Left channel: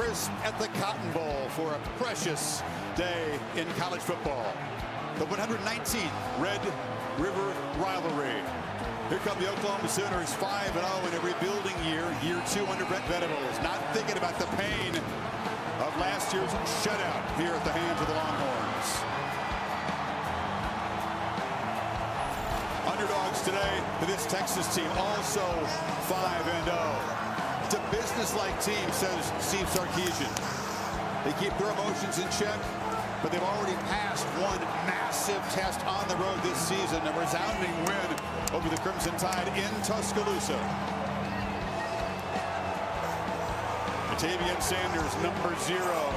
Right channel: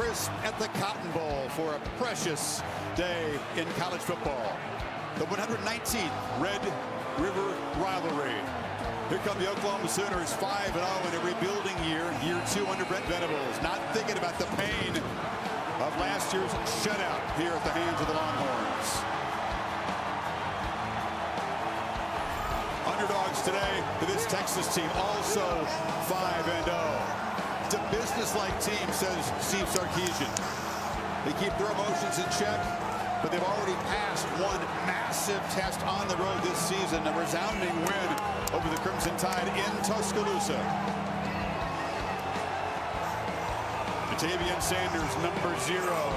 crisp at the Cotton Bowl for a precious day in college football. The 119th Red River Rivalry. Here come the Oklahoma Sooners, 5-0 in a rebuilding year, year 2 under Brent Venables. Not thinking about the pain of last year's shutout here at the hands of the Longhorns. Underdogs today to this Texas team, also 5-0. It's a business-like team, says Steve Sarkisian. They keep their emotions in check, but they've already passed one massive test on the road this season, a resounding win over the Crimson Tide in Tuscaloosa. Ja'Tavion Sanders, number 0,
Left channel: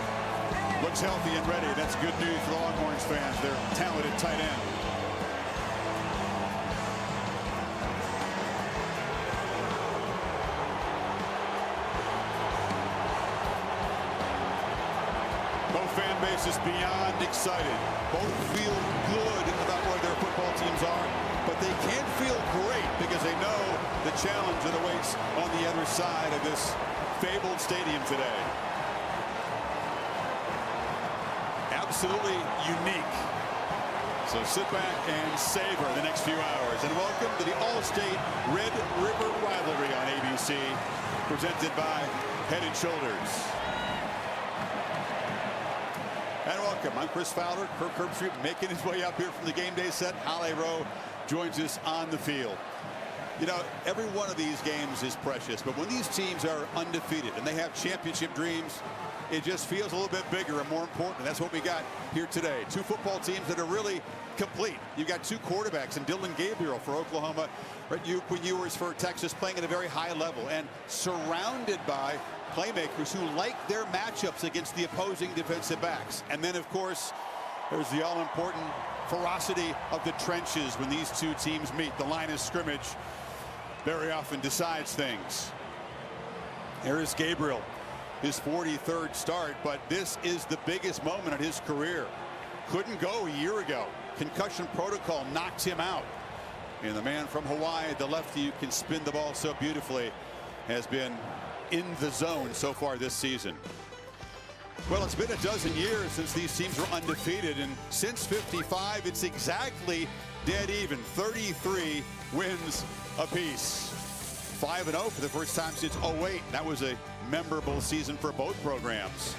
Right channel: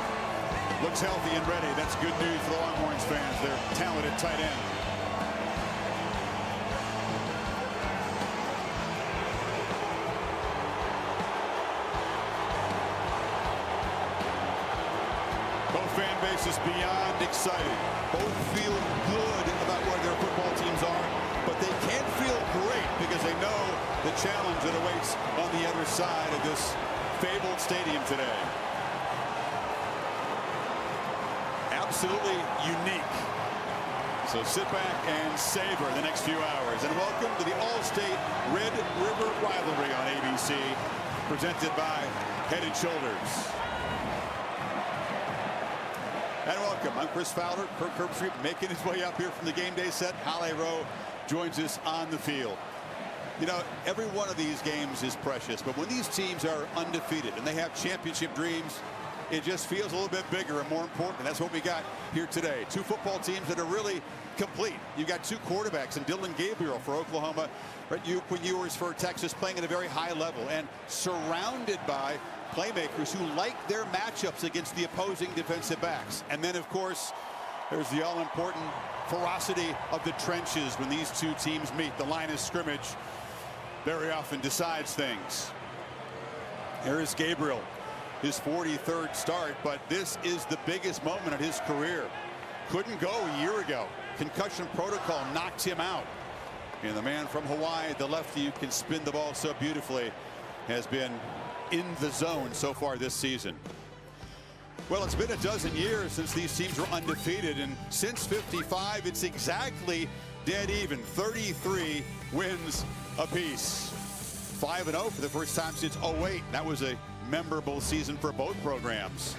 looks healthy and ready. That's good news for the Longhorns fans, their talented tight end. Both fan bases beyond excited. Both feel good about where their football teams are, but they can't feel great because they know the challenge that awaits on the other side of this fabled stadium today. Absolutely unique. So sit back and savor the next few hours. And welcome to the All-State Red River Rivalry on ABC, presented by Head & Shoulders. And welcome. I'm Chris Fowler. Kirk Herbstreit making his way up here from the game day set. Halle Rowe joins us on the field. You know, every one of these games is precious, but when these teams are undefeated and they have championship dreams, it just feels a little bit bigger and more important. And that's what we got here today. Two football teams that are really complete. You've got two quarterbacks, and Dillon Gabriel for Oklahoma, right? Quinn Ewers for Texas, playing at a very high level and surrounded by playmakers who like their matchups against the opposing defensive backs. And then, of course, there's the all-important ferocity of the trenches when these two teams meet. The line of scrimmage very often decides things. There is Gabriel, his 43rd start, but this is the biggest moment of his career. Couldn't go a year ago. Concussion protocol knocked him out. And the man from Hawaii, the lefty who can spin the ball so beautifully, has been in the zone so far this season. Well, it's been a dozen years since these teams were undefeated, and since '55, it's exactly dead even, 33 wins apiece. 5-0 for the first time since '08. That was a memorable season for both programs.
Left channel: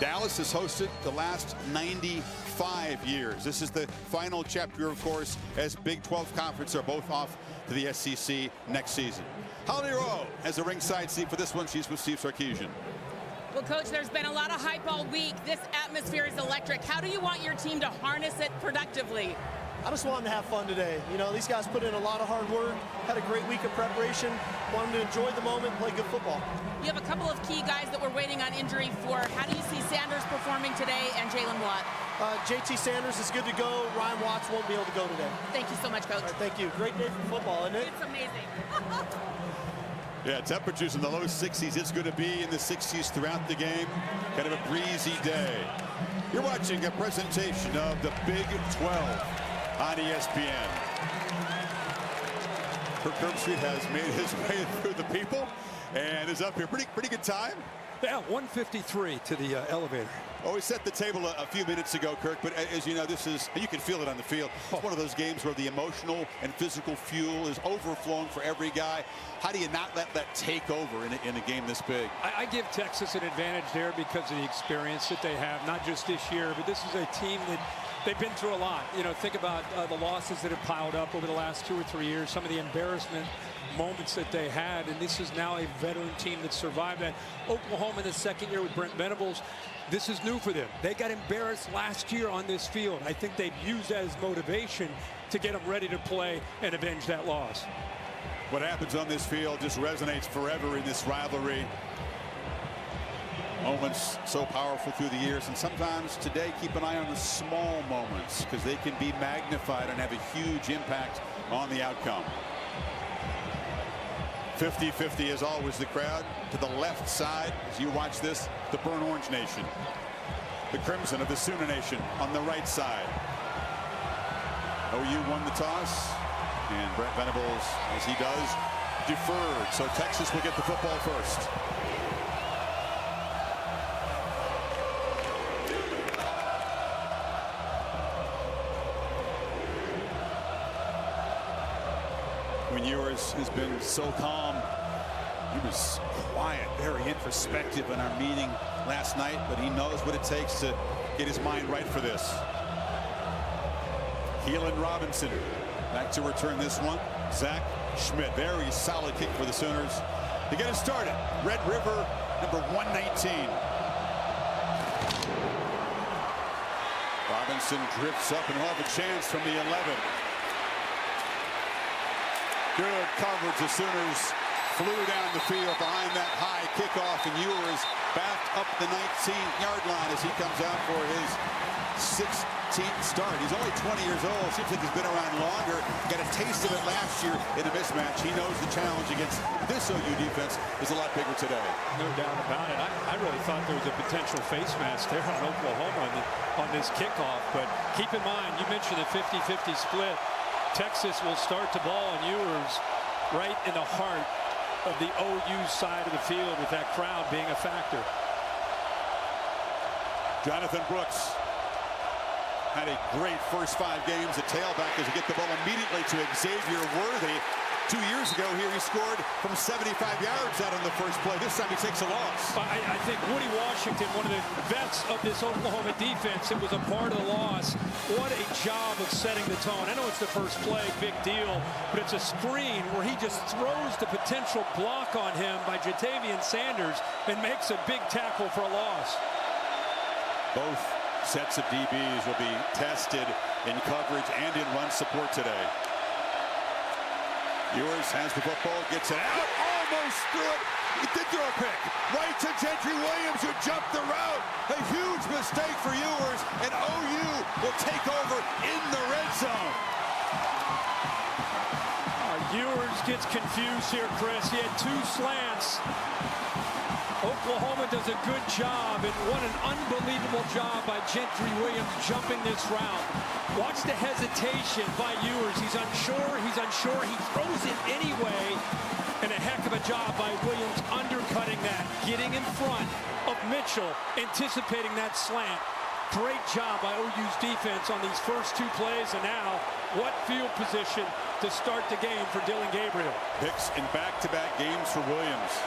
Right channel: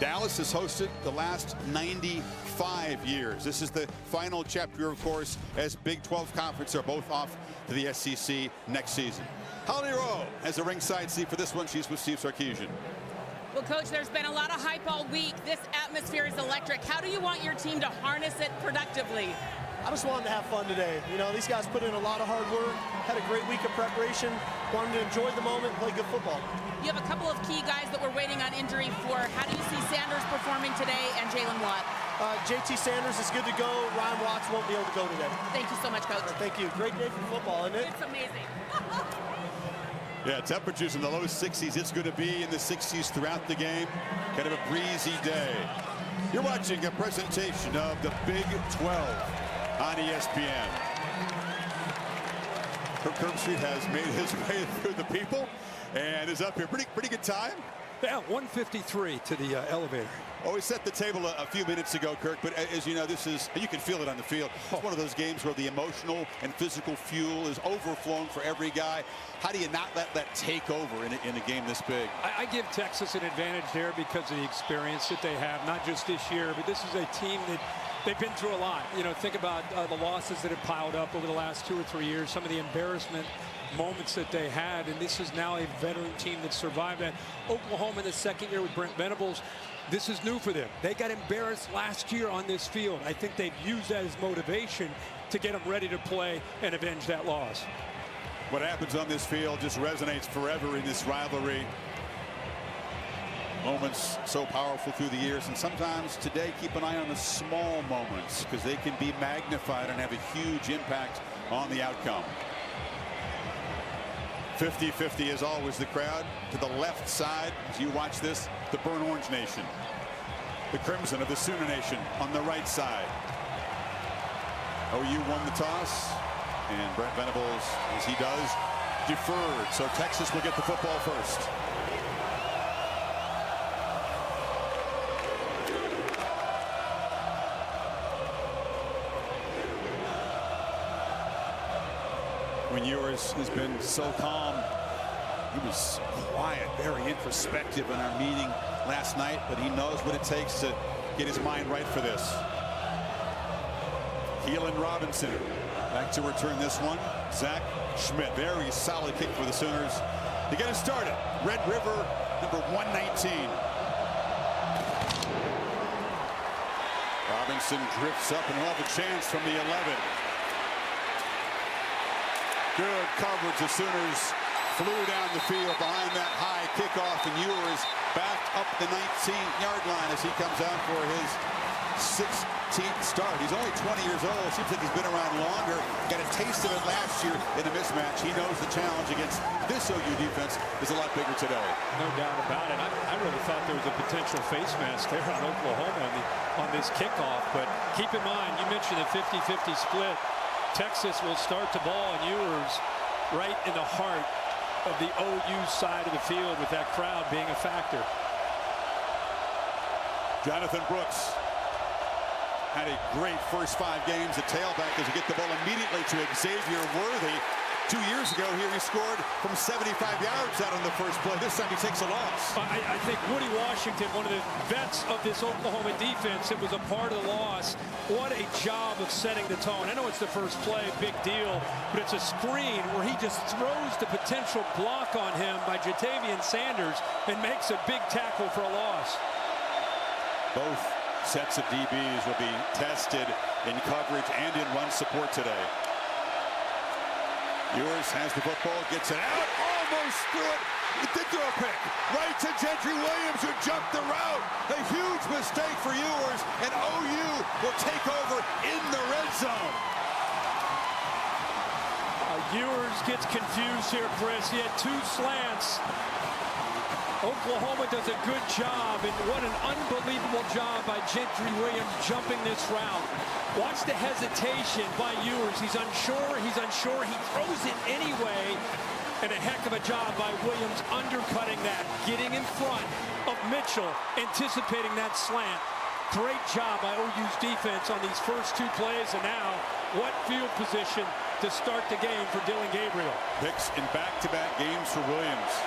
Dallas has hosted the last 95 years. This is the final chapter, of course, as Big 12 Conference are both off to the SEC next season. Halle Rowe has a ringside seat for this one. She's with Steve Sarkisian. Well, Coach, there's been a lot of hype all week. This atmosphere is electric. How do you want your team to harness it productively? I just want them to have fun today. You know, these guys put in a lot of hard work, had a great week of preparation, want them to enjoy the moment and play good football. You have a couple of key guys that we're waiting on injury for. How do you see Sanders performing today and Jalen Watt? JT Sanders is good to go. Ryan Watts won't be able to go today. Thank you so much, Coach. All right, thank you. Great day for football, isn't it? It's amazing. Yeah, temperatures in the low 60s. It's going to be in the 60s throughout the game. Kind of a breezy day. You're watching a presentation of the Big 12 on ESPN. Kirk Herbstreit has made his way through the people and is up here. Pretty good time. Yeah, 153 to the elevator. Oh, we set the table a few minutes ago, Kirk, but as you know, this is, you can feel it on the field. It's one of those games where the emotional and physical fuel is overflowing for every guy. How do you not let that take over in a game this big? I give Texas an advantage there because of the experience that they have, not just this year, but this is a team that they've been through a lot. You know, think about the losses that have piled up over the last 2 or 3 years, some of the embarrassment moments that they had, and this is now a veteran team that survived that. Oklahoma in the second year with Brent Venables, this is new for them. They got embarrassed last year on this field. I think they've used that as motivation to get them ready to play and avenge that loss. What happens on this field just resonates forever in this rivalry. Moments so powerful through the years, and sometimes today keep an eye on the small moments because they can be magnified and have a huge impact on the outcome. 50-50 is always the crowd. To the left side, as you watch this, the Burnt Orange Nation. The Crimson of the Sooner Nation on the right side. OU won the toss, and Brent Venables, as he does, deferred. So Texas will get the football first. Quinn Ewers has been so calm. He was quiet, very introspective in our meeting last night, but he knows what it takes to get his mind right for this. Keelan Robinson back to return this one. Zach Schmidt, very solid kick for the Sooners to get it started. Red River, number 119. Robinson drifts up and he'll have a chance from the 11. Good coverage. The Sooners flew down the field behind that high kickoff, and Ewers backed up the 19-yard line as he comes out for his 16th start. He's only 20 years old. Seems like he's been around longer. Got a taste of it last year in a mismatch. He knows the challenge against this OU defense is a lot bigger today. No doubt about it. I really thought there was a potential face mask there on Oklahoma on this kickoff. But keep in mind, you mentioned a 50-50 split. Texas will start the ball, and Ewers right in the heart of the OU side of the field with that crowd being a factor. Jonathan Brooks had a great first 5 games at tailback as he get the ball immediately to Xavier Worthy. 2 years ago here he scored from 75 yards out on the first play. This time he takes a loss. I think Woody Washington, one of the vets of this Oklahoma defense, it was a part of the loss. What a job of setting the tone. I know it's the first play, big deal, but it's a screen where he just throws the potential block on him by Jatavian Sanders and makes a big tackle for a loss. Both sets of DBs will be tested in coverage and in run support today. Ewers has the football, gets it out, almost threw it. He did throw a pick. Right to Gentry Williams, who jumped the route. A huge mistake for Ewers, and OU will take over in the red zone. Ewers gets confused here, Chris. He had 2 slants. Oklahoma does a good job, and what an unbelievable job by Gentry Williams jumping this route. Watch the hesitation by Ewers. He's unsure, he throws it anyway, and a heck of a job by Williams undercutting that, getting in front of Mitchell, anticipating that slant. Great job by OU's defense on these first 2 plays, and now what field position to start the game for Dillon Gabriel. Picks in back-to-back games for Williams.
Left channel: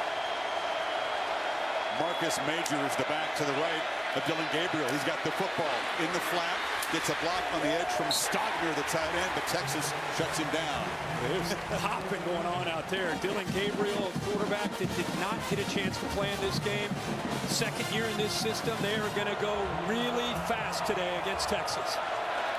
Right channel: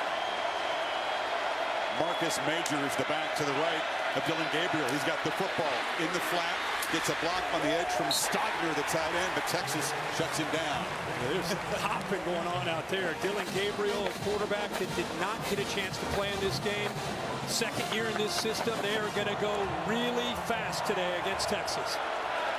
Marcus Major is the back to the right of Dillon Gabriel. He's got the football in the flat, gets a block on the edge from Stogner, the tight end, but Texas shuts him down. There's hopping going on out there. Dillon Gabriel, a quarterback that did not get a chance to play in this game. Second year in this system. They are going to go really fast today against Texas.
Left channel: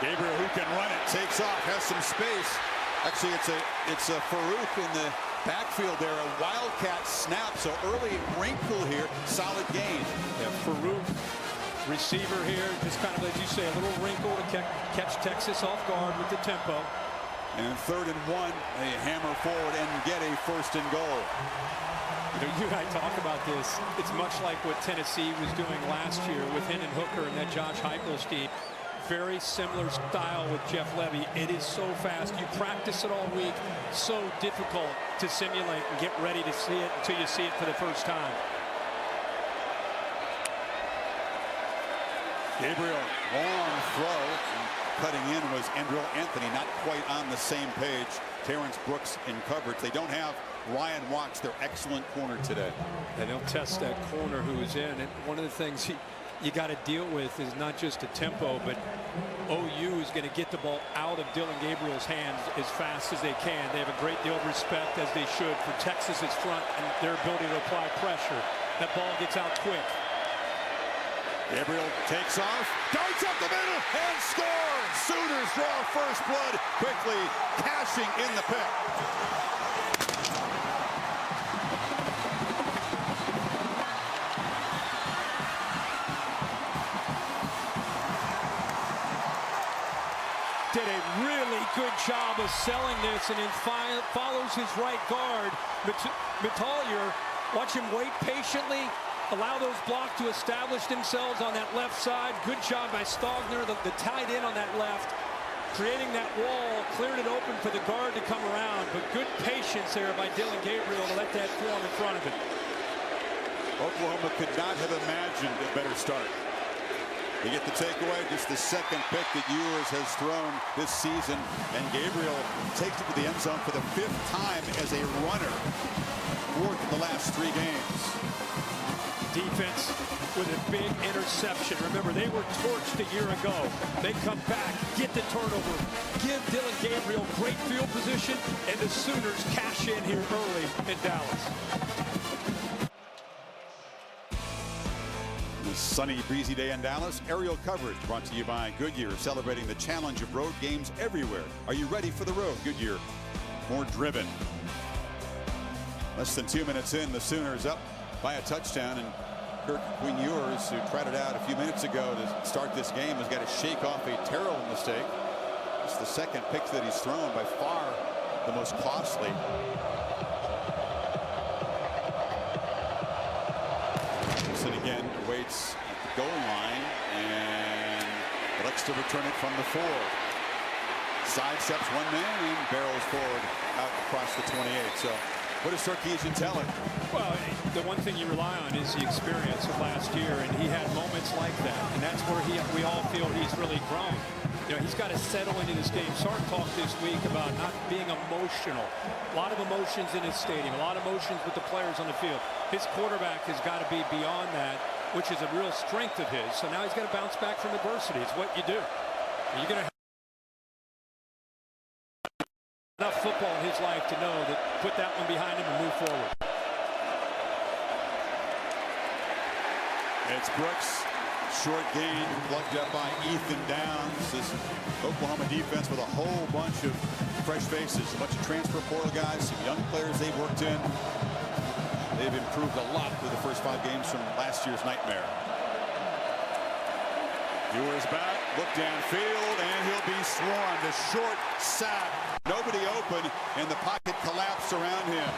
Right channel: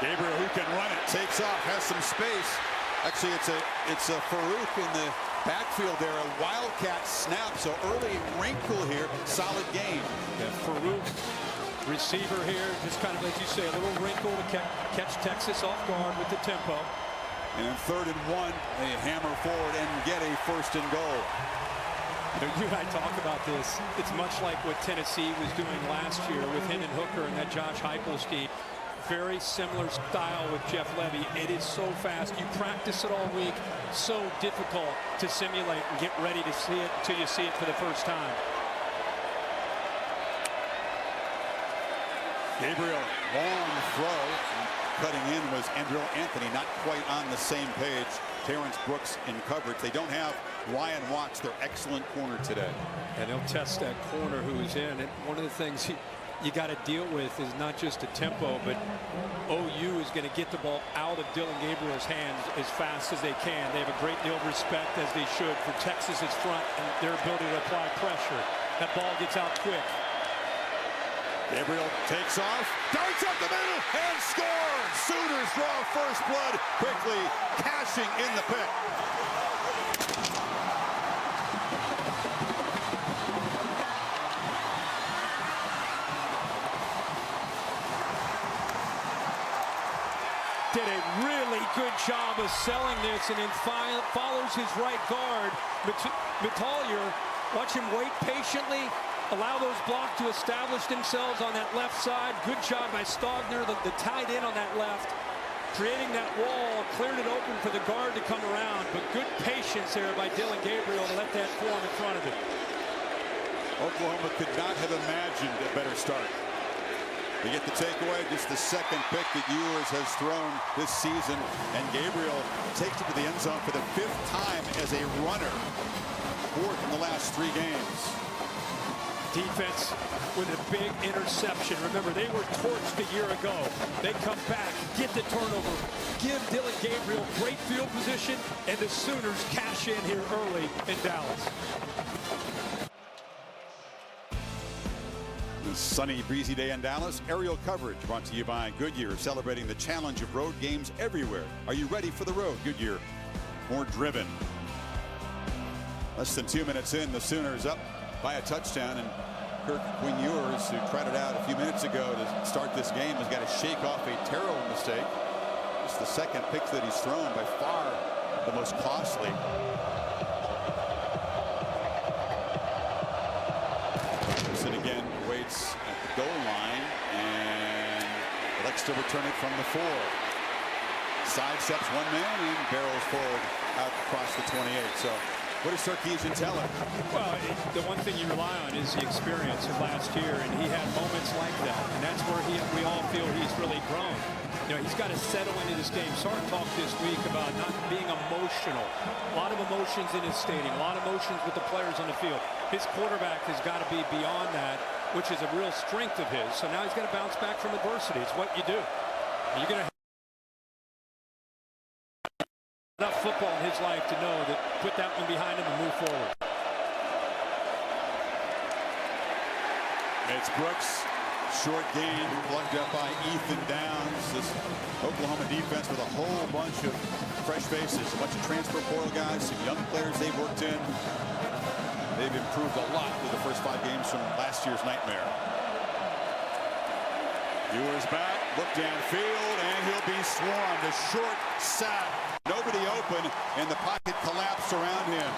Gabriel, who can run it, takes off, has some space. Actually, it's a Farooq in the backfield there, a wildcat snap, so early wrinkle here, solid gain. Yeah, Farooq, receiver here, just kind of, as you say, a little wrinkle to catch Texas off guard with the tempo. And in 3rd and 1, they hammer forward and get a 1st and goal. You know, you and I talk about this. It's much like what Tennessee was doing last year with Hendon Hooker and that Josh Heupel scheme. Very similar style with Jeff Levy. It is so fast. You practice it all week. So difficult to simulate and get ready to see it until you see it for the first time. Gabriel, long throw. And cutting in was Andrew Anthony, not quite on the same page. Terrence Brooks in coverage. They don't have Ryan Watts, their excellent corner today. And they'll test that corner who is in. And one of the things you got to deal with is not just a tempo, but OU is going to get the ball out of Dillon Gabriel's hands as fast as they can. They have a great deal of respect, as they should, for Texas's front and their ability to apply pressure. That ball gets out quick. Gabriel takes off, darts up the middle, and scores! Sooners draw first blood quickly, cashing in the pick. Did a really good job of selling this, and then follows his right guard. Metalier, watch him wait patiently, allow those blocks to establish themselves on that left side. Good job by Stogner, the tight end on that left, creating that wall, cleared it open for the guard to come around, but good patience there by Dillon Gabriel to let that form in front of him. Oklahoma could not have imagined a better start. They get the takeaway, just the second pick that Ewers has thrown this season. And Gabriel takes it to the end zone for the 5th time as a runner. 4th in the last 3 games. Defense with a big interception. Remember, they were torched a year ago. They come back, get the turnover, give Dylan Gabriel great field position, and the Sooners cash in here early in Dallas. A sunny, breezy day in Dallas. Aerial coverage brought to you by Goodyear, celebrating the challenge of road games everywhere. Are you ready for the road? Goodyear, more driven. Less than 2 minutes in, the Sooners up by a touchdown, and Kirk Ewers, who tried it out a few minutes ago to start this game, has got to shake off a terrible mistake. It's the second pick that he's thrown, by far the most costly. Robinson again awaits at the goal line and elects to return it from the 4. Sidesteps one man and barrels forward out across the 28. So what does Sarkisian tell him? Well, the one thing you rely on is the experience of last year, and he had moments like that, and that's where we all feel he's really grown. You know, he's got to settle into this game. Sark talked this week about not being emotional. A lot of emotions in his stadium, a lot of emotions with the players on the field. His quarterback has got to be beyond that, which is a real strength of his. So now he's got to bounce back from adversity. It's what you do. You're going to have enough football in his life to know that put that one behind him and move forward. It's Brooks. Short gain plugged up by Ethan Downs. This Oklahoma defense with a whole bunch of fresh faces, a bunch of transfer portal guys, some young players they've worked in. They've improved a lot through the first 5 games from last year's nightmare. Ewers back, look downfield, and he'll be swarmed. A short sack, nobody open, and the pocket collapsed around him.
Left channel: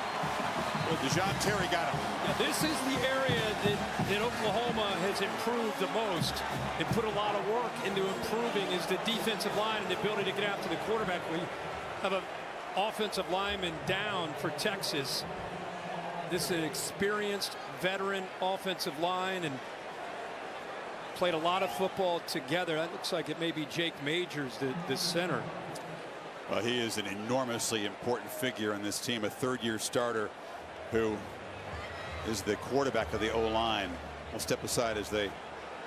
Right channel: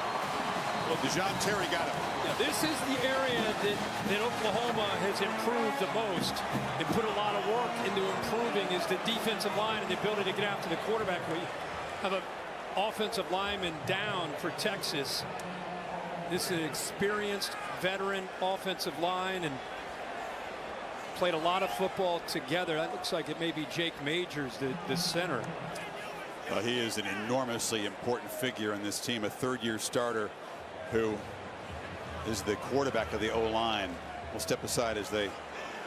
Well, Dejon Terry got him. Yeah, this is the area that Oklahoma has improved the most and put a lot of work into improving is the defensive line and the ability to get after the quarterback. We have an offensive lineman down for Texas. This is an experienced veteran offensive line and played a lot of football together. That looks like it may be Jake Majors, the center. He is an enormously important figure in this team, a 3rd-year starter who is the quarterback of the O-line. We'll step aside as they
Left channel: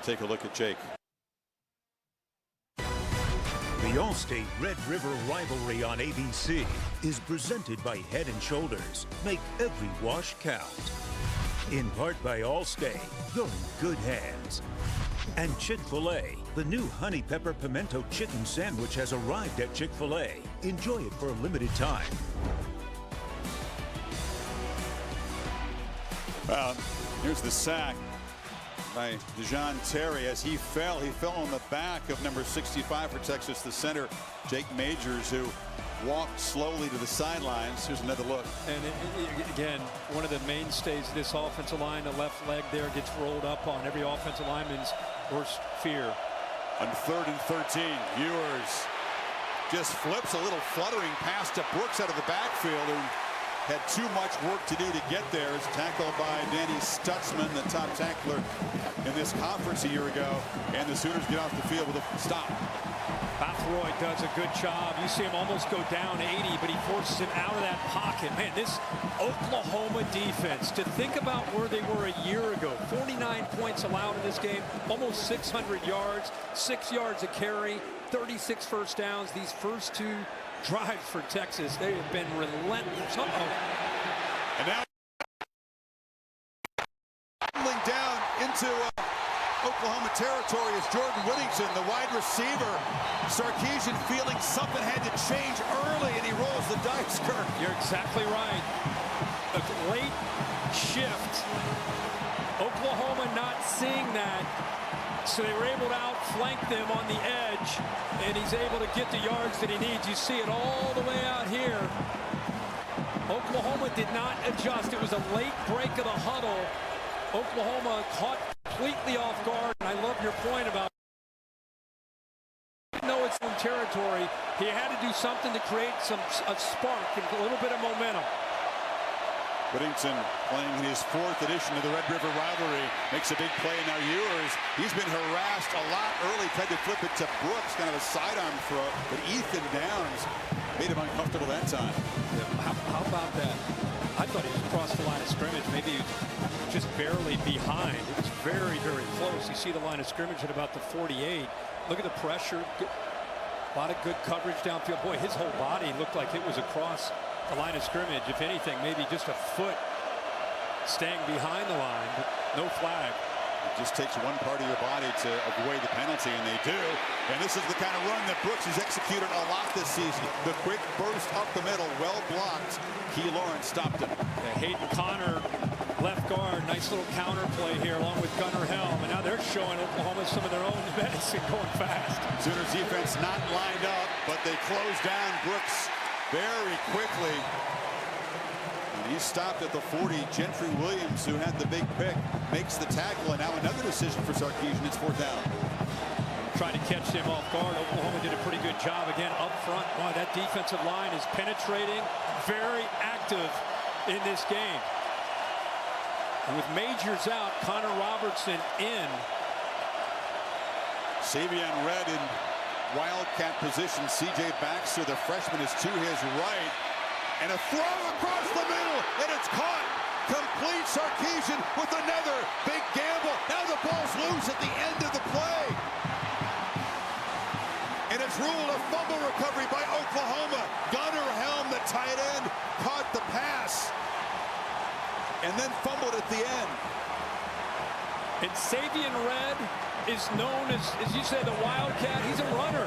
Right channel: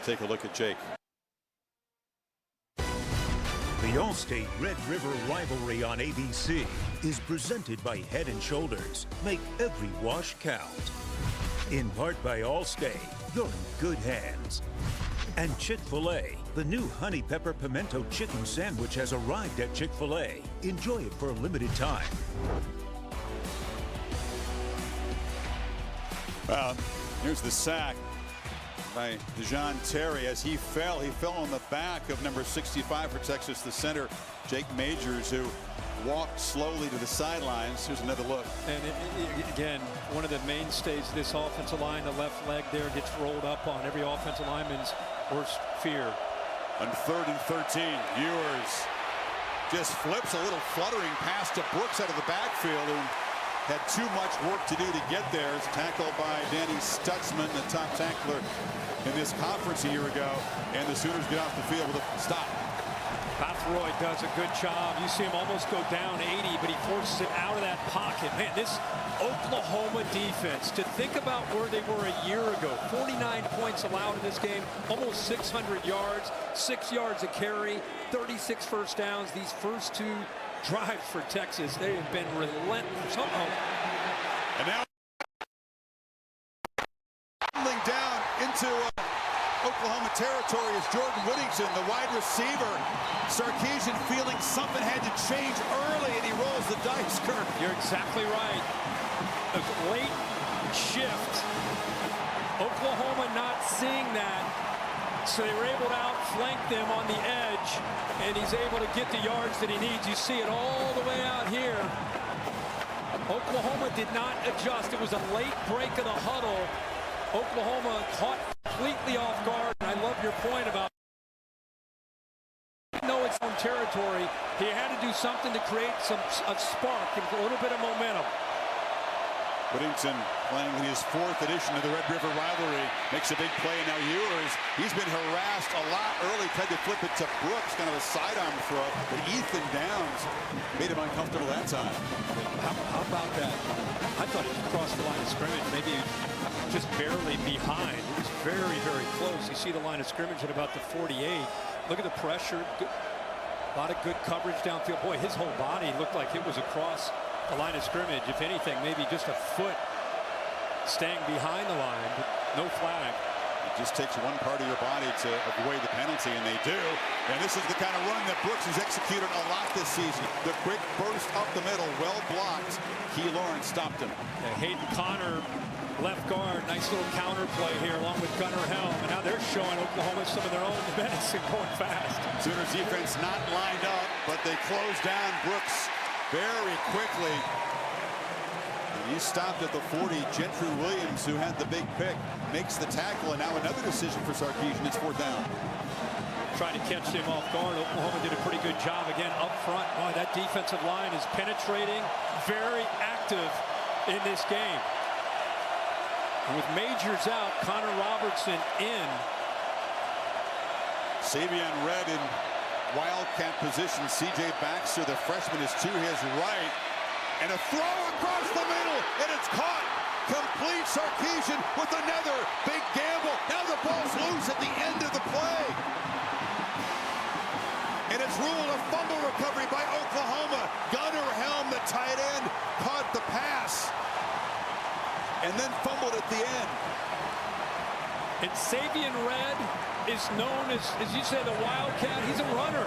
take a look at Jake. The Allstate Red River rivalry on ABC is presented by Head & Shoulders. Make every wash count. In part by Allstate, you're in good hands. And Chick-fil-A, the new Honey Pepper Pimento Chicken Sandwich has arrived at Chick-fil-A. Enjoy it for a limited time. Well, here's the sack by Dejon Terry. As he fell on the back of number 65 for Texas, the center, Jake Majors, who walked slowly to the sidelines. Here's another look. And again, one of the mainstays of this offensive line, the left leg there gets rolled up on every offensive lineman's worst fear. On 3rd and 13, Ewers just flips a little fluttering pass to Brooks out of the backfield, who had too much work to do to get there. It's tackled by Danny Stutzman, the top tackler in this conference a year ago, and the Sooners get off the field with a stop. Bathroyd does a good job. You see him almost go down 80, but he forces him out of that pocket. Man, this Oklahoma defense, to think about where they were a year ago, 49 points allowed in this game, almost 600 yards, 6 yards a carry, 36 first downs. These first 2 drives for Texas, they have been relentless. And now tumbling down into Oklahoma territory is Jordan Whittington, the wide receiver. Sarkisian feeling something had to change early, and he rolls the dice, Kirk. You're exactly right. A late shift. Oklahoma not seeing that, so they were able to outflank them on the edge, and he's able to get the yards that he needs. You see it all the way out here. Oklahoma did not adjust. It was a late break of the huddle. Oklahoma caught completely off guard, and I love your point about even though it's own territory, he had to do something to create a spark and a little bit of momentum. Whittington playing in his 4th edition of the Red River rivalry makes a big play, and now Ewers, he's been harassed a lot early, tried to flip it to Brooks, kind of a sidearm throw, but Ethan Downs made him uncomfortable that time. How about that? I thought he was across the line of scrimmage. Maybe he was just barely behind. It was very, very close. You see the line of scrimmage at about the 48. Look at the pressure. A lot of good coverage downfield. Boy, his whole body looked like it was across the line of scrimmage. If anything, maybe just a foot staying behind the line, but no flag. It just takes one part of your body to avoid the penalty, and they do. And this is the kind of run that Brooks has executed a lot this season. The quick burst up the middle, well blocked. Key Lawrence stopped him. Yeah, Hayden Connor, left guard, nice little counter play here along with Gunnar Helm, and now they're showing Oklahoma some of their own medicine going fast. Sooners defense not lined up, but they close down Brooks very quickly. And he's stopped at the 40. Gentry Williams, who had the big pick, makes the tackle, and now another decision for Sarkisian. It's 4th down. Trying to catch him off guard. Oklahoma did a pretty good job again up front. Boy, that defensive line is penetrating, very active in this game. And with Majors out, Connor Robertson in. Savion Red in wildcat position. C.J. Baxter, the freshman, is to his right. And a throw across the middle, and it's caught. Complete. Sarkisian with another big gamble. Now the ball's loose at the end of the play. And it's ruled a fumble recovery by Oklahoma. Gunnar Helm, the tight end, caught the pass and then fumbled at the end. And Savion Red is known as you say, the Wildcat. He's a runner.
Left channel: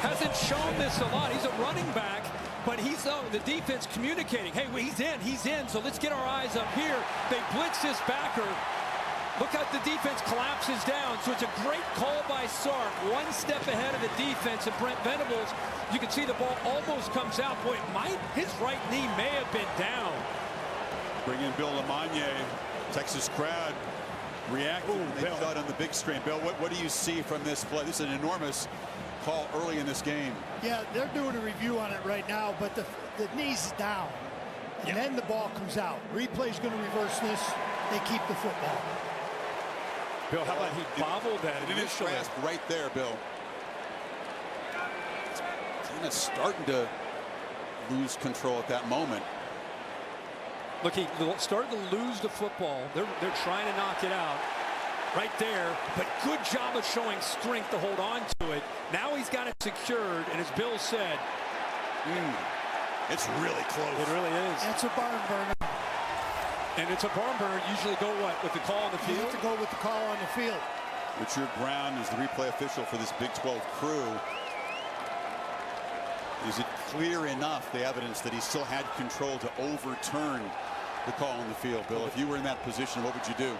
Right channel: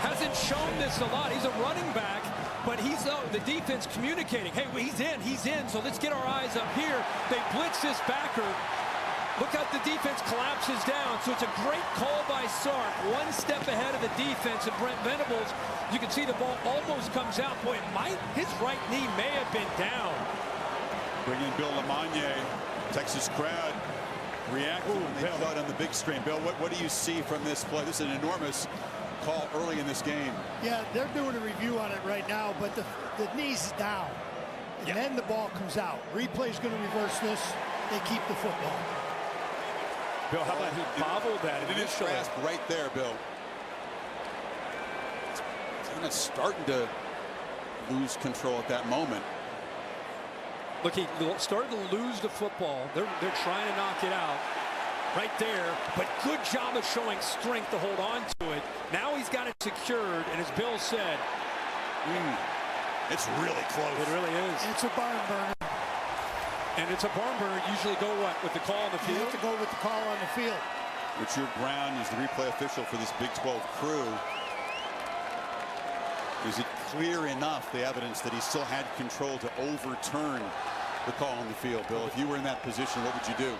Hasn't shown this a lot. He's a running back, but he's the defense communicating. Hey, he's in, so let's get our eyes up here. They blitz this backer. Look how the defense collapses down. So it's a great call by Sark. One step ahead of the defense, and Brent Venables, you can see the ball almost comes out. Boy, his right knee may have been down. Bring in Bill LeMagne. Texas crowd reacted when they saw it on the big screen. Bill, what do you see from this play? This is an enormous call early in this game. Yeah, they're doing a review on it right now, but the knee's down. And then the ball comes out. Replay's going to reverse this. They keep the football. Bill, how about he bobbled that initially? It is grasp right there, Bill. It's kind of starting to lose control at that moment. Look, he started to lose the football. They're trying to knock it out right there, but good job of showing strength to hold on to it. Now he's got it secured, and as Bill said, it's really close. It really is. It's a barn burner. And it's a barn burner. Usually go what? With the call on the field? You have to go with the call on the field. Richard Brown is the replay official for this Big 12 crew. Is it clear enough, the evidence, that he still had control to overturn the call on the field? Bill, if you were in that position, what would you do?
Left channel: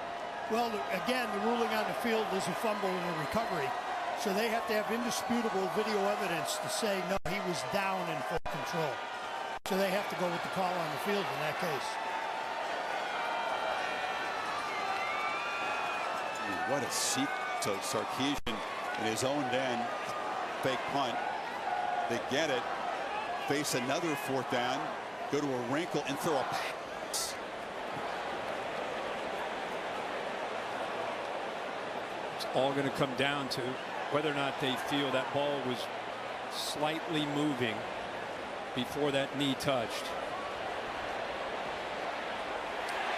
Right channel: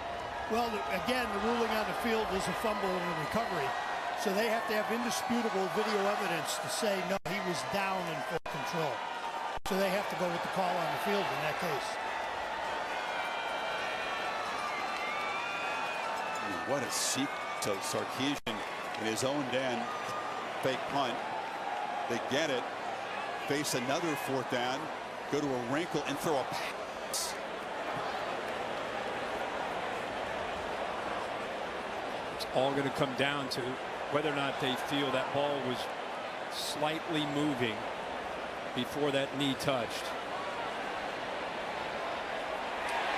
Well, again, the ruling on the field is a fumble and a recovery. So they have to have indisputable video evidence to say, no, he was down in full control. So they have to go with the call on the field in that case. I mean, what a seek to Sarkisian in his own end. Fake punt. They get it. Face another 4th down. Go to a wrinkle and throw a pass. It's all going to come down to whether or not they feel that ball was slightly moving before that knee touched.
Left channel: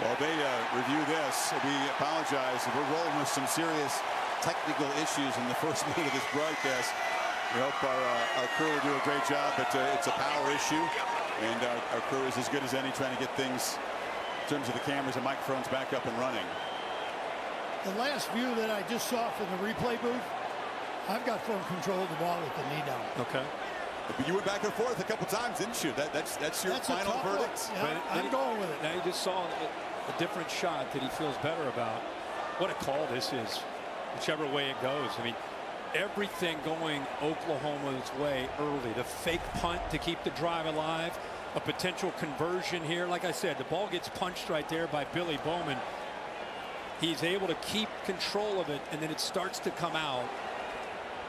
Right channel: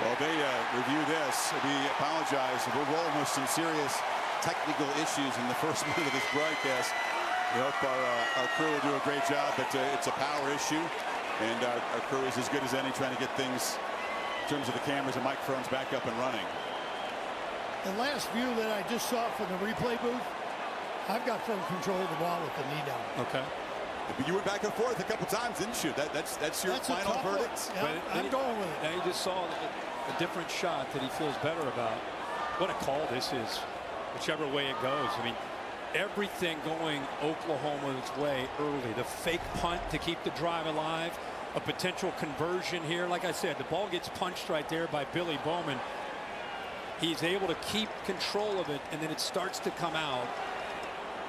Well, they review this. We apologize. We're rolling with some serious technical issues in the first minute of this broadcast. We hope our crew will do a great job, but it's a power issue, and our crew is as good as any trying to get things in terms of the cameras and microphones back up and running. The last view that I just saw from the replay booth, I've got firm control of the ball with the knee down. Okay. But you went back and forth a couple times, didn't you? That's your final verdict. Yeah, I'm going with it. Now you just saw a different shot that he feels better about. What a call this is, whichever way it goes. I mean, everything going Oklahoma's way early. The fake punt to keep the drive alive. A potential conversion here. Like I said, the ball gets punched right there by Billy Bowman. He's able to keep control of it, and then it starts to come out.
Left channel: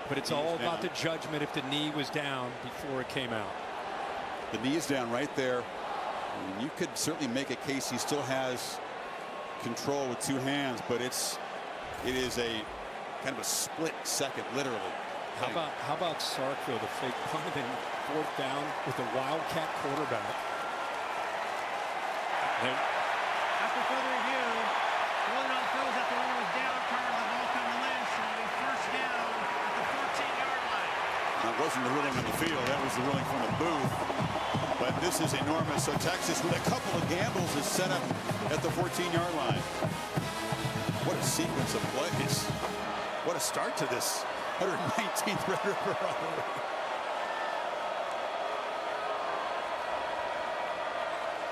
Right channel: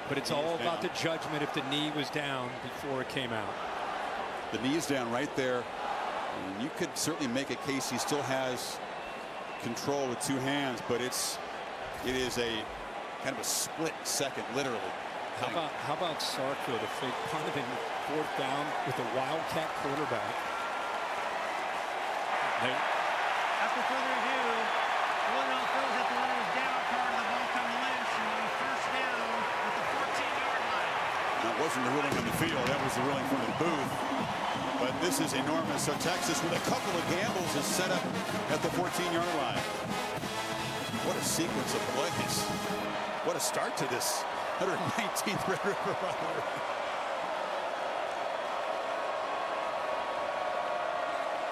But it's all about the judgment if the knee was down before it came out. The knee is down right there And you could certainly make a case he still has control with two hands, but it is a kind of a split second, literally. How about Sark, though, the fake punt and then 4th down with a Wildcat quarterback? After further review, ruling on throws that the runner was down prior to the ball coming loose, and will be first down at the 14-yard line. That wasn't the ruling on the field. That was the ruling from the booth. But this is enormous. So Texas, with a couple of gambles, is set up at the 14-yard line. What a sequence of plays. What a start to this 119th Red River rivalry.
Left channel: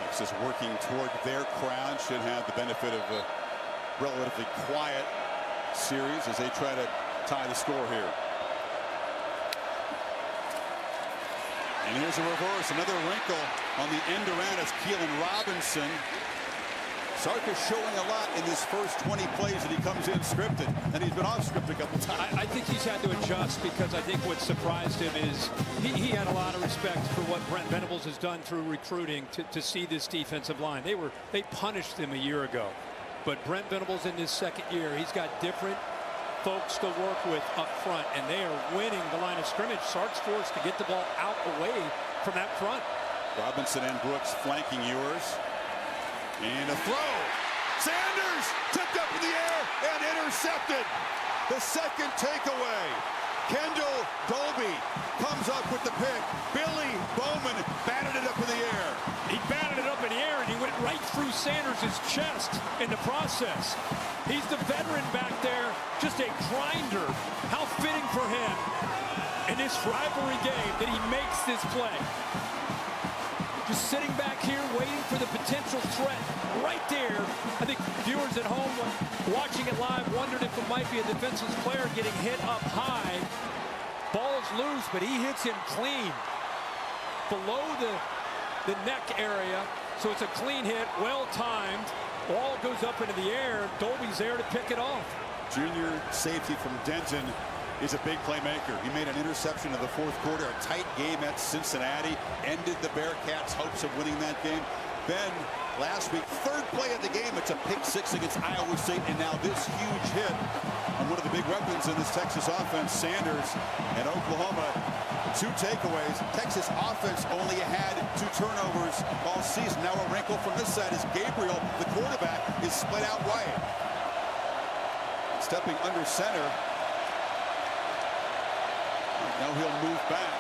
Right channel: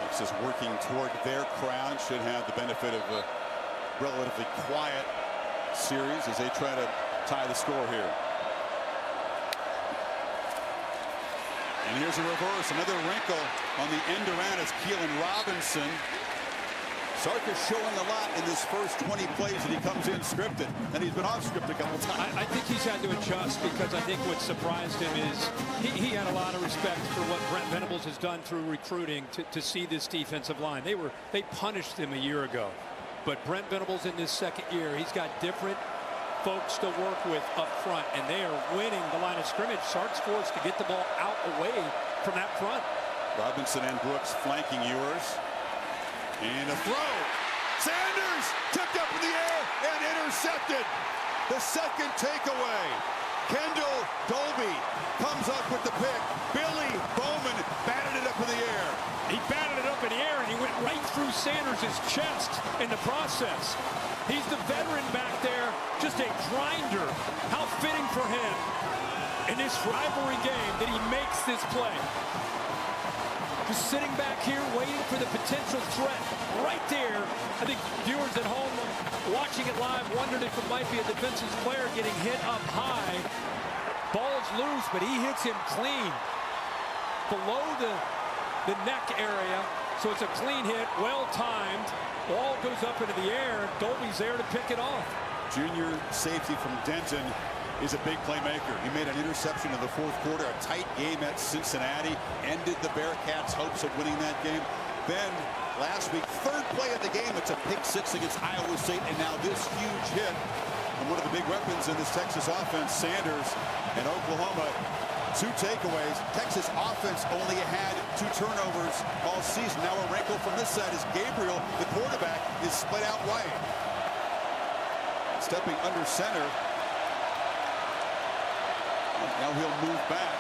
Texas working toward their crowd. Should have the benefit of a relatively quiet series as they try to tie the score here. And here's a reverse, another wrinkle on the end around as Keelan Robinson. Sark is showing a lot in this first 20 plays that he comes in scripted, and he's been off script a couple times. I think he's had to adjust, because I think what surprised him is he had a lot of respect for what Brent Venables has done through recruiting to see this defensive line. They punished him a year ago, but Brent Venables in this second year, he's got different folks to work with up front, and they are winning the line of scrimmage. Sark's forced to get the ball out away from that front. Robinson and Brooks flanking Ewers. And a throw. Sanders tipped up in the air and intercepted. The second takeaway. Kendall Dolby comes up with the pick. Billy Bowman batted it up in the air. He batted it up in the air, and he went right through Sanders' chest in the process. He's the veteran back there, just a grinder. How fitting for him in this rivalry game that he makes this play. Just sitting back here waiting for the potential threat right there. I think viewers at home watching it live wondered if it might be a defensive player getting hit up high. Ball's loose, but he hits him clean below the neck area. So it's a clean hit, well timed. Ball goes up into the air. Dolby's there to pick it off. Junior safety from Denton is a big playmaker. He made an interception in the fourth quarter. A tight game at Cincinnati ended the Bearcats' hopes of winning that game. Then last week, third play of the game, it's a pick six against Iowa State, and now this huge hit. And one of the big weapons in this Texas offense, Sanders, and Oklahoma, 2 takeaways. Texas offense only had 2 turnovers all season. Now a wrinkle from this side is Gabriel, the quarterback, is split out wide. Stepping under center. Now he'll move back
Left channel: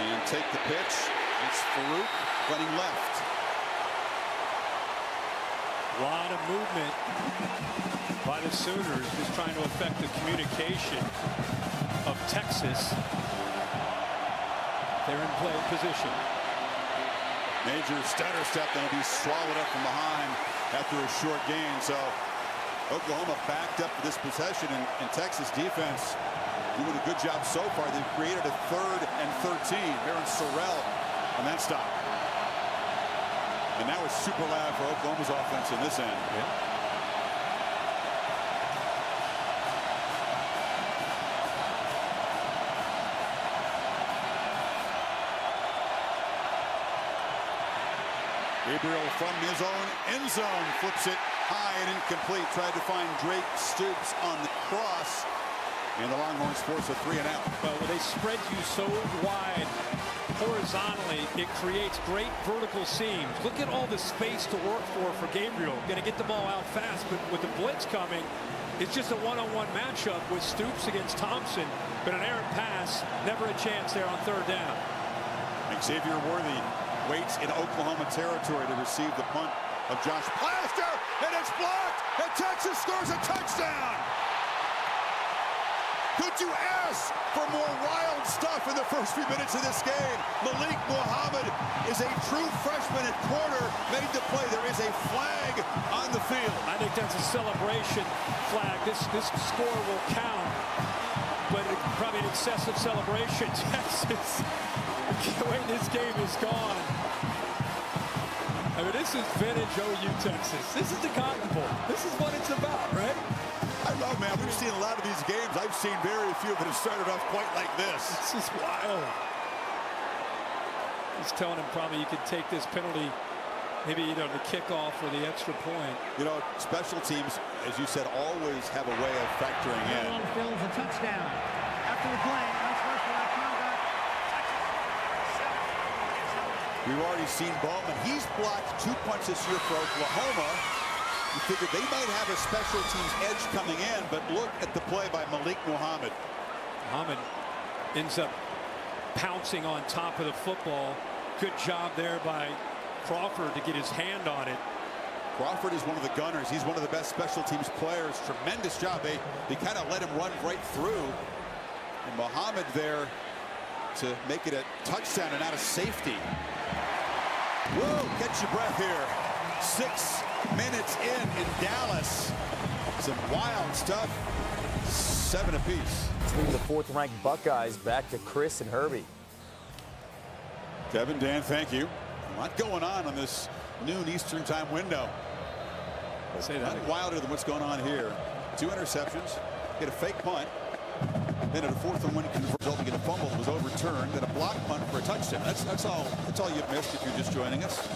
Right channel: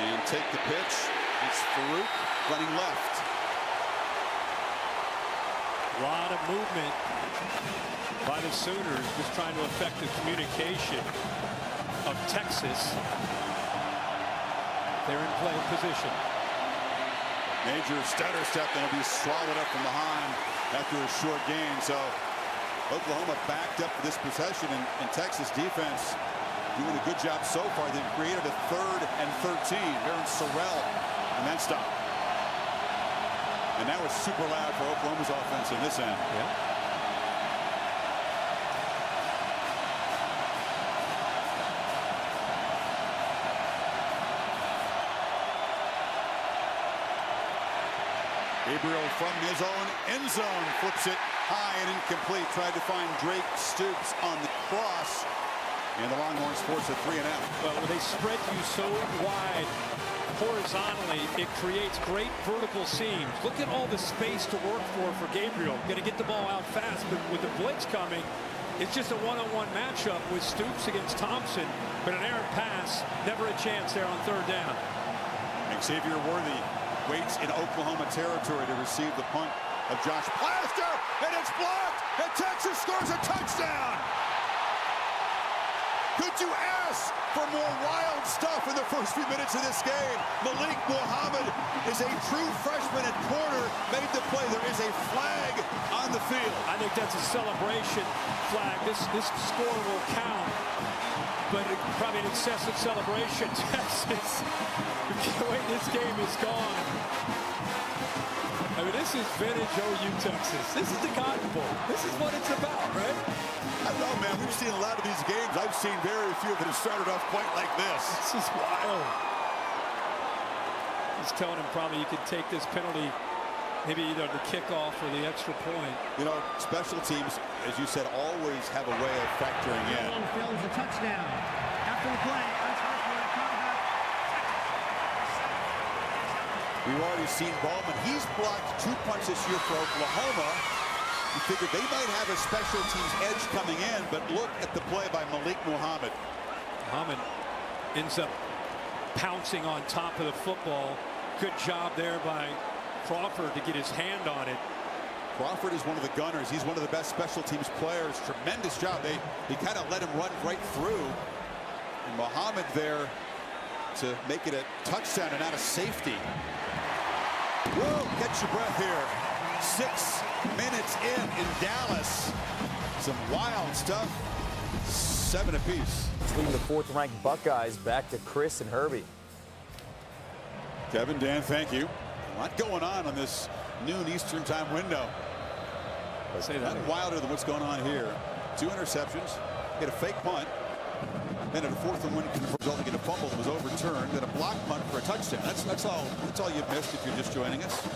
and take the pitch. It's Farooq running left. A lot of movement by the Sooners, just trying to affect the communication of Texas. They're in play position. Major stutter step that'll be swallowed up from behind after a short gain. So Oklahoma backed up for this possession, and Texas defense doing a good job so far. They've created a 3rd and 13. Aaron Sorrell on that stop. And now it's super loud for Oklahoma's offense in this end. Yeah. Gabriel from his own end zone flips it high and incomplete. Tried to find Drake Stoops on the cross. And the Longhorns force a 3-and-out. Well, when they spread you so wide horizontally, it creates great vertical seams. Look at all the space to work for Gabriel. Going to get the ball out fast, but with the blitz coming, it's just a one-on-one matchup with Stoops against Thompson. But an errant pass, never a chance there on 3rd down. Xavier Worthy waits in Oklahoma territory to receive the punt of Josh Plaster, and it's blocked, and Texas scores a touchdown. Could you ask for more wild stuff in the first few minutes of this game? Malik Muhammad is a true freshman at corner, made the play. There is a flag on the field. I think that's a celebration flag. This score will count, but probably an excessive celebration. Texas, the way this game is gone. I mean, this is vintage OU Texas. This is the Cotton Bowl. This is what it's about, right? I don't know, man. We've seen a lot of these games. I've seen very few that have started off quite like this. This is wild. He's telling him probably you could take this penalty, maybe either the kickoff or the extra point. You know, special teams, as you said, always have a way of factoring in. On the field is a touchdown. After the play, unsportsmanlike conduct. We've already seen Bowman. He's blocked 2 punts this year for Oklahoma. You figured they might have a special teams edge coming in, but look at the play by Malik Muhammad. Muhammad ends up pouncing on top of the football. Good job there by Crawford to get his hand on it. Crawford is one of the gunners. He's one of the best special teams players. Tremendous job. They kind of let him run right through. And Muhammad there to make it a touchdown and not a safety. Whoa, catch your breath here. 6 minutes in Dallas. Some wild stuff. 7 apiece. It's leading the 4th-ranked Buckeyes back to Chris and Herbie. Kevin, Dan, thank you. A lot going on this noon Eastern time window. But say that again. Wilder than what's going on here. 2 interceptions. Get a fake punt. Then at a 4th and 1 resulting in a fumble that was overturned, then a block punt for a touchdown. That's all you've missed if you're just joining us.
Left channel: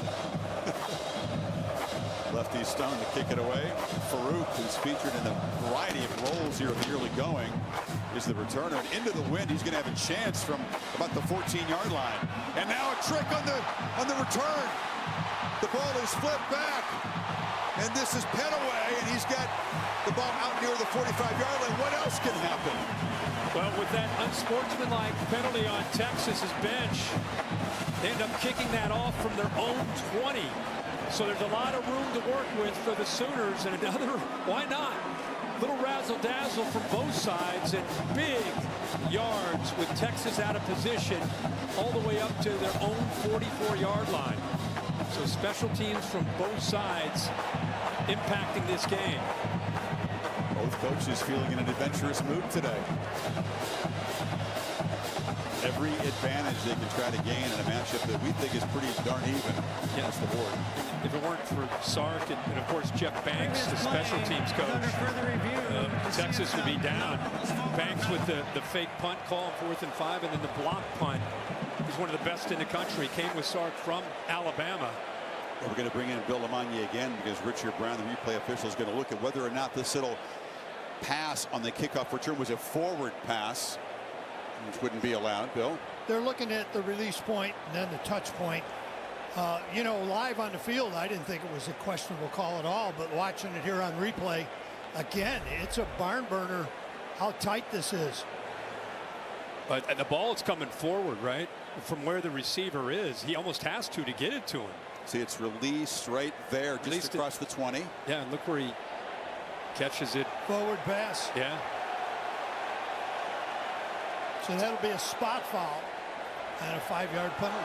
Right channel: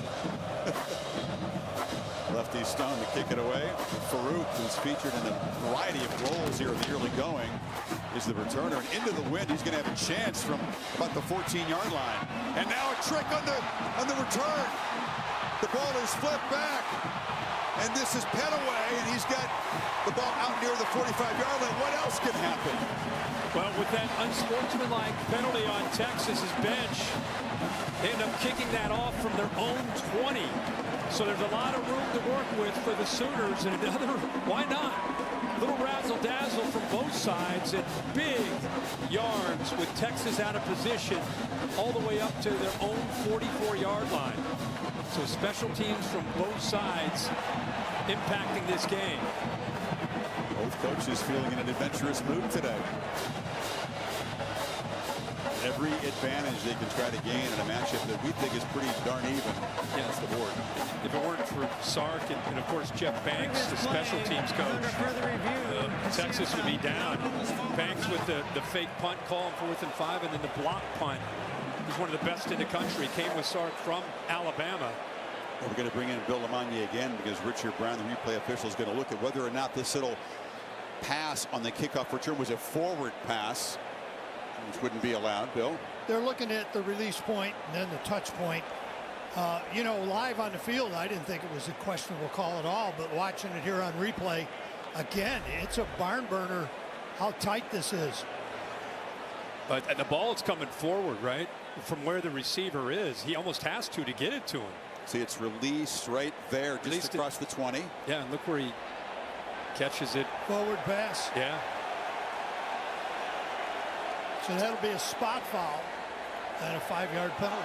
Lefty Stone to kick it away. Farooq, who's featured in a variety of roles here in the early going, is the returner. And into the wind, he's going to have a chance from about the 14-yard line. And now a trick on the return. The ball is flipped back. And this is Petaway, and he's got the ball out near the 45-yard line. What else can happen? Well, with that unsportsmanlike penalty on Texas's bench, they end up kicking that off from their own 20. So there's a lot of room to work with for the Sooners, and another, why not? Little razzle-dazzle from both sides and big yards with Texas out of position all the way up to their own 44-yard line. So special teams from both sides impacting this game. Both coaches feeling in an adventurous mood today. Every advantage they can try to gain in a matchup that we think is pretty darn even across the board. And if it weren't for Sark and of course Jeff Banks, the special teams coach, Under further review, Texas would be down. Banks with the fake punt call on 4th and 5, and then the block punt. He's one of the best in the country. Came with Sark from Alabama. Well, we're going to bring in Bill Lamagna again because Richard Brown, the replay official, is going to look at whether or not this little pass on the kickoff return was a forward pass, which wouldn't be allowed. Bill? They're looking at the release point and then the touch point. You know, live on the field, I didn't think it was a questionable call at all, but watching it here on replay, again, it's a barn burner how tight this is. But the ball is coming forward, right? From where the receiver is. He almost has to get it to him. See, it's released right there, just across the 20. Yeah, and look where he catches it. Forward pass. Yeah. So that'll be a spot foul and a 5-yard penalty.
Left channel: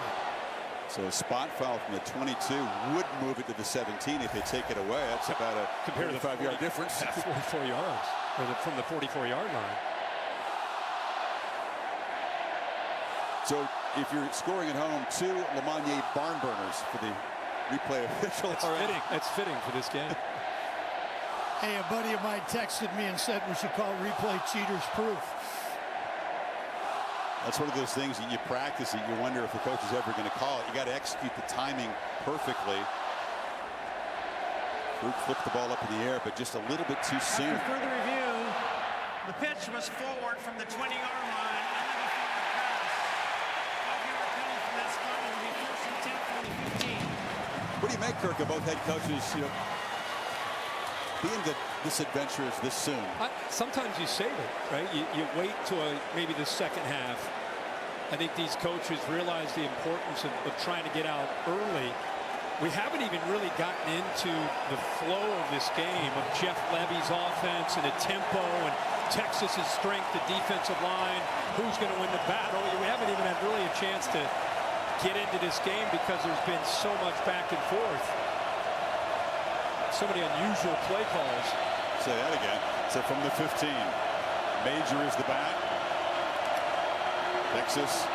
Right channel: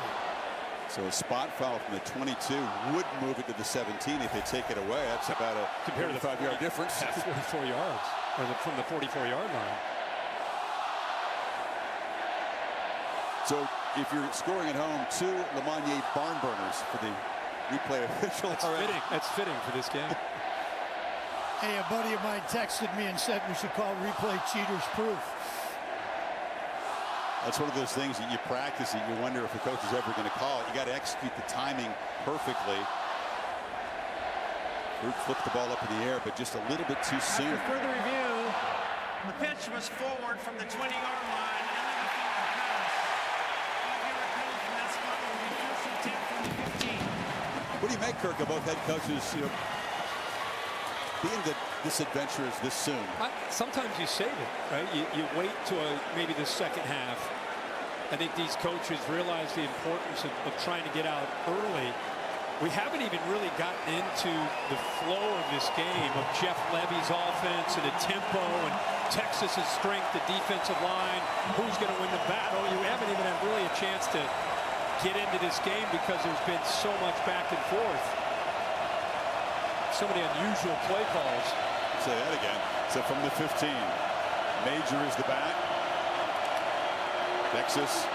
So a spot foul from the 22 would move it to the 17 if they take it away. That's about a 45-yard difference. 44 yards, or from the 44-yard line. So if you're scoring at home, 2 Lamagna barn burners for the replay official. That's fitting. That's fitting for this game. Hey, a buddy of mine texted me and said we should call replay cheaters proof. That's one of those things that you practice it. You wonder if the coach is ever going to call it. You got to execute the timing perfectly. Farooq flipped the ball up in the air, but just a little bit too soon. After further review, the pitch was forward from the 20-yard line. Illegal forward pass. 5-yard penalty from that spot. It will be 1st and 10 from the 15. What do you make, Kirk, of both head coaches, being this adventurous this soon? Sometimes you save it, right? You wait till maybe the second half. I think these coaches realize the importance of trying to get out early. We haven't even really gotten into the flow of this game of Jeff Levy's offense and the tempo and Texas's strength, the defensive line, who's going to win the battle. We haven't even had really a chance to get into this game because there's been so much back and forth. So many unusual play calls. Say that again. So from the 15, Major is the back. Texas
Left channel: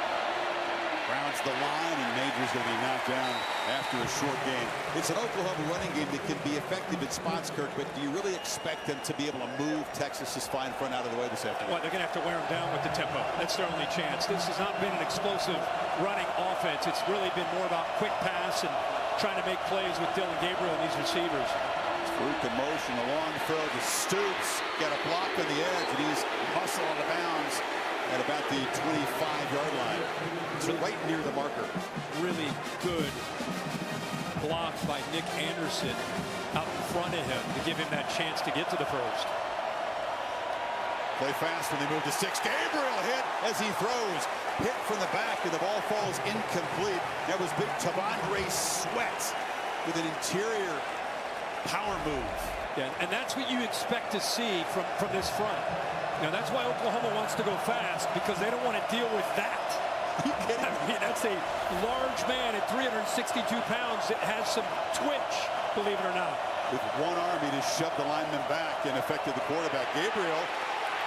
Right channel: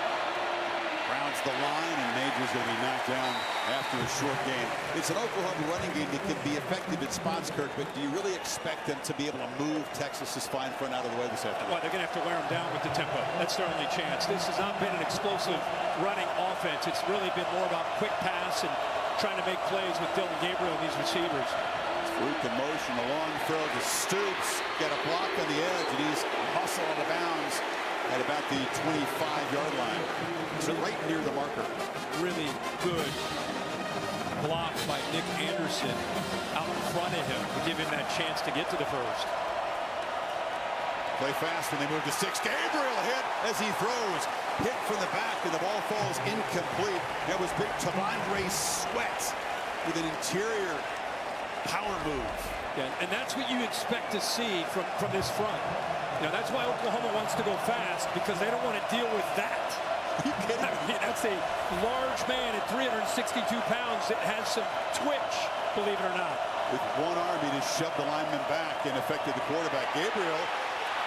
rounds the line, and Major's going to be knocked down after a short gain. It's an Oklahoma running game that can be effective in spots, Kirk, but do you really expect them to be able to move Texas's fine front out of the way this afternoon? Well, they're going to have to wear them down with the tempo. That's their only chance. This has not been an explosive running offense. It's really been more about quick pass and trying to make plays with Dylan Gabriel and these receivers. Farooq in motion, a long throw to Stoops. Got a block on the edge, and he's muscle out of bounds at about the 25-yard line. It's right near the marker. Really good block by Nick Anderson out in front of him to give him that chance to get to the first. Play fast when they move to 6. Gabriel hit as he throws. Hit from the back, and the ball falls incomplete. That was big Tavondre Sweat with an interior power move. Yeah, and that's what you expect to see from this front. Now, that's why Oklahoma wants to go fast, because they don't want to deal with that. Are you kidding me? I mean, that's a large man at 362 pounds that has some twitch, believe it or not. With one arm, he just shoved the lineman back and affected the quarterback. Gabriel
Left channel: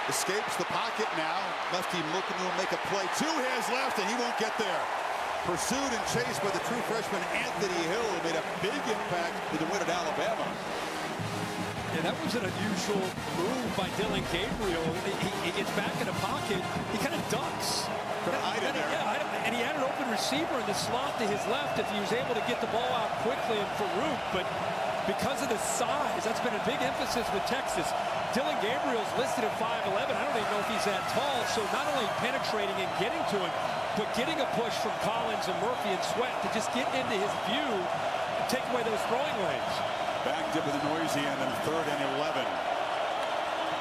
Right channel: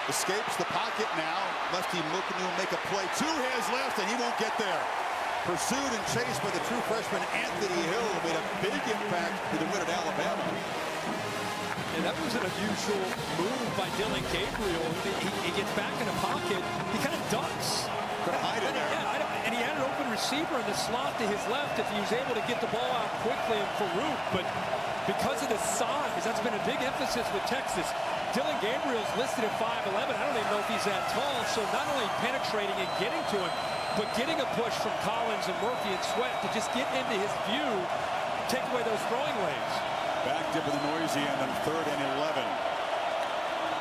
escapes the pocket now. Lefty looking to make a play. 2 hands left, and he won't get there. Pursued and chased by the true freshman Anthony Hill, who made a big impact in the win at Alabama. Yeah, that was an unusual move by Dylan Gabriel. He gets back in the pocket. He kind of ducks. Could hide in there. Yeah, and he had an open receiver in the slot to his left if he was able to get the ball out quickly and Farooq. But because of the size, that's been a big emphasis with Texas. Dylan Gabriel's listed at 5'11". I don't even know if he's that tall. So not only penetrating and getting to him, but getting a push from Collins and Murphy and Sweat to just get into his view and take away those throwing lanes. Backed up in the noisy end on 3rd and 11.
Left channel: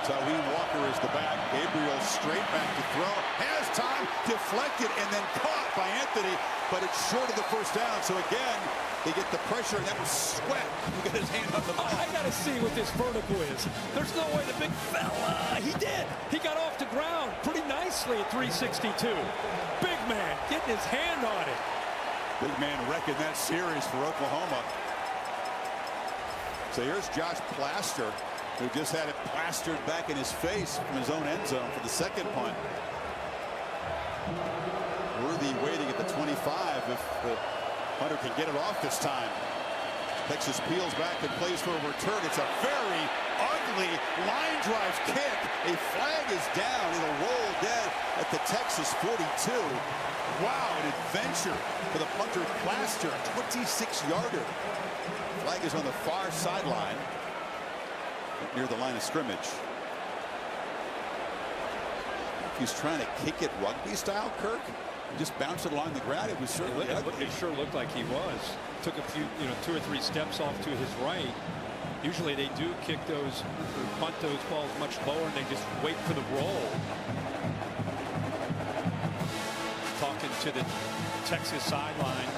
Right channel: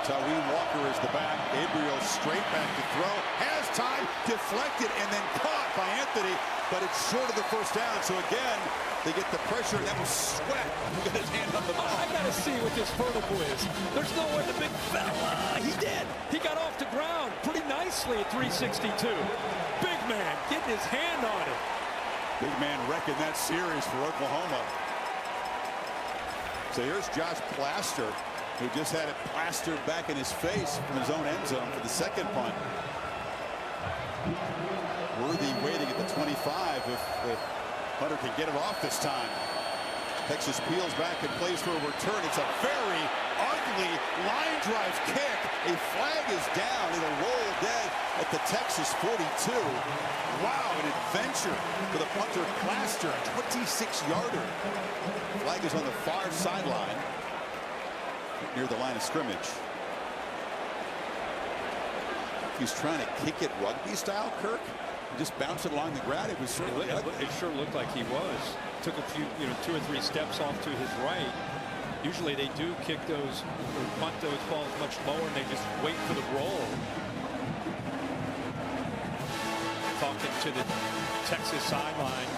Tawee Walker is the back. Gabriel straight back to throw. Has time, deflected, and then caught by Anthony, but it's short of the first down. So again, they get the pressure, and that was Sweat who got his hand on the ball. I got to see what this vertical is. There's no way the big fella, he did. He got off the ground pretty nicely at 362. Big man getting his hand on it. Big man wrecking that series for Oklahoma. So here's Josh Plaster, who just had it plastered back in his face from his own end zone for the second punt. Worthy waiting at the 25 if the punter can get it off this time. Texas peels back and plays for a return. It's a very ugly line drive kick. A flag is down. It'll roll dead at the Texas 42. Wow, an adventure for the punter Plaster, a 26-yarder. Flag is on the far sideline, right near the line of scrimmage. He's trying to kick it rugby style, Kirk. He just bounced it along the ground. It was certainly ugly. It sure looked like he was. Took a few, 2 or 3 steps off to his right. Usually they do kick those or punt those balls much lower, and they just wait for the roll. Talking to the Texas sideline.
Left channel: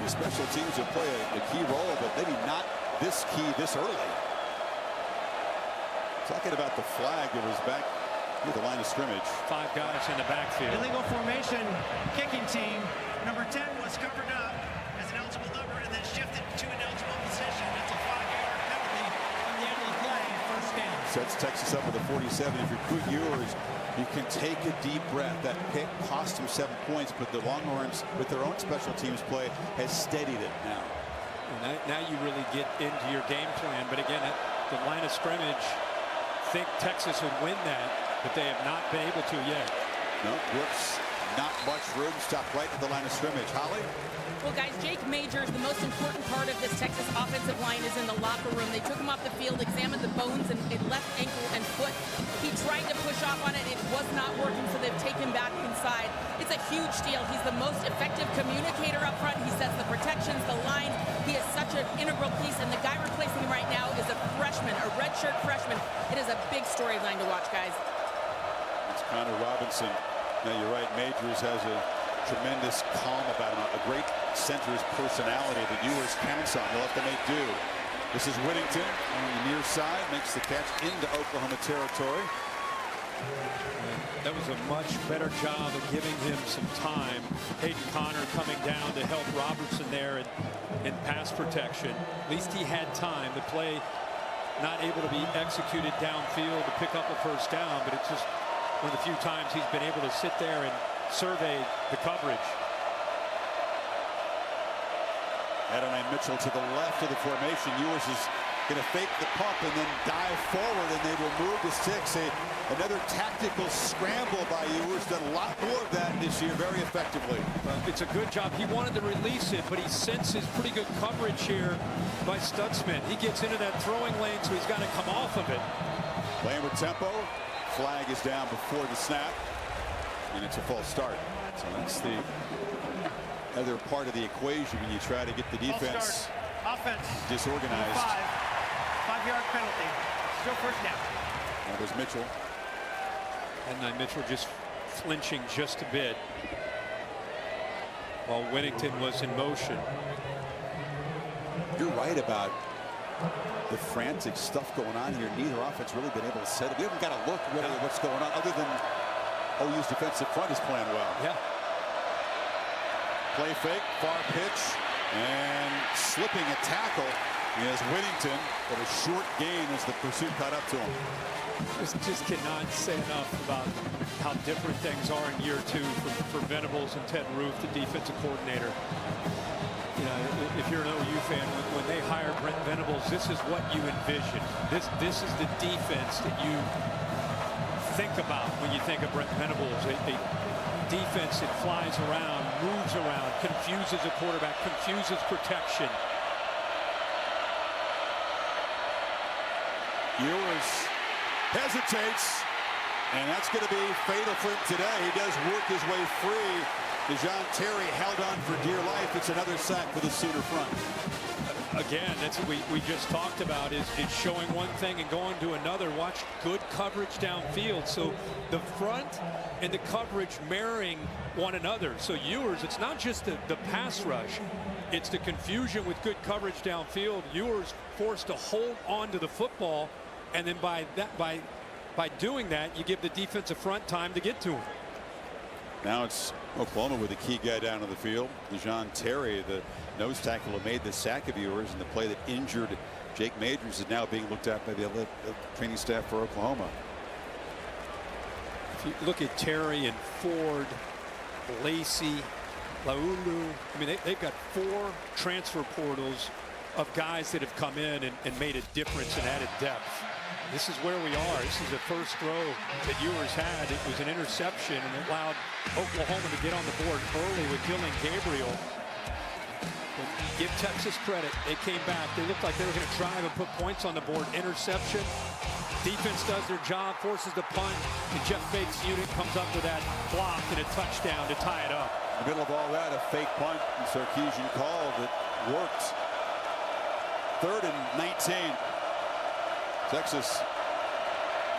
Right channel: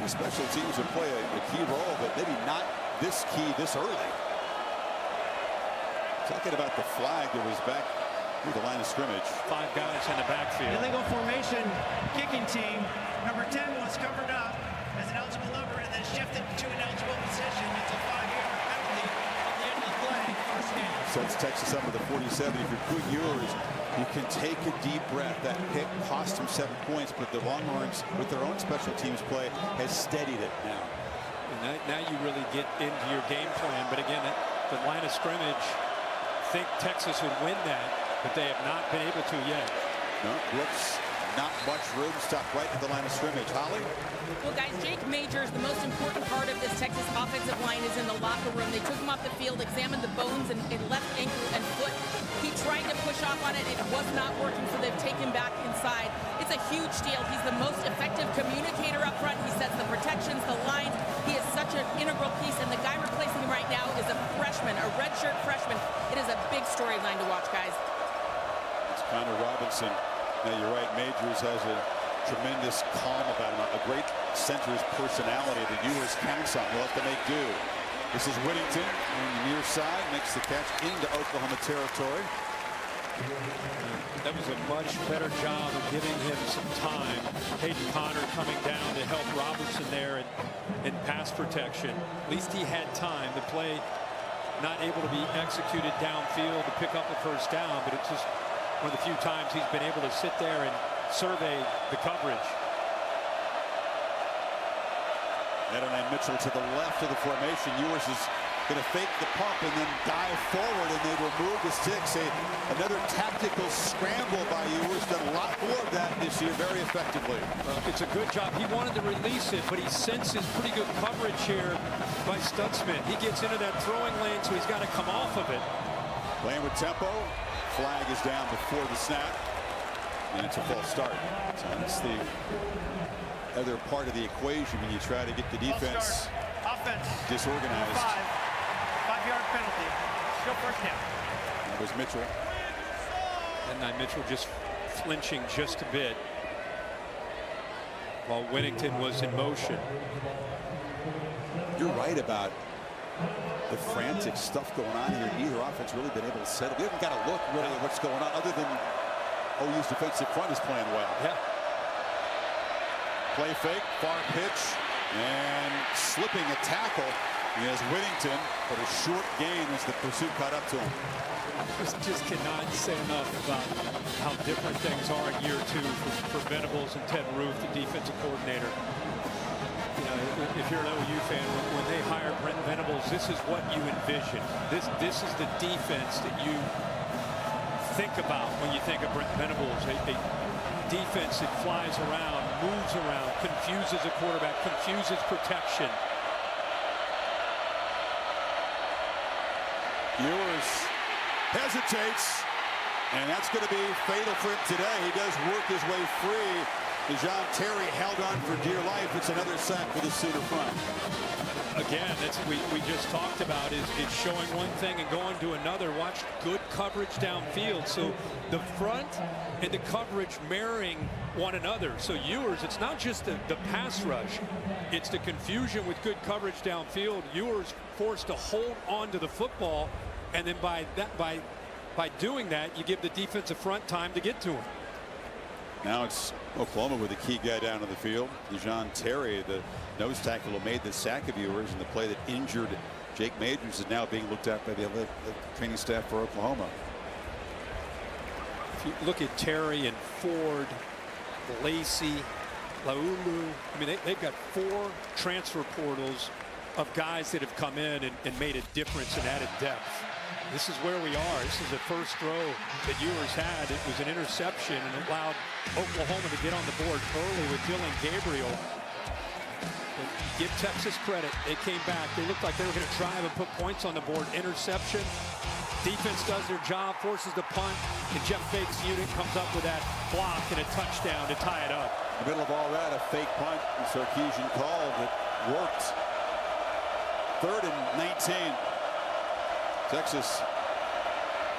These special teams will play a key role, but maybe not this key this early. Talking about the flag that was back near the line of scrimmage. 5 guys in the backfield. Illegal formation kicking team. Number 10 was covered up as an eligible number and then shifted to an eligible position. That's a 5-yard penalty from the end of the play. First down. Sets Texas up with a 47. If you're Quinn Ewers, you can take a deep breath. That pick cost him 7 points, but the Longhorns, with their own special teams play, has steadied it now. And now you really get into your game plan. But again, at the line of scrimmage, think Texas would win that, but they have not been able to yet. No, Brooks, not much room. Stopped right at the line of scrimmage. Holly? Well, guys, Jake Majors, the most important part of this Texas offensive line is in the locker room. They took him off the field, examined the bones and left ankle and foot. He tried to push off on it. It was not working, so they've taken him back inside. It's a huge deal. He's the most effective communicator up front. He sets the protections, the lines. He is such an integral piece, and the guy replacing him right now is a freshman, a redshirt freshman. It is a big storyline to watch, guys. It's Connor Robinson. Now, you're right. Majors has a tremendous calm about him. A great center's personality that Ewers counts on. He'll have to make do. This is Whittington on the near side. Makes the catch into Oklahoma territory. And that was a much better job of giving him some time. Hayden Connor coming down to help Robertson there in pass protection. At least he had time. The play not able to be executed downfield to pick up a first down, but it's just one of the few times he's been able to sit there and survey the coverage. Adonai Mitchell to the left of the formation. Ewers is going to fake the pump and then dive forward, and they will move the sticks. Another tactical scramble by Ewers. Done a lot more of that this year very effectively. It's a good job. He wanted to release it, but he senses pretty good coverage here by Stutzman. He gets into that throwing lane, so he's got to come off of it. Playing with tempo. Flag is down before the snap, and it's a false start. So that's the other part of the equation when you try to get the defense offense disorganized. 5-yard penalty. Still first down. That was Mitchell. And Mitchell just flinching just a bit while Whittington was in motion. You're right about the frantic stuff going on here. Neither offense really been able to settle. We haven't got a look really at what's going on, other than OU's defensive front is playing well. Yeah. Play fake, far pitch, and slipping a tackle is Whittington, but a short gain as the pursuit caught up to him. Just cannot say enough about how different things are in year two for Venables and Ted Roof, the defensive coordinator. You know, if you're an OU fan, when they hire Brent Venables, this is what you envision. This is the defense that you think about when you think of Brent Venables. A defense that flies around, moves around, confuses a quarterback, confuses protection. Ewers hesitates, and that's going to be fatal for him today. He does work his way free. DeJohn Terry held on for dear life. It's another sack for the Sooner front. Again, that's what we just talked about, is showing one thing and going to another. Watch good coverage downfield. So the front and the coverage marrying one another. So Ewers, it's not just the pass rush. It's the confusion with good coverage downfield. Ewers forced to hold on to the football, and then by doing that, you give the defensive front time to get to him. Now it's Oklahoma with a key guy down to the field. DeJohn Terry, the nose tackle who made the sack of Ewers, and the play that injured Jake Majors is now being looked at by the training staff for Oklahoma. If you look at Terry and Ford, Lacey, Laulu, I mean, they've got 4 transfer portals of guys that have come in and made a difference and added depth. This is where we are. This is the first throw that Ewers had. It was an interception, and it allowed Oklahoma to get on the board early with Dylan Gabriel. But give Texas credit. They came back. They looked like they were going to drive and put points on the board. Interception. Defense does their job, forces the punt, and Jeff Bake's unit comes up with that block and a touchdown to tie it up. In the middle of all that, a fake punt and Sarkisian call that worked. 3rd and 19. Texas,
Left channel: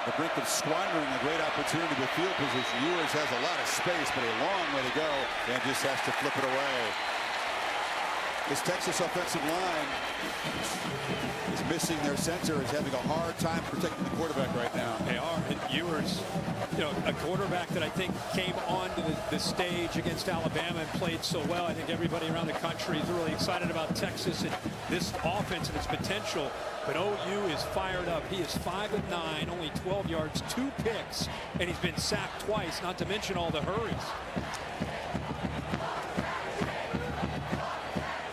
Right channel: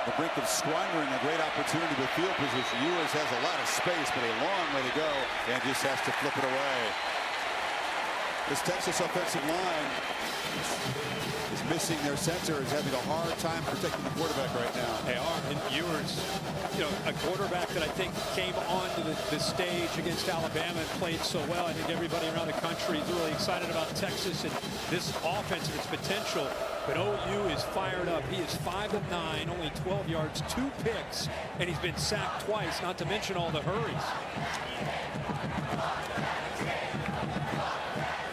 the brink of squandering a great opportunity with field position. Ewers has a lot of space, but a long way to go, and just has to flip it away. This Texas offensive line is missing their center, is having a hard time protecting the quarterback right now. They are, and Ewers, you know, a quarterback that I think came onto the stage against Alabama and played so well. I think everybody around the country is really excited about Texas and this offense and its potential. But OU is fired up. He is 5 of 9, only 12 yards, 2 picks, and he's been sacked twice, not to mention all the hurries.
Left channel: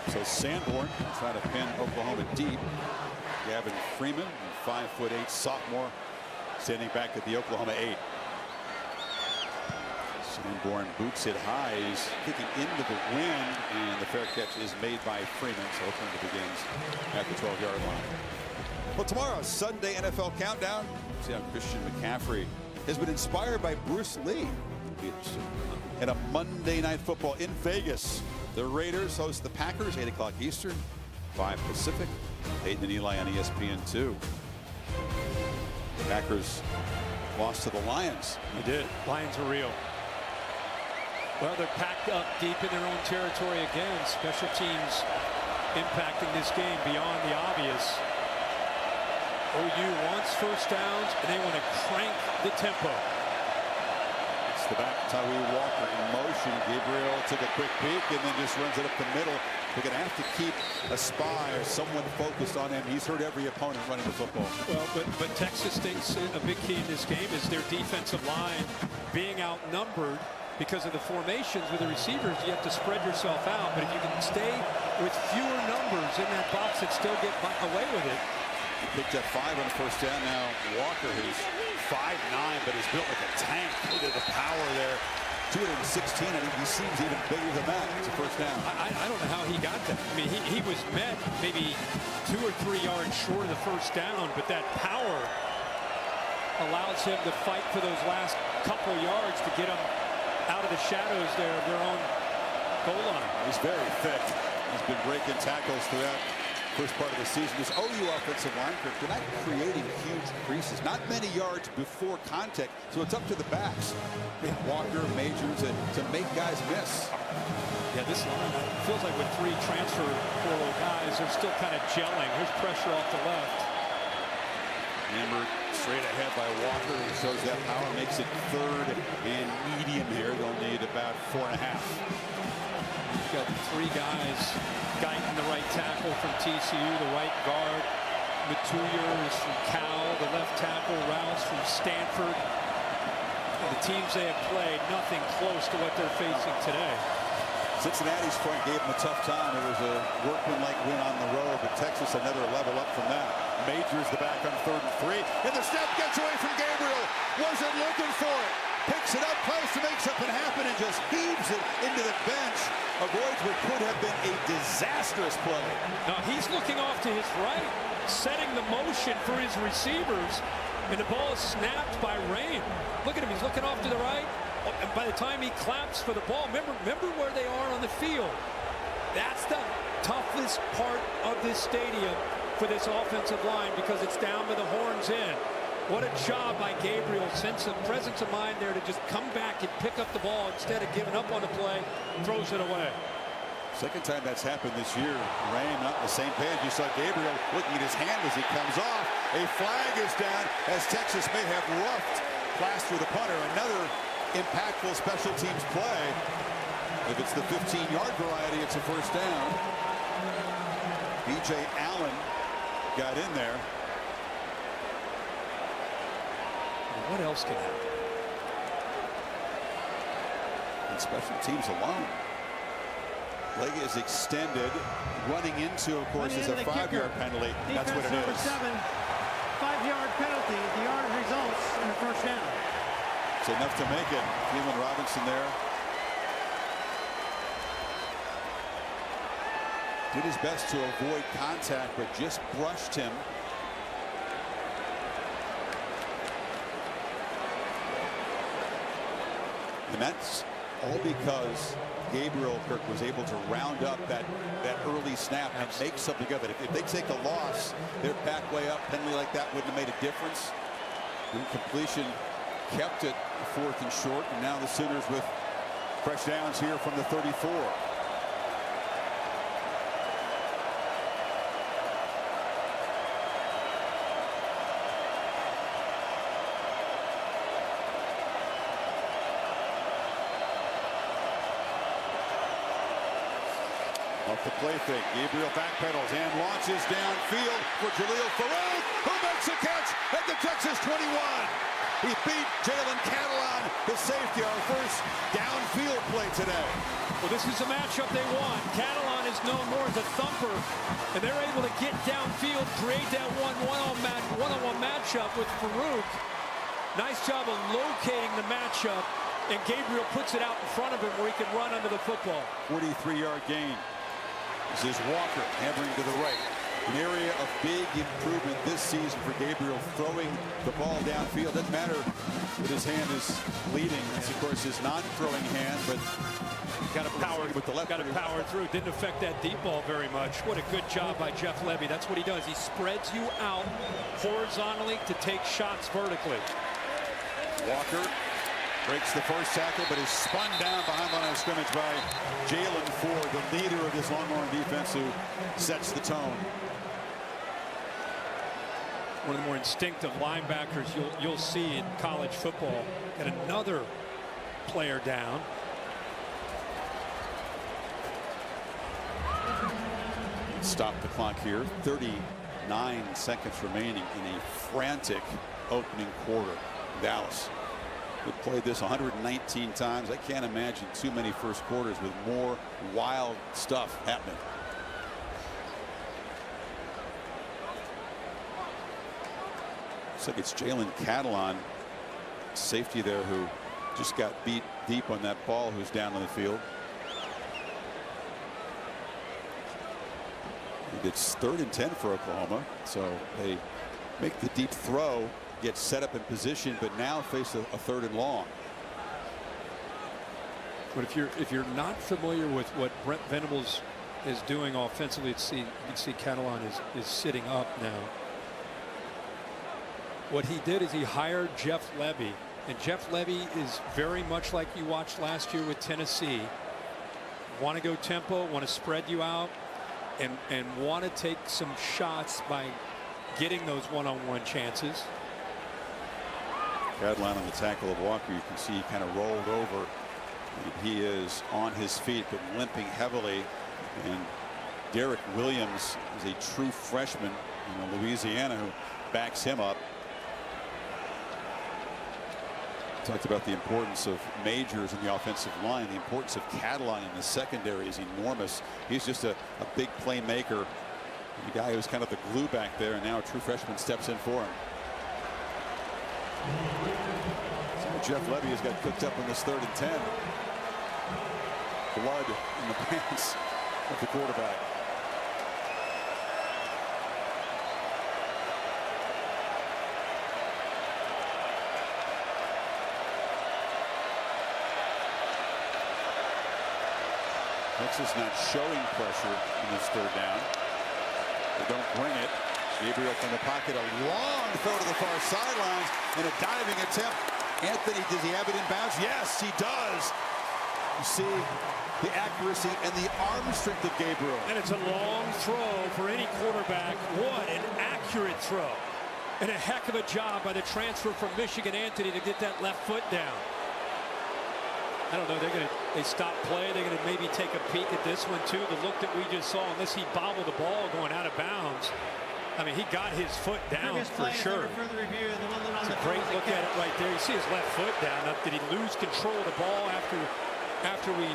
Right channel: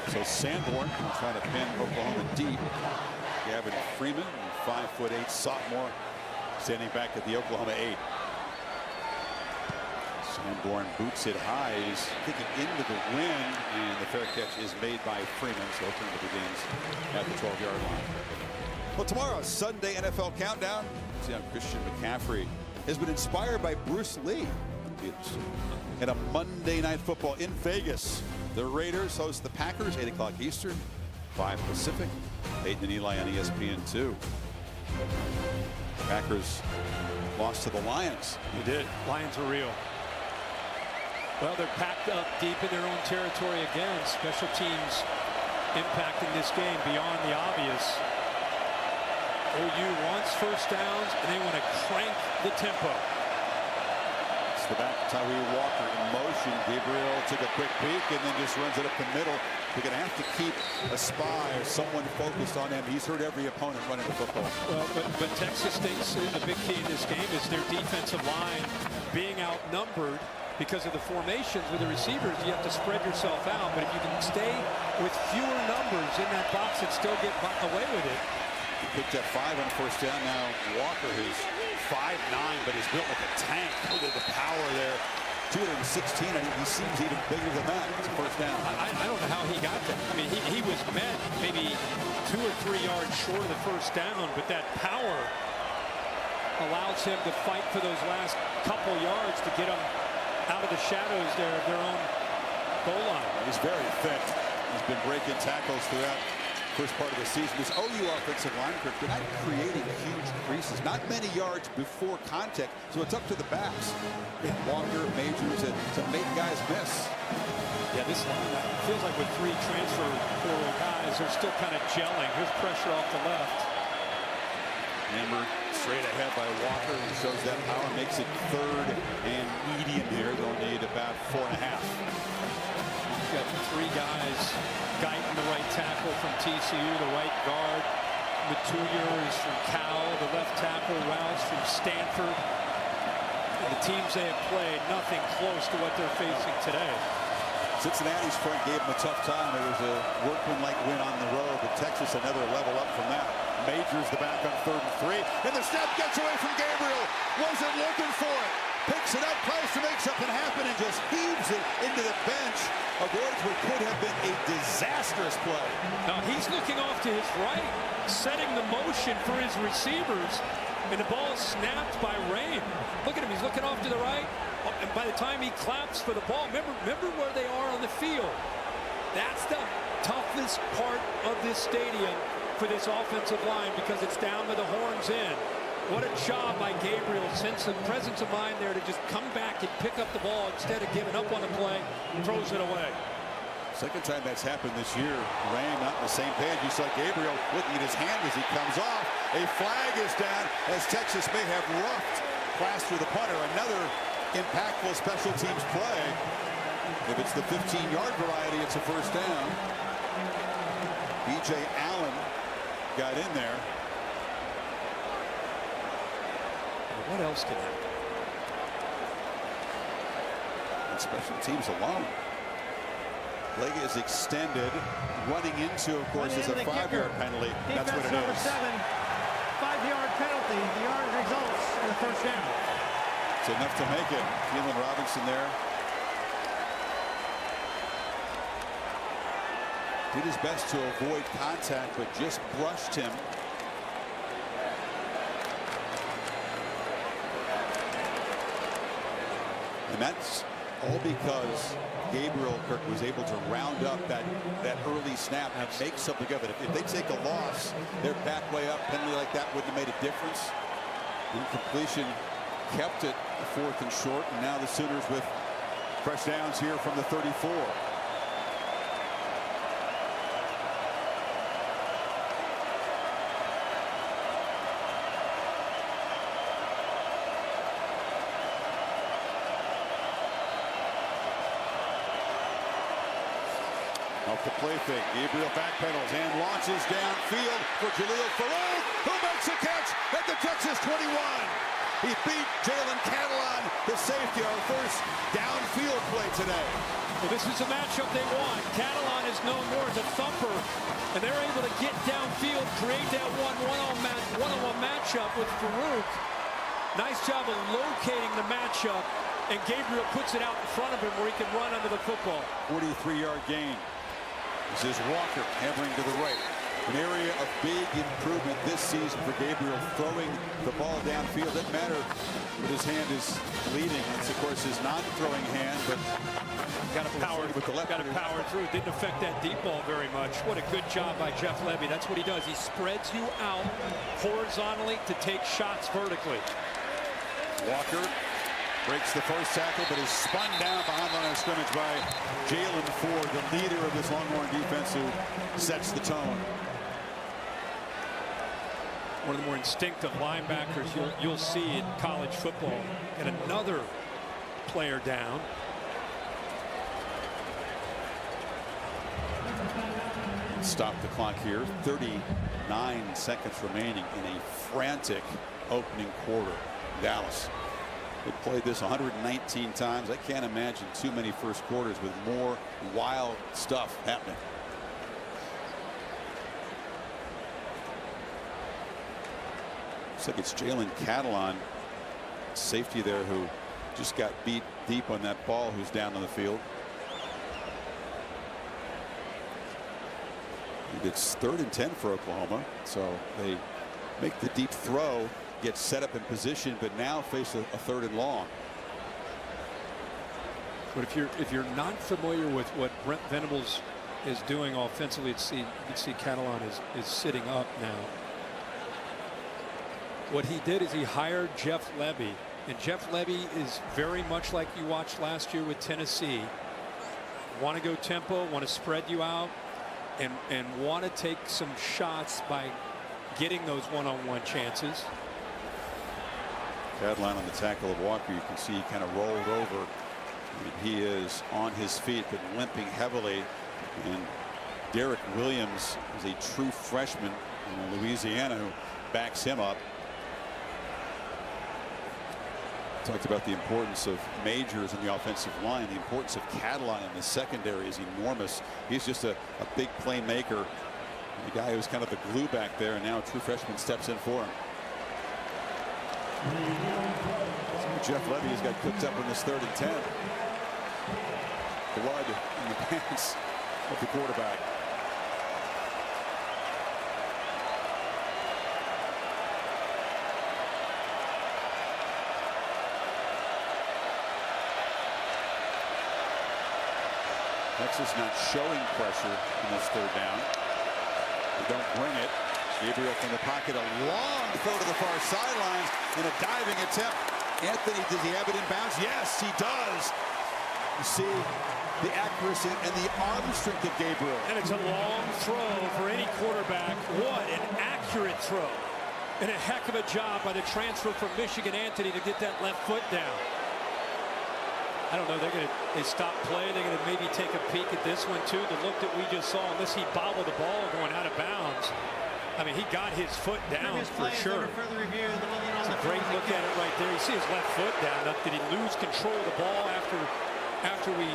So Sanborn will try to pin Oklahoma deep. Gavin Freeman, 5'8" sophomore, standing back at the Oklahoma 8. Sanborn boots it high. He's kicking into the wind, and the fair catch is made by Freeman. So Oklahoma begins at the 12-yard line. Well, tomorrow, Sunday NFL Countdown. See how Christian McCaffrey has been inspired by Bruce Lee. It'll be interesting. And a Monday Night Football in Vegas. The Raiders host the Packers, 8 o'clock Eastern, 5 Pacific. Peyton and Eli on ESPN2. The Packers lost to the Lions. They did. Lions are real. Well, they're packed up deep in their own territory again. Special teams impacting this game beyond the obvious. OU wants first downs, and they want to crank the tempo. It's the back. Tyree Walker in motion. Gabriel took a quick peek and then just runs it up the middle. They're going to have to keep a spy or someone focused on him. He's hurt every opponent running the football. Well, but Texas thinks a big key in this game is their defensive line being outnumbered because of the formations with the receivers. You have to spread yourself out, but if you can stay with fewer numbers in that box and still get away with it. He picked up 5 on the first down. Now Walker, who's 5'9", but is built like a tank. Look at the power there. 216, and he seems even bigger than that. It's a first down. I don't know how he got that. I mean, he was met maybe 2 or 3 yards short of the first down, but that power allows him to fight for those last couple yards to get them out of the shadows there of their own goal line. He's very thick. He's been breaking tackles throughout first part of the season. This OU offensive line, Kirk, they're not creating huge creases. Not many yards before contact, so it's up to the backs. Yeah. Walker, Majors, to make guys miss. Yeah, this line feels like with 3 transfer portal guys, they're still kind of gelling. Here's pressure off the left. Hammered straight ahead by Walker, who shows that power, makes it 3rd and medium here. They'll need about 4.5. You've got 3 guys. Guyton, the right tackle from TCU, the right guard. Matuyer is from Cal, the left tackle. Rouse from Stanford. And the teams they have played, nothing close to what they're facing today. Cincinnati's front gave them a tough time. It was a workmanlike win on the road, but Texas another level up from that. Majors the back on 3rd and 3, and the snap gets away from Gabriel. Wasn't looking for it. Picks it up, tries to make something happen, and just heaves it into the bench. Avoids what could have been a disastrous play. Now he's looking off to his right, setting the motion for his receivers, and the ball is snapped by Rain. Look at him, he's looking off to the right. Oh, and by the time he claps for the ball, remember where they are on the field. That's the toughest part of this stadium for this offensive line, because it's down by the horns in. What a job by Gabriel. Sense of presence of mind there to just come back and pick up the ball instead of giving up on the play. Throws it away. Second time that's happened this year. Rain not on the same page. You saw Gabriel looking at his hand as he comes off. A flag is down as Texas may have roughed Plaster, the punter. Another impactful special teams play. If it's the 15-yard variety, it's a first down. B.J. Allen got in there. What else can happen? On special teams alone. Leg is extended. Running into, of course, is a 5-yard penalty. That's what it number is. 7, 5-yard penalty. The yard results in a first down. It's enough to make it. Keelan Robinson there. Did his best to avoid contact, but just brushed him. And that's all because Gabriel, Kirk, was able to round up that early snap and make something of it. If they take a loss, they're back way up. Penalty like that wouldn't have made a difference. Incompletion kept it 4th and short, and now the Sooners with fresh downs here from the 34. Off the play fake, Gabriel backpedals and launches downfield for Jaleel Farooq, who makes a catch at the Texas 21. He beat Jalen Catalon, the safety, our first downfield play today. Well, this is a matchup they want. Catalon is known more as a thumper, and they're able to get downfield, create that one-on-one matchup with Farooq. Nice job of locating the matchup, and Gabriel puts it out in front of him where he can run under the football. 43-yard gain. This is Walker hammering to the right. An area of big improvement this season for Gabriel, throwing the ball downfield. Doesn't matter that his hand is bleeding. That's, of course, his non-throwing hand, but got to power with the left. Got to power through. Didn't affect that deep ball very much. What a good job by Jeff Levy. That's what he does. He spreads you out horizontally to take shots vertically. Walker breaks the first tackle, but is spun down behind the line of scrimmage by Jalen Ford, the leader of this Longhorn defense, who sets the tone. One of the more instinctive linebackers you'll see in college football. Got another player down. Stop the clock here. 39 seconds remaining in a frantic opening quarter. Dallas. They played this 119 times. I can't imagine too many first quarters with more wild stuff happening. Looks like it's Jalen Catalon, safety there, who just got beat deep on that ball, who's down on the field. It's 3rd and 10 for Oklahoma, so they make the deep throw, get set up in position, but now face a 3rd and long. But if you're not familiar with what Brent Venables is doing offensively, you can see Catalon is sitting up now. What he did is he hired Jeff Lebby, and Jeff Lebby is very much like you watched last year with Tennessee. Want to go tempo, want to spread you out, and want to take some shots by getting those one-on-one chances. Catalon on the tackle of Walker. You can see he kind of rolled over, and he is on his feet but limping heavily. And Derek Williams is a true freshman in Louisiana who backs him up. Talked about the importance of Majors in the offensive line. The importance of Catalon in the secondary is enormous. He's just a big playmaker. The guy who's kind of the glue back there, and now a true freshman steps in for him. So Jeff Lebby has got cooked up in this 3rd and 10. Blood in the pants of the quarterback. Texas not showing pressure in this 3rd down. They don't bring it. Gabriel from the pocket, a long throw to the far sidelines, and a diving attempt. Anthony, does he have it in bounds? Yes, he does. You see the accuracy and the arm strength of Gabriel. And it's a long throw for any quarterback. What an accurate throw. And a heck of a job by the transfer from Michigan, Anthony, to get that left foot down. I don't know, they stop play. They're gonna maybe take a peek at this one too. The look that we just saw, unless he bobbled the ball going out of bounds. I mean, he got his foot down for sure. It's a great look at it right there. You see his left foot down. Now, did he lose control of the ball after we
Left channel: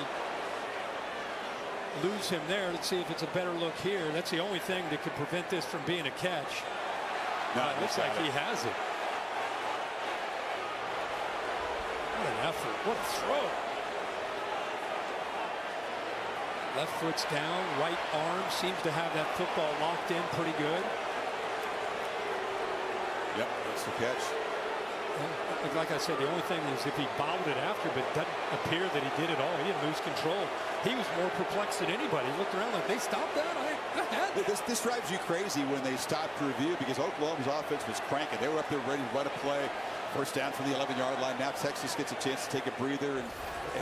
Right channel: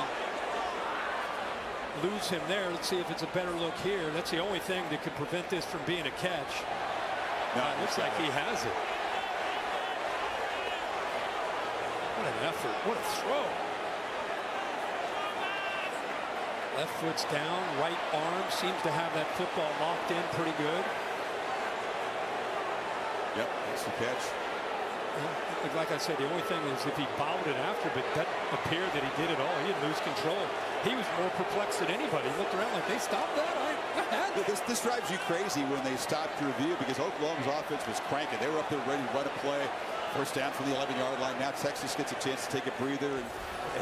lose him there? Let's see if it's a better look here. That's the only thing that could prevent this from being a catch. No, it looks like he has it. What an effort. What a throw. Left foot's down. Right arm seems to have that football locked in pretty good. Yep, that's the catch. Like I said, the only thing is if he bobbled it after, but it doesn't appear that he did at all. He didn't lose control. He was more perplexed than anybody. He looked around like, they stopped that? I had that. This drives you crazy when they stopped to review, because Oklahoma's offense was cranking. They were up there ready to run a play. First down from the 11-yard line. Now Texas gets a chance to take a breather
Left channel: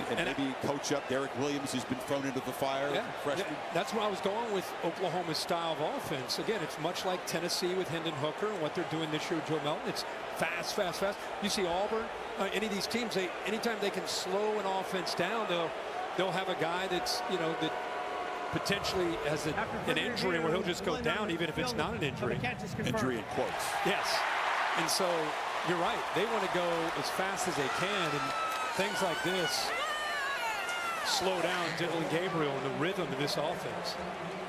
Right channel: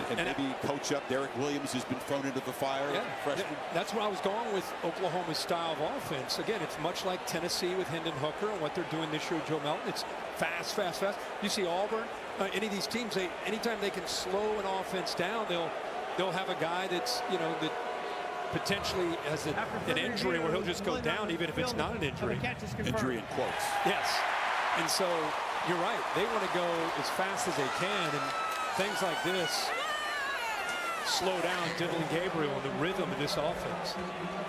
and maybe coach up Derek Williams, who's been thrown into the fire. Yeah, freshman. That's where I was going with Oklahoma's style of offense. Again, it's much like Tennessee with Hendon Hooker and what they're doing this year with Joe Melton. It's fast, fast, fast. You see Auburn, any of these teams, anytime they can slow an offense down, they'll have a guy that's, that potentially has an injury where he'll just go down, even if it's not an injury. Injury in quotes. Yes. And so you're right. They want to go as fast as they can, and things like this slow down Dylan Gabriel and the rhythm of this offense.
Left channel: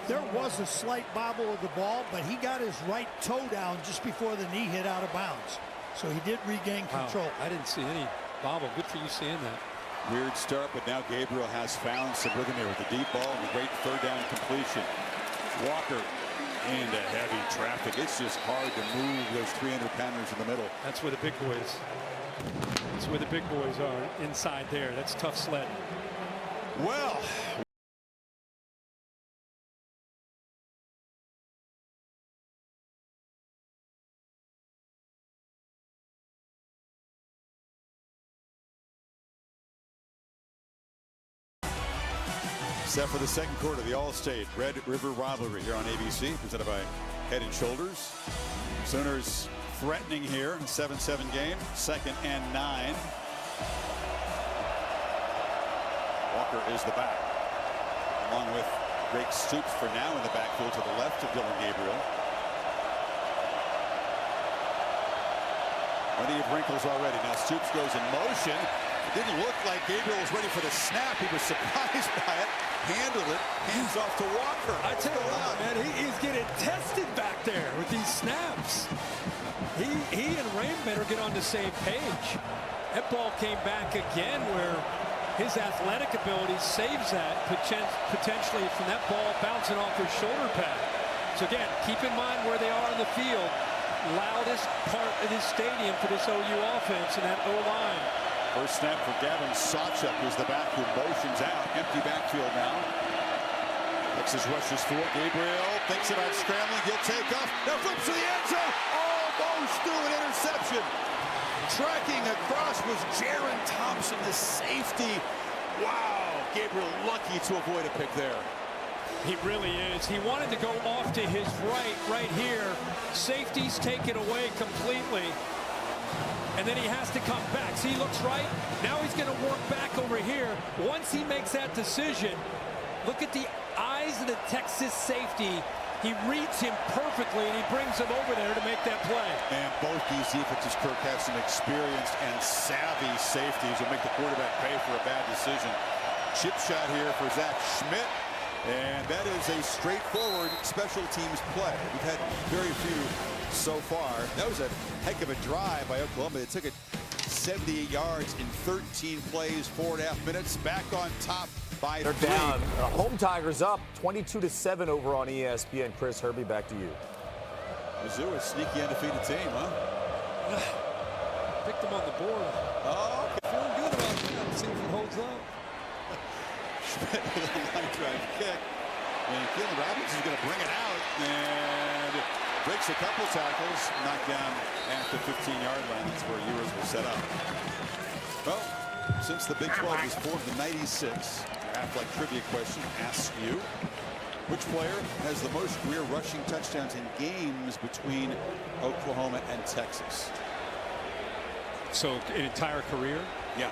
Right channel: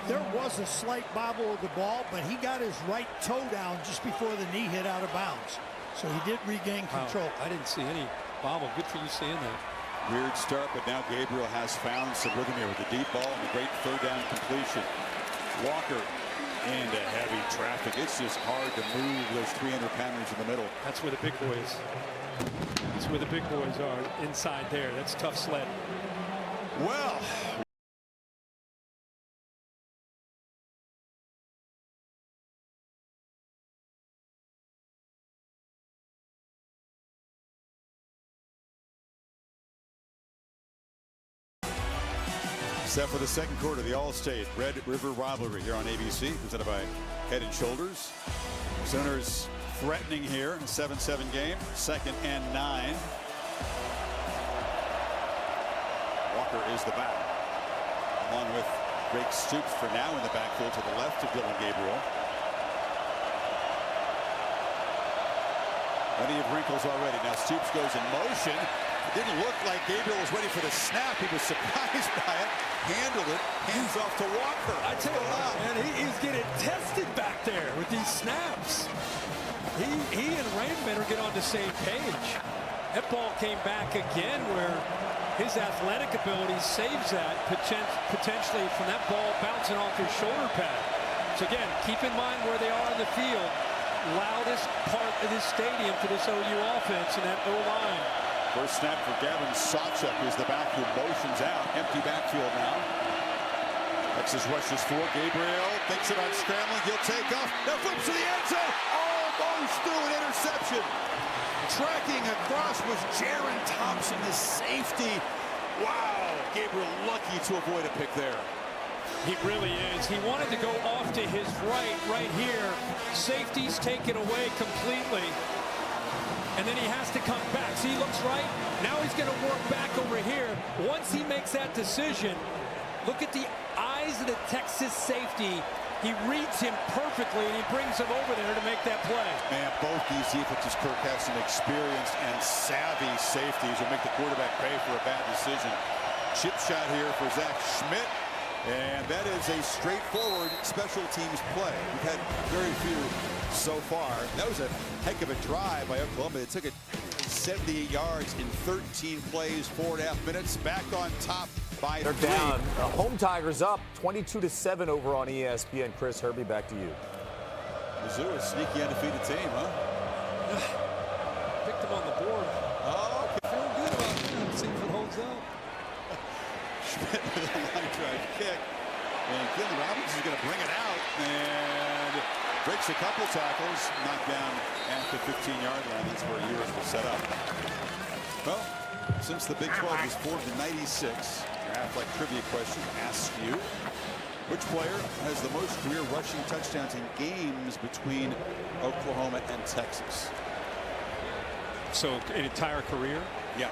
There was a slight bobble of the ball, but he got his right toe down just before the knee hit out of bounds. So he did regain control. Wow, I didn't see any bobble. Good for you seeing that. Weird start, but now Gabriel has found some rhythm here with the deep ball and the great 3rd down completion. Walker into heavy traffic. It's just hard to move those 300-pounders in the middle. That's where the big boys. That's where the big boys are, inside there. That's tough sledding. Well. Set for the second quarter, the All-State Red River Rivalry here on ABC, presented by Head & Shoulders. Sooners threatening here in a 7-7 game, 2nd and 9. Walker is the back, along with Drake Stoops for now in the backfield to the left of Dylan Gabriel. Plenty of wrinkles already. Now Stoops goes in motion. It didn't look like Gabriel was ready for the snap. He was surprised by it, handled it, hands off to Walker. I tell you what, man, he's getting tested back there with these snaps. He and Rain better get on the same page. That ball came back again where his athletic ability saves that potentially from that ball bouncing off his shoulder pad. So again, keep in mind where they are on the field. Loudest part of this stadium for this OU offense and that O-line. First snap for Gavin Sawchuk, who's the back who motions out. Empty backfield now. Texas rushes for Gabriel. Thinks about scrambling. He'll take off. Now flips to the end zone. Almost threw an interception. Tracking across was Jaron Thompson, the safety. Wow. Gabriel lucky to avoid a pick there. He really is. He wanted to go off to his right here. Safeties take it away completely. And then he has to come back. See, he looks right. Now he's going to work back over here. Once he makes that decision, look at the eyes of the Texas safety. He reads him perfectly, and he brings him over there to make that play. Man, both these defenses, Kirk, have some experienced and savvy safeties who make the quarterback pay for a bad decision. Chip shot here for Zach Schmidt. And that is a straightforward special teams play. We've had very few so far. That was a heck of a drive by Oklahoma. It took it 78 yards in 13 plays, 4.5 minutes. Back on top by 3. They're down. Home Tigers up 22-7 over on ESPN. Chris Herbie, back to you. Mizzou, a sneaky undefeated team, huh? Picked them on the board. Oh, okay. Feeling good about that. See if it holds up. Schmidt with a line drive kick. And Keelan Robinson is going to bring it out and breaks a couple tackles, knocked down at the 15-yard line. That's where Ewers will set up. Well, since the Big 12 was formed in '96, your Aflac trivia question asks you, which player has the most career rushing touchdowns in games between Oklahoma and Texas? So an entire career? Yeah.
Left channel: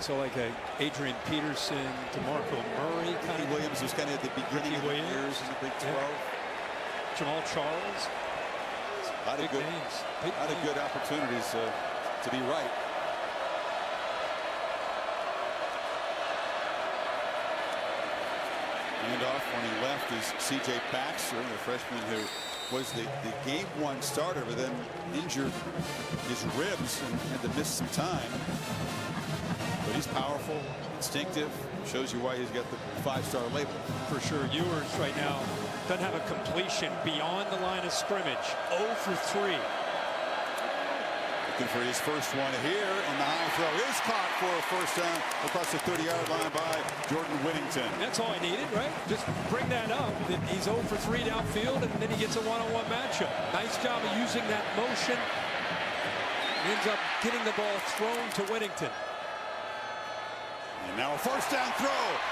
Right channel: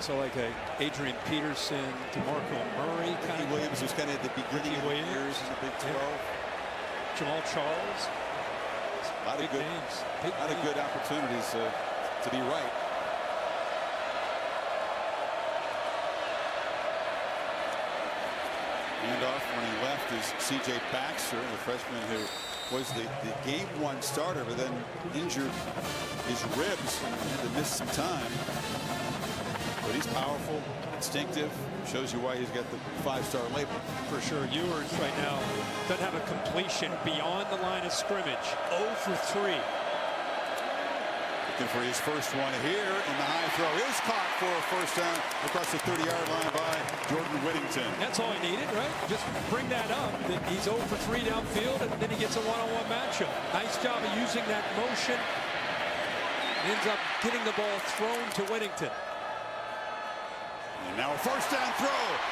So like a Adrian Peterson, DeMarco Murray kind of. Williams was kind of at the beginning of the years in the Big 12. Yeah. Jamal Charles. A lot of good names. A lot of good opportunities to be right. Handoff when he left is C.J. Baxter, the freshman who was the game 1 starter, but then injured his ribs and had to miss some time. But he's powerful, instinctive, shows you why he's got the 5-star label. For sure. Ewers right now doesn't have a completion beyond the line of scrimmage. 0 for 3. Looking for his first one here, and the high throw is caught for a first down across the 30-yard line by Jordan Whittington. That's all he needed, right? Just bring that up, that he's 0 for 3 downfield, and then he gets a one-on-one matchup. Nice job of using that motion. He ends up getting the ball thrown to Whittington. And now a first down throw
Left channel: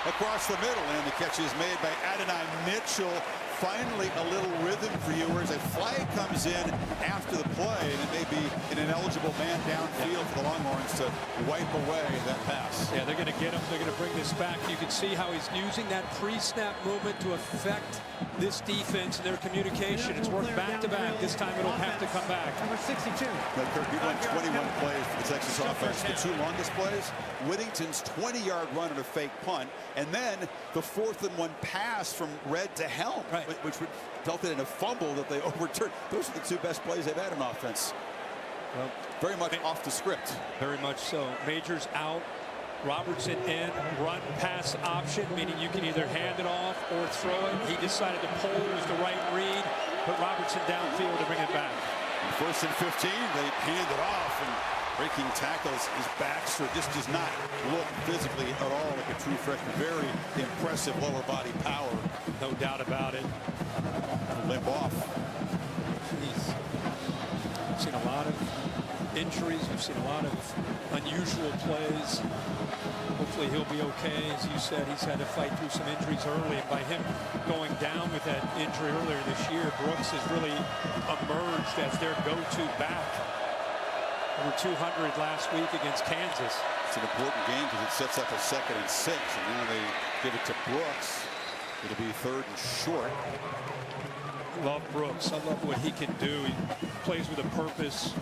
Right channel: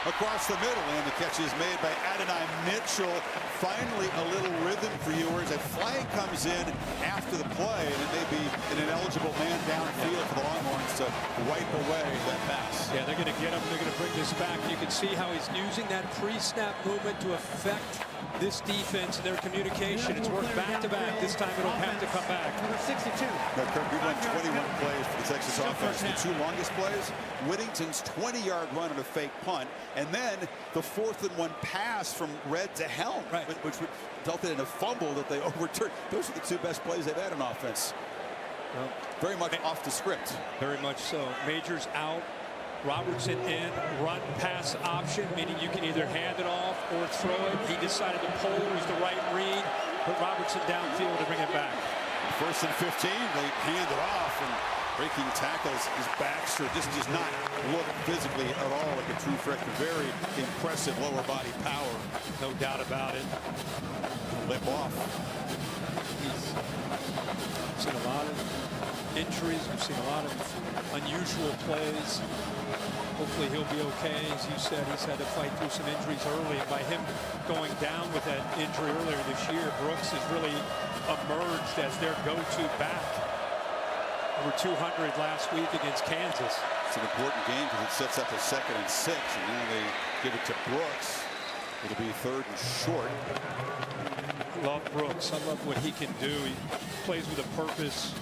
across the middle, and the catch is made by Adonai Mitchell. Finally a little rhythm for Ewers. A flag comes in after the play, and it may be an ineligible man downfield for the Longhorns to wipe away that pass. Yeah, they're going to get him. They're going to bring this back. You can see how he's using that pre-snap movement to affect this defense and their communication. It's worked back-to-back. This time it'll have to come back. Number 62. Now, Kirk, we run 21 plays for the Texas offense. The 2 longest plays, Whittington's 20-yard run on a fake punt, and then the 4th and 1 pass from Red to Helm, which resulted in a fumble that they overturned. Those are the 2 best plays they've had in offense. Well, very much off the script. Very much so. Majors out. Robertson in, run pass option, meaning you can either hand it off or throw it. He decided to pull, was the right read, put Robertson downfield to bring it back. First and 15, they hand it off, and breaking tackles is Baxter. Just does not look physically at all like a true freshman. Very impressive lower body power. No doubt about it. A limp off. He's seen a lot of injuries. We've seen a lot of unusual plays. Hopefully he'll be okay. As you said, he's had to fight through some injuries early, and by him going down with that injury earlier this year, Brooks has really emerged as their go-to back. Over 200 last week against Kansas. It's an important game because it sets up a 2nd and 6, and now they give it to Brooks. It'll be 3rd and short. I love Brooks. I love what he can do. He plays with a purpose.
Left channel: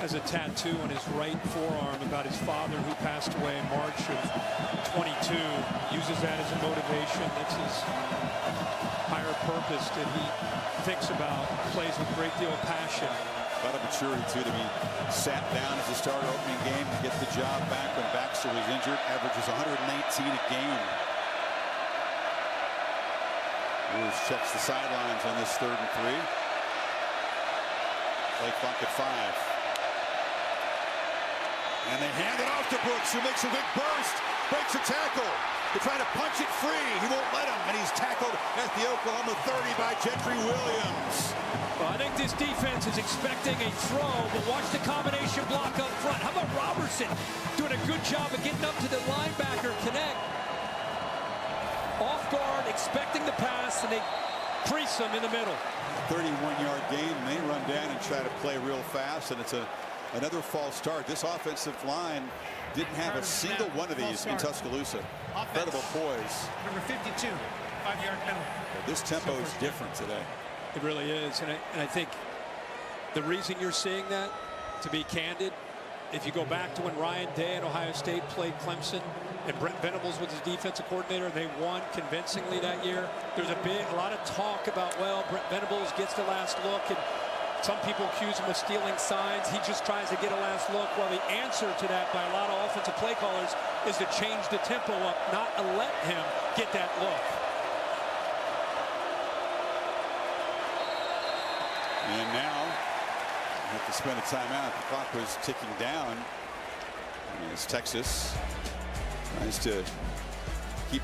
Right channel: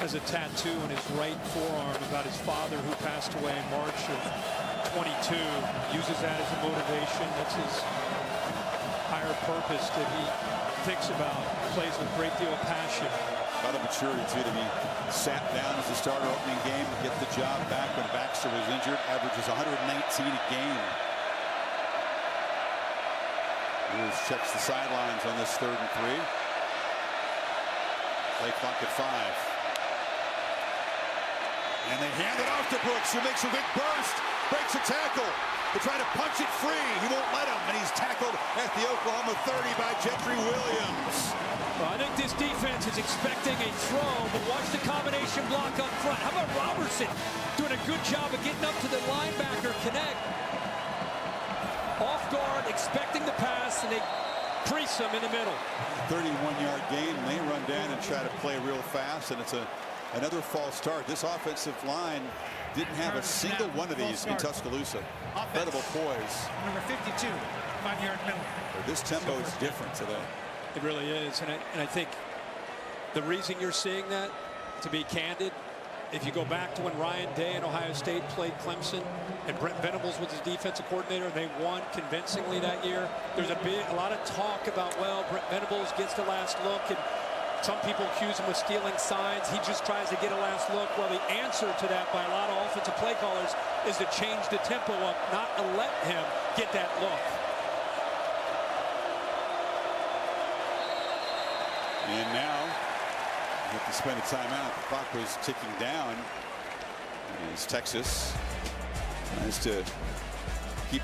has a tattoo on his right forearm about his father who passed away in March of 22. Uses that as a motivation. That's his higher purpose that he thinks about. Plays with a great deal of passion. About a maturity, too, to be sat down as a starter opening game, get the job back when Baxter was injured. Averages 119 a game. Ewers checks the sidelines on this 3rd and 3. Play clock at 5. And they hand it off to Brooks, who makes a quick burst, breaks a tackle. They're trying to punch it free. He won't let him, and he's tackled at the Oklahoma 30 by Gentry Williams. Well, I think this defense is expecting a throw, but watch the combination block up front. How about Robertson doing a good job of getting up to the linebacker connect? Off guard, expecting the pass, and they crease him in the middle. 31-yard gain, and they run down and try to play real fast, and it's another false start. This offensive line didn't have a single one of these in Tuscaloosa. Incredible poise. Number 52, 5-yard penalty. But this tempo is different today. It really is, and I think the reason you're seeing that, to be candid, if you go back to when Ryan Day and Ohio State played Clemson and Brent Venables was his defensive coordinator and they won convincingly that year, there's a lot of talk about, well, Brent Venables gets the last look, and some people accuse him of stealing signs. He just tries to get a last look. Well, the answer to that by a lot of offensive play callers is to change the tempo up, not to let him get that look. And now you have to spend a timeout. The clock was ticking down as Texas tries to keep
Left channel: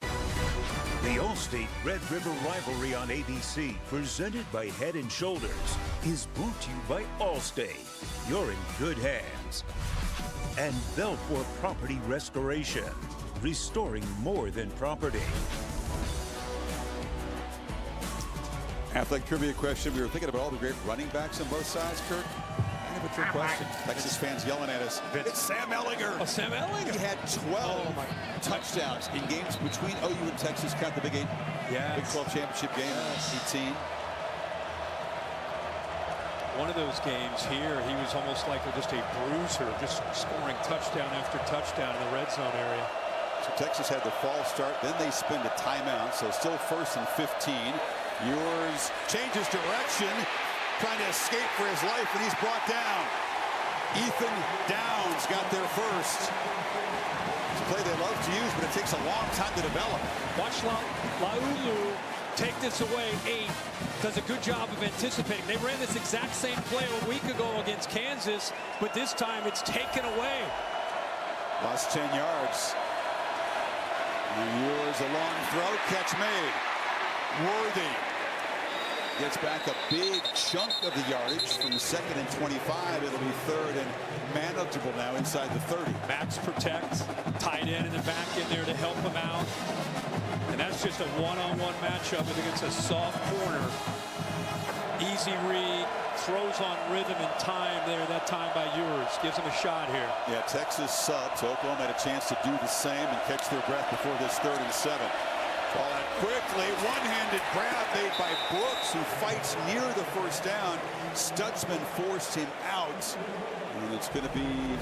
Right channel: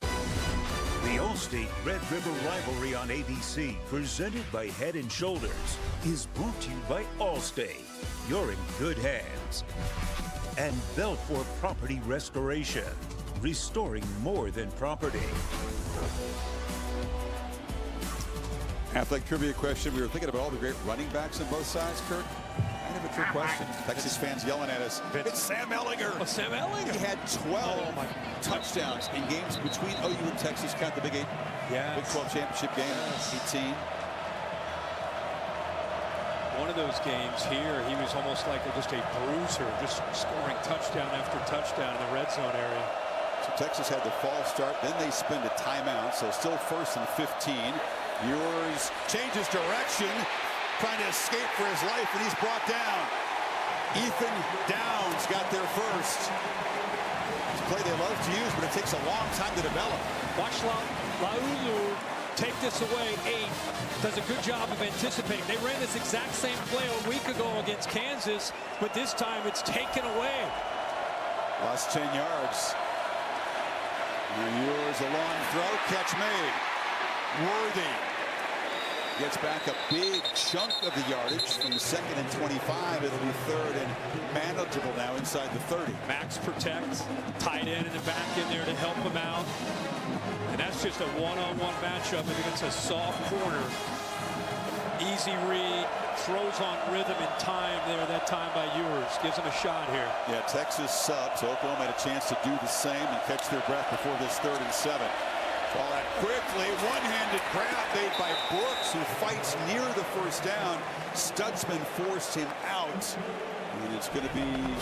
The Allstate Red River Rivalry on ABC, presented by Head & Shoulders, is brought to you by Allstate. You're in good hands. And Belfour Property Restoration, restoring more than property. Athletic trivia question. We were thinking about all the great running backs on both sides, Kirk. Kind of a trick question. Texas fans yelling at us. It's Sam Ehlinger. Oh, Sam Ehlinger. He had 12 touchdowns in games between OU and Texas. Count the Big 8. Yes. Big 12 championship game in 18. One of those games here, he was almost like just a bruiser, just scoring touchdown after touchdown in the red zone area. So Texas had the false start. Then they spend a timeout. So still 1st and 15. Ewers changes direction, trying to escape for his life, and he's brought down. Ethan Downs got there first. It's a play they love to use, but it takes a long time to develop. Watch Laulu take this away. 8 does a good job of anticipating. They ran this exact same play a week ago against Kansas, but this time it's taken away. Lost 10 yards. Now Ewers, a long throw, catch made. Worthy gets back a big chunk of the yardage from the 2nd and 25. It'll be 3rd and manageable now inside the 30. Max protects, tight end in the back in there to help him out. And that's just a one-on-one matchup against a soft corner. Easy read, throws on rhythm and time there that time by Ewers. Gives him a shot here. Yeah, Texas subs. Oklahoma had a chance to do the same and catch their breath before this 3rd and 7. Ball out quickly, one-handed grab made by Brooks, who fights near the first down. Stutzman forced him out, and it's going to be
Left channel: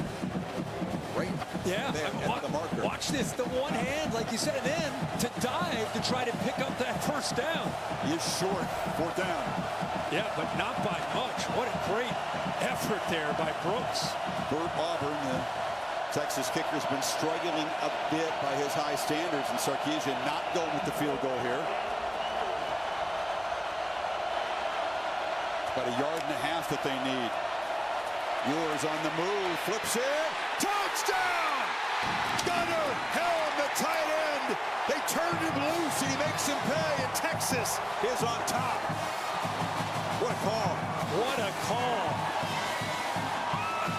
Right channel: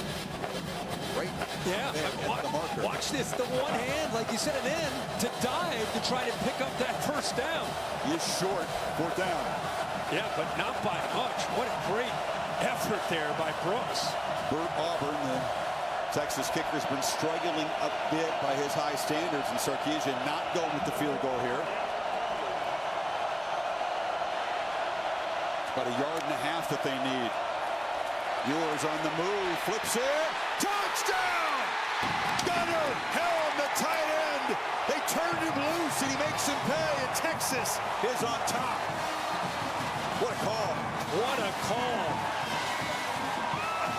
right there at the marker. Watch this, the one hand, like you said, and then to dive to try to pick up that first down. He is short, 4th down. Yeah, but not by much. What a great effort there by Brooks. Bert Auburn, the Texas kicker's been struggling a bit by his high standards, and Sarkisian not going with the field goal here. It's about 1.5 yards that they need. Ewers on the move, flips it, touchdown! Gunnar Helm, the tight end. They turned him loose, and he makes him pay, and Texas is on top. What a call. What a call.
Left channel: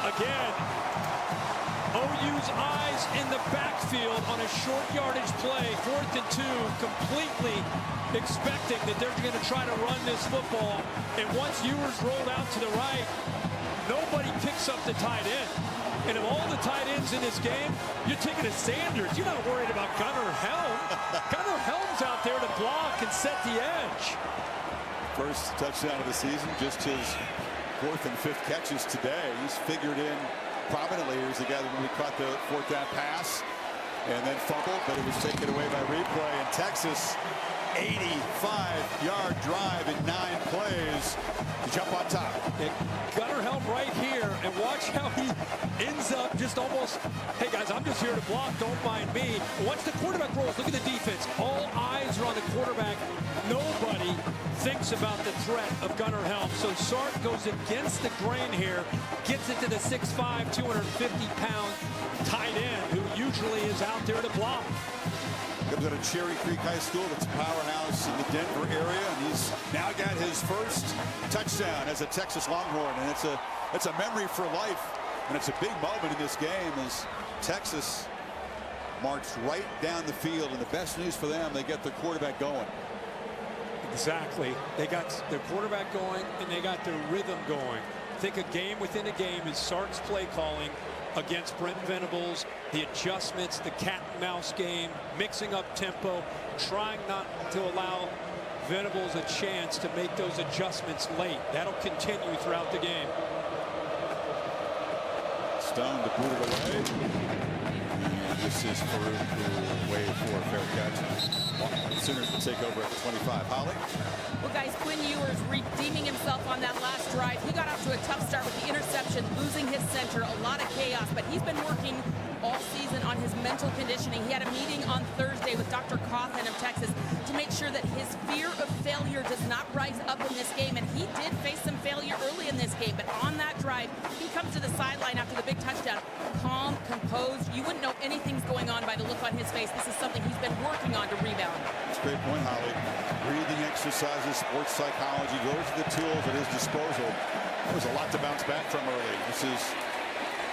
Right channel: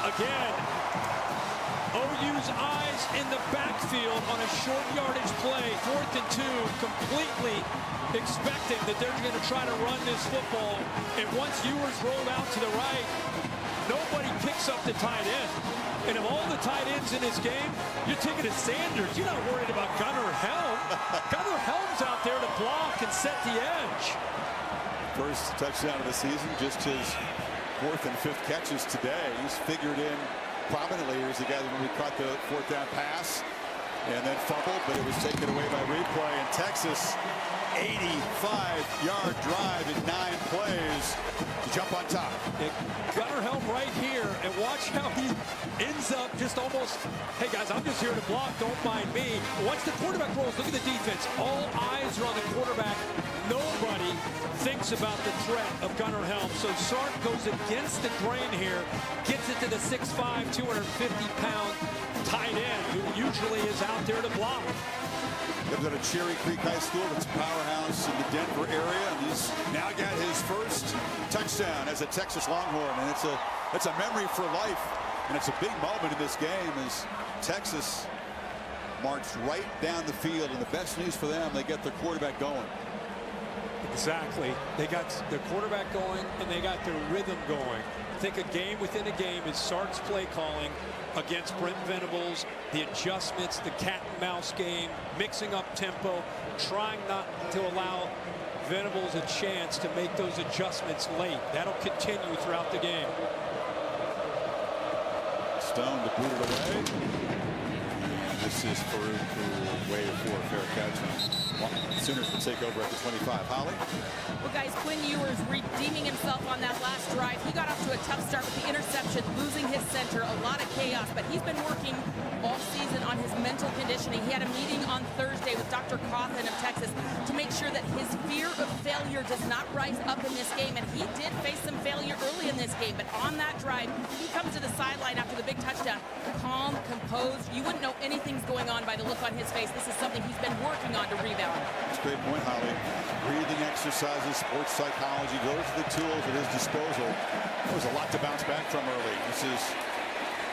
Again, OU's eyes in the backfield on a short yardage play, 4th and 2, completely expecting that they're going to try to run this football. And once Ewers rolled out to the right, nobody picks up the tight end. And of all the tight ends in this game, you're taking a Sanders. You're not worried about Gunnar Helm. Gunnar Helm's out there to block and set the edge. First touchdown of the season, just his 4th and 5th catches today. He's figured in prominently. Here's the guy that when we caught the 4th down pass and then fumbled, but it was taken away by replay. And Texas, 85-yard drive in 9 plays to jump on top. Yeah, Gunnar Helm right here, and watch how he ends up just almost, hey guys, I'm just here to block, don't mind me. Once the quarterback rolls, look at the defense. All eyes are on the quarterback. Nobody thinks about the threat of Gunnar Helm. So Sark goes against the grain here, gets it to the 6'5", 250-pound tight end who usually is out there to block. Comes out of Cherry Creek High School. That's a powerhouse in the Denver area, and he's now got his first touchdown as a Texas Longhorn, and it's a memory for life, and it's a big moment in this game as Texas marched right down the field, and the best news for them, they get their quarterback going. Exactly. They got their quarterback going, and they got their rhythm going. I think a game within a game is Sark's play calling against Brent Venables, the adjustments, the cat and mouse game, mixing up tempo, trying not to allow Venables a chance to make those adjustments late. That'll continue throughout the game. Stone to boot it away. And this is Farooq who will wave for a fair catch. And Sooners will take over at the 25. Holly? Well, guys, Quinn Ewers redeeming himself on that last drive. He got off to a tough start with the interception, losing his center, a lot of chaos, but he's been working all season on his mental conditioning. He had a meeting on Thursday with Dr. Coughlin of Texas to make sure that his fear of failure does not rise up in this game, and he did face some failure early in this game, but on that drive, he comes to the sideline after the big touchdown, calm, composed. You wouldn't know anything's going on by the look on his face. This is something he's been working on to rebound. That's a great point, Holly. Breathing exercises, sports psychology, those are the tools at his disposal. That was a lot to bounce back from early. This is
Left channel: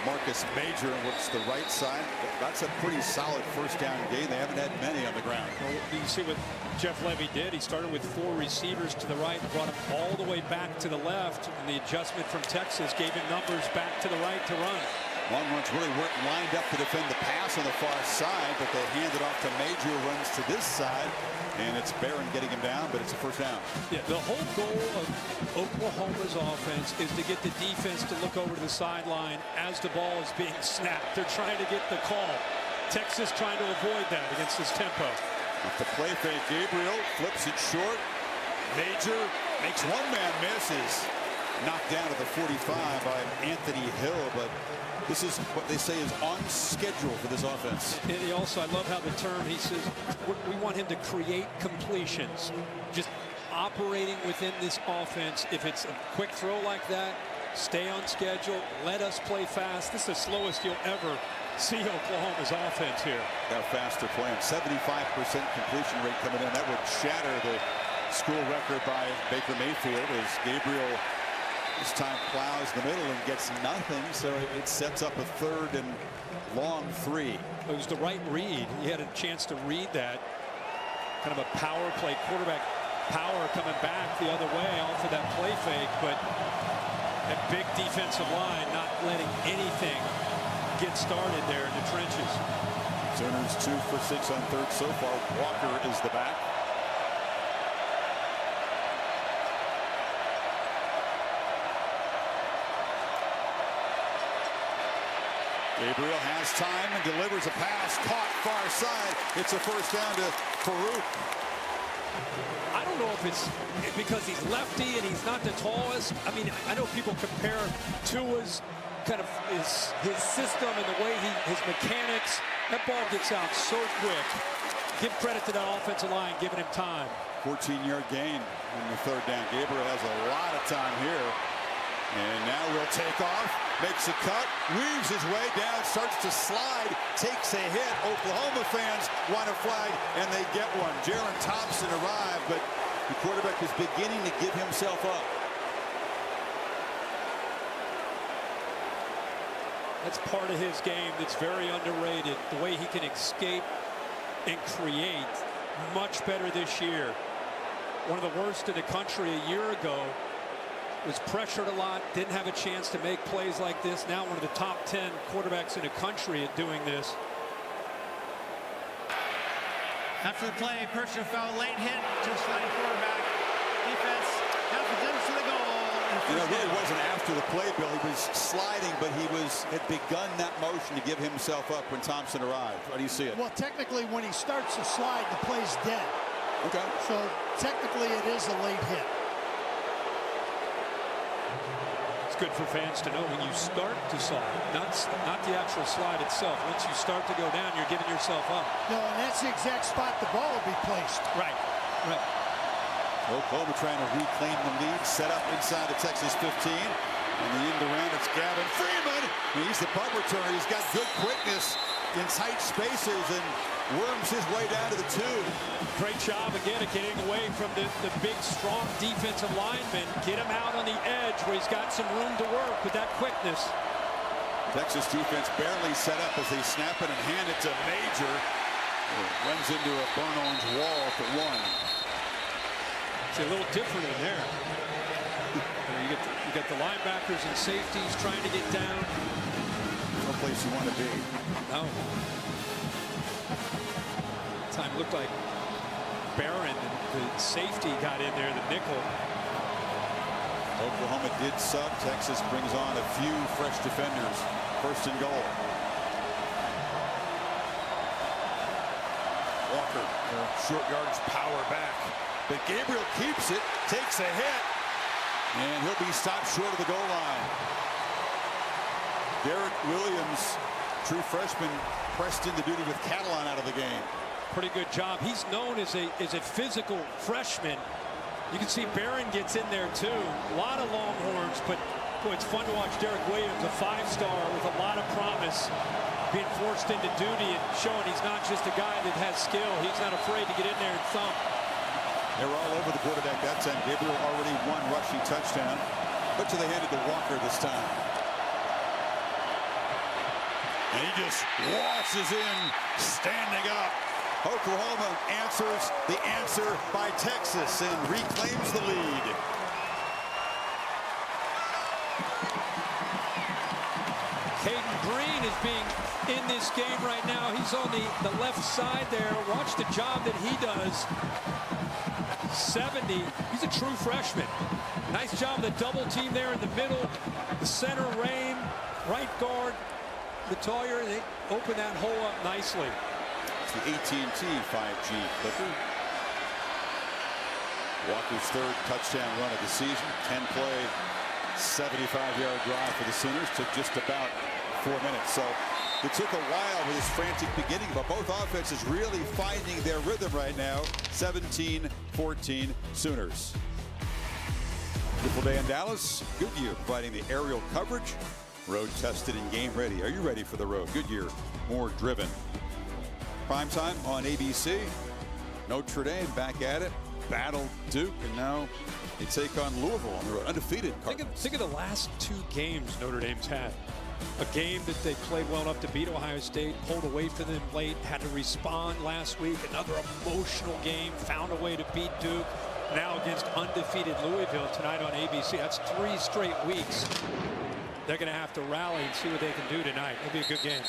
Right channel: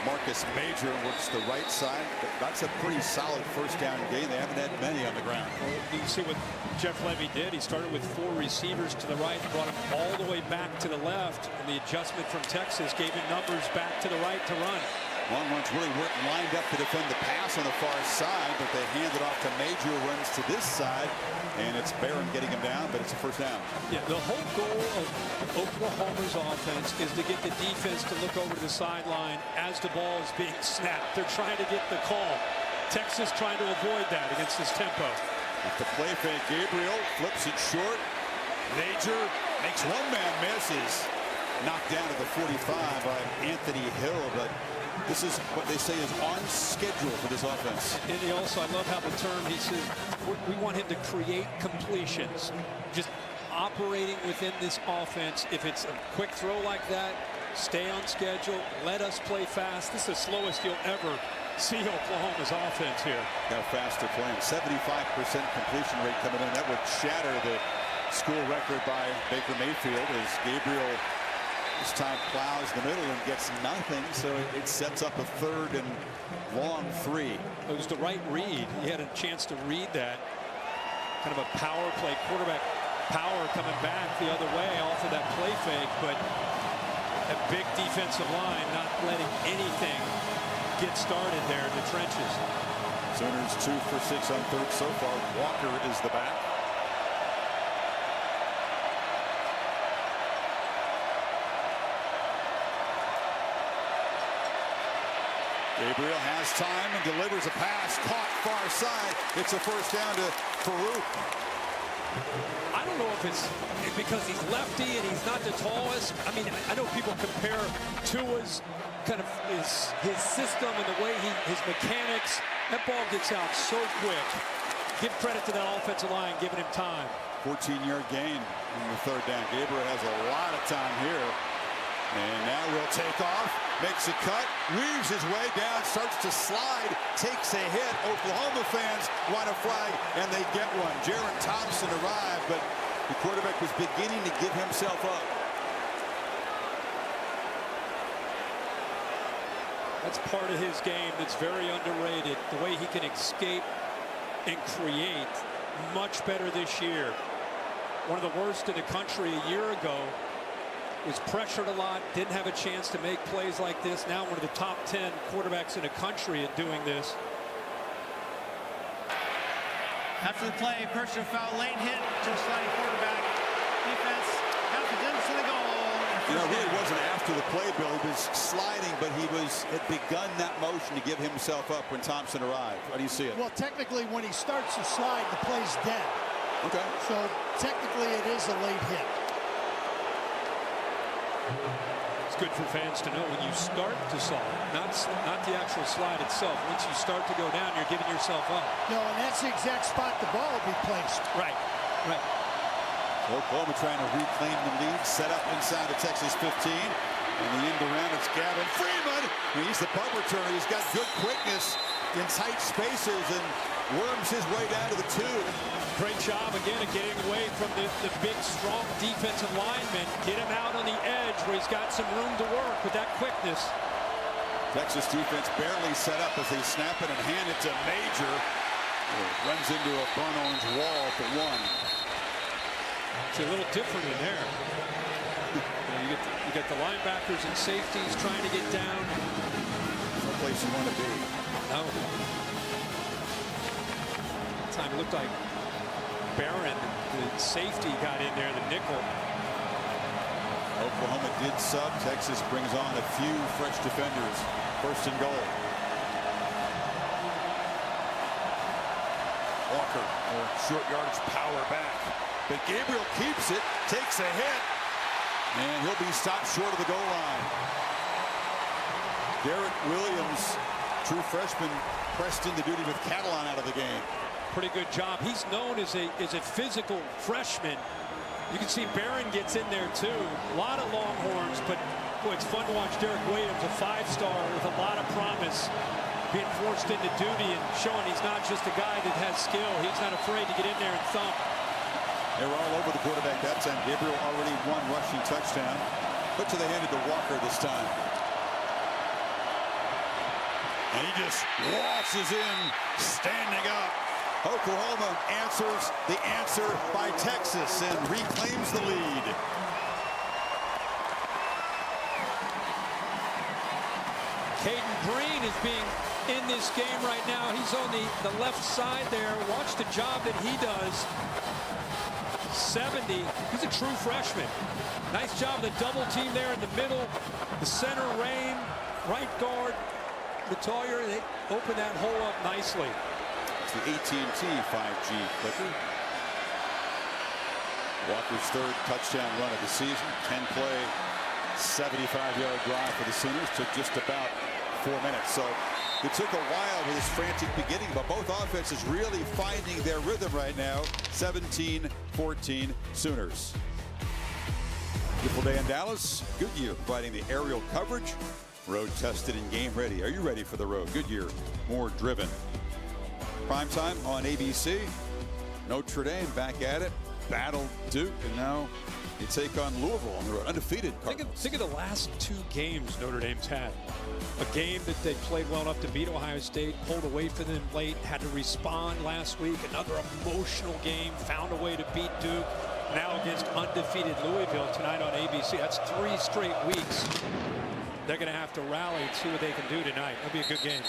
Marcus Major, works the right side. That's a pretty solid first down gain. They haven't had many on the ground. Well, you see what Jeff Levy did. He started with 4 receivers to the right, brought him all the way back to the left, and the adjustment from Texas gave him numbers back to the right to run. Longhorns really weren't lined up to defend the pass on the far side, but they hand it off to Major, who runs to this side, and it's Barron getting him down, but it's a first down. Yeah, the whole goal of Oklahoma's offense is to get the defense to look over to the sideline as the ball is being snapped. They're trying to get the call. Texas trying to avoid that against this tempo. Off the play fake, Gabriel flips it short. Major makes one man miss, is knocked down to the 45 by Anthony Hill, but this is what they say is on schedule for this offense. And he also, I love how the term, he says, we want him to create completions. Just operating within this offense. If it's a quick throw like that, stay on schedule, let us play fast. This is the slowest you'll ever see Oklahoma's offense here. How fast they're playing. 75% completion rate coming in. That would shatter the school record by Baker Mayfield as Gabriel this time plows the middle and gets nothing, so it sets up a 3rd and long 3. It was the right read. He had a chance to read that. Kind of a power play, quarterback power coming back the other way off of that play fake, but a big defensive line not letting anything get started there in the trenches. Sooners 2 for 6 on 3rd so far. Walker is the back. Gabriel has time and delivers a pass caught far side. It's a first down to Farooq. I don't know if it's because he's lefty and he's not the tallest. I mean, I know people compare Tua's kind of his system and the way his mechanics. That ball gets out so quick. Give credit to that offensive line giving him time. 14-yard gain in the 3rd down. Gabriel has a lot of time here. And now we'll take off, makes a cut, weaves his way down, starts to slide, takes a hit. Oklahoma fans want a flag, and they get one. Jaron Thompson arrived, but the quarterback was beginning to give himself up. That's part of his game that's very underrated. The way he can escape and create, much better this year. One of the worst in the country a year ago. Was pressured a lot, didn't have a chance to make plays like this. Now one of the top 10 quarterbacks in the country at doing this. After the play, personal foul, late hit, just sliding quarterback. Defense half the distance to the goal, and a You know, it really wasn't after the play, Bill. He was sliding, but had begun that motion to give himself up when Thompson arrived. How do you see it? Well, technically, when he starts to slide, the play's dead. Okay. So technically, it is a late hit. It's good for fans to know when you start to slide, not the actual slide itself. Once you start to go down, you're giving yourself up. No, and that's the exact spot the ball will be placed. Right. So Oklahoma trying to reclaim the lead, set up inside the Texas 15. And the end around, it's Gavin Freeman. He's the punt returner. He's got good quickness in tight spaces and worms his way down to the 2. Great job again of getting away from the big, strong defensive lineman. Get him out on the edge where he's got some room to work with that quickness. Texas defense barely set up as they snap it and hand it to Major. It runs into a burnt orange wall at the 1. It's a little different in there. You get the linebackers and safeties trying to get down. No place you want to be. No. Time it looked like Barron, the safety, got in there, the nickel. Oklahoma did sub. Texas brings on a few fresh defenders. 1st and goal. Walker, short yardage power back. But Gabriel keeps it, takes a hit, and he'll be stopped short of the goal line. Derek Williams, true freshman, pressed into duty with Catalan out of the game. Pretty good job. He's known as a physical freshman. You can see Barron gets in there too. A lot of Longhorns, but boy, it's fun to watch Derek Williams, a 5-star with a lot of promise, being forced into duty and showing he's not just a guy that has skill. He's not afraid to get in there and thump. They were all over the quarterback that time. Gabriel already 1 rushing touchdown, but they handed to Walker this time. And he just waltzes in, standing up. Oklahoma answers the answer by Texas and reclaims the lead. Caden Green is being in this game right now. He's on the left side there. Watch the job that he does. 70. He's a true freshman. Nice job of the double team there in the middle. The center, Rain, right guard, Metalier. They open that hole up nicely. It's the AT&T 5G clicker. Walker's 3rd touchdown run of the season. 10-play, 75-yard drive for the Sooners. Took just about 4 minutes. So it took a while with this frantic beginning, but both offenses really finding their rhythm right now. 17-14 Sooners. Beautiful day in Dallas. Goodyear providing the aerial coverage. Road tested and game ready. Are you ready for the road? Goodyear, more driven. Primetime on ABC. Notre Dame back at it. Battle Duke, and now they take on Louisville on the road. Undefeated Cardinals. Think of the last 2 games Notre Dame's had. A game that they played well enough to beat Ohio State, pulled away from them late, had to respond last week. Another emotional game, found a way to beat Duke. Now against undefeated Louisville tonight on ABC. That's 3 straight weeks. They're going to have to rally and see what they can do tonight. It'll be a good game.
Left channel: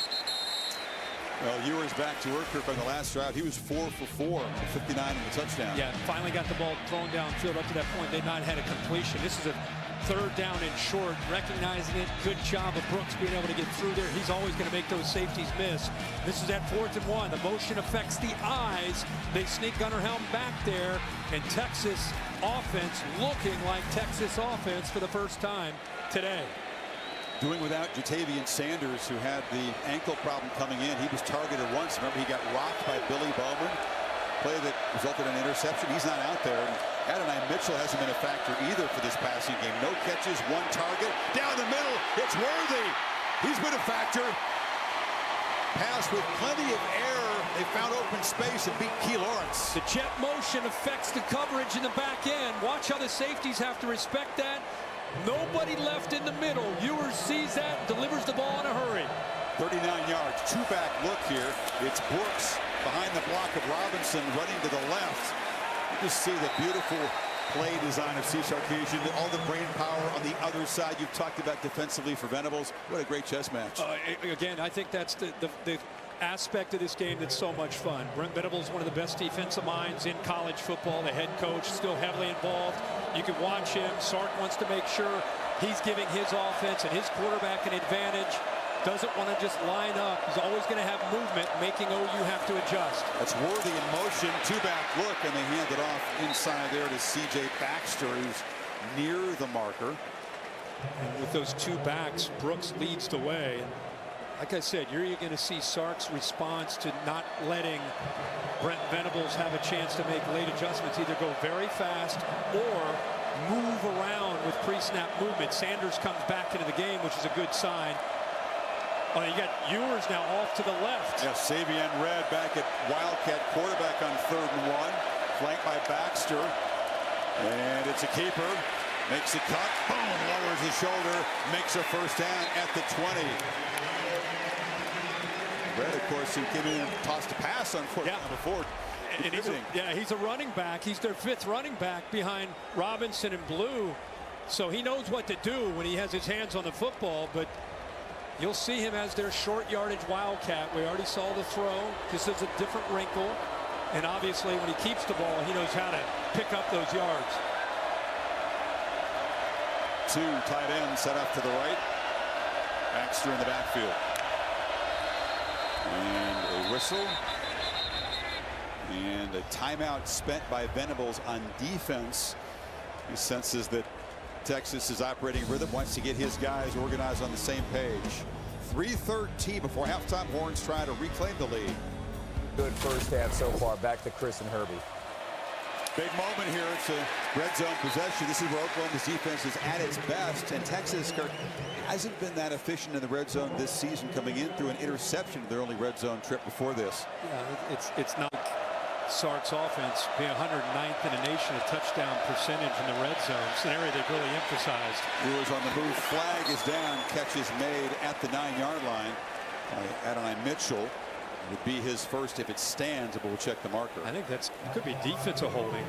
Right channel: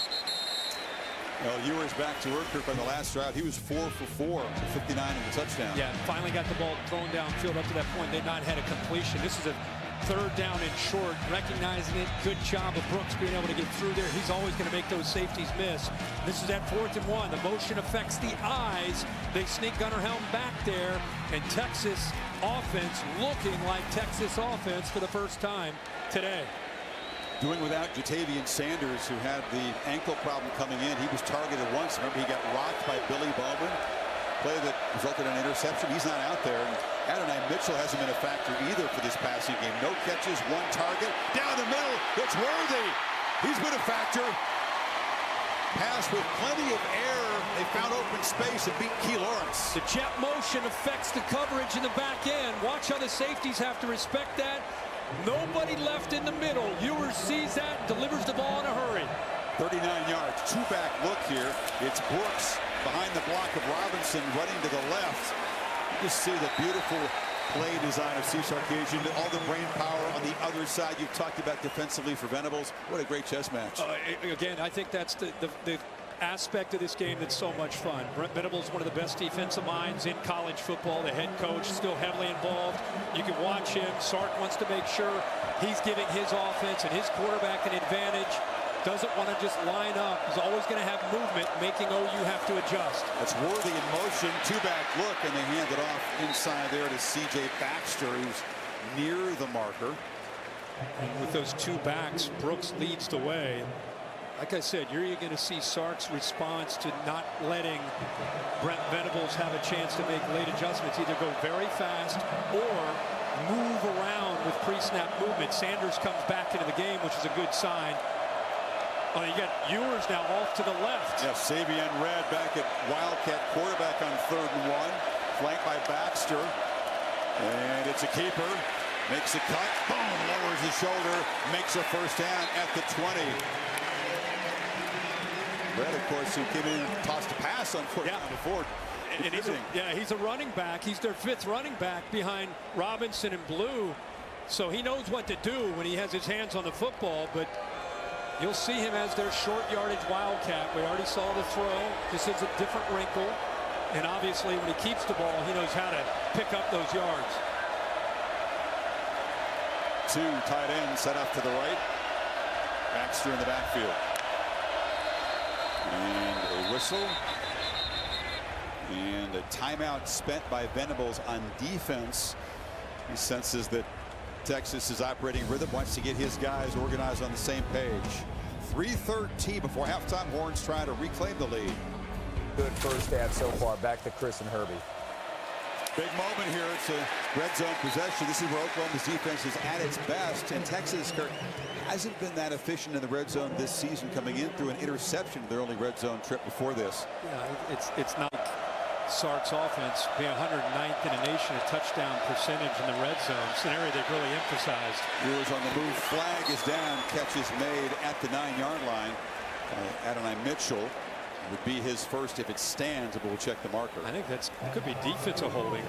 Well, Ewers back to work on the last drive. He was 4 for 4 for 59 in the touchdown. Yeah, finally got the ball thrown downfield. Up to that point, they'd not had a completion. This is a 3rd down and short, recognizing it. Good job of Brooks being able to get through there. He's always going to make those safeties miss. This is at 4th and 1. The motion affects the eyes. They sneak Gunnar Helm back there, and Texas offense looking like Texas offense for the first time today. Doing without Jatavian Sanders, who had the ankle problem coming in. He was targeted once. Remember, he got rocked by Billy Bowman. Play that resulted in an interception. He's not out there. And Adonai Mitchell hasn't been a factor either for this passing game. No catches, 1 target. Down the middle, it's Worthy. He's been a factor. Pass with plenty of air. They found open space and beat Key Lawrence. The jet motion affects the coverage in the back end. Watch how the safeties have to respect that. Nobody left in the middle. Ewers sees that and delivers the ball in a hurry. 39 yards, 2-back look here. It's Brooks behind the block of Robinson running to the left. You just see the beautiful play design of Steve Sarkisian, all the brain power on the other side. You've talked about defensively for Venables. What a great chess match. Again, I think that's the aspect of this game that's so much fun. Brent Venables, one of the best defensive minds in college football. The head coach still heavily involved. You can watch him. Sark wants to make sure he's giving his offense and his quarterback an advantage. Doesn't want to just line up. He's always going to have movement, making OU have to adjust. That's Worthy in motion, two-back look, and they hand it off inside there to C.J. Baxter, who's near the marker. And with those two backs, Brooks leads the way. And like I said, you're going to see Sark's response to not letting Brent Venables have a chance to make late adjustments. Either go very fast or move around with pre-snap movement. Sanders comes back into the game, which is a good sign. Oh, you got Ewers now off to the left. Yeah, Savion Red back at Wildcat quarterback on 3rd and 1. Flanked by Baxter. And it's a keeper. Makes a cut. Boom. Lowers the shoulder. Makes a first down at the 20. Red, of course, who came in and tossed a pass on 4th down before. And he's a running back. He's their 5th running back behind Robinson and Blue. So he knows what to do when he has his hands on the football. But you'll see him as their short yardage Wildcat. We already saw the throw. Just as a different wrinkle. And obviously when he keeps the ball, he knows how to pick up those yards. 2 tight ends set off to the right. Baxter in the backfield. And a whistle. And a timeout spent by Venables on defense. He senses that Texas is operating rhythm, wants to get his guys organized on the same page. 3:13 before halftime. Horns trying to reclaim the lead. Good first half so far. Back to Chris and Herbie. Big moment here. It's a red zone possession. This is where Oklahoma's defense is at its best, and Texas, Kirk, hasn't been that efficient in the red zone this season, coming in through an interception in their only red zone trip before this. Yeah, it's not like Sark's offense being 109th in the nation, a touchdown percentage in the red zone. It's an area they've really emphasized. Ewers on the move. Flag is down. Catch is made at the 9-yard line by Adonai Mitchell. It would be his first if it stands, but we'll check the marker. I think it could be defensive holding.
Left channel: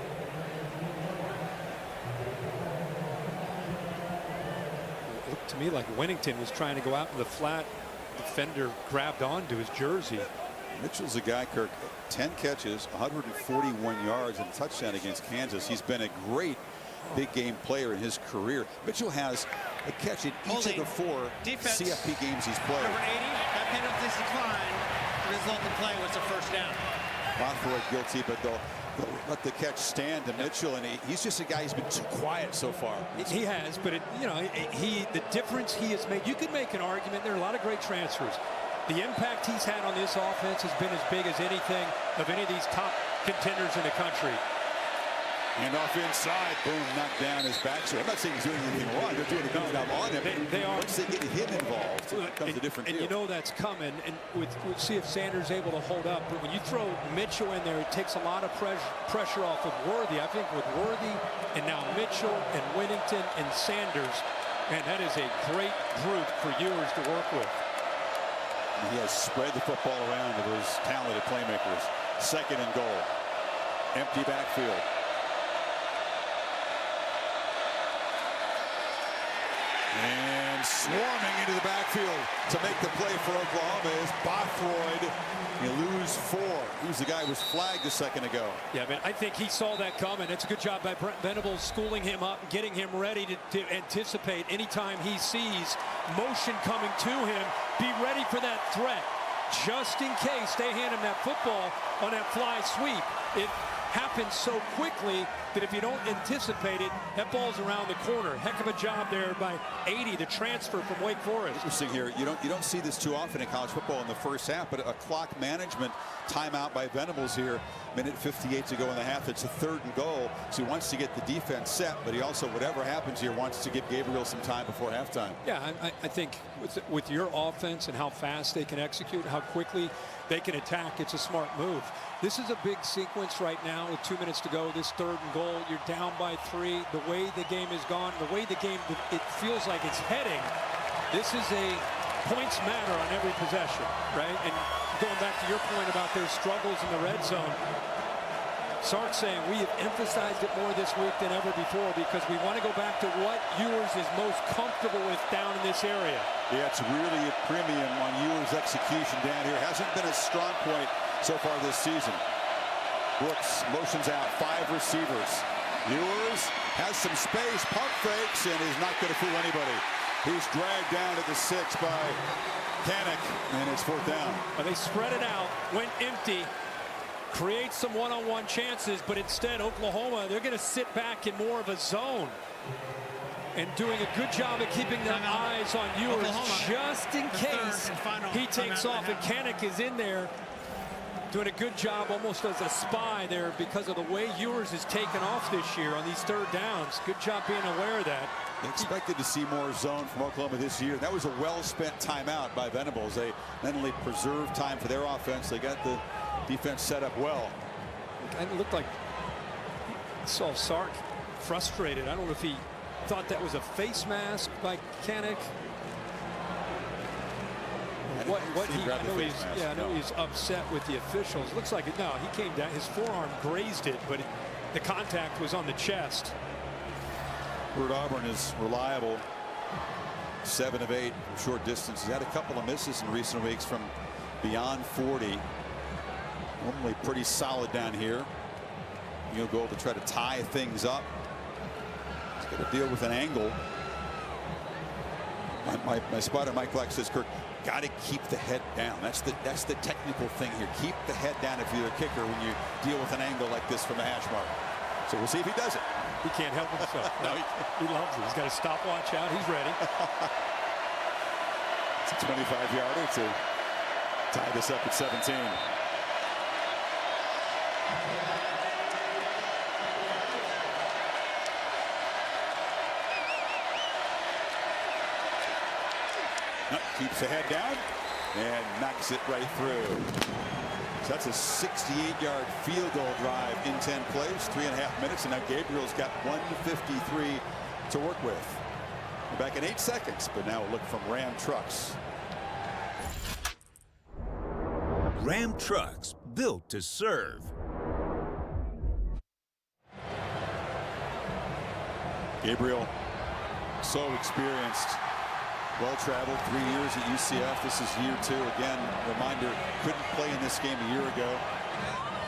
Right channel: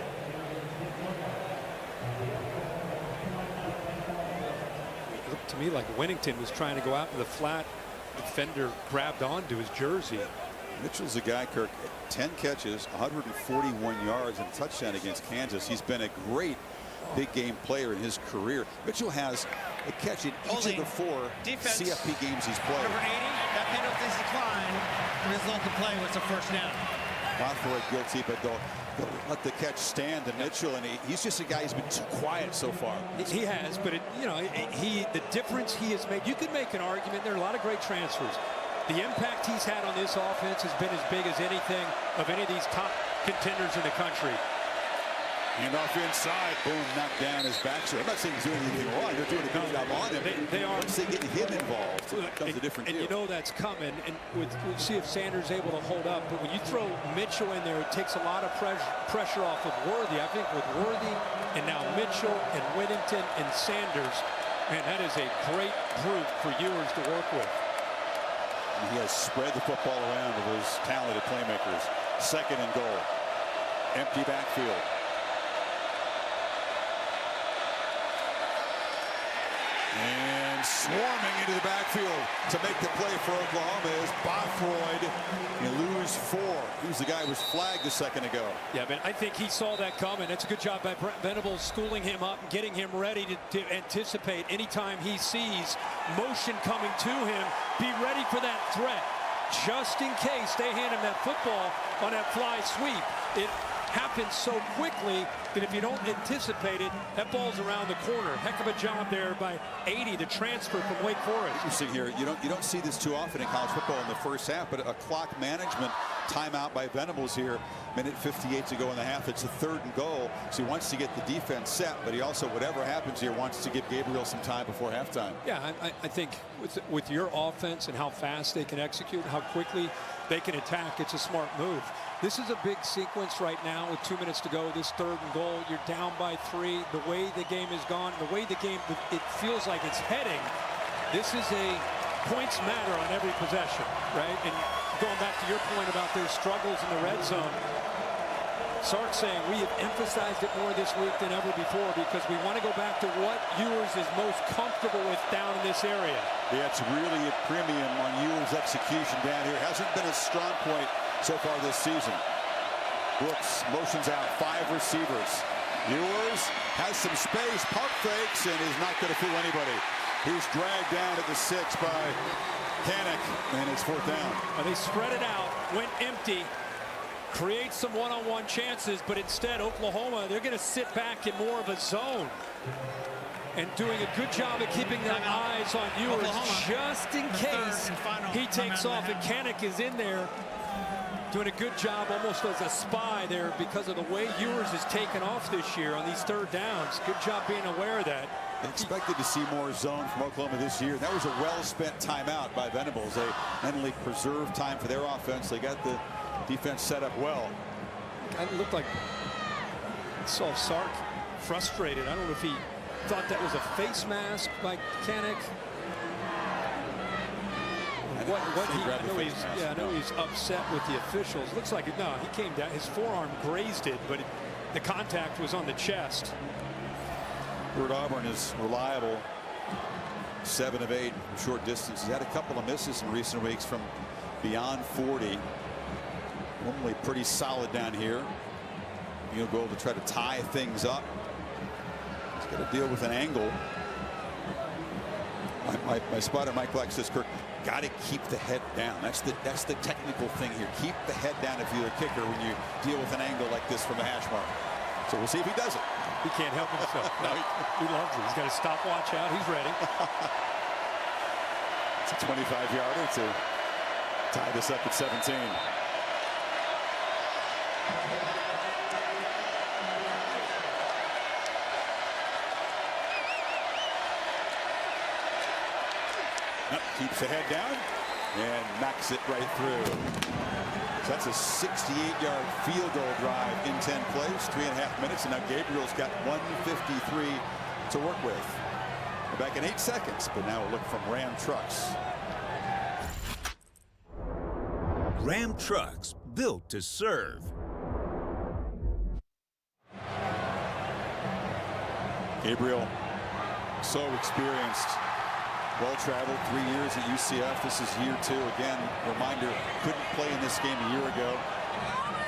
It looked to me like Winnington was trying to go out in the flat. Defender grabbed onto his jersey. Mitchell's a guy, Kirk, 10 catches, 141 yards, and a touchdown against Kansas. He's been a great big game player in his career. Mitchell has a catch in each of the 4 CFP games he's played. Number 80, that penalty's declined. The result of play was a first down. Bothroyd guilty, but they'll let the catch stand to Mitchell, and he's just a guy who's been too quiet so far. He has, but the difference he has made. You could make an argument. There are a lot of great transfers. The impact he's had on this offense has been as big as anything of any of these top contenders in the country. Hand off inside, boom, knocked down as Baxter. I'm not saying he's doing anything wrong. They're doing a good job on him. They are. Once they get him involved, it becomes a different deal. And you know that's coming. And we'll see if Sanders is able to hold up. But when you throw Mitchell in there, it takes a lot of pressure off of Worthy. I think with Worthy and now Mitchell and Winnington and Sanders, man, that is a great group for Ewers to work with. And he has spread the football around to those talented playmakers. 2nd and goal. Empty backfield. And swarming into the backfield to make the play for Oklahoma is Bothroyd. You lose 4. Who's the guy who was flagged a second ago? Yeah, but I think he saw that coming. That's a good job by Brent Venables, schooling him up and getting him ready to anticipate anytime he sees motion coming to him. Be ready for that threat, just in case they hand him that football on that fly sweep. It happens so quickly that if you don't anticipate it, that ball's around the corner. Heck of a job there by 80, the transfer from Wake Forest. Interesting here. You don't see this too often in college football in the first half, but a clock management timeout by Venables here. Minute 58 to go in the half. It's a 3rd and goal, so he wants to get the defense set, but he also, whatever happens here, wants to give Gabriel some time before halftime. Yeah, I think with your offense and how fast they can execute, how quickly they can attack, it's a smart move. This is a big sequence right now with 2 minutes to go. This 3rd and goal, you're down by 3. The way the game is gone, the way the game, it feels like it's heading. This is a points matter on every possession, right? And going back to your point about their struggles in the red zone, Sark saying we have emphasized it more this week than ever before because we want to go back to what Ewers is most comfortable with down in this area. Yeah, it's really a premium on Ewers' execution down here. Hasn't been a strong point so far this season. Brooks motions out 5 receivers. Ewers has some space, pump fakes, and is not going to fool anybody. He's dragged down to the 6 by Kanak, and it's 4th down. Well, they spread it out, went empty, create some one-on-one chances, but instead Oklahoma, they're going to sit back in more of a zone and doing a good job of keeping their eyes on Ewers Oklahoma, just in case he takes off, and Kanak is in there doing a good job almost as a spy there because of the way Ewers has taken off this year on these 3rd downs. Good job being aware of that. They expected to see more zone from Oklahoma this year. That was a well-spent timeout by Venables. They not only preserved time for their offense, they got the defense set up well. It looked like saw Sark frustrated. I don't know if he thought that was a face mask by Kanak. I know he's upset with the officials. Looks like it. No, he came down. His forearm grazed it, but the contact was on the chest. Bert Auburn is reliable. 7 of 8 from short distance. He's had a couple of misses in recent weeks from beyond 40. Normally pretty solid down here. Field goal to try to tie things up. He's got to deal with an angle. My spotter Mike Black says, Kirk, got to keep the head down. That's the technical thing here. Keep the head down if you're a kicker when you deal with an angle like this from the hash mark. So we'll see if he does it. He can't help himself. No, he loves it. He's got a stopwatch out. He's ready. It's a 25-yarder to tie this up at 17. Keeps the head down and knocks it right through. So that's a 68-yard field goal drive in 10 plays, 3.5 minutes, and now Gabriel's got 153 to work with. We're back in 8 seconds, but now a look from Ram Trucks. Ram Trucks, built to serve. Gabriel, so experienced. Well-traveled, 3 years at UCF. This is year 2. Again, reminder, couldn't play in this game a year ago.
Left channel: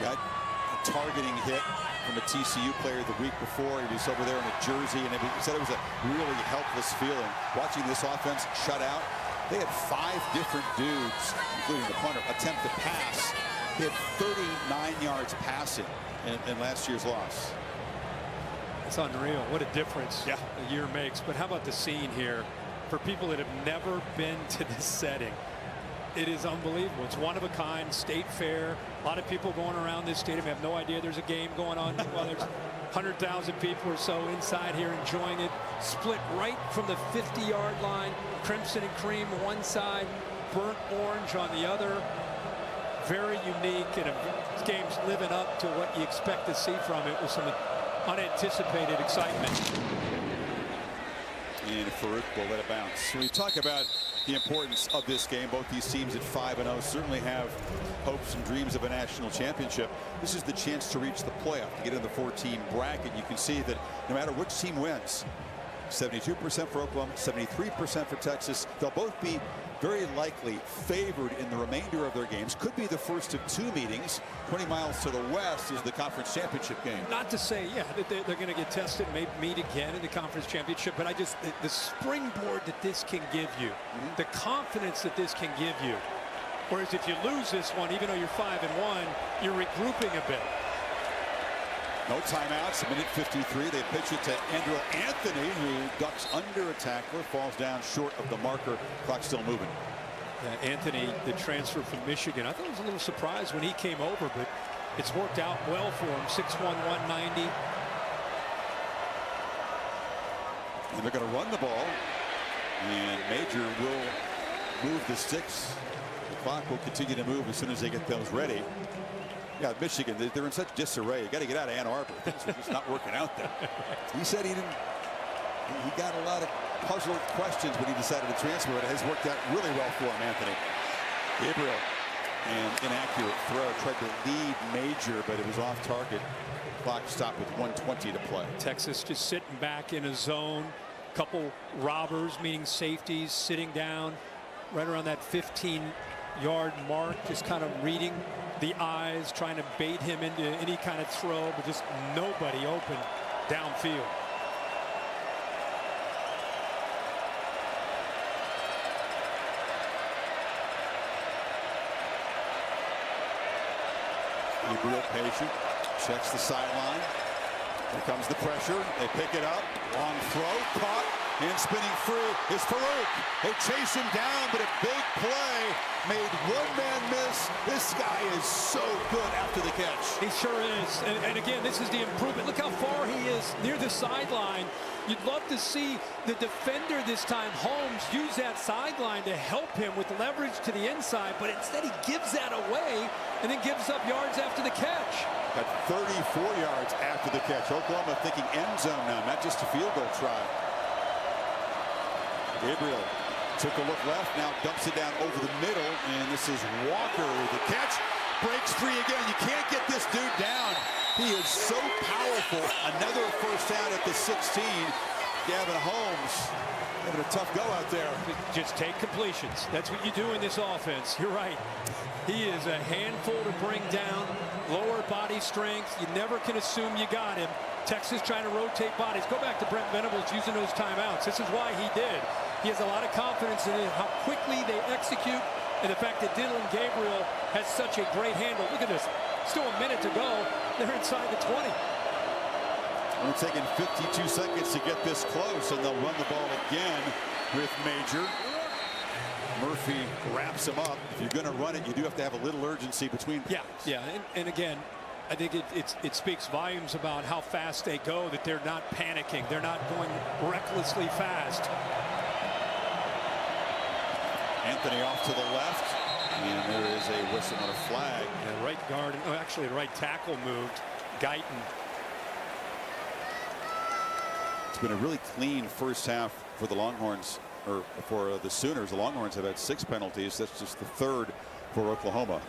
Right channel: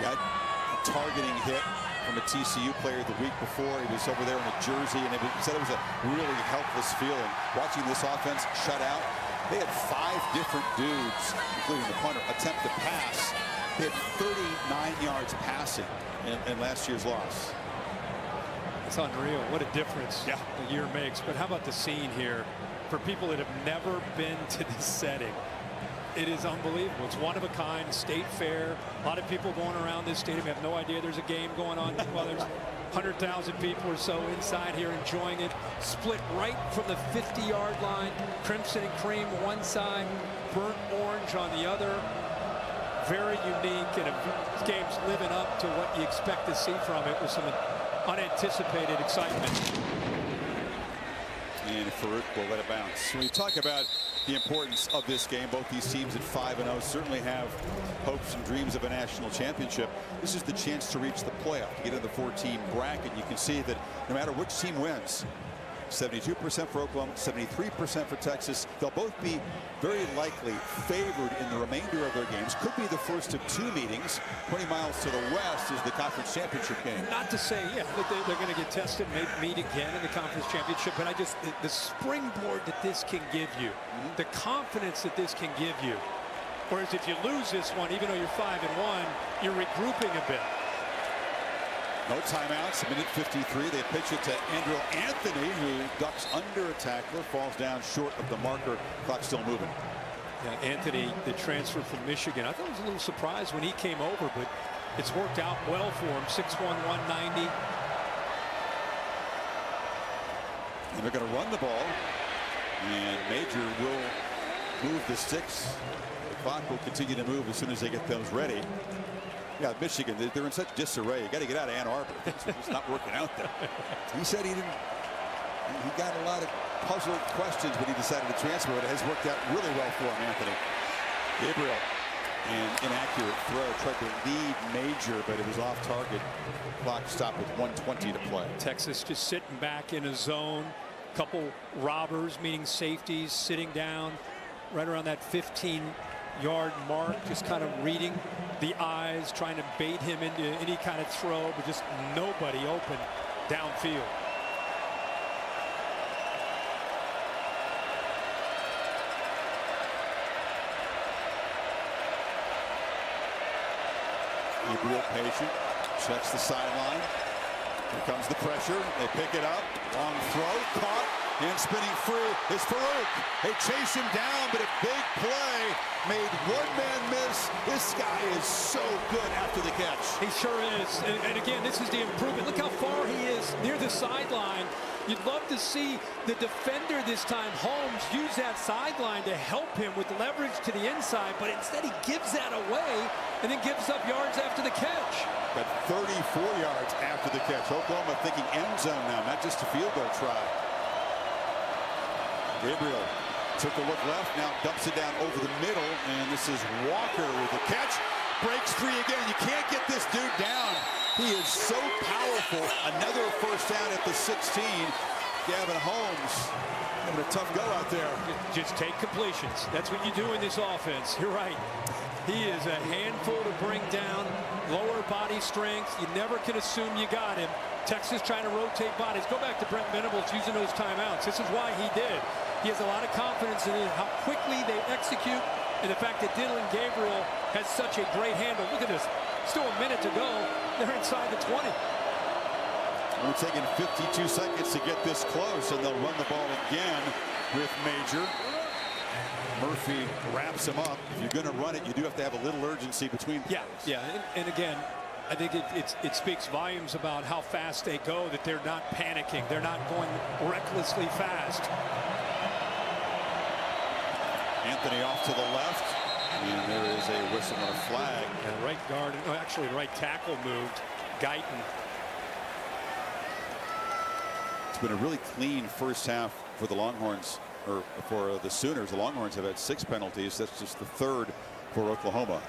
Got a targeting hit from a TCU player the week before. He was over there in a jersey, and he said it was a really helpless feeling. Watching this offense shut out, they had 5 different dudes, including the punter, attempt to pass. They had 39 yards passing in last year's loss. It's unreal. What a difference a year makes. But how about the scene here? For people that have never been to this setting, it is unbelievable. It's one of a kind, state fair. A lot of people going around this stadium have no idea there's a game going on. Well, there's 100,000 people or so inside here enjoying it. Split right from the 50-yard line. Crimson and cream one side, burnt orange on the other. Very unique, and this game's living up to what you expect to see from it with some unanticipated excitement. And Farooq will let it bounce. When we talk about the importance of this game, both these teams at 5-0 certainly have hopes and dreams of a national championship. This is the chance to reach the playoff, to get in the 4-team bracket. You can see that no matter which team wins, 72% for Oklahoma, 73% for Texas, they'll both be very likely favored in the remainder of their games. Could be the first of 2 meetings. 20 miles to the west is the conference championship game. Not to say, that they're going to get tested and maybe meet again in the conference championship, but the springboard that this can give you, the confidence that this can give you. Whereas if you lose this one, even though you're 5-1, you're regrouping a bit. No timeouts, minute 53. They pitch it to Andrew Anthony, who ducks under a tackler, falls down short of the marker. Clock still moving. Yeah, Anthony, the transfer from Michigan. I thought it was a little surprised when he came over, but it's worked out well for him. 6'1", 190. And they're going to run the ball. And Major will move the sticks. The clock will continue to move as soon as they get those ready. Yeah, Michigan, they're in such disarray. You got to get out of Ann Arbor. Things are just not working out there. He said he got a lot of puzzled questions when he decided to transfer, but it has worked out really well for him, Anthony. Gabriel and inaccurate throw. Tried to lead Major, but it was off target. Clock stopped with 1:20 to play. Texas just sitting back in a zone. Couple robbers, meaning safeties, sitting down right around that 15-yard mark, just kind of reading the eyes, trying to bait him into any kind of throw, but just nobody open downfield. Gabriel patient, checks the sideline. Here comes the pressure. They pick it up. Long throw, caught, and spinning free is Farooq. They chase him down, but a big play made one man miss. This guy is so good after the catch. He sure is. And again, this is the improvement. Look how far he is near the sideline. You'd love to see the defender this time, Holmes, use that sideline to help him with leverage to the inside, but instead he gives that away and then gives up yards after the catch. Got 34 yards after the catch. Oklahoma thinking end zone now, not just a field goal try. Gabriel took a look left, now dumps it down over the middle, and this is Walker with the catch. Breaks free again. You can't get this dude down. He is so powerful. Another first down at the 16. Gavin Holmes having a tough go out there. Just take completions. That's what you do in this offense. You're right. He is a handful to bring down. Lower body strength. You never can assume you got him. Texas trying to rotate bodies. Go back to Brent Venables using those timeouts. This is why he did. He has a lot of confidence in it, how quickly they execute, and the fact that Dillon Gabriel has such a great handle. Look at this. Still a minute to go. They're inside the 20. Only taking 52 seconds to get this close, and they'll run the ball again with Major. Murphy wraps him up. If you're going to run it, you do have to have a little urgency between plays. Yeah, and again, I think it speaks volumes about how fast they go, that they're not panicking. They're not going recklessly fast. Anthony off to the left, and there is a whistle and a flag. Yeah, right guard, actually right tackle moved. Guyton. It's been a really clean first half for the Longhorns, or for the Sooners. The Longhorns have had 6 penalties. That's just the 3rd for Oklahoma.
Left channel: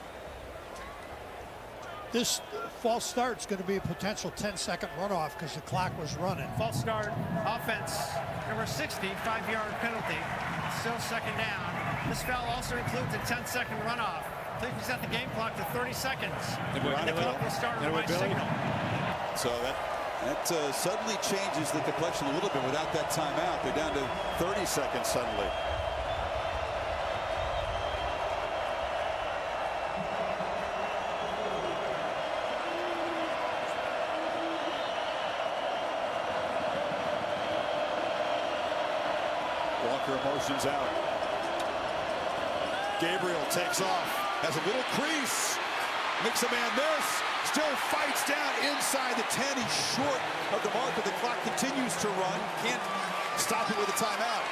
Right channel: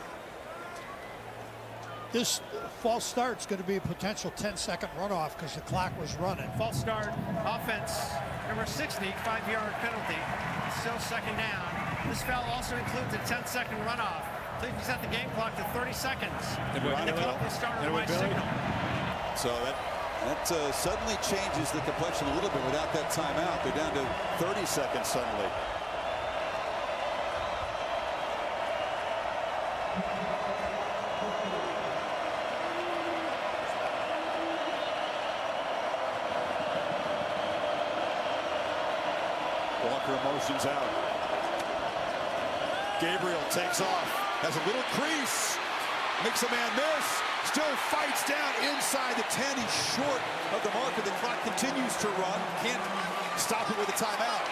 This false start's going to be a potential 10-second runoff because the clock was running. False start, offense, number 60, 5-yard penalty. Still second down. This foul also includes a 10-second runoff. Please set the game clock to 30 seconds. And the clock will start with my signal. So that suddenly changes the complexion a little bit without that timeout. They're down to 30 seconds suddenly. Walker motions out. Gabriel takes off, has a little crease, makes a man miss, still fights down inside the 10. He's short of the marker. The clock continues to run. Can't stop it with a timeout.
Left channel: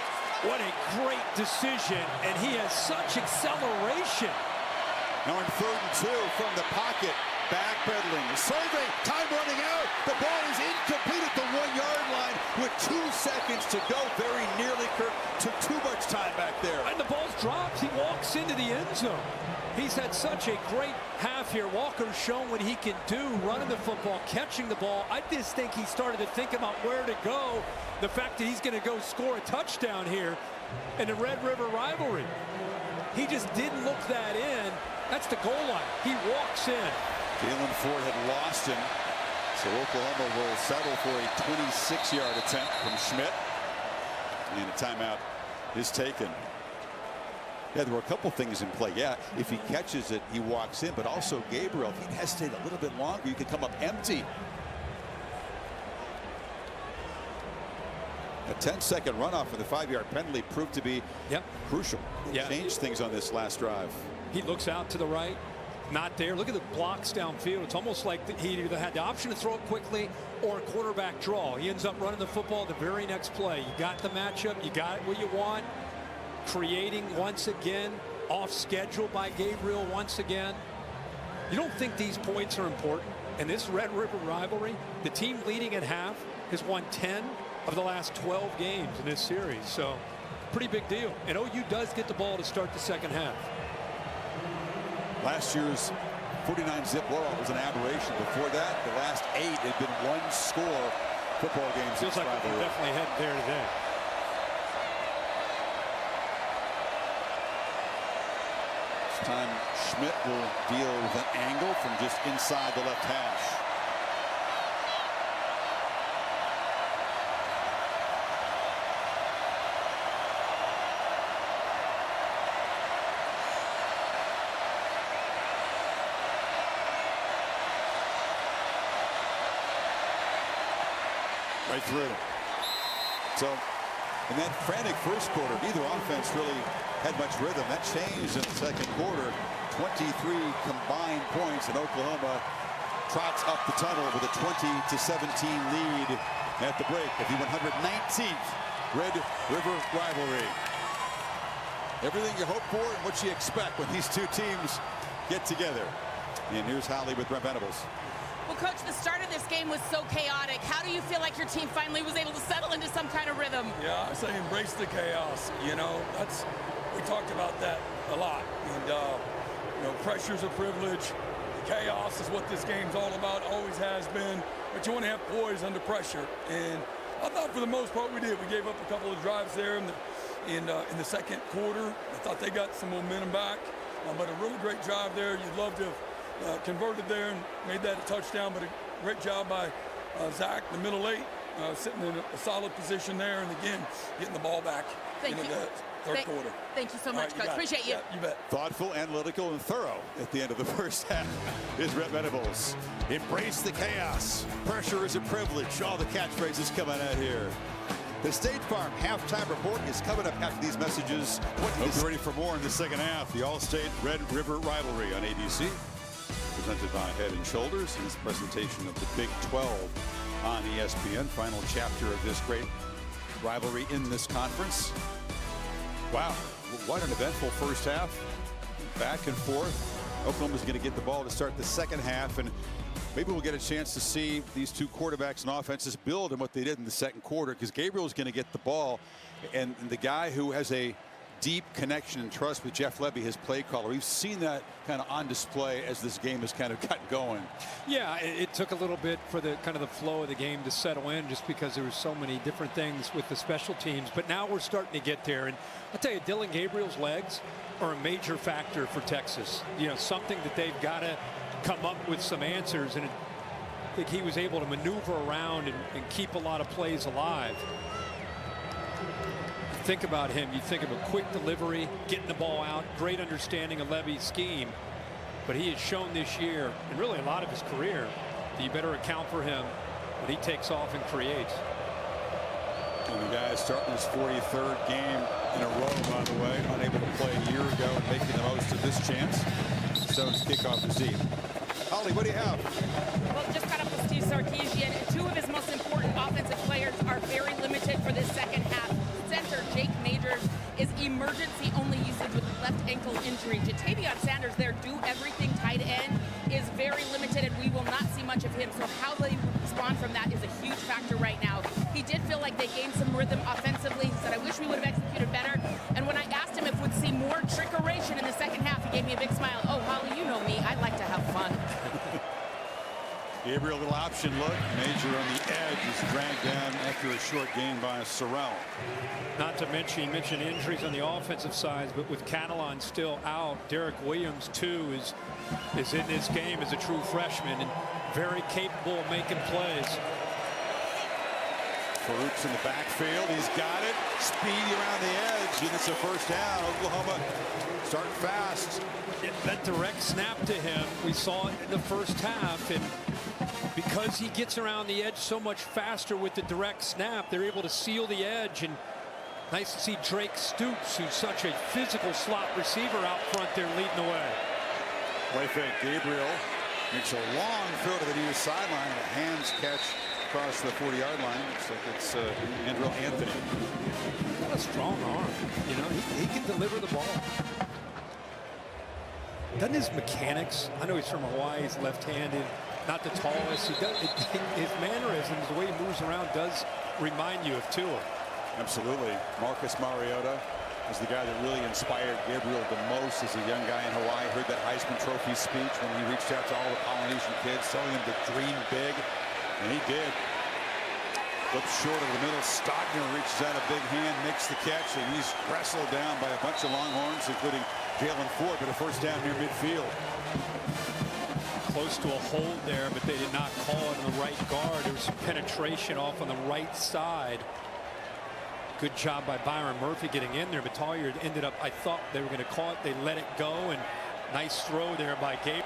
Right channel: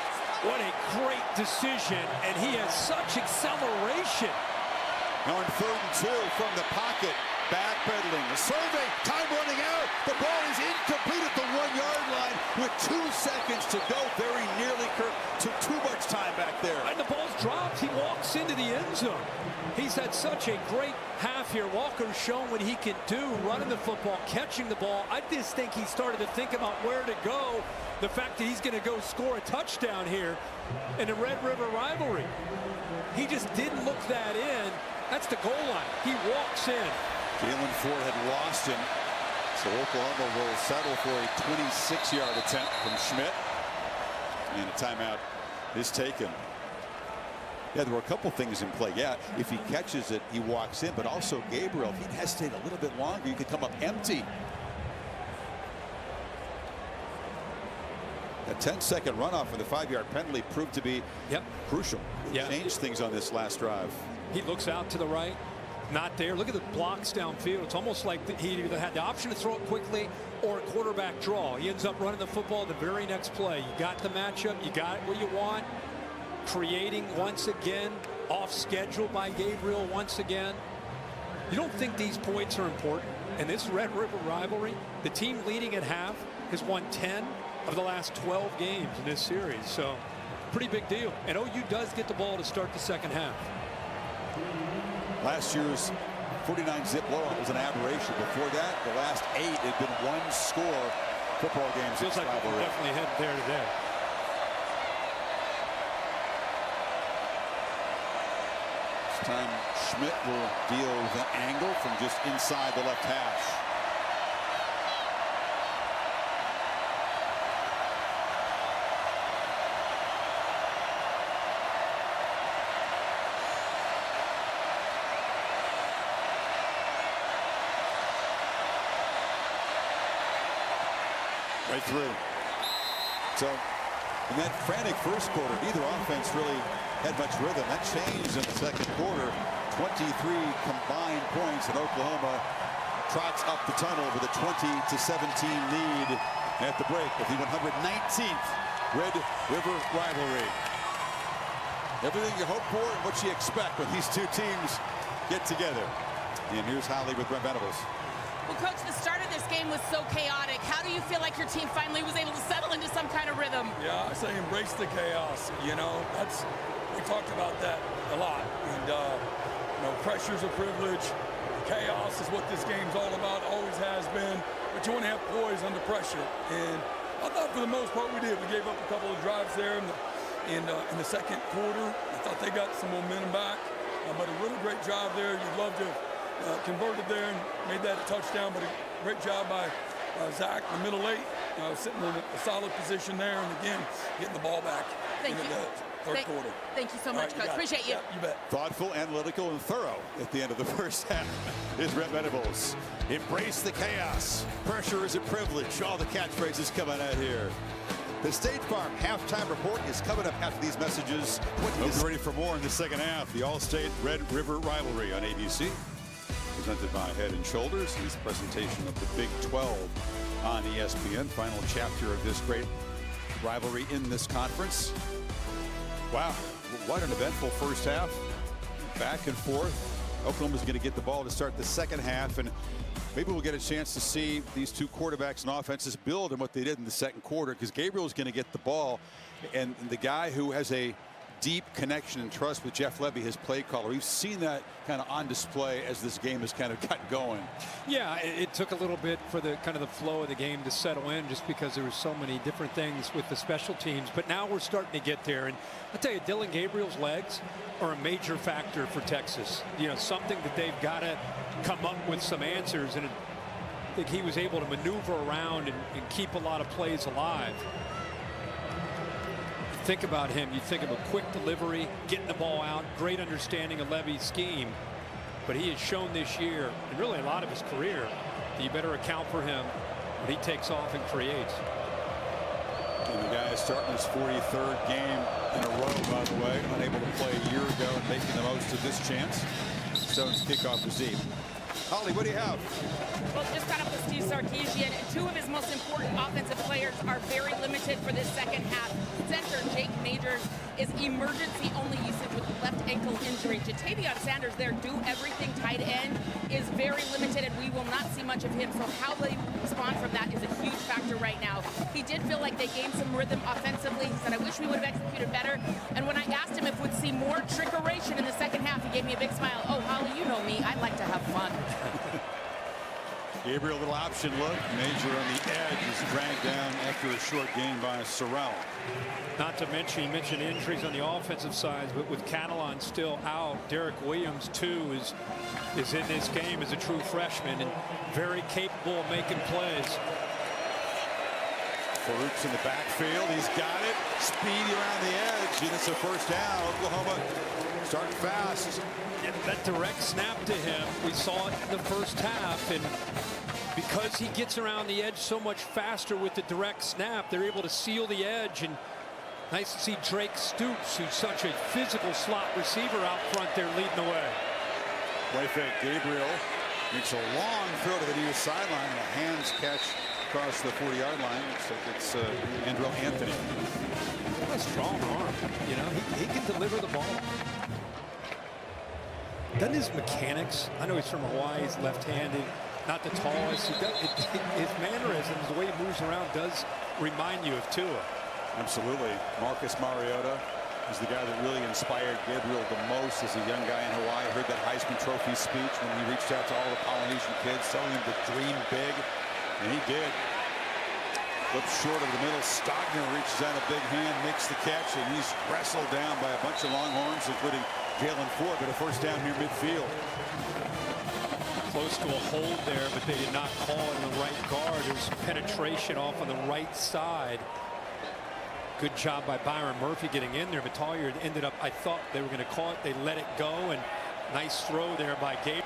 What a great decision, and he has such acceleration. Now in 3rd and 2 from the pocket. Backpedaling, a survey, time running out. The ball is incomplete at the 1-yard line with 2 seconds to go. Very nearly, Kirk, took too much time back there. And the ball's dropped. He walks into the end zone. He's had such a great half here. Walker's shown what he can do, running the football, catching the ball. I just think he started to think about where to go. The fact that he's going to go score a touchdown here in the Red River rivalry. He just didn't look that in. That's the goal line. He walks in. Jalen Ford had lost him, so Oklahoma will settle for a 26-yard attempt from Schmidt, and a timeout is taken. Yeah, there were a couple things in play. Yeah, if he catches it, he walks in, but also Gabriel, if he'd hesitate a little bit longer, you could come up empty. A 10-second runoff for the 5-yard penalty proved to be crucial. It changed things on this last drive. He looks out to the right. Not there. Look at the blocks downfield. It's almost like he either had the option to throw it quickly or a quarterback draw. He ends up running the football the very next play. You got the matchup. You got what you want. Creating once again. Off schedule by Gabriel once again. You don't think these points are important? In this Red River rivalry, the team leading at half has won 10 of the last 12 games in this series. So pretty big deal. And OU does get the ball to start the second half. Last year's 49-zip blowout was an aberration. Before that, the last 8 had been one-score football games. Feels like we're definitely heading there today. This time, Schmidt will deal with an angle from just inside the left hash. Right through. So in that frantic first quarter, neither offense really had much rhythm. That changed in the second quarter. 23 combined points, and Oklahoma trots up the tunnel with a 20-17 lead at the break of the 119th Red River rivalry. Everything you hope for and what you expect when these two teams get together. And here's Holly with Brent Venables. Well, Coach, the start of this game was so chaotic. How do you feel like your team finally was able to settle into some kind of rhythm? Yeah, I say embrace the chaos. You know, we talked about that a lot. And, you know, pressure's a privilege. Chaos is what this game's all about, always has been. But you want to have poise under pressure. And I thought for the most part we did. We gave up a couple of drives there in the second quarter. I thought they got some momentum back. But a really great drive there. You'd love to have converted there and made that a touchdown, but a great job by Zach, the middle 8, sitting in a solid position there, and again, getting the ball back into the third quarter. Thank you so much, Coach. Appreciate you. Yeah, you bet. Thoughtful, analytical, and thorough at the end of the first half is Brent Venables. Embrace the chaos. Pressure is a privilege. All the catchphrases coming out here. The State Farm halftime report is coming up after these messages. Hope you're ready for more in the second half. The All-State Red River rivalry on ABC. Presented by Head & Shoulders. This presentation of the Big 12 on ESPN. Final chapter of this great rivalry in this conference. Wow, what an eventful first half. Back and forth. Oklahoma's going to get the ball to start the second half, and maybe we'll get a chance to see these two quarterbacks and offenses build on what they did in the second quarter, because Gabriel's going to get the ball, and the guy who has a deep connection and trust with Jeff Lebby, his play caller. We've seen that kind of on display as this game has kind of gotten going. Yeah, it took a little bit for the kind of the flow of the game to settle in, just because there were so many different things with the special teams. But now we're starting to get there. And I'll tell you, Dylan Gabriel's legs are a major factor for Texas. You know, something that they've got to come up with some answers. And I think he was able to maneuver around and keep a lot of plays alive. Think about him, you think of a quick delivery, getting the ball out, great understanding of Levy's scheme. But he has shown this year, and really a lot of his career, that you better account for him when he takes off and creates. And the guy is starting his 43rd game in a row, by the way, unable to play a year ago and making the most of this chance. Stone's kickoff is deep. Holly, what do you have? Well, just caught up with Steve Sarkisian, and two of his most important offensive players are very limited for this second half. Center Jake Majors is emergency-only usage with a left ankle injury. Jatavion Sanders, their do-everything tight end, is very limited, and we will not see much of him. So how they respond from that is a huge factor right now. He did feel like they gained some rhythm offensively. He said, I wish we would have executed better. And when I asked him if we'd see more trickeration in the second half, he gave me a big smile. Oh, Holly, you know me. I like to have fun. Gabriel, little option look. Major on the edge is dragged down after a short gain by Sorrell. Not to mention, you mentioned injuries on the offensive side, but with Catalan still out, Derek Williams, too, is in this game as a true freshman and very capable of making plays. Farooq's in the backfield. He's got it. Speedy around the edge, and it's a first down. Oklahoma starting fast. That direct snap to him, we saw it in the first half, and because he gets around the edge so much faster with the direct snap, they're able to seal the edge. And nice to see Drake Stoops, who's such a physical slot receiver, out front there leading the way. Play fake. Gabriel makes a long throw to the near sideline and a hands catch across the 40-yard line. Looks like it's Andrew Anthony. He's got a strong arm. You know, he can deliver the ball. Doesn't his mechanics, I know he's from Hawaii, he's left-handed, not the tallest. His mannerisms, the way he moves around, does remind you of Tua. Absolutely. Marcus Mariota is the guy that really inspired Gabriel the most as a young guy in Hawaii. Heard that Heisman Trophy speech when he reached out to all the Polynesian kids, telling them to dream big, and he did. Flips short of the middle. Stogner reaches out a big hand, makes the catch, and he's wrestled down by a bunch of Longhorns, including Jalen Ford, but a first down near midfield. Close to a hold there, but they did not call it in the right guard. There was some penetration off on the right side. Good job by Byron Murphy getting in there, but Collier ended up, I thought they were going to call it. They let it go, and nice throw there by Gabriel.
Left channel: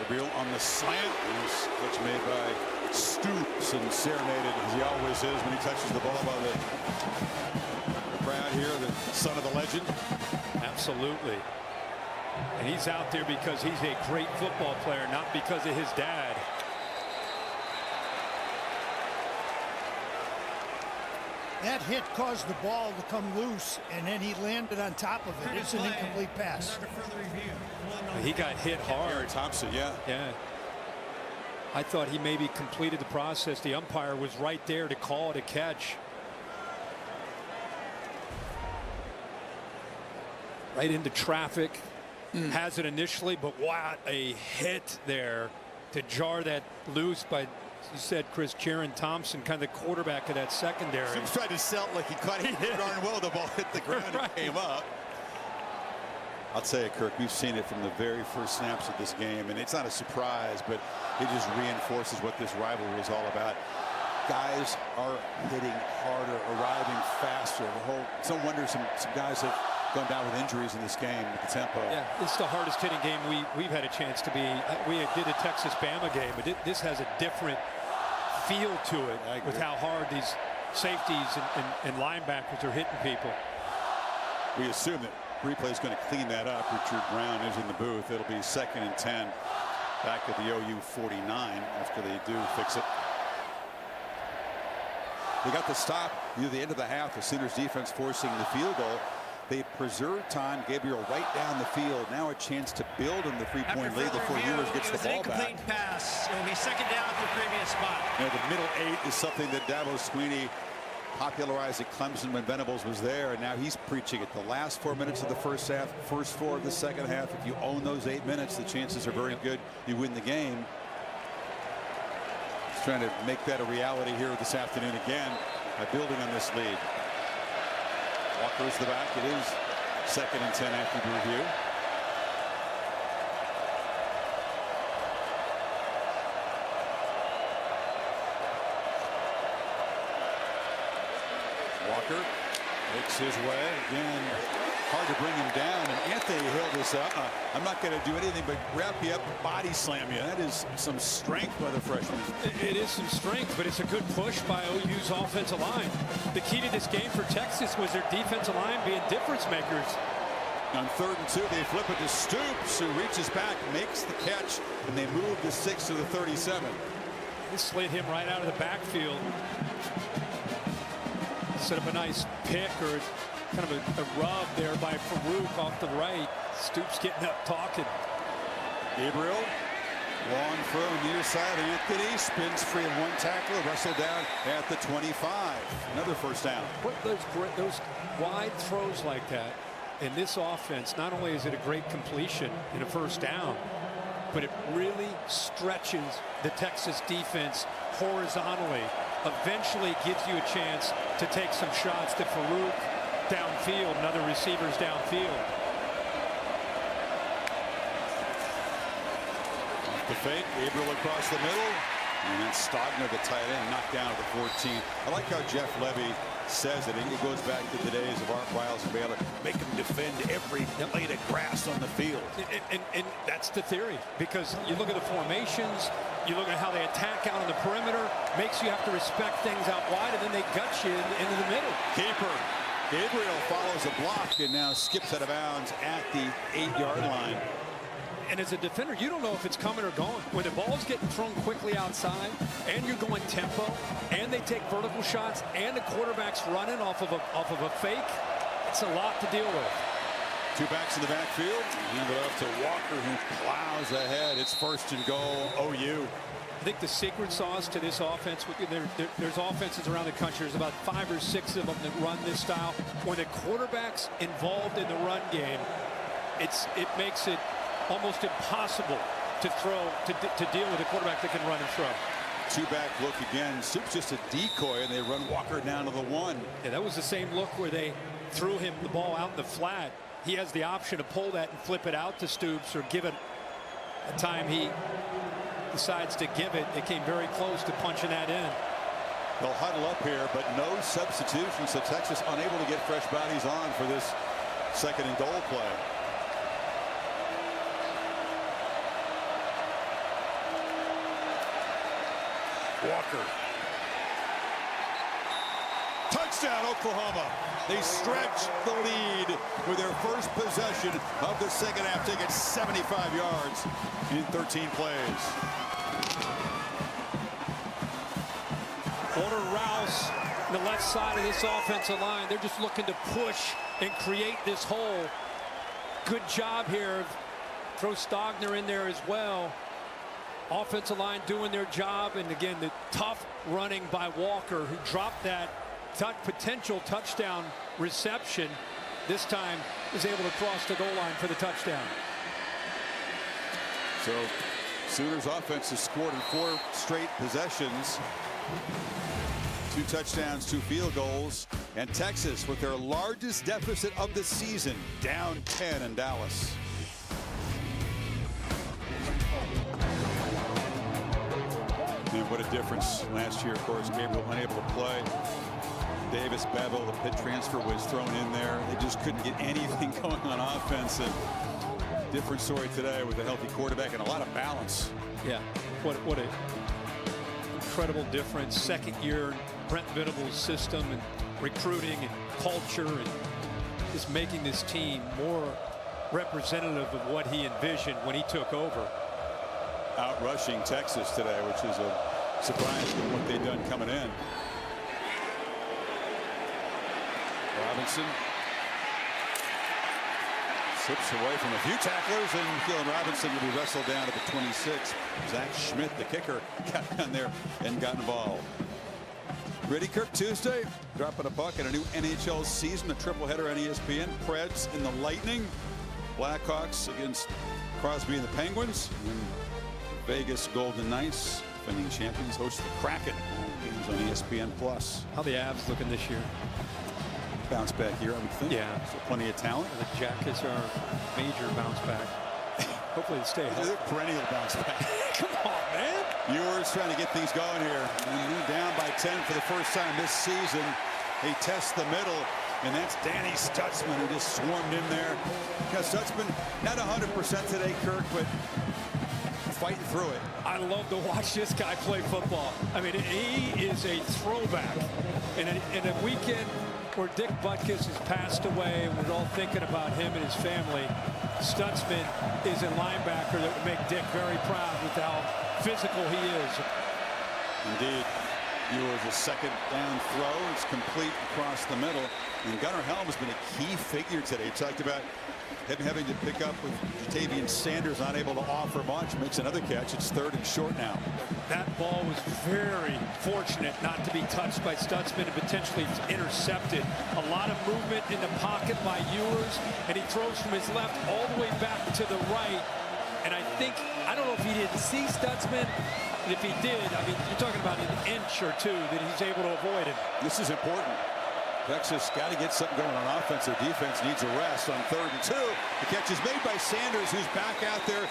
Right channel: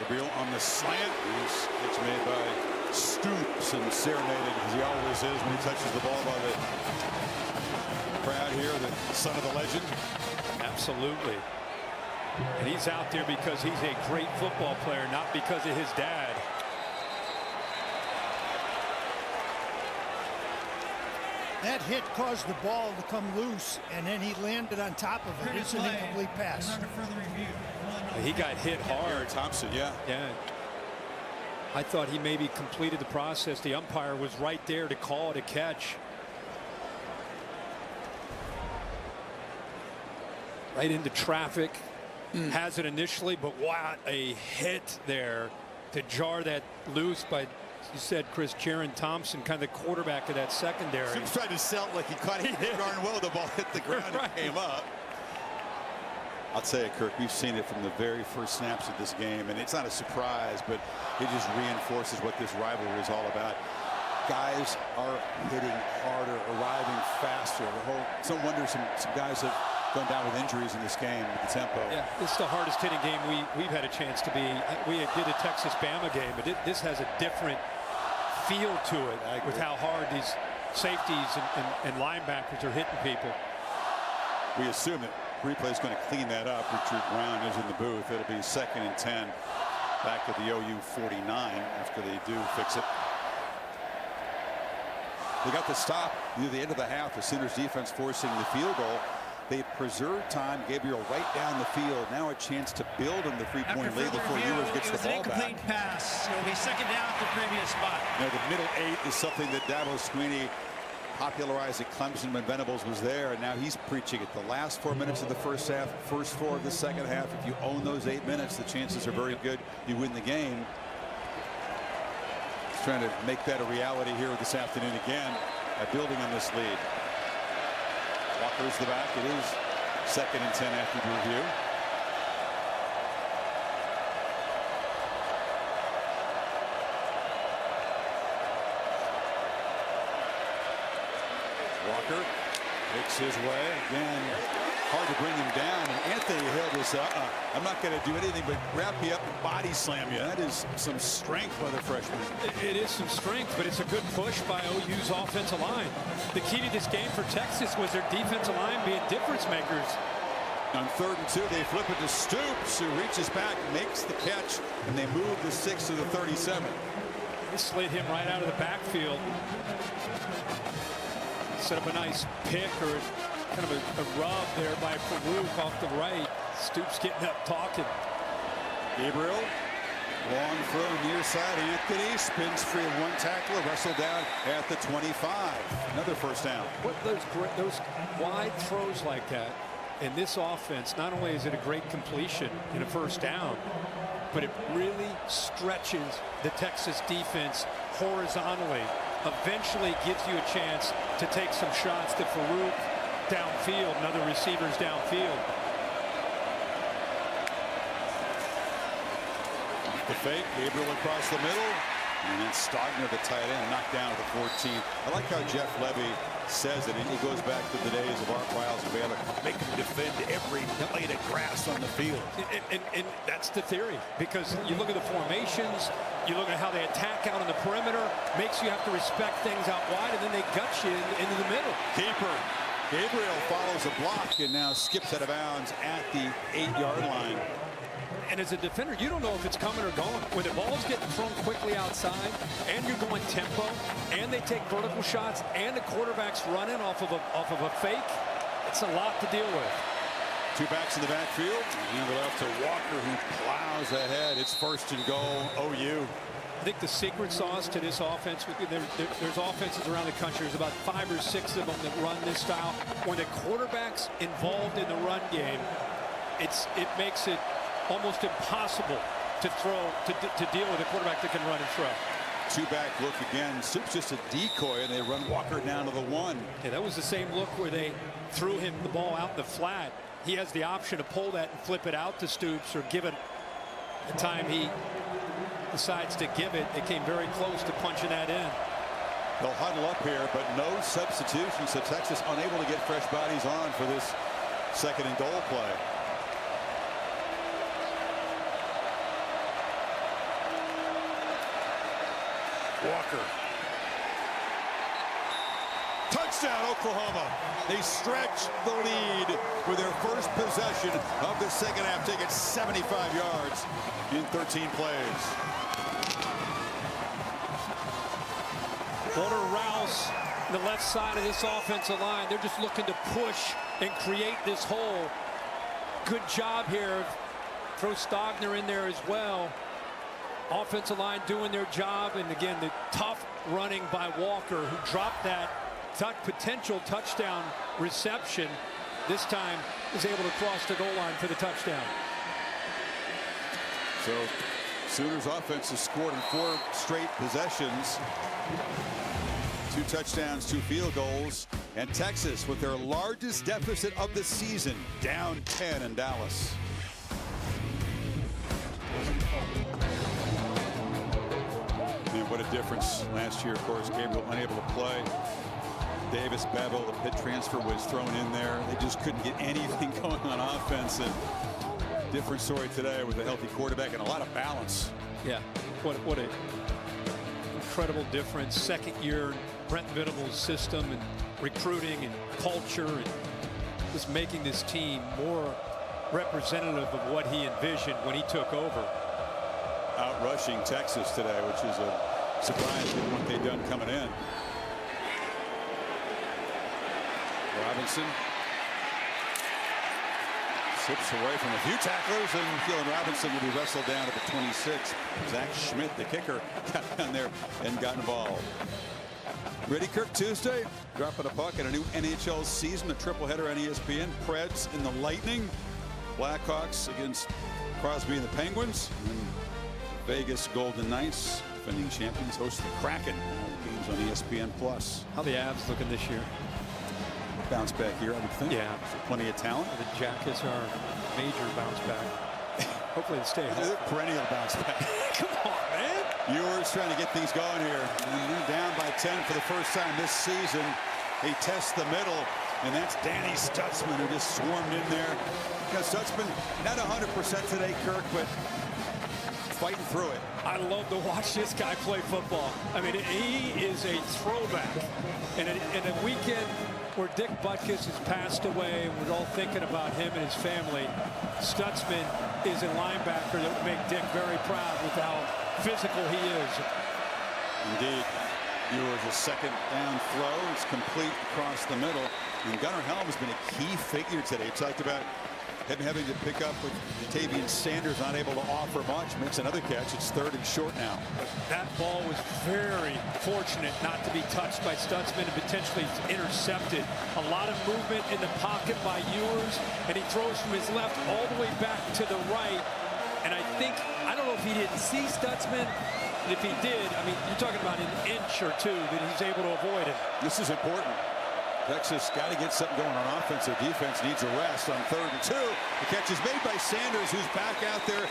Gabriel on the slant. Nice catch made by Stoops and serenaded, as he always is when he touches the ball, by the crowd here, the son of the legend. Absolutely. And he's out there because he's a great football player, not because of his dad. That hit caused the ball to come loose, and then he landed on top of it. It's an incomplete pass. Under further review. He got hit hard. Thompson, yeah. Yeah. I thought he maybe completed the process. The umpire was right there to call it a catch. Right into traffic. Has it initially, but what a hit there to jar that loose by, you said, Chris, Jaron Thompson, kind of the quarterback of that secondary. Stoops tried to sell it like he caught it darn well. The ball hit the ground and came up. I'll tell you, Kirk, we've seen it from the very first snaps of this game, and it's not a surprise, but it just reinforces what this rivalry is all about. Guys are hitting harder, arriving faster. It's no wonder some guys have gone down with injuries in this game with the tempo. Yeah, it's the hardest hitting game we've had a chance to be. We did a Texas-Bama game, but this has a different feel to it with how hard these safeties and linebackers are hitting people. We assume that replay is going to clean that up. Richard Brown is in the booth. It'll be 2nd and 10 back at the OU 49 after they do fix it. They got the stop near the end of the half. The Sooners defense forcing the field goal. They preserve time. Gabriel right down the field. Now a chance to build on the 3-point lead before Ewers gets the ball back. Incomplete pass. It will be 2nd down at the previous spot. You know, the middle 8 is something that Dabo Swinney popularized at Clemson when Venables was there, and now he's preaching it. The last 4 minutes of the first half, first 4 of the second half. If you own those 8 minutes, the chances are very good you win the game. He's trying to make that a reality here this afternoon again by building on this lead. Walker's the back. It is 2nd and 10 after the review. Walker makes his way again. Hard to bring him down, and Anthony Hill just I'm not going to do anything but wrap you up and body slam you. That is some strength by the freshman. It is some strength, but it's a good push by OU's offensive line. The key to this game for Texas was their defensive line being difference makers. On 3rd and 2, they flip it to Stoops, who reaches back, makes the catch, and they move to 6 to the 37. They slid him right out of the backfield. Set up a nice pick or kind of a rub there by Farooq off the right. Stoops getting up talking. Gabriel, long throw near side. Anthony spins free of one tackler, wrestled down at the 25. Another first down. What those wide throws like that in this offense, not only is it a great completion in a first down, but it really stretches the Texas defense horizontally. Eventually gives you a chance to take some shots to Farooq downfield and other receivers downfield. Off the fake, Gabriel across the middle, and then Stogner, the tight end, knocked down at the 14. I like how Jeff Levy says it. It goes back to the days of Art Wiles and Baylor. Make them defend every blade of grass on the field. And that's the theory, because you look at the formations, you look at how they attack out on the perimeter, makes you have to respect things out wide, and then they gut you into the middle. Keeper. Gabriel follows a block and now skips out of bounds at the 8-yard line. And as a defender, you don't know if it's coming or going. When the ball's getting thrown quickly outside and you're going tempo and they take vertical shots and the quarterback's running off of a fake, it's a lot to deal with. 2 backs in the backfield. Hand it off to Walker, who plows ahead. It's 1st and goal, OU. I think the secret sauce to this offense, there's offenses around the country, there's about 5 or 6 of them that run this style. When the quarterback's involved in the run game, it makes it almost impossible to throw, to deal with a quarterback that can run and throw. Two-back look again. Soup's just a decoy, and they run Walker down to the 1. Yeah, that was the same look where they threw him the ball out in the flat. He has the option to pull that and flip it out to Stoops, or give it a time he decides to give it. It came very close to punching that in. They'll huddle up here, but no substitutions, so Texas unable to get fresh bodies on for this 2nd and goal play. Walker. Touchdown, Oklahoma. They stretch the lead with their first possession of the 2nd half, taking 75 yards in 13 plays. Walter Rouse, the left side of this offensive line, they're just looking to push and create this hole. Good job here. Throw Stogner in there as well. Offensive line doing their job, and again, the tough running by Walker, who dropped that potential touchdown reception. This time is able to cross the goal line for the touchdown. So Sooners offense has scored in 4 straight possessions. 2 touchdowns, 2 field goals, and Texas with their largest deficit of the season, down 10 in Dallas. And what a difference last year. Of course, Gabriel unable to play. Davis, Bevel, the Pitt transfer, was thrown in there. They just couldn't get anything going on offense. And different story today with a healthy quarterback and a lot of balance. Yeah, what a incredible difference. 2nd year Brent Venables' system and recruiting and culture, and just making this team more representative of what he envisioned when he took over. Out rushing Texas today, which is a surprise given what they've done coming in. Robinson slips away from a few tacklers, and Keelan Robinson will be wrestled down to the 26. Zach Schmidt, the kicker, got down there and got involved. Ready, Kirk, Tuesday, dropping a puck in a new NHL season, a triple-header on ESPN. Preds in the Lightning, Blackhawks against Crosby and the Penguins, and then Vegas Golden Knights, defending champions, host the Kraken. Games on ESPN+. How the Avs looking this year? Bounce back here, I would think. Yeah. So plenty of talent. The Jackets are major bounce back. Hopefully they stay healthy. They're perennial bounce back. Come on, man. Ewers trying to get things going here. And they're down by 10 for the first time this season. They test the middle, and that's Danny Stutzman, who just swarmed in there. You know, Stutzman, not 100% today, Kirk, but fighting through it. I love to watch this guy play football. I mean, he is a throwback. In a weekend where Dick Butkus has passed away, and we're all thinking about him and his family, Stutzman is a linebacker that would make Dick very proud with how physical he is. Indeed. Ewers' a 2nd down throw. It's complete across the middle. And Gunnar Helm has been a key figure today. He talked about him having to pick up with Jatavian Sanders, not able to offer much. Makes another catch. It's 3rd and short now. That ball was very fortunate not to be touched by Stutzman and potentially intercepted. A lot of movement in the pocket by Ewers, and he throws from his left all the way back to the right. And I don't know if he didn't see Stutzman. And if he did, I mean, you're talking about an inch or 2 that he's able to avoid him. This is important. Texas got to get something going on offense. Their defense needs a rest on 3rd and 2. The catch is made by Sanders, who's back out there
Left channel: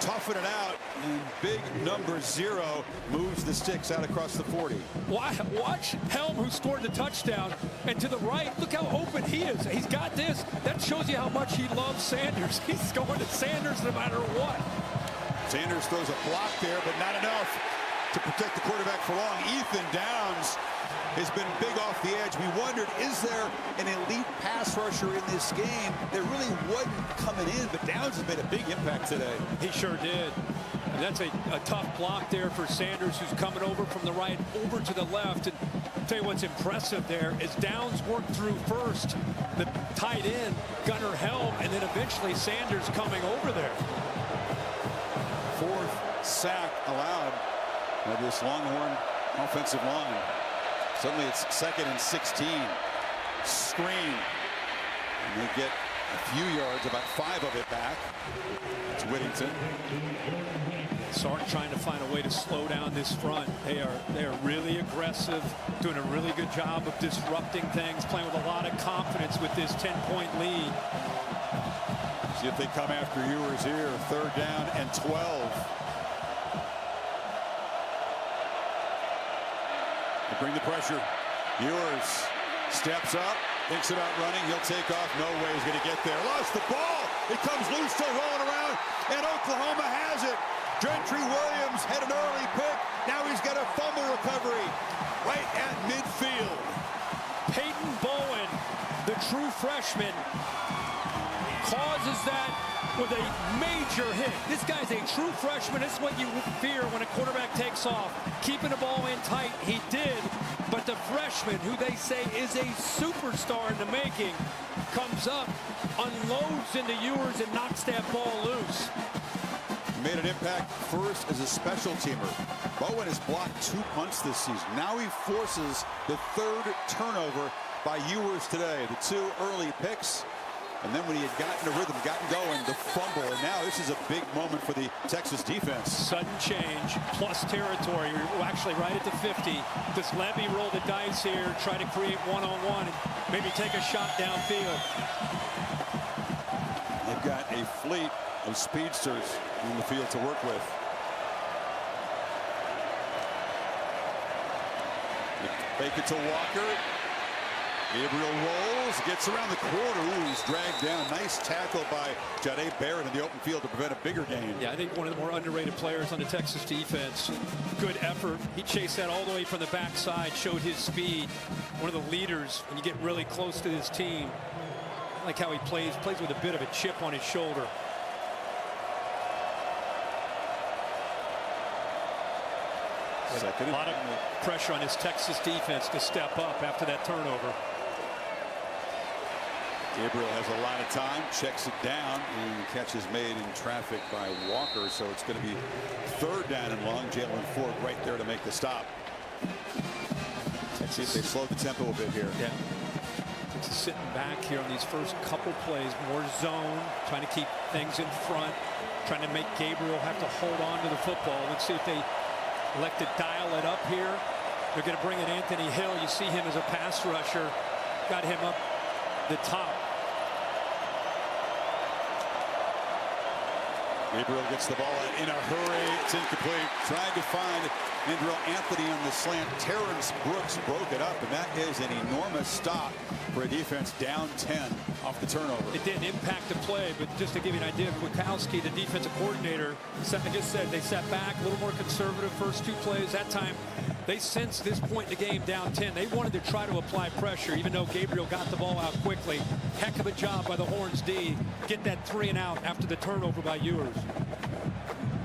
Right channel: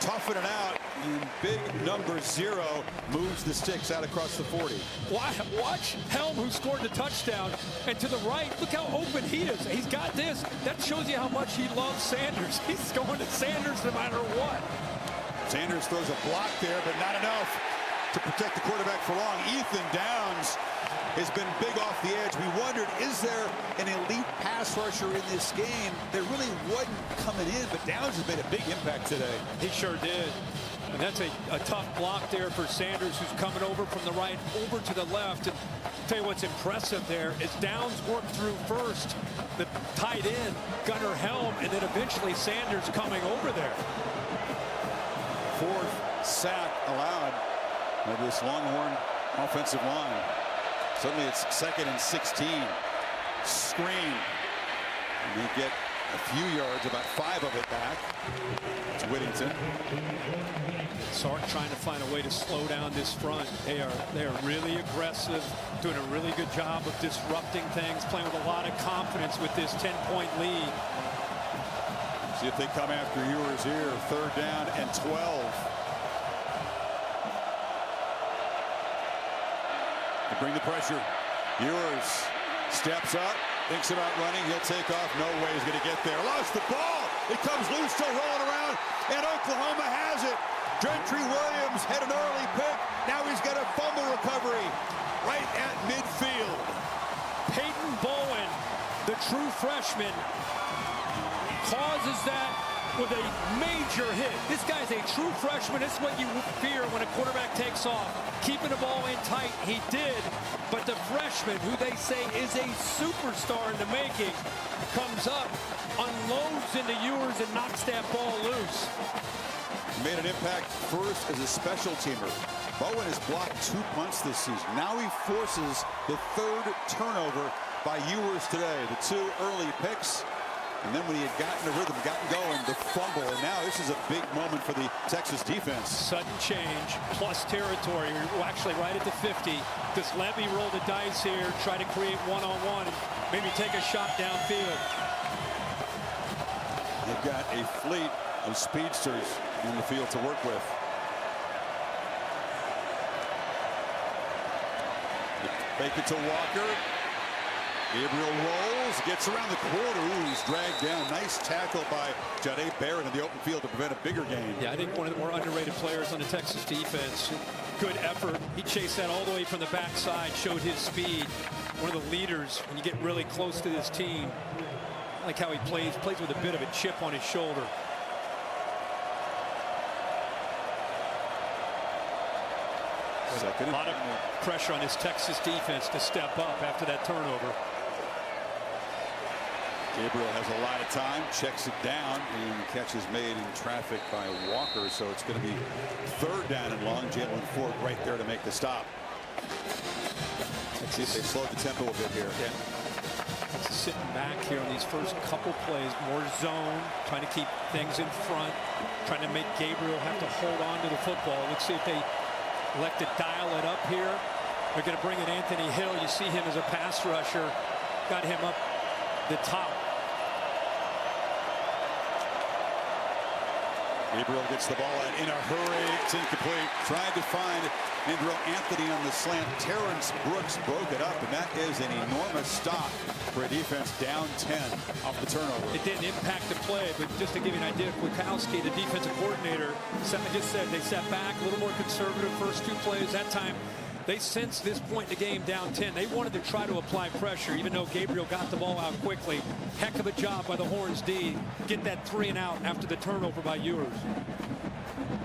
toughing it out, and big number 0 moves the sticks out across the 40. Watch Helm, who scored the touchdown, and to the right, look how open he is. He's got this. That shows you how much he loves Sanders. He's going to Sanders no matter what. Sanders throws a block there, but not enough to protect the quarterback for long. Ethan Downs has been big off the edge. We wondered, is there an elite pass rusher in this game? There really wasn't coming in, but Downs has made a big impact today. He sure did. And that's a tough block there for Sanders, who's coming over from the right over to the left. And I'll tell you what's impressive there is Downs worked through first the tight end, Gunnar Helm, and then eventually Sanders coming over there. 4th sack allowed by this Longhorn offensive line. Suddenly it's 2nd and 16. Screen. And they get a few yards, about 5 of it back. It's Whittington. Sark trying to find a way to slow down this front. They are really aggressive, doing a really good job of disrupting things, playing with a lot of confidence with this 10-point lead. See if they come after Ewers here. 3rd down and 12. They bring the pressure. Ewers steps up, thinks about running. He'll take off. No way he's going to get there. Lost the ball. It comes loose, still rolling around, and Oklahoma has it. Gentry Williams had an early pick. Now he's got a fumble recovery right at midfield. Peyton Bowen, the true freshman, causes that with a major hit. This guy's a true freshman. This is what you fear when a quarterback takes off. Keeping the ball in tight, he did. But the freshman, who they say is a superstar in the making, comes up, unloads into Ewers, and knocks that ball loose. Made an impact first as a special teamer. Bowen has blocked 2 punts this season. Now he forces the 3rd turnover by Ewers today. The 2 early picks, and then when he had gotten a rhythm, gotten going, the fumble. And now this is a big moment for the Texas defense. Sudden change, plus territory. We're actually right at the 50. Does Levy roll the dice here, try to create one-on-one, and maybe take a shot downfield? They've got a fleet of speedsters on the field to work with. They fake it to Walker. Gabriel rolls, gets around the quarter. Ooh, he's dragged down. Nice tackle by Jahdae Barrett in the open field to prevent a bigger gain. Yeah, I think one of the more underrated players on the Texas defense. Good effort. He chased that all the way from the backside, showed his speed. One of the leaders when you get really close to this team. I like how he plays with a bit of a chip on his shoulder. Second. A lot of pressure on this Texas defense to step up after that turnover. Gabriel has a lot of time, checks it down, and the catch is made in traffic by Walker. So it's going to be 3rd down and long. Jalen Ford right there to make the stop. See if they slow the tempo a bit here. Yeah. Texas sitting back here on these first couple plays, more zone, trying to keep things in front, trying to make Gabriel have to hold on to the football. Let's see if they elect to dial it up here. They're going to bring in Anthony Hill. You see him as a pass rusher. Got him up the top. Gabriel gets the ball out in a hurry. It's incomplete. Tried to find Andrew Anthony on the slant. Terrence Brooks broke it up, and that is an enormous stop for a defense down 10 off the turnover. It didn't impact the play, but just to give you an idea, Kwiatkowski, the defensive coordinator, I just said they sat back a little more conservative first 2 plays. That time they sensed this point in the game down 10. They wanted to try to apply pressure, even though Gabriel got the ball out quickly. Heck of a job by the Horns D. Get that 3 and out after the turnover by Ewers.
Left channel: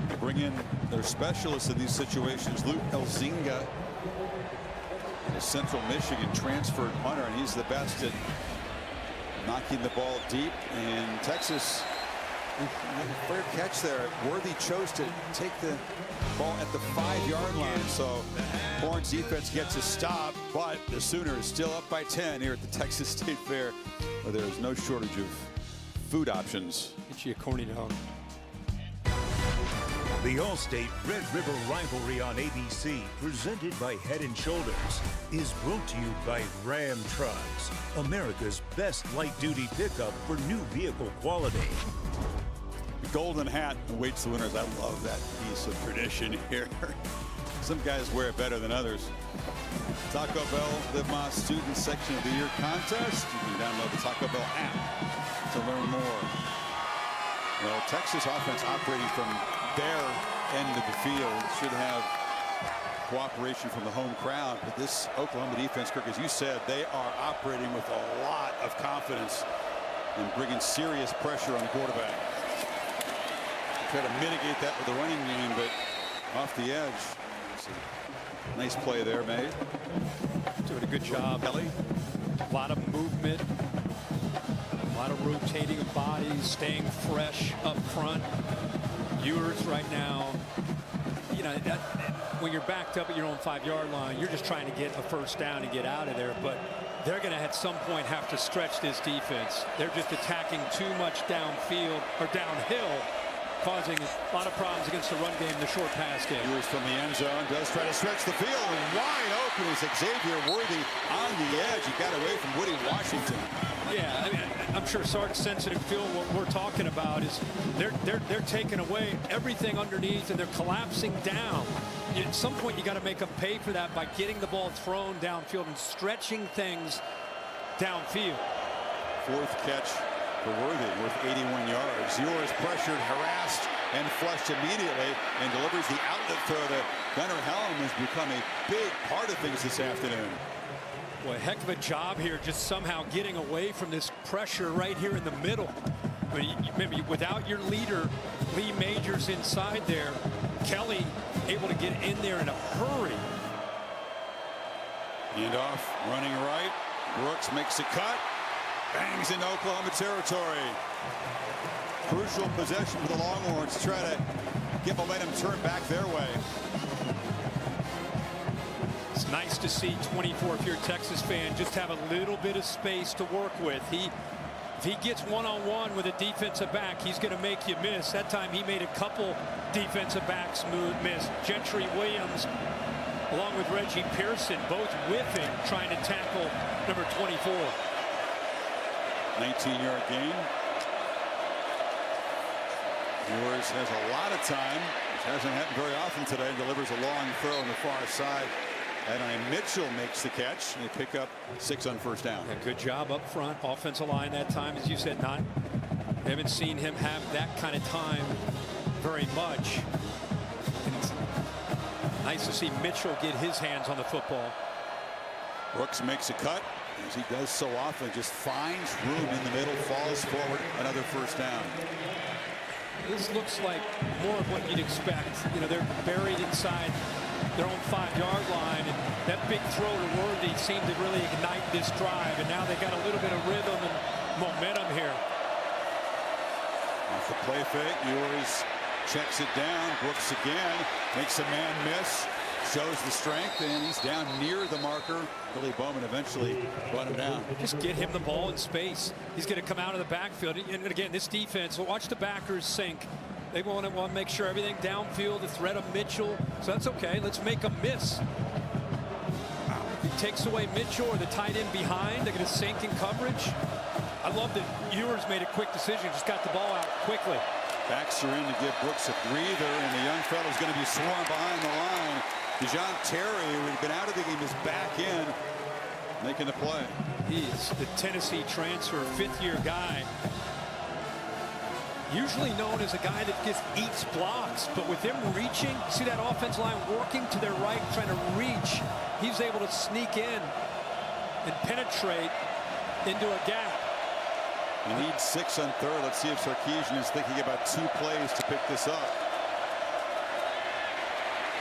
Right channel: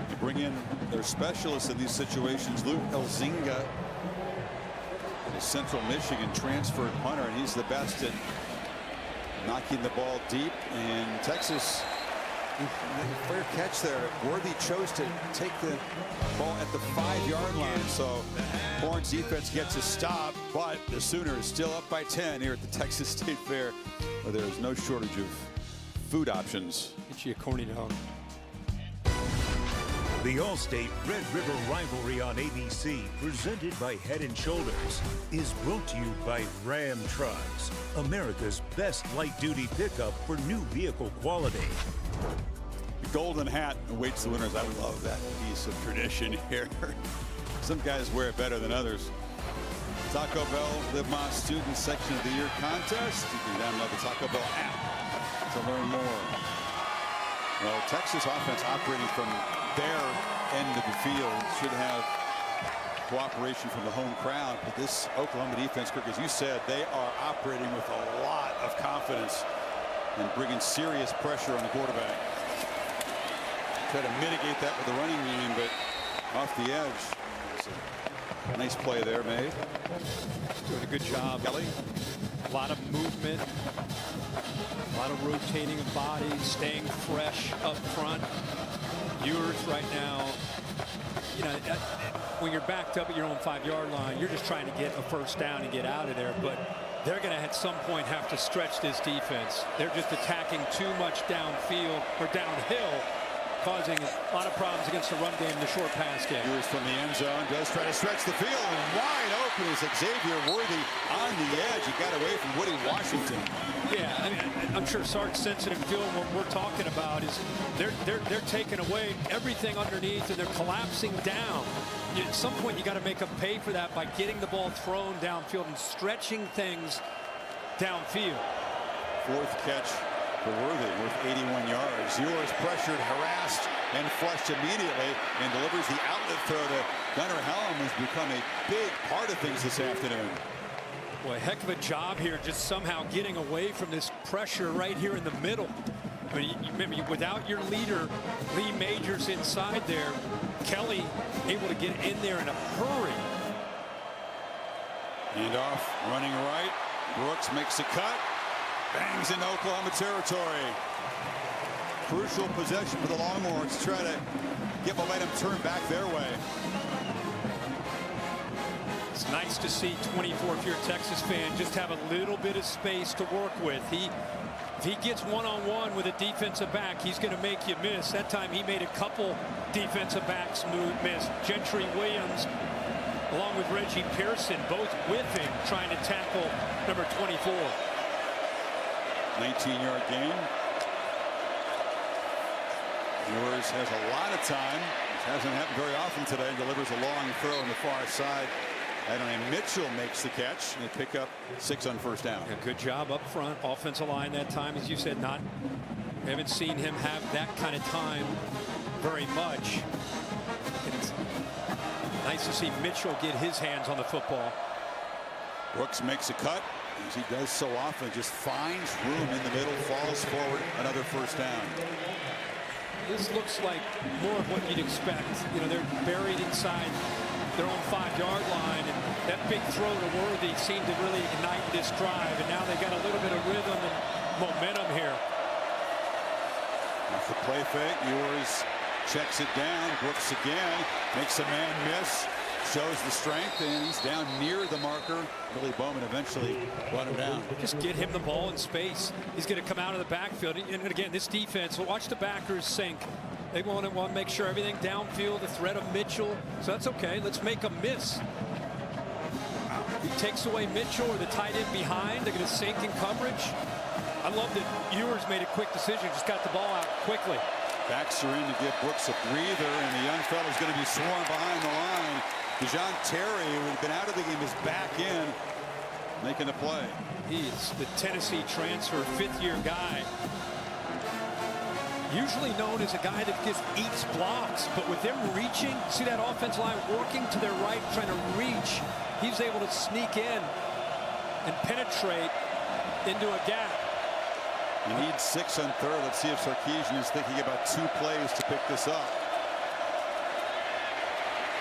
They bring in their specialists in these situations. Luke Elzinga, the Central Michigan transferred punter, and he's the best at knocking the ball deep. And Texas, fair catch there. Worthy chose to take the ball at the 5-yard line. So Horns defense gets a stop, but the Sooners still up by 10 here at the Texas State Fair, where there is no shortage of food options. Get you a corny dog. The All-State Red River Rivalry on ABC, presented by Head & Shoulders, is brought to you by Ram Trucks, America's best light-duty pickup for new vehicle quality. The golden hat awaits the winners. I love that piece of tradition here. Some guys wear it better than others. Taco Bell Live Más Student Section of the Year contest. You can download the Taco Bell app to learn more. Well, Texas offense operating from their end of the field should have cooperation from the home crowd, but this Oklahoma defense, Kirk, as you said, they are operating with a lot of confidence and bringing serious pressure on the quarterback. Try to mitigate that with the running game, but off the edge. It's a nice play there made. Doing a good job. Kelly. A lot of movement. A lot of rotating of bodies, staying fresh up front. Ewers right now, you know, when you're backed up at your own 5-yard line, you're just trying to get a first down and get out of there. But they're going to at some point have to stretch this defense. They're just attacking too much downfield or downhill, causing a lot of problems against the run game, the short pass game. Ewers from the end zone does try to stretch the field, and wide open is Xavier Worthy on the edge. He got away from Woody Washington. Yeah, I mean, I'm sure Sark's sensing and feeling what we're talking about is they're taking away everything underneath and they're collapsing down. At some point, you got to make them pay for that by getting the ball thrown downfield and stretching things downfield. Fourth catch for Worthy, worth 81 yards. Ewers pressured, harassed, and flushed immediately, and delivers the outlet throw to Gunnar Helm, has become a big part of things this afternoon. Boy, heck of a job here, just somehow getting away from this pressure right here in the middle. I mean, remember, without your leader, Lee Majors inside there, Kelly able to get in there in a hurry. And off, running right. Brooks makes a cut, bangs into Oklahoma territory. Crucial possession for the Longhorns to try to get momentum turned back their way. It's nice to see 24, if you're a Texas fan, just have a little bit of space to work with. If he gets one-on-one with a defensive back, he's going to make you miss. That time he made a couple defensive backs miss. Gentry Williams along with Reggie Pearson both whiffing, trying to tackle number 24. 19-yard gain. Ewers has a lot of time, which hasn't happened very often today, and delivers a long throw on the far side. Adonai Mitchell makes the catch, and they pick up 6 on first down. Yeah, good job up front. Offensive line that time, as you said, haven't seen him have that kind of time very much. And it's nice to see Mitchell get his hands on the football. Brooks makes a cut, as he does so often, just finds room in the middle, falls forward, another first down. This looks like more of what you'd expect. You know, they're buried inside their own 5-yard line, and that big throw to Worthy seemed to really ignite this drive, and now they got a little bit of rhythm and momentum here. Off the play fake, Ewers checks it down. Brooks again makes a man miss, shows the strength, and he's down near the marker. Billy Bowman eventually brought him down. Just get him the ball in space. He's going to come out of the backfield, and again, this defense, watch the backers sink. They want to make sure everything downfield, the threat of Mitchell. So that's okay. Let's make them miss. Wow. If he takes away Mitchell or the tight end behind, they're going to sink in coverage. I love that Ewers made a quick decision, just got the ball out quickly. Backs are in to give Brooks a breather, and the young fellow's going to be swarmed behind the line. DeJohn Terry, who had been out of the game, is back in, making the play. He's the Tennessee transfer, 5th-year guy. Usually known as a guy that just eats blocks, but with them reaching, see that offensive line working to their right, trying to reach. He's able to sneak in and penetrate into a gap. You need 6 on third. Let's see if Sarkisian is thinking about 2 plays to pick this up.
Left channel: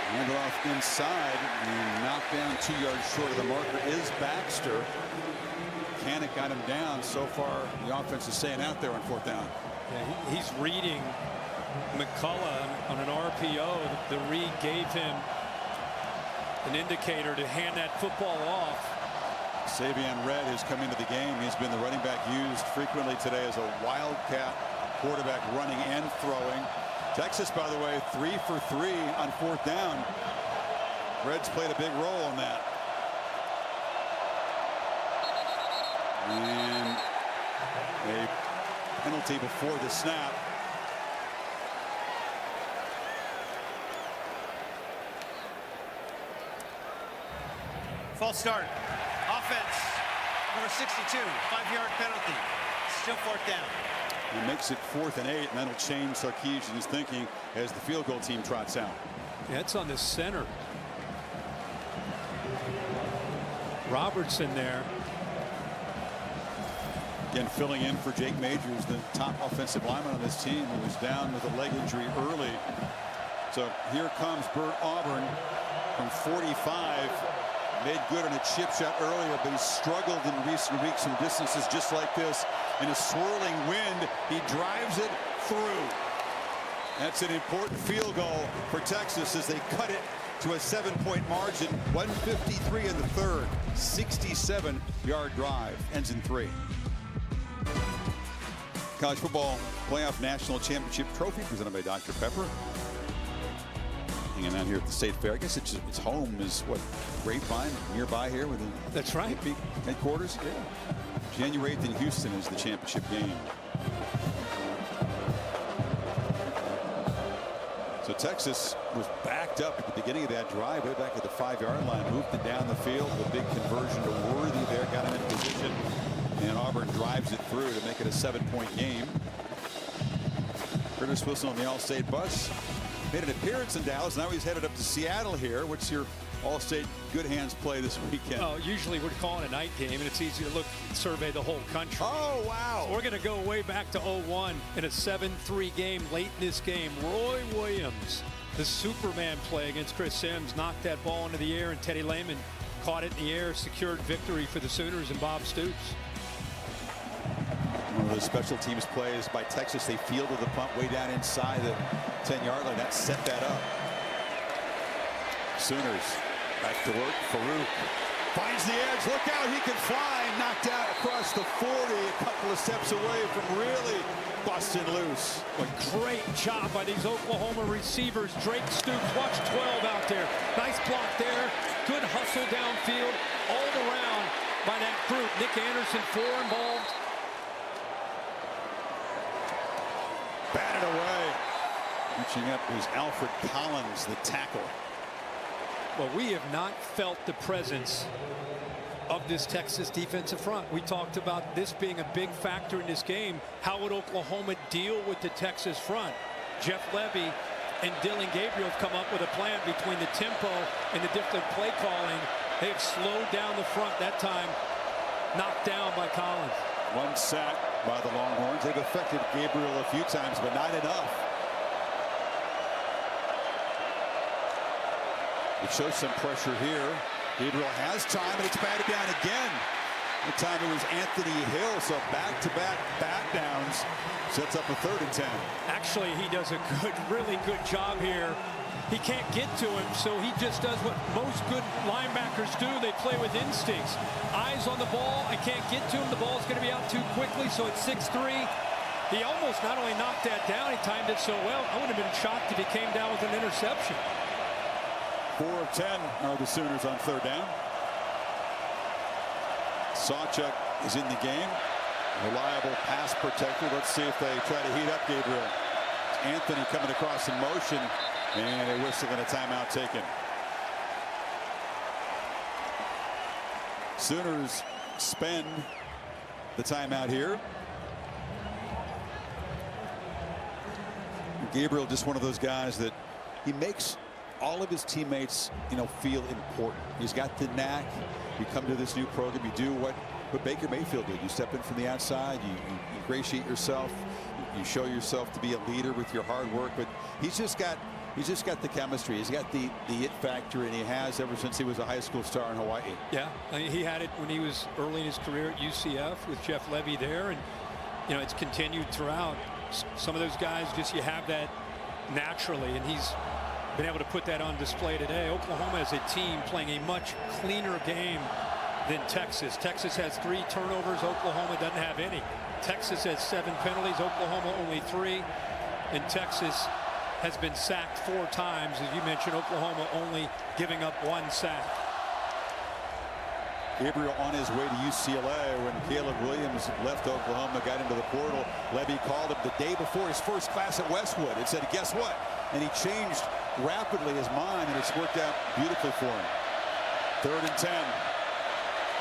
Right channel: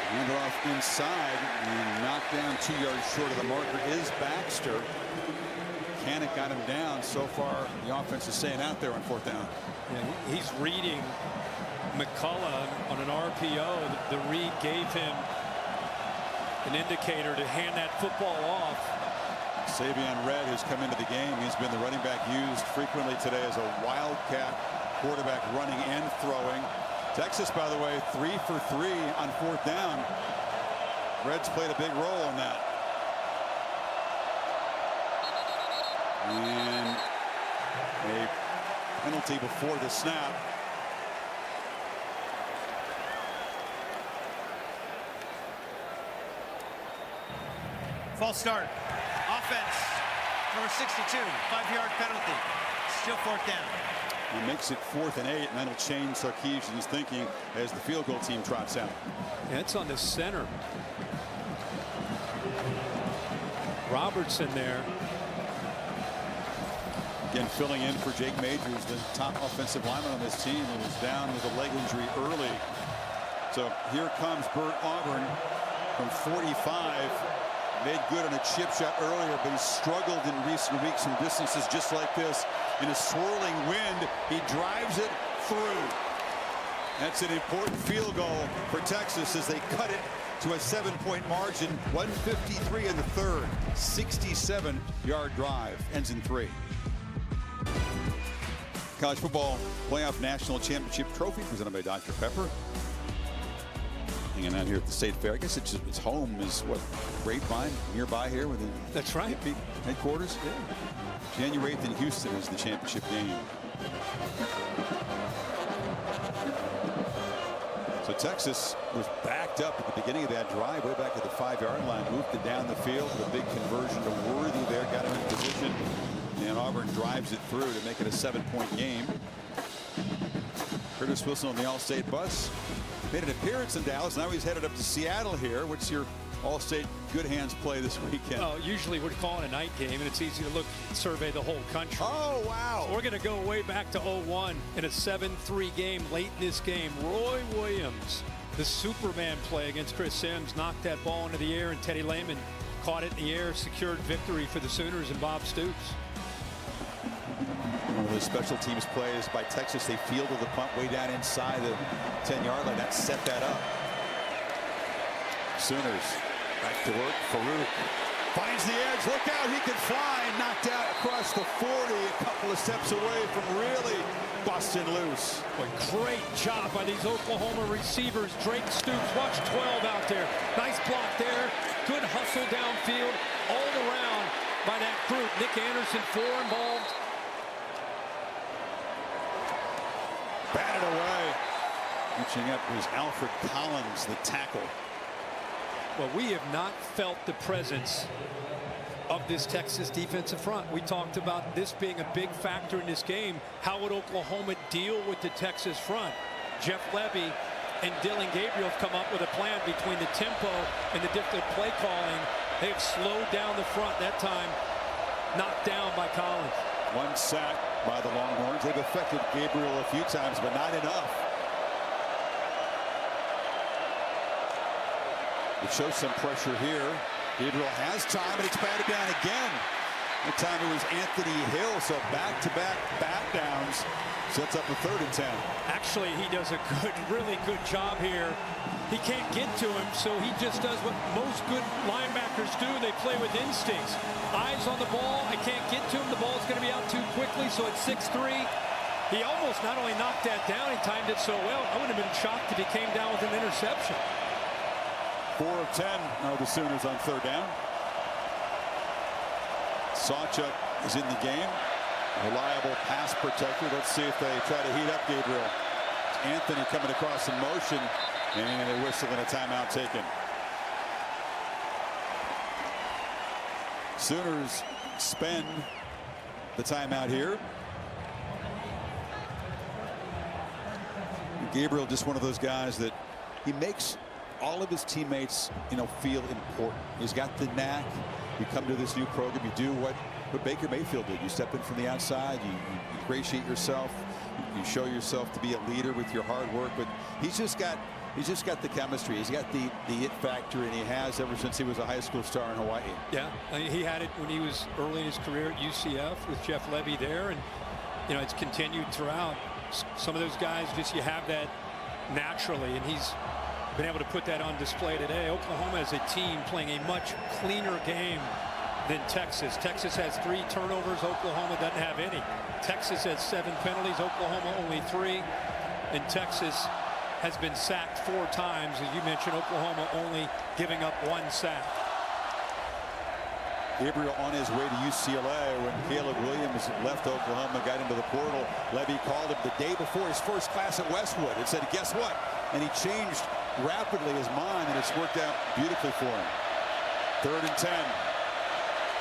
Hand it off inside, and knocked down 2 yards short of the marker is Baxter. Canick got him down. So far, the offense is staying out there on 4th down. Yeah, he's reading McCullough on an RPO. The read gave him an indicator to hand that football off. Savion Red has come into the game. He's been the running back used frequently today as a wildcat quarterback, running and throwing. Texas, by the way, 3 for 3 on 4th down. Red's played a big role in that. And a penalty before the snap. False start. Offense. Number 62. 5-yard penalty. Still 4th down. He makes it 4th and 8, and that'll change Sarkisian's thinking as the field goal team trots out. Yeah, it's on the center. Robertson there. Again, filling in for Jake Majors, the top offensive lineman on this team, who was down with a leg injury early. So here comes Bert Auburn from 45. Made good on a chip shot earlier, but he's struggled in recent weeks from distances just like this. In a swirling wind, he drives it through. That's an important field goal for Texas as they cut it to a 7-point margin. 153 in the third. 67-yard drive. Ends in 3. College football playoff national championship trophy presented by Dr. Pepper. Hanging out here at the State Fair. I guess its home is what, Grapevine, nearby here within. That's right. Headquarters. Yeah. January 8th in Houston is the championship game. So Texas was backed up at the beginning of that drive, way back at the 5-yard line, moved it down the field. The big conversion to Worthy there got him in position, and Auburn drives it through to make it a 7-point game. Curtis Wilson on the All-State bus made an appearance in Dallas. Now he's headed up to Seattle here. What's your All-State good hands play this weekend? Oh, usually we're calling a night game, and it's easy to survey the whole country. Oh, wow. So we're going to go way back to 01 in a 7-3 game. Late in this game, Roy Williams, the Superman play against Chris Sims, knocked that ball into the air, and Teddy Lehman caught it in the air, secured victory for the Sooners and Bob Stoops. One of those special teams plays by Texas. They fielded the punt way down inside the 10-yard line. That set that up. Sooners back to work. Farooq finds the edge. Look out, he can fly. Knocked out across the 40, a couple of steps away from really busting loose. Boy, great job by these Oklahoma receivers. Drake Stoops, watch 12 out there. Nice block there. Good hustle downfield all around by that group. Nick Anderson, 4 involved. Batted away. Reaching up was Alfred Collins, the tackle. Well, we have not felt the presence of this Texas defensive front. We talked about this being a big factor in this game. How would Oklahoma deal with the Texas front? Jeff Levy and Dylan Gabriel have come up with a plan between the tempo and the different play calling. They have slowed down the front that time, knocked down by Collins. 1 sack by the Longhorns. They've affected Gabriel a few times, but not enough. It shows some pressure here. Gabriel has time, and it's batted down again. That time it was Anthony Hill, so back-to-back bat downs. Sets up a 3rd and 10. Actually, he does a really good job here. He can't get to him, so he just does what most good linebackers do. They play with instincts. Eyes on the ball. I can't get to him. The ball's going to be out too quickly, so it's 6-3. He almost not only knocked that down, he timed it so well. I wouldn't have been shocked if he came down with an interception. 4 of 10 are the Sooners on 3rd down. Sawchuk is in the game. Reliable pass protector. Let's see if they try to heat up Gabriel. It's Anthony coming across in motion, and a whistle and a timeout taken. Sooners spend the timeout here. Gabriel, just one of those guys that he makes all of his teammates, feel important. He's got the knack. You come to this new program, you do what Baker Mayfield did. You step in from the outside, you ingratiate yourself, you show yourself to be a leader with your hard work. But he's just got the chemistry. He's got the it factor, and he has ever since he was a high school star in Hawaii. Yeah, he had it when he was early in his career at UCF with Jeff Levy there, and it's continued throughout. Some of those guys, you have that naturally, and he's been able to put that on display today. Oklahoma as a team playing a much cleaner game than Texas. Texas has 3 turnovers. Oklahoma doesn't have any. Texas has 7 penalties. Oklahoma only 3. And Texas has been sacked 4 times. As you mentioned, Oklahoma only giving up 1 sack. Gabriel on his way to UCLA when Caleb Williams left Oklahoma, got into the portal. Levy called him the day before his first class at Westwood and said, guess what? And he changed rapidly his mind, and it's worked out beautifully for him. 3rd and 10.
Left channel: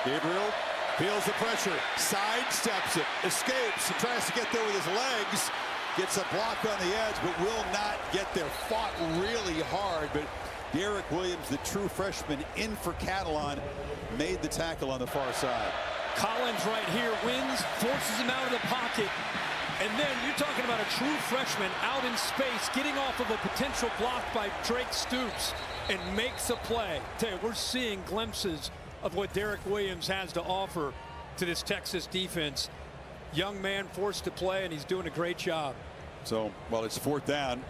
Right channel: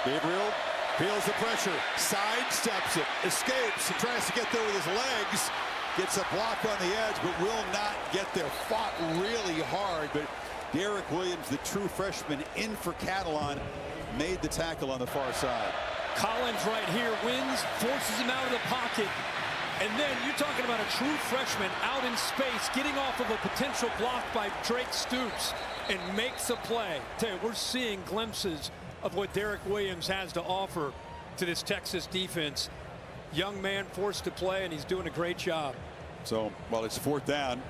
Gabriel feels the pressure, sidesteps it, escapes, and tries to get there with his legs. Gets a block on the edge, but will not get there. Fought really hard, but Derek Williams, the true freshman in for Catalan, made the tackle on the far side. Collins right here wins, forces him out of the pocket. And then you're talking about a true freshman out in space, getting off of a potential block by Drake Stoops, and makes a play. Tell you, we're seeing glimpses of what Derek Williams has to offer to this Texas defense. Young man forced to play, and he's doing a great job. So, while it's 4th down,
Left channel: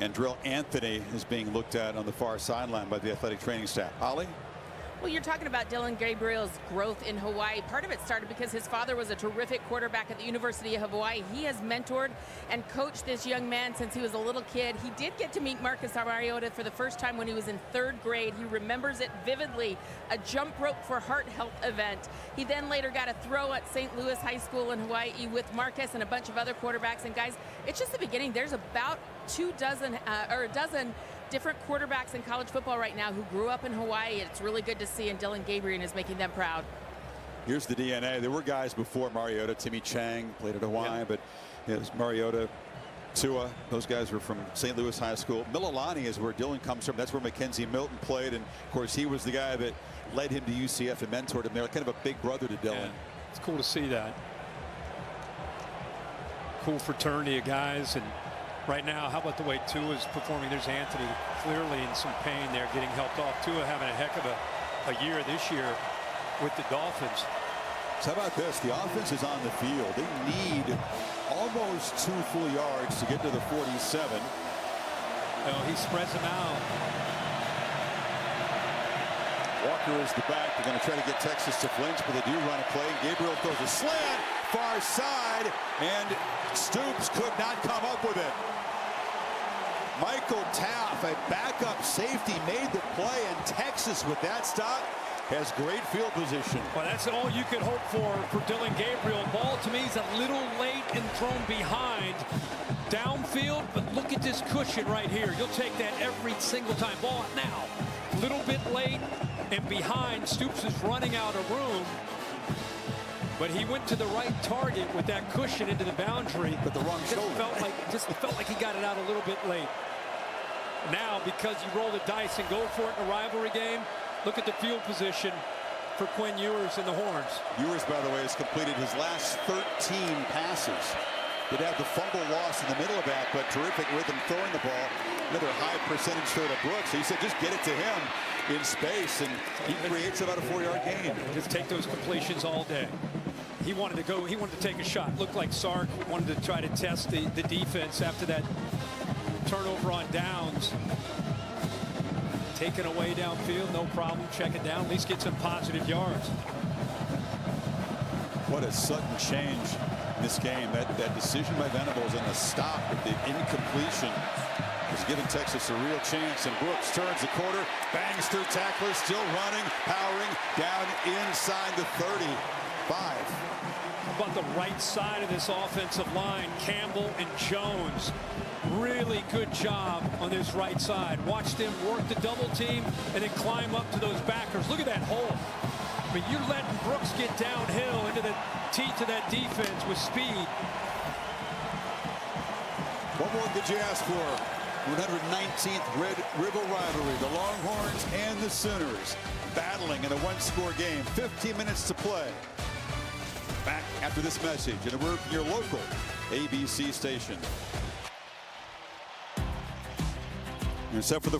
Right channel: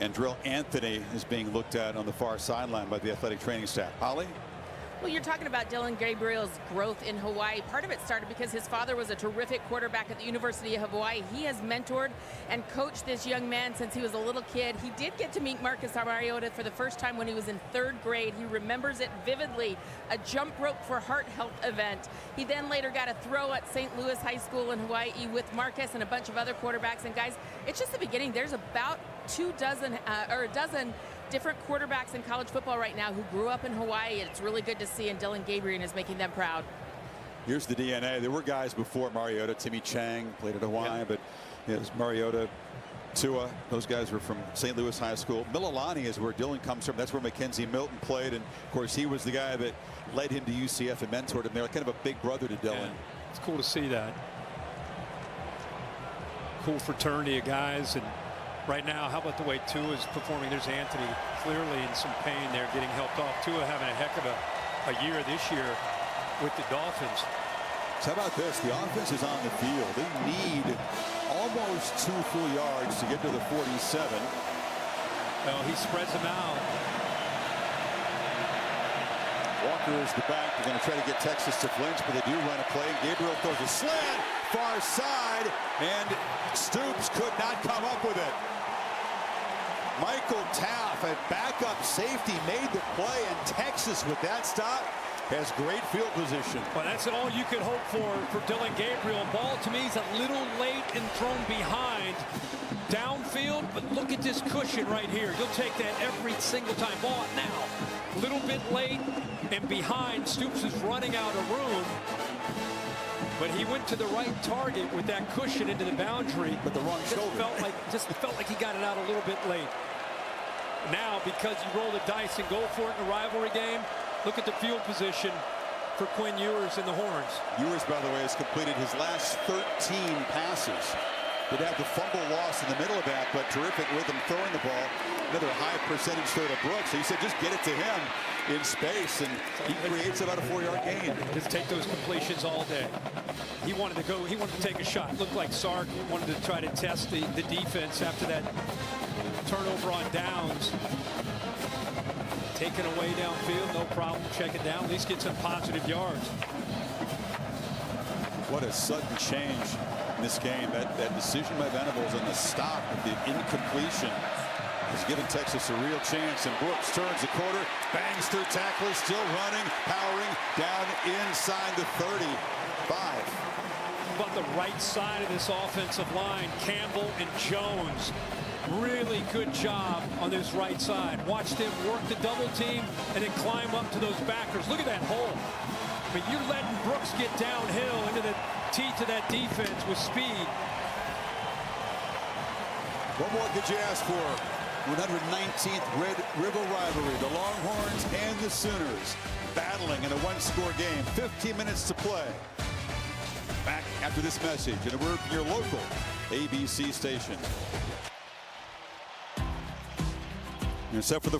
And Drill Anthony is being looked at on the far sideline by the athletic training staff. Holly? Well, you're talking about Dillon Gabriel's growth in Hawaii. Part of it started because his father was a terrific quarterback at the University of Hawaii. He has mentored and coached this young man since he was a little kid. He did get to meet Marcus Mariota for the first time when he was in 3rd grade. He remembers it vividly, a jump rope for heart health event. He then later got a throw at St. Louis High School in Hawaii with Marcus and a bunch of other quarterbacks. And guys, it's just the beginning. There's about a dozen different quarterbacks in college football right now who grew up in Hawaii. It's really good to see, and Dillon Gabriel is making them proud. Here's the DNA. There were guys before Mariota. Timmy Chang played at Hawaii, but it was Mariota, Tua. Those guys were from St. Louis High School. Mililani is where Dillon comes from. That's where Mackenzie Milton played, and of course he was the guy that led him to UCF and mentored him there, kind of a big brother to Dillon. Yeah, it's cool to see that. Cool fraternity of guys. And right now, how about the way Tua is performing? There's Anthony clearly in some pain there, getting helped off. Tua having a heck of a year this year with the Dolphins. So how about this? The offense is on the field. They need almost 2 full yards to get to the 47. Well, he spreads them out. Walker is the back. They're going to try to get Texas to flinch, but they do run a play. Gabriel throws a slant, far side, and Stoops could not come up with it. Michael Taff, a backup safety, made the play, and Texas, with that stop, has great field position. Well, that's all you could hope for Dillon Gabriel. Ball, to me, is a little late and thrown behind downfield, but look at this cushion right here. You'll take that every single time. Ball now, little bit late and behind. Stoops is running out of room, but he went to the right target with that cushion into the boundary. But the wrong shoulder. Just felt like he got it out a little bit late. Now, because you roll the dice and go for it in a rivalry game, look at the field position for Quinn Ewers and the Horns. Ewers, by the way, has completed his last 13 passes. Did have the fumble loss in the middle of that, but terrific rhythm throwing the ball. Another high percentage throw to Brooks. So he said, just get it to him in space, and he creates about a 4-yard gain. Just take those completions all day. He wanted to go. He wanted to take a shot. Looked like Sark wanted to try to test the defense after that turnover on downs. Taken away downfield, no problem. Check it down. At least get some positive yards. What a sudden change in this game. That decision by Venables and the stop with the incompletion has given Texas a real chance. And Brooks turns the corner, bangs through tacklers, still running, powering down inside the 35. How about the right side of this offensive line? Campbell and Jones. Really good job on this right side. Watch them work the double team and then climb up to those backers. Look at that hole. I mean, you're letting Brooks get downhill into the teeth of that defense with speed. What more could you ask for? 119th Red River rivalry. The Longhorns and the Sooners battling in a 1-score game. 15 minutes to play. Back after this message, and we're from your local ABC station. You're set for the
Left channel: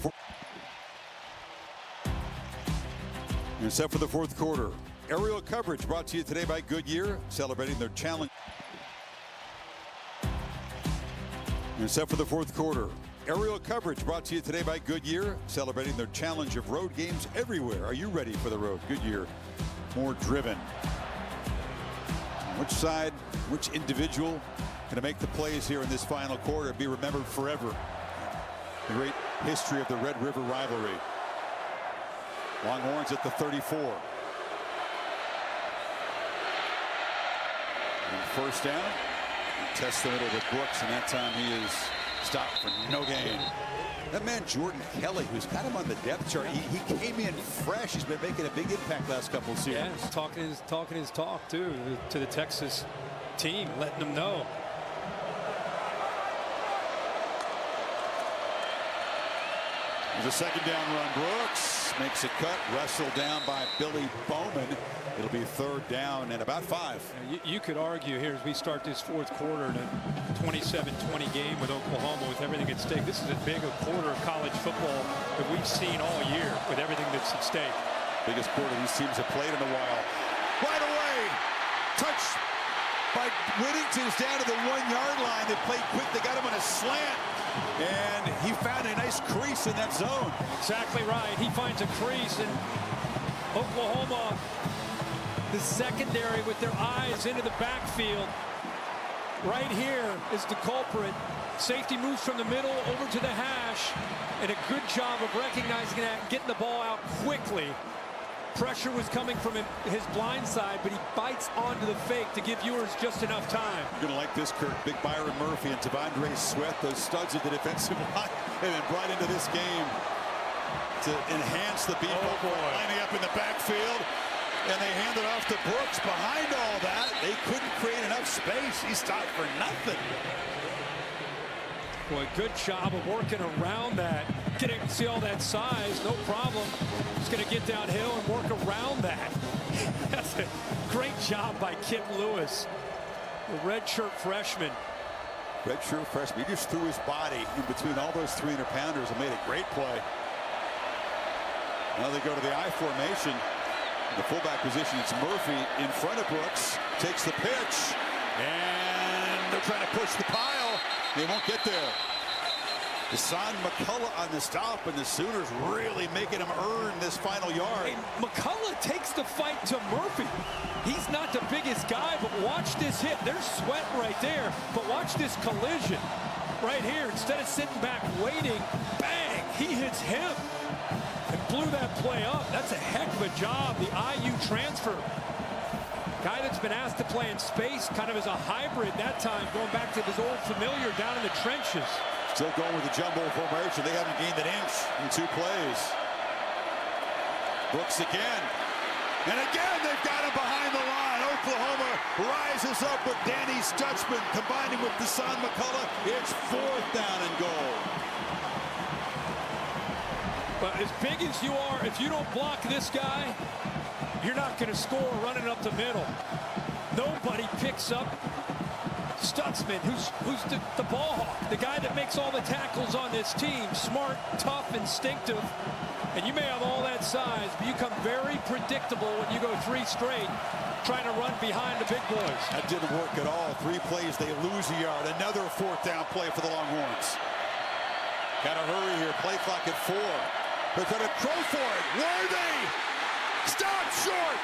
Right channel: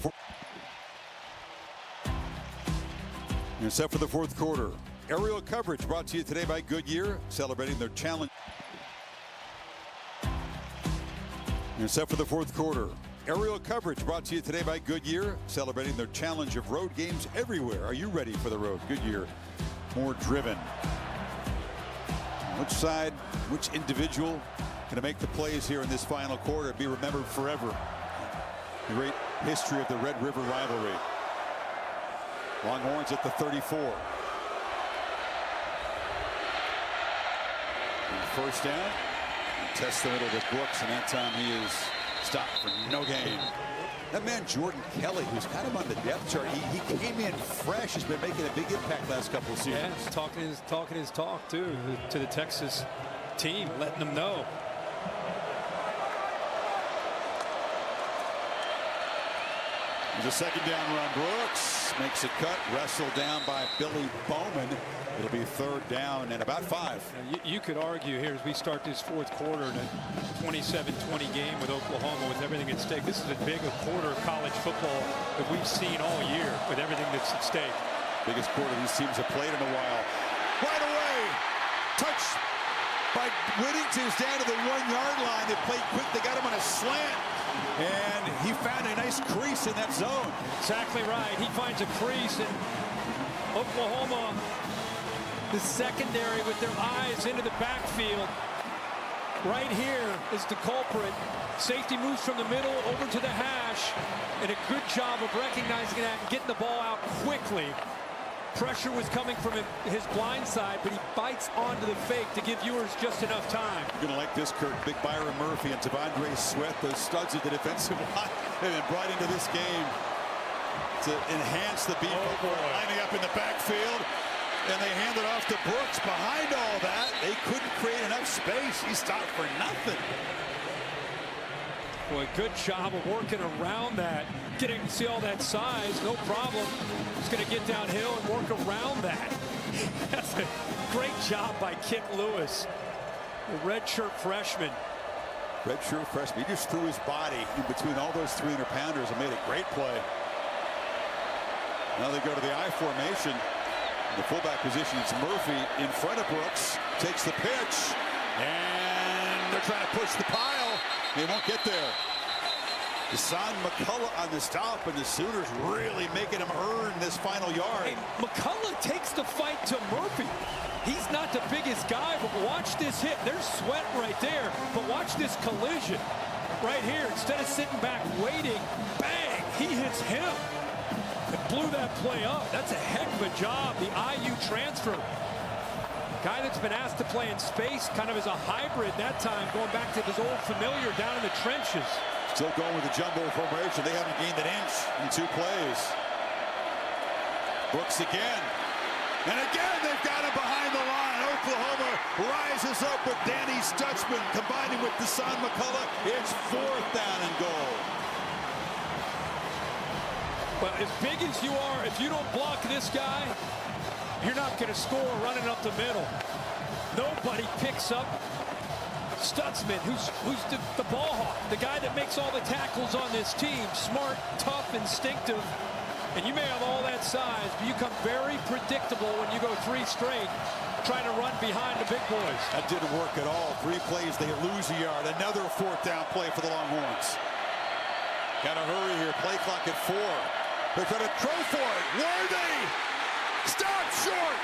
fourth quarter. Aerial coverage brought to you today by Goodyear, celebrating their challenge. You're set for the fourth quarter. Aerial coverage brought to you today by Goodyear, celebrating their challenge of road games everywhere. Are you ready for the road? Goodyear, more driven. Which side, which individual going to make the plays here in this final quarter, be remembered forever? The great history of the Red River rivalry. Longhorns at the 34. And first down. Test the middle with Brooks, and that time he is stopped for no gain. That man Jordan Kelly, who's kind of on the depth chart, he came in fresh. He's been making a big impact last couple of seasons. Yeah, talking his talk too to the Texas team, letting them know. There's a second down run. Brooks makes a cut, wrestled down by Billy Bowman. It'll be third down and about 5. Now, you could argue here as we start this fourth quarter in a 27-20 game with Oklahoma with everything at stake. This is as big a quarter of college football that we've seen all year with everything that's at stake. Biggest quarter these teams have played in a while. Right away, touch by Whittington's down to the 1-yard line. They played quick. They got him on a slant. And he found a nice crease in that zone. Exactly right. He finds a crease, and Oklahoma, the secondary with their eyes into the backfield. Right here is the culprit. Safety moves from the middle over to the hash, and a good job of recognizing that and getting the ball out quickly. Pressure was coming from his blind side, but he bites onto the fake to give Ewers just enough time. You're going to like this, Kirk. Big Byron Murphy and T'Vondre Sweat, those studs of the defensive line, have been brought into this game to enhance the beef lining up in the backfield. And they hand it off to Brooks. Behind all that, they couldn't create enough space. He stopped for nothing. Boy, good job of working around that. See all that size, no problem. He's going to get downhill and work around that. That's a great job by Kip Lewis, the redshirt freshman. Redshirt freshman. He just threw his body in between all those 300-pounders and made a great play. Now they go to the I formation. In the fullback position, it's Murphy in front of Brooks. Takes the pitch. And they're trying to push the pile. They won't get there. Hassan McCullough on the stop, and the Sooners really making him earn this final yard. Hey, McCullough takes the fight to Murphy. He's not the biggest guy, but watch this hit. There's Sweat right there, but watch this collision right here. Instead of sitting back waiting, bang, he hits him and blew that play up. That's a heck of a job. The IU transfer. Guy that's been asked to play in space, kind of as a hybrid that time, going back to his old familiar down in the trenches. Still going with the jumbo formation. They haven't gained an inch in 2 plays. Brooks again. And again, they've got him behind the line. Oklahoma rises up with Danny Stutzman combining with Hassan McCullough. It's 4th down and goal. Well, as big as you are, if you don't block this guy, you're not going to score running up the middle. Nobody picks up Stutzman, who's the ball hawk, the guy that makes all the tackles on this team. Smart, tough, instinctive. And you may have all that size, but you become very predictable when you go 3 straight trying to run behind the big boys. That didn't work at all. 3 plays, they lose a yard. Another 4th down play for the Longhorns. Got to hurry here. Play clock at 4. They're trying to throw for it. Worthy! Stop short!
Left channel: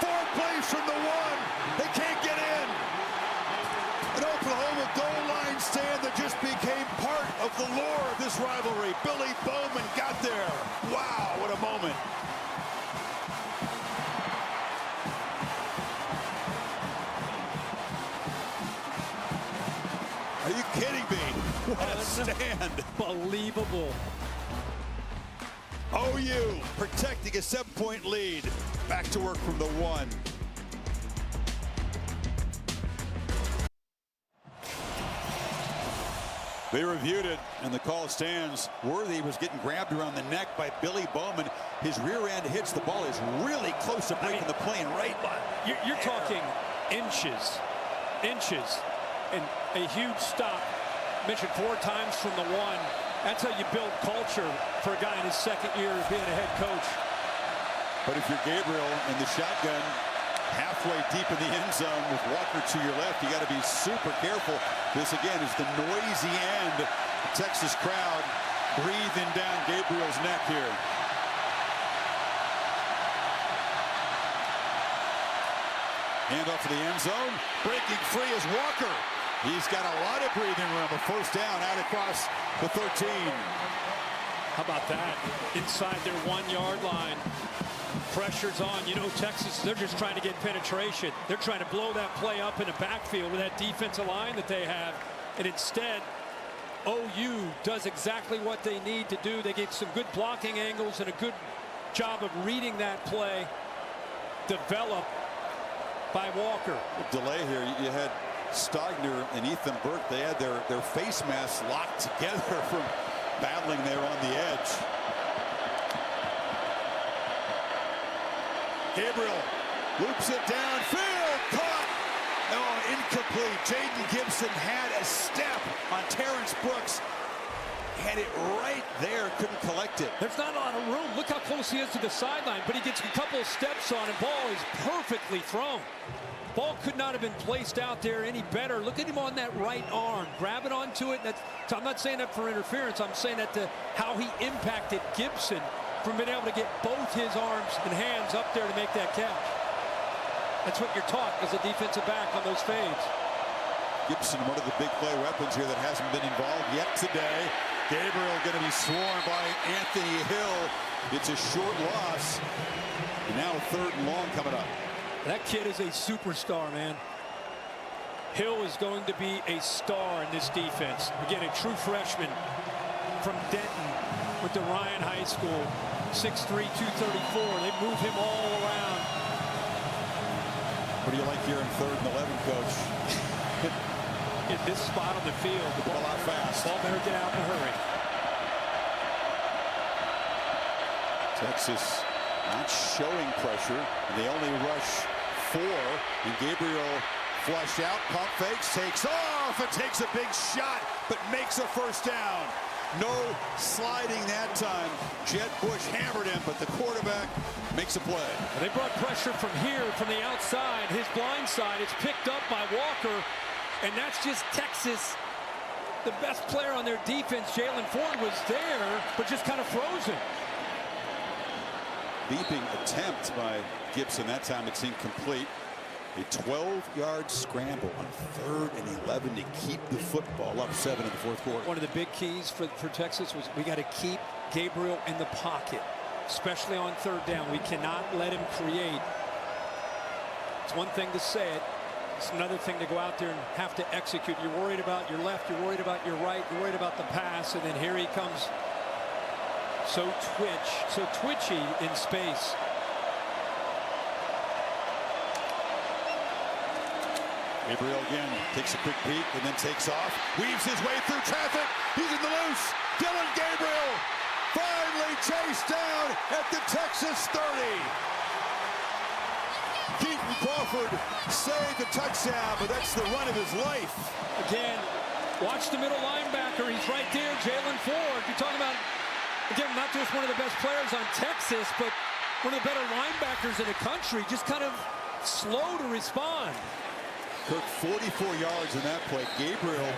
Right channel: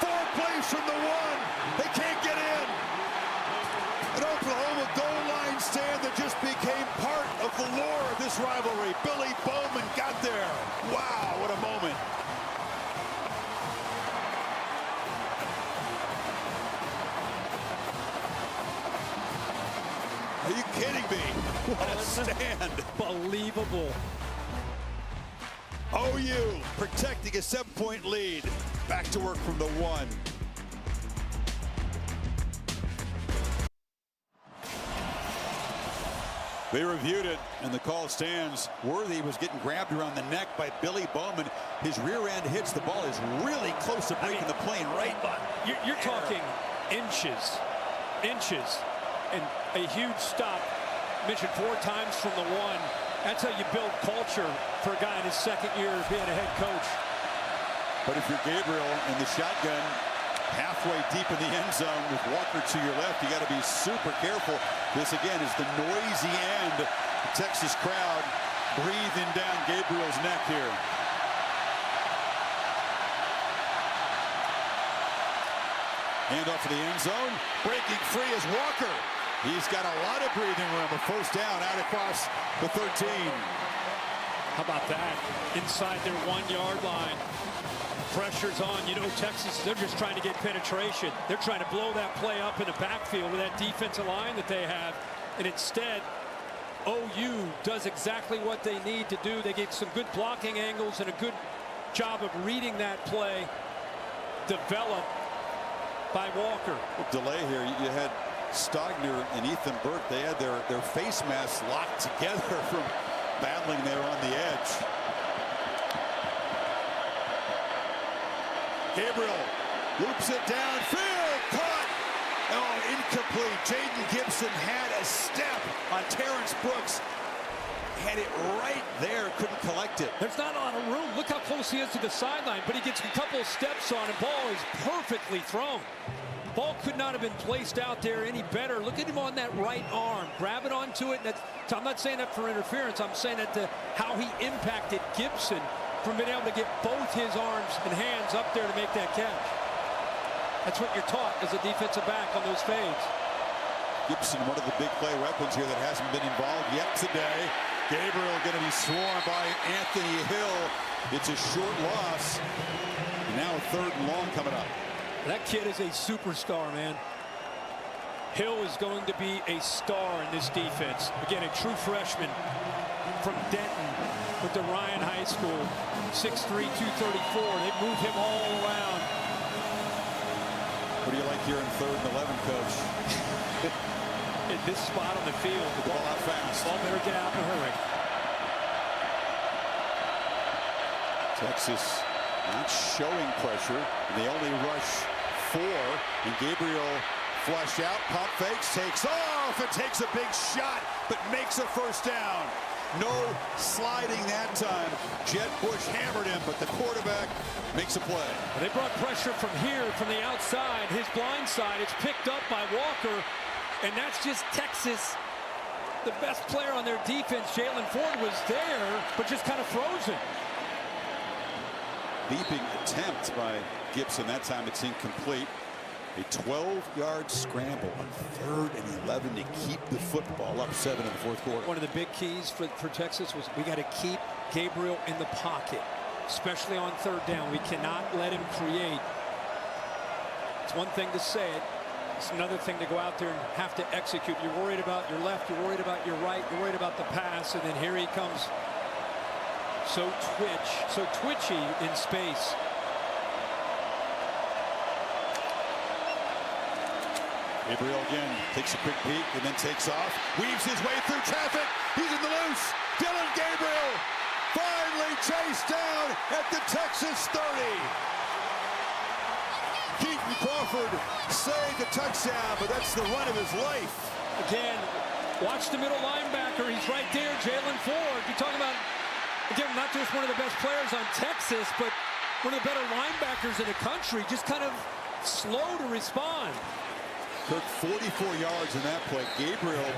4 plays from the 1. They can't get in. An Oklahoma goal line stand that just became part of the lore of this rivalry. Billy Bowman got there. Wow, what a moment. Are you kidding me? What a stand. Unbelievable. OU protecting a 7-point lead. Back to work from the 1. They reviewed it, and the call stands. Worthy was getting grabbed around the neck by Billy Bowman. His rear end hits the ball. Is really close to breaking the plane right by. You're talking inches, and a huge stop. Mentioned 4 times from the 1. That's how you build culture for a guy in his 2nd year of being a head coach. But if you're Gabriel in the shotgun, halfway deep in the end zone with Walker to your left, you got to be super careful. This again is the noisy end. The Texas crowd breathing down Gabriel's neck here. Hand off to the end zone. Breaking free is Walker. He's got a lot of breathing room. A 1st down out across the 13. How about that? Inside their 1-yard line. Pressure's on. You know, Texas, they're just trying to get penetration. They're trying to blow that play up in the backfield with that defensive line that they have. And instead, OU does exactly what they need to do. They get some good blocking angles and a good job of reading that play. Developed by Walker. Well, delay here. You had Stogner and Ethan Burke. They had their face masks locked together from battling there on the edge. Gabriel loops it downfield, caught. Oh, incomplete. Jaden Gibson had a step on Terrence Brooks. Had it right there, couldn't collect it. There's not a lot of room. Look how close he is to the sideline, but he gets a couple of steps on, and ball is perfectly thrown. Ball could not have been placed out there any better. Look at him on that right arm, grabbing onto it. So I'm not saying that for interference. I'm saying that to how he impacted Gibson from being able to get both his arms and hands up there to make that catch. That's what you're taught as a defensive back on those fades. Gibson, one of the big play weapons here that hasn't been involved yet today. Gabriel going to be swarmed by Anthony Hill. It's a short loss. And now a 3rd and long coming up. That kid is a superstar, man. Hill is going to be a star in this defense. Again, a true freshman from Denton, went to Ryan High School, 6'3", 234. They move him all around. What do you like here in 3rd and 11, Coach? At this spot on the field, the ball out fast. Ball better get out in a hurry. Texas not showing pressure, and they only rush 4. And Gabriel flushed out, pump fakes, takes off, and takes a big shot, but makes a 1st down. No sliding that time. Jet Bush hammered him, but the quarterback makes a play. Well, they brought pressure from here, from the outside, his blind side. It's picked up by Walker, and that's just Texas. The best player on their defense, Jalen Ford, was there, but just kind of frozen. Leaping attempt by Gibson. That time it's incomplete. A 12-yard scramble on 3rd and 11 to keep the football up 7 in the 4th quarter. One of the big keys for Texas was we got to keep Gabriel in the pocket, especially on 3rd down. We cannot let him create. It's one thing to say it. It's another thing to go out there and have to execute. You're worried about your left. You're worried about your right. You're worried about the pass. And then here he comes. So twitchy in space. Gabriel again takes a quick peek and then takes off, weaves his way through traffic. He's in the loose. Dylan Gabriel finally chased down at the Texas 30. Keaton Crawford saved the touchdown, but that's the run of his life. Again, watch the middle linebacker. He's right there, Jalen Ford. You're talking about, again, not just one of the best players on Texas, but one of the better linebackers in the country, just kind of slow to respond. Kirk, 44 yards in that play. Gabriel,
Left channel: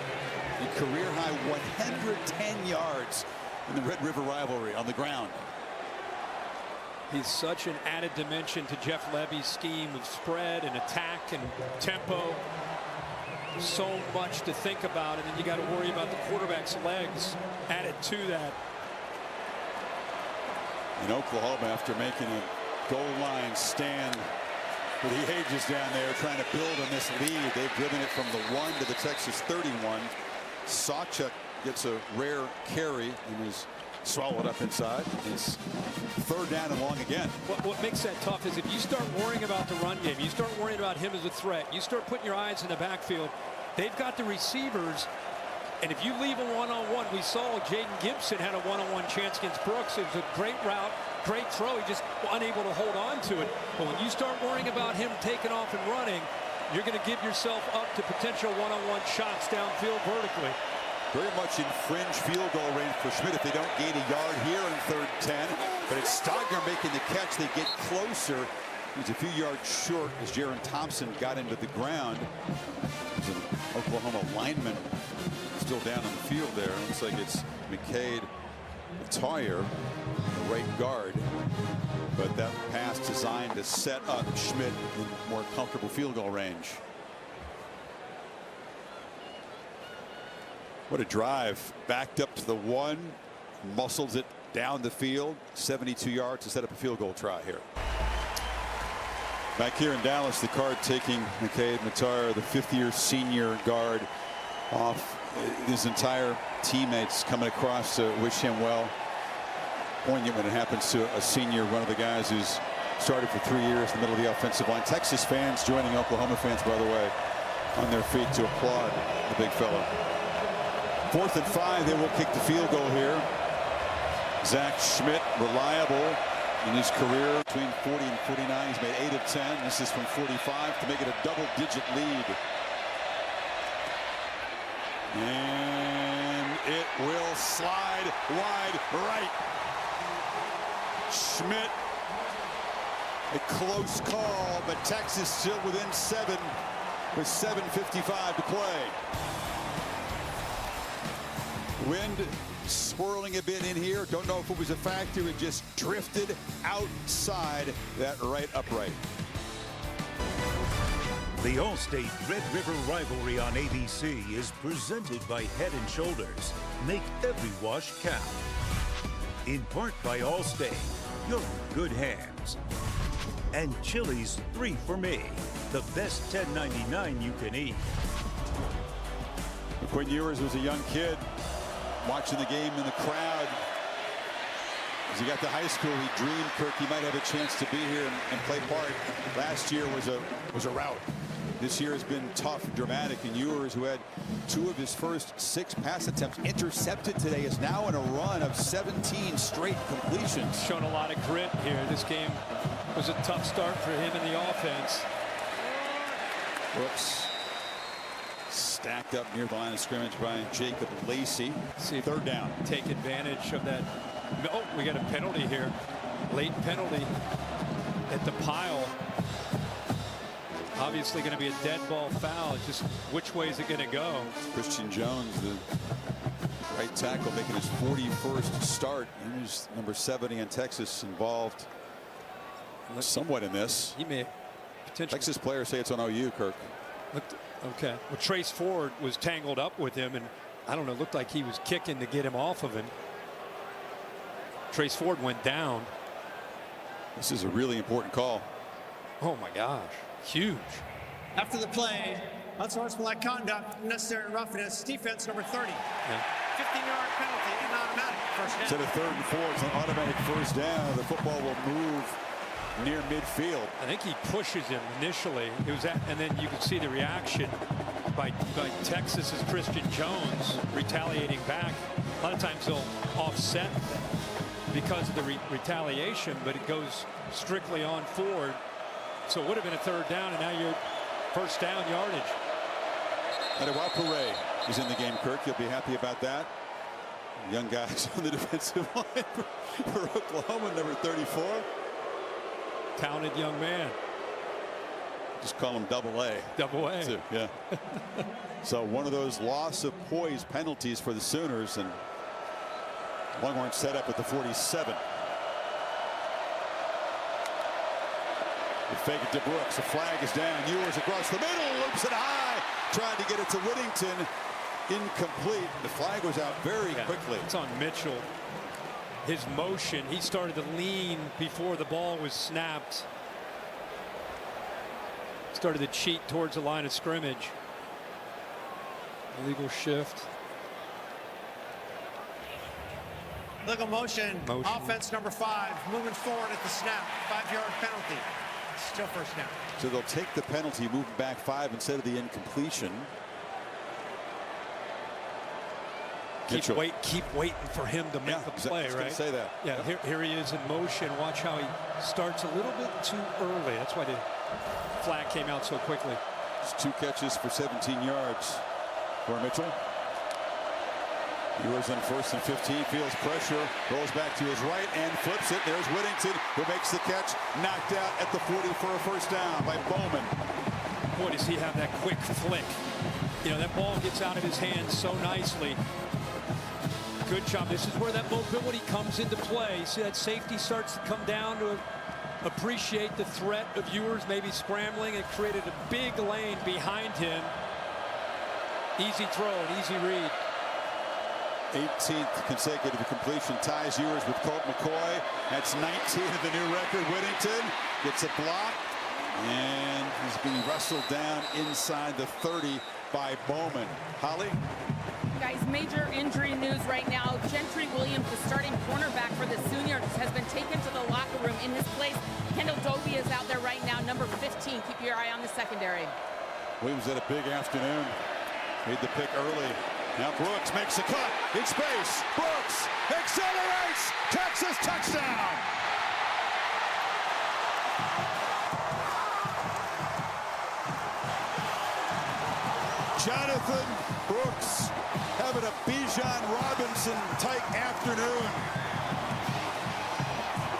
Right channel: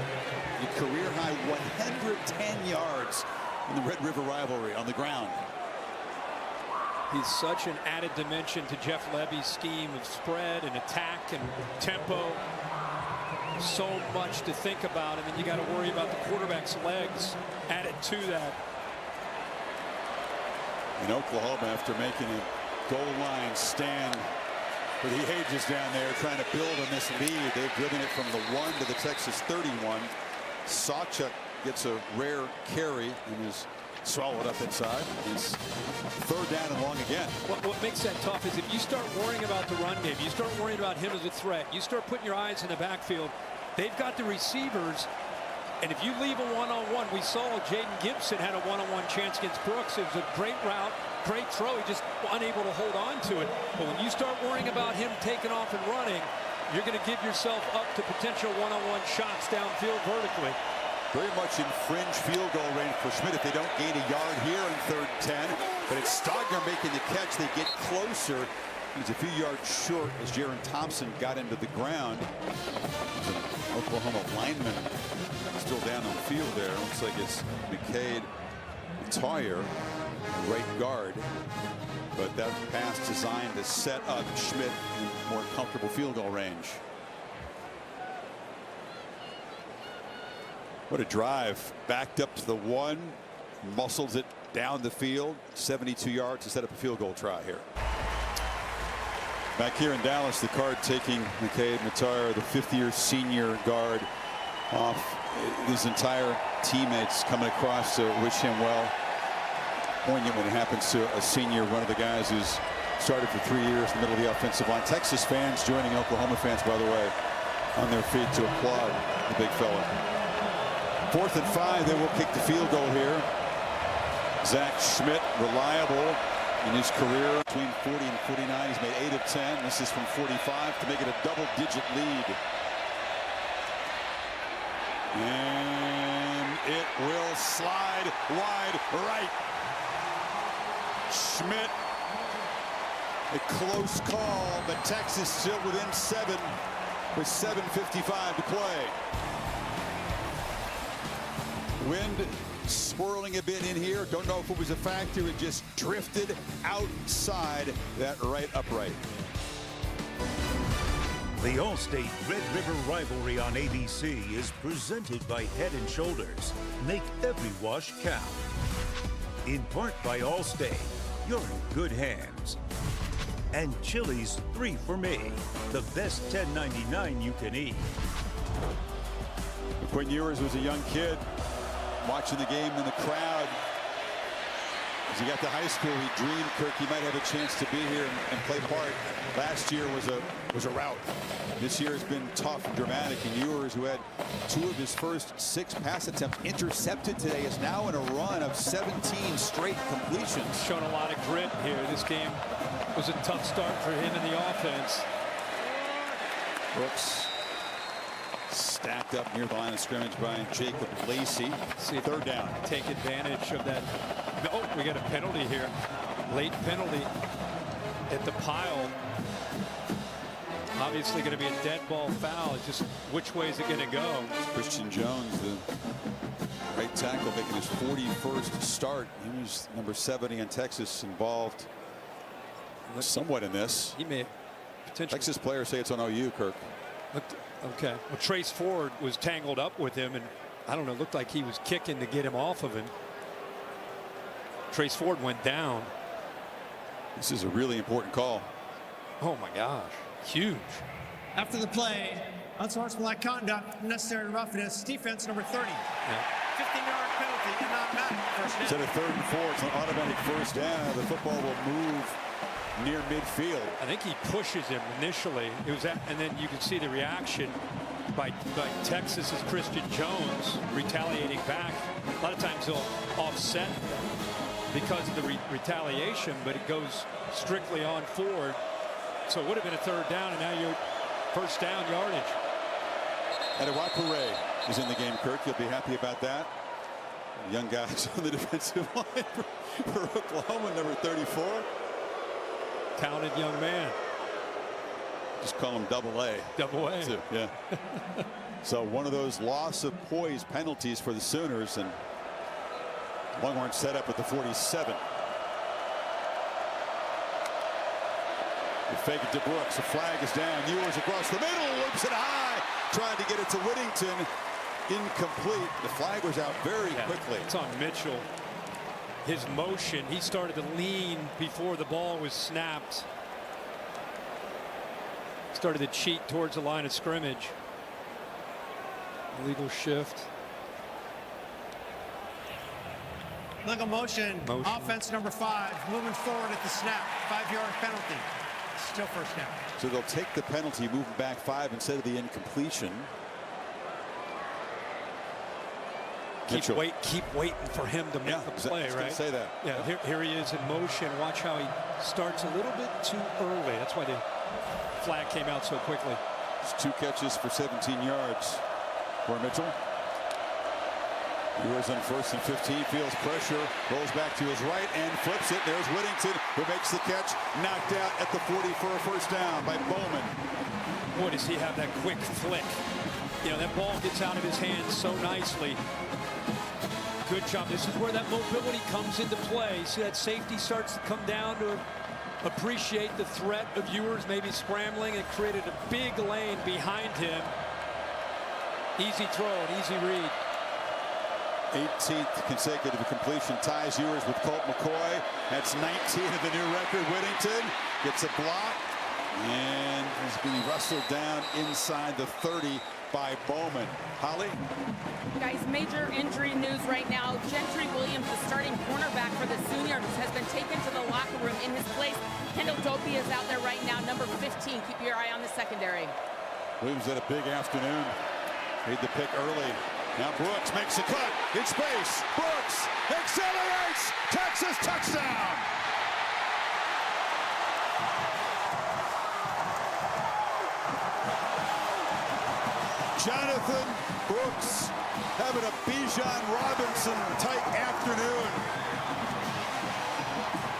a career-high 110 yards in the Red River rivalry on the ground. He's such an added dimension to Jeff Levy's scheme of spread and attack and tempo. So much to think about, and then you got to worry about the quarterback's legs added to that. In Oklahoma, after making a goal line stand for the ages down there, trying to build on this lead, they've driven it from the 1 to the Texas 31. Sawchuk gets a rare carry and is swallowed up inside. It's 3rd down and long again. What makes that tough is if you start worrying about the run game, you start worrying about him as a threat, you start putting your eyes in the backfield, they've got the receivers. And if you leave a one-on-one, we saw Jaden Gibson had a one-on-one chance against Brooks. It was a great route, great throw. He just unable to hold on to it. But when you start worrying about him taking off and running, you're going to give yourself up to potential one-on-one shots downfield vertically. Very much in fringe field goal range for Schmidt if they don't gain a yard here in 3rd and 10. But it's Stogner making the catch. They get closer. He's a few yards short as Jaron Thompson got into the ground. There's an Oklahoma lineman still down on the field there. Looks like it's McCade Toyer, a right guard. But that pass designed to set up Schmidt in more comfortable field goal range. What a drive. Backed up to the 1, muscles it down the field, 72 yards to set up a field goal try here. Back here in Dallas, the Card taking McCade Matar, the 5th-year senior guard, off. His entire teammates coming across to wish him well. Poignant when it happens to a senior, one of the guys who's started for 3 years in the middle of the offensive line. Texas fans joining Oklahoma fans, by the way, on their feet to applaud the big fella. 4th and 5, they will kick the field goal here. Zach Schmidt, reliable in his career between 40 and 49. He's made 8 of 10. This is from 45 to make it a double-digit lead. And it will slide wide right. Schmidt A close call, but Texas still within 7 with 7:55 to play. Wind swirling a bit in here. Don't know if it was a factor. It just drifted outside that right upright. The All-State Red River Rivalry on ABC is presented by Head & Shoulders. Make every wash count. In part by All-State, you're in good hands. And Chili's 3 for Me, the best $10.99 you can eat. Quinn Ewers was a young kid watching the game in the crowd. As he got to high school, he dreamed, Kirk, he might have a chance to be here and play part. Last year was a rout. This year has been tough and dramatic, and Ewers, who had 2 of his first 6 pass attempts intercepted today, is now in a run of 17 straight completions. Shown a lot of grit here. This game was a tough start for him in the offense. Brooks stacked up near the line of scrimmage by Jacob Lacey. See if 3rd down. Take advantage of that. Oh, we got a penalty here. Late penalty at the pile. Obviously going to be a dead ball foul. It's just which way is it going to go? It's Christian Jones, the right tackle, making his 41st start. He was number 70 in Texas, involved somewhat in this. He may potentially. Texas players say it's on OU, Kirk. Okay. Well, Trace Ford was tangled up with him, and I don't know, looked like he was kicking to get him off of him. Trace Ford went down. This is a really important call. Oh my gosh, huge. After the play, unsportsmanlike conduct, necessary roughness, defense number 30. Yeah. 15-yard penalty and automatic first down. Instead of 3rd and 4, it's an automatic first down. The football will move near midfield. I think he pushes him initially. It was that, and then you can see the reaction by Texas's Christian Jones retaliating back. A lot of times they'll offset because of the retaliation, but it goes strictly on Ford. So it would have been a 3rd down, and now you're first down yardage. Adewapure is in the game, Kirk. You'll be happy about that. Young guys on the defensive line for Oklahoma, number 34. Talented young man. Just call him Double A. Double A. Too, yeah. So one of those loss of poise penalties for the Sooners, and Longhorns set up at the 47. They fake it to Brooks. The flag is down. Ewers across the middle, loops it high. Tried to get it to Whittington. Incomplete. The flag was out very quickly. It's on Mitchell. His motion, he started to lean before the ball was snapped. Started to cheat towards the line of scrimmage. Illegal shift. Legal motion. Offense number 5, moving forward at the snap. 5-yard penalty. Still first down. So they'll take the penalty, moving back 5 instead of the incompletion. Keep waiting for him to make the play, I was right? gonna say that. Yeah, here he is in motion. Watch how he starts a little bit too early. That's why the flag came out so quickly. Just 2 catches for 17 yards for Mitchell. Ewers on 1st and 15, feels pressure, rolls back to his right and flips it. There's Whittington, who makes the catch, knocked out at the 40 for a first down by Bowman. Boy, does he have that quick flick. You know, that ball gets out of his hands so nicely. Good job. This is where that mobility comes into play. See, that safety starts to come down to appreciate the threat of Ewers maybe scrambling. It created a big lane behind him. Easy throw, an easy read. 18th consecutive completion ties Ewers with Colt McCoy. That's 19 of the new record. Whittington gets a block and is being wrestled down inside the 30 by Bowman. Holly? Guys, major injury news right now. Gentry Williams, the starting cornerback for the Sooners, has been taken to the locker room. In his place, Kendall Doby is out there right now, number 15. Keep your eye on the secondary. Williams had a big afternoon. Made the pick early. Now Brooks makes a cut in space. Brooks accelerates. Texas touchdown. Jonathan Brooks having a Bijan Robinson type afternoon.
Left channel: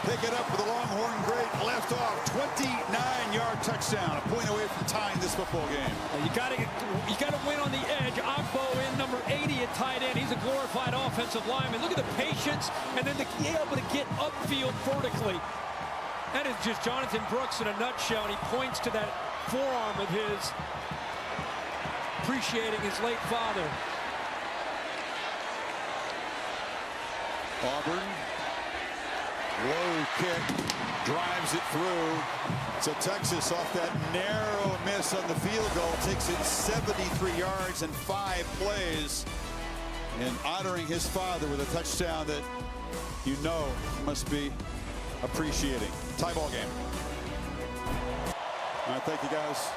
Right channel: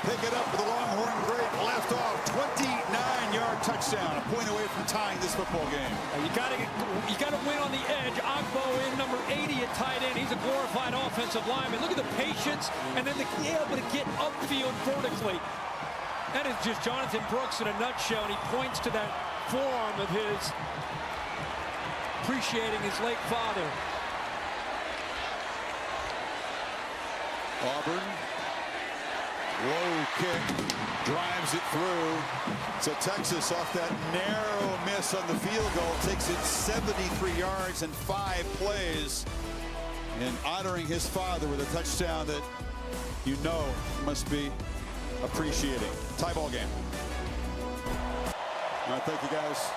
Pick it up for the Longhorn great left Left off, 29-yard touchdown, a point away from tying this football game. You got to win on the edge. Ogbo in, number 80 at tight end. He's a glorified offensive lineman. Look at the patience and then able to get upfield vertically. That is just Jonathan Brooks in a nutshell, and he points to that forearm of his, appreciating his late father. Auburn, low kick, drives it through. So Texas, off that narrow miss on the field goal, takes it 73 yards and 5 plays, and honoring his father with a touchdown that you know must be appreciating. Tie ball game. All right, thank you guys.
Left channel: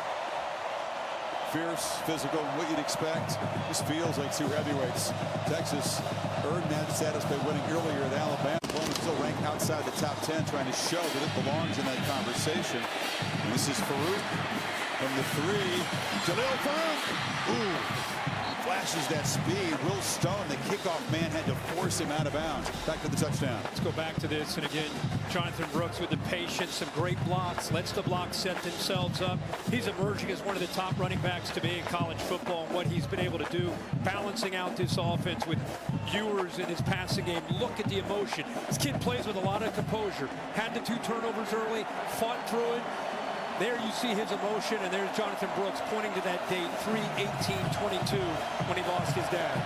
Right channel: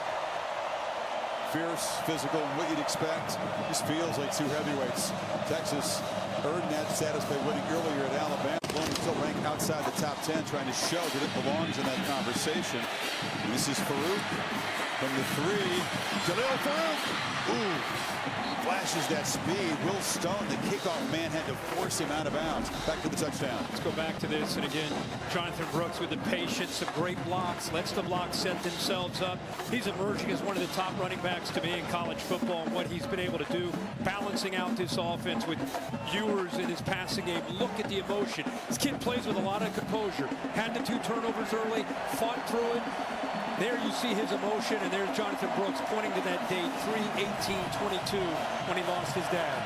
Fierce, physical, what you'd expect. This feels like two heavyweights. Texas earned that status by winning earlier at Alabama. Oklahoma still ranked outside the top 10, trying to show that it belongs in that conversation. And this is Farooq from the 3. Jalil Farooq. Ooh. Flashes that speed. Will Stone, the kickoff man, had to force him out of bounds. Back to the touchdown. Let's go back to this. And again, Jonathan Brooks with the patience, some great blocks, lets the blocks set themselves up. He's emerging as one of the top running backs to be in college football, and what he's been able to do, balancing out this offense with Ewers in his passing game. Look at the emotion. This kid plays with a lot of composure. Had the 2 turnovers early, fought through it. There you see his emotion, and there's Jonathan Brooks pointing to that date, 3/18/22, when he lost his dad.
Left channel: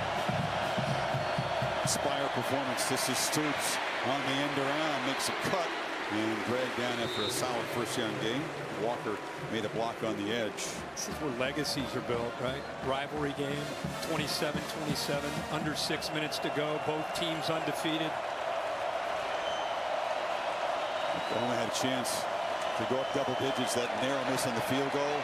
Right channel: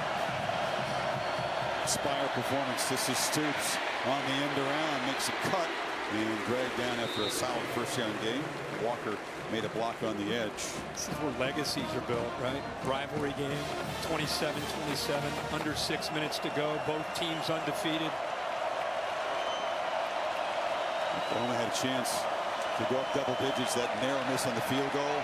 Spire performance. This is Stoops on the end around, makes a cut, and dragged down after a solid first-down game. Walker made a block on the edge. This is where legacies are built, right? Rivalry game, 27-27, under 6 minutes to go. Both teams undefeated. Oklahoma had a chance to go up double digits. That narrow miss on the field goal.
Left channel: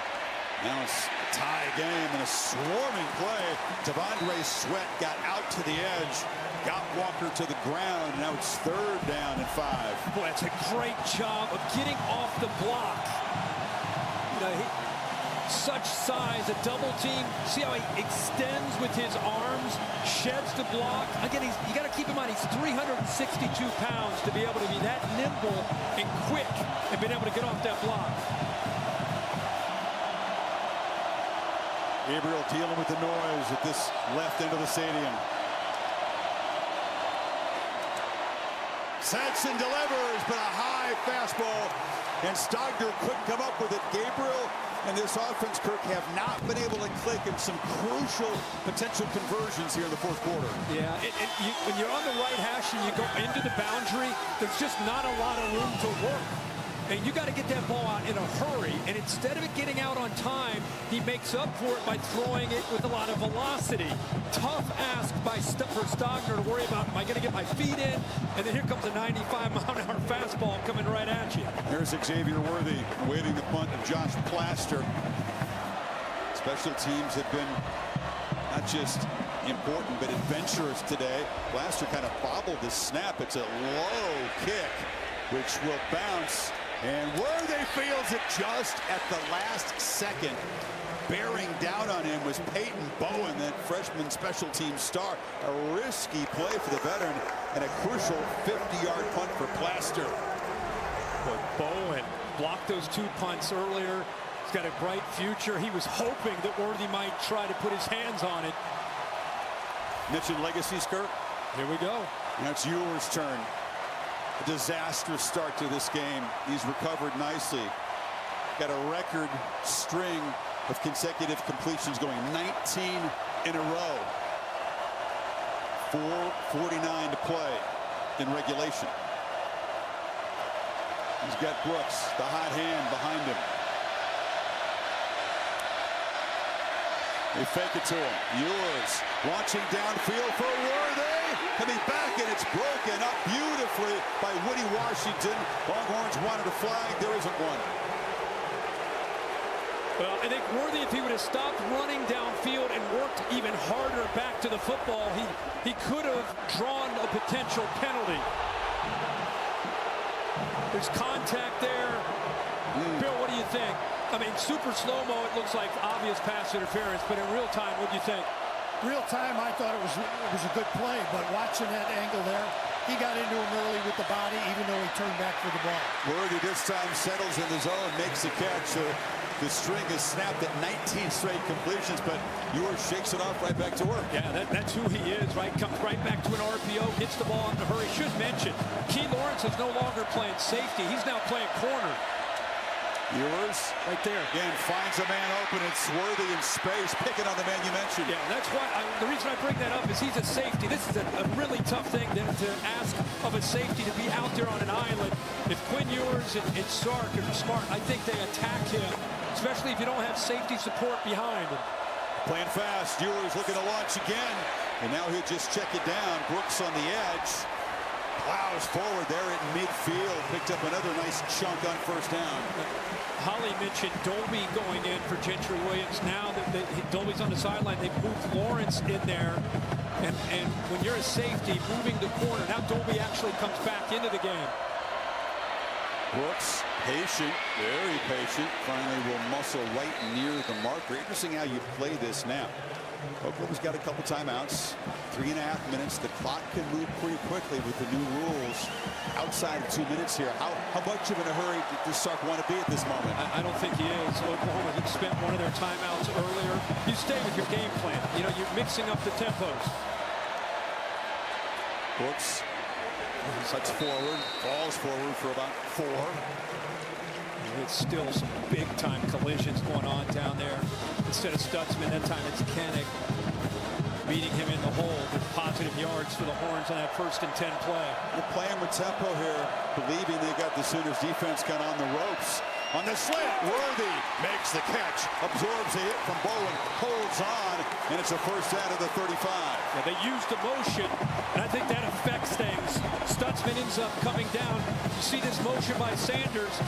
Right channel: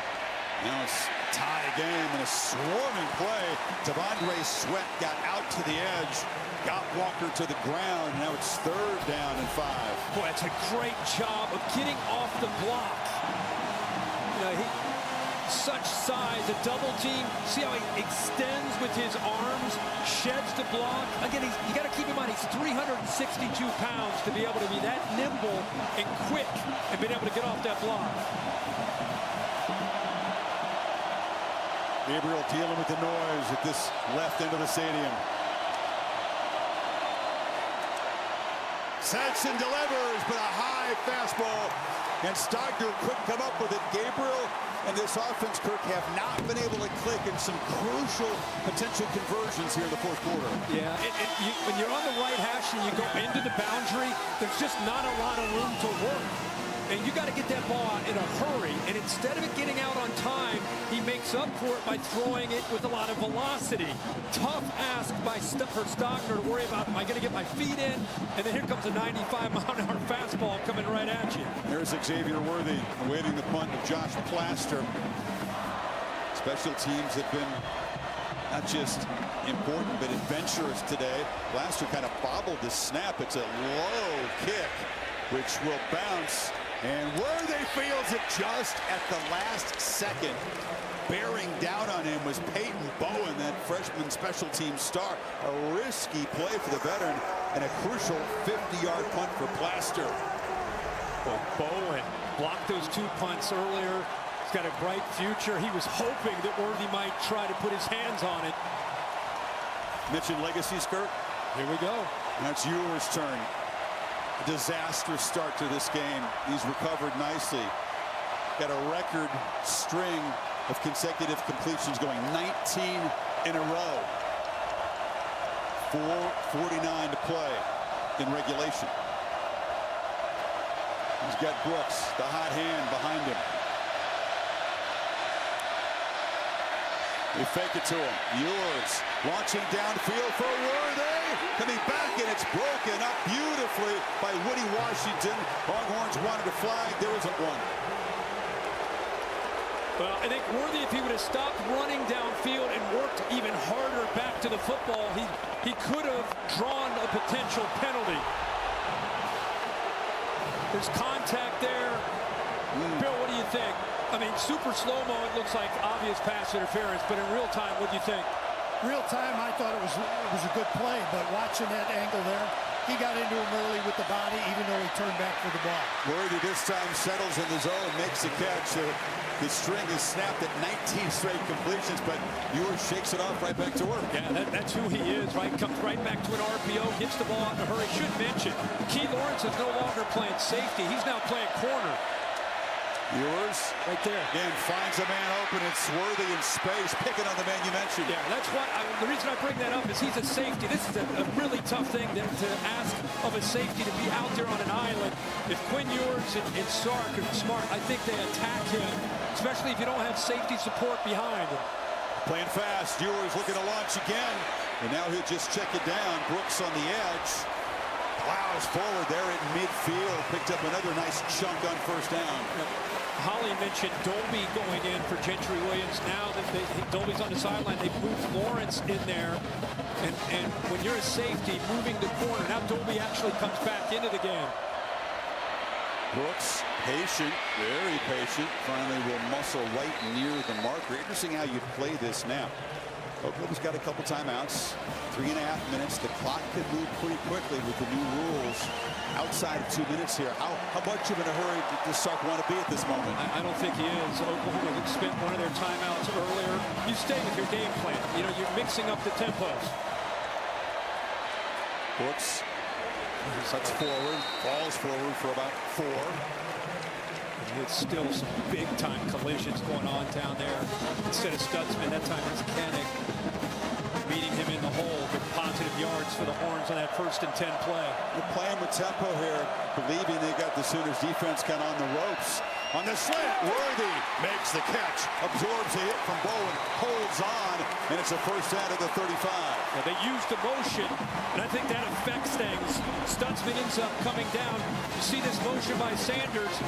Now it's a tie game and a swarming play. T'Vondre Sweat got out to the edge, got Walker to the ground, and now it's 3rd down and 5. Boy, that's a great job of getting off the block. You know, such size, a double team. See how he extends with his arms, sheds the block. Again, you got to keep in mind he's 362 pounds to be able to be that nimble and quick and being able to get off that block. Gabriel dealing with the noise at this left end of the stadium. Sets and delivers, but a high fastball, and Stogner couldn't come up with it. Gabriel and this offense, Kirk, have not been able to click in some crucial potential conversions here in the 4th quarter. Yeah, when you're on the right hash and you go into the boundary, there's just not a lot of room to work. And you got to get that ball out in a hurry. And instead of it getting out on time, he makes up for it by throwing it with a lot of velocity. Tough ask for Stogner to worry about, am I going to get my feet in? And then here comes a 95-mile-an-hour fastball coming right at you. There's Xavier Worthy awaiting the punt of Josh Plaster. Special teams have been not just important, but adventurous today. Plaster kind of bobbled the snap. It's a low kick, which will bounce. And Worthy fields it just at the last second. Bearing down on him was Peyton Bowen, that freshman special team star. A risky play for the veteran and a crucial 50-yard punt for Plaster. Boy, Bowen blocked those 2 punts earlier. He's got a bright future. He was hoping that Worthy might try to put his hands on it. Mentioned legacy, Skirt. Here we go. Now it's Ewers' turn. A disastrous start to this game. He's recovered nicely. Got a record string of consecutive completions going, 19 in a row. 4:49 to play in regulation. He's got Brooks, the hot hand behind him. They fake it to him. Ewers launching downfield for Worthy. Coming back, and it's broken up beautifully by Woody Washington. Longhorns wanted a flag. There isn't one. Well, I think Worthy, if he would have stopped running downfield and worked even harder back to the football, he could have drawn a potential penalty. There's contact there. Bill, what do you think? I mean, super slow-mo, it looks like obvious pass interference, but in real time, what do you think? Real time, I thought it was a good play, but watching that angle there, he got into him early with the body, even though he turned back for the ball. Worthy this time settles in the zone, makes the catch. The string is snapped at 19 straight completions, but Ewers shakes it off right back to work. Yeah, that's who he is, right? Comes right back to an RPO, gets the ball out in a hurry. Should mention, Key Lawrence is no longer playing safety. He's now playing corner. Ewers right there again finds a man open. It's Worthy in space, picking on the man you mentioned. Yeah, that's what the reason I bring that up is he's a safety. This is a really tough thing to ask of a safety, to be out there on an island. If Quinn Ewers and Sark are smart, I think they attack him, especially if you don't have safety support behind him. Playing fast, Ewers looking to launch again, and now he'll just check it down. Brooks on the edge, plows forward there at midfield, picked up another nice chunk on first down. Holly mentioned Dolby going in for Gentry Williams. Now that Dolby's on the sideline, they've moved Lawrence in there. And when you're a safety moving to corner, now Dolby actually comes back into the game. Brooks, patient, very patient, finally will muscle right near the marker. Interesting how you play this snap. Oklahoma's got a couple timeouts, 3.5 minutes. The clock can move pretty quickly with the new rules. Outside of 2 minutes here. How much of in a hurry does Sark want to be at this moment? I don't think he is. Oklahoma spent one of their timeouts earlier. You stay with your game plan. You know, you're mixing up the tempos. Brooks cuts forward, falls forward for about 4. It's still some big-time collisions going on down there. Instead of Stutzman, that time it's Kennick meeting him in the hole, but positive yards for the Horns on that 1st and 10 play. We're playing with tempo here, believing they got the Sooners defense kind of on the ropes. On the slant, Worthy makes the catch, absorbs a hit from Bowen, holds on, and it's a first down to the 35. Yeah, they used motion, and I think that affects things. Stutzman ends up coming down. You see this motion by Sanders.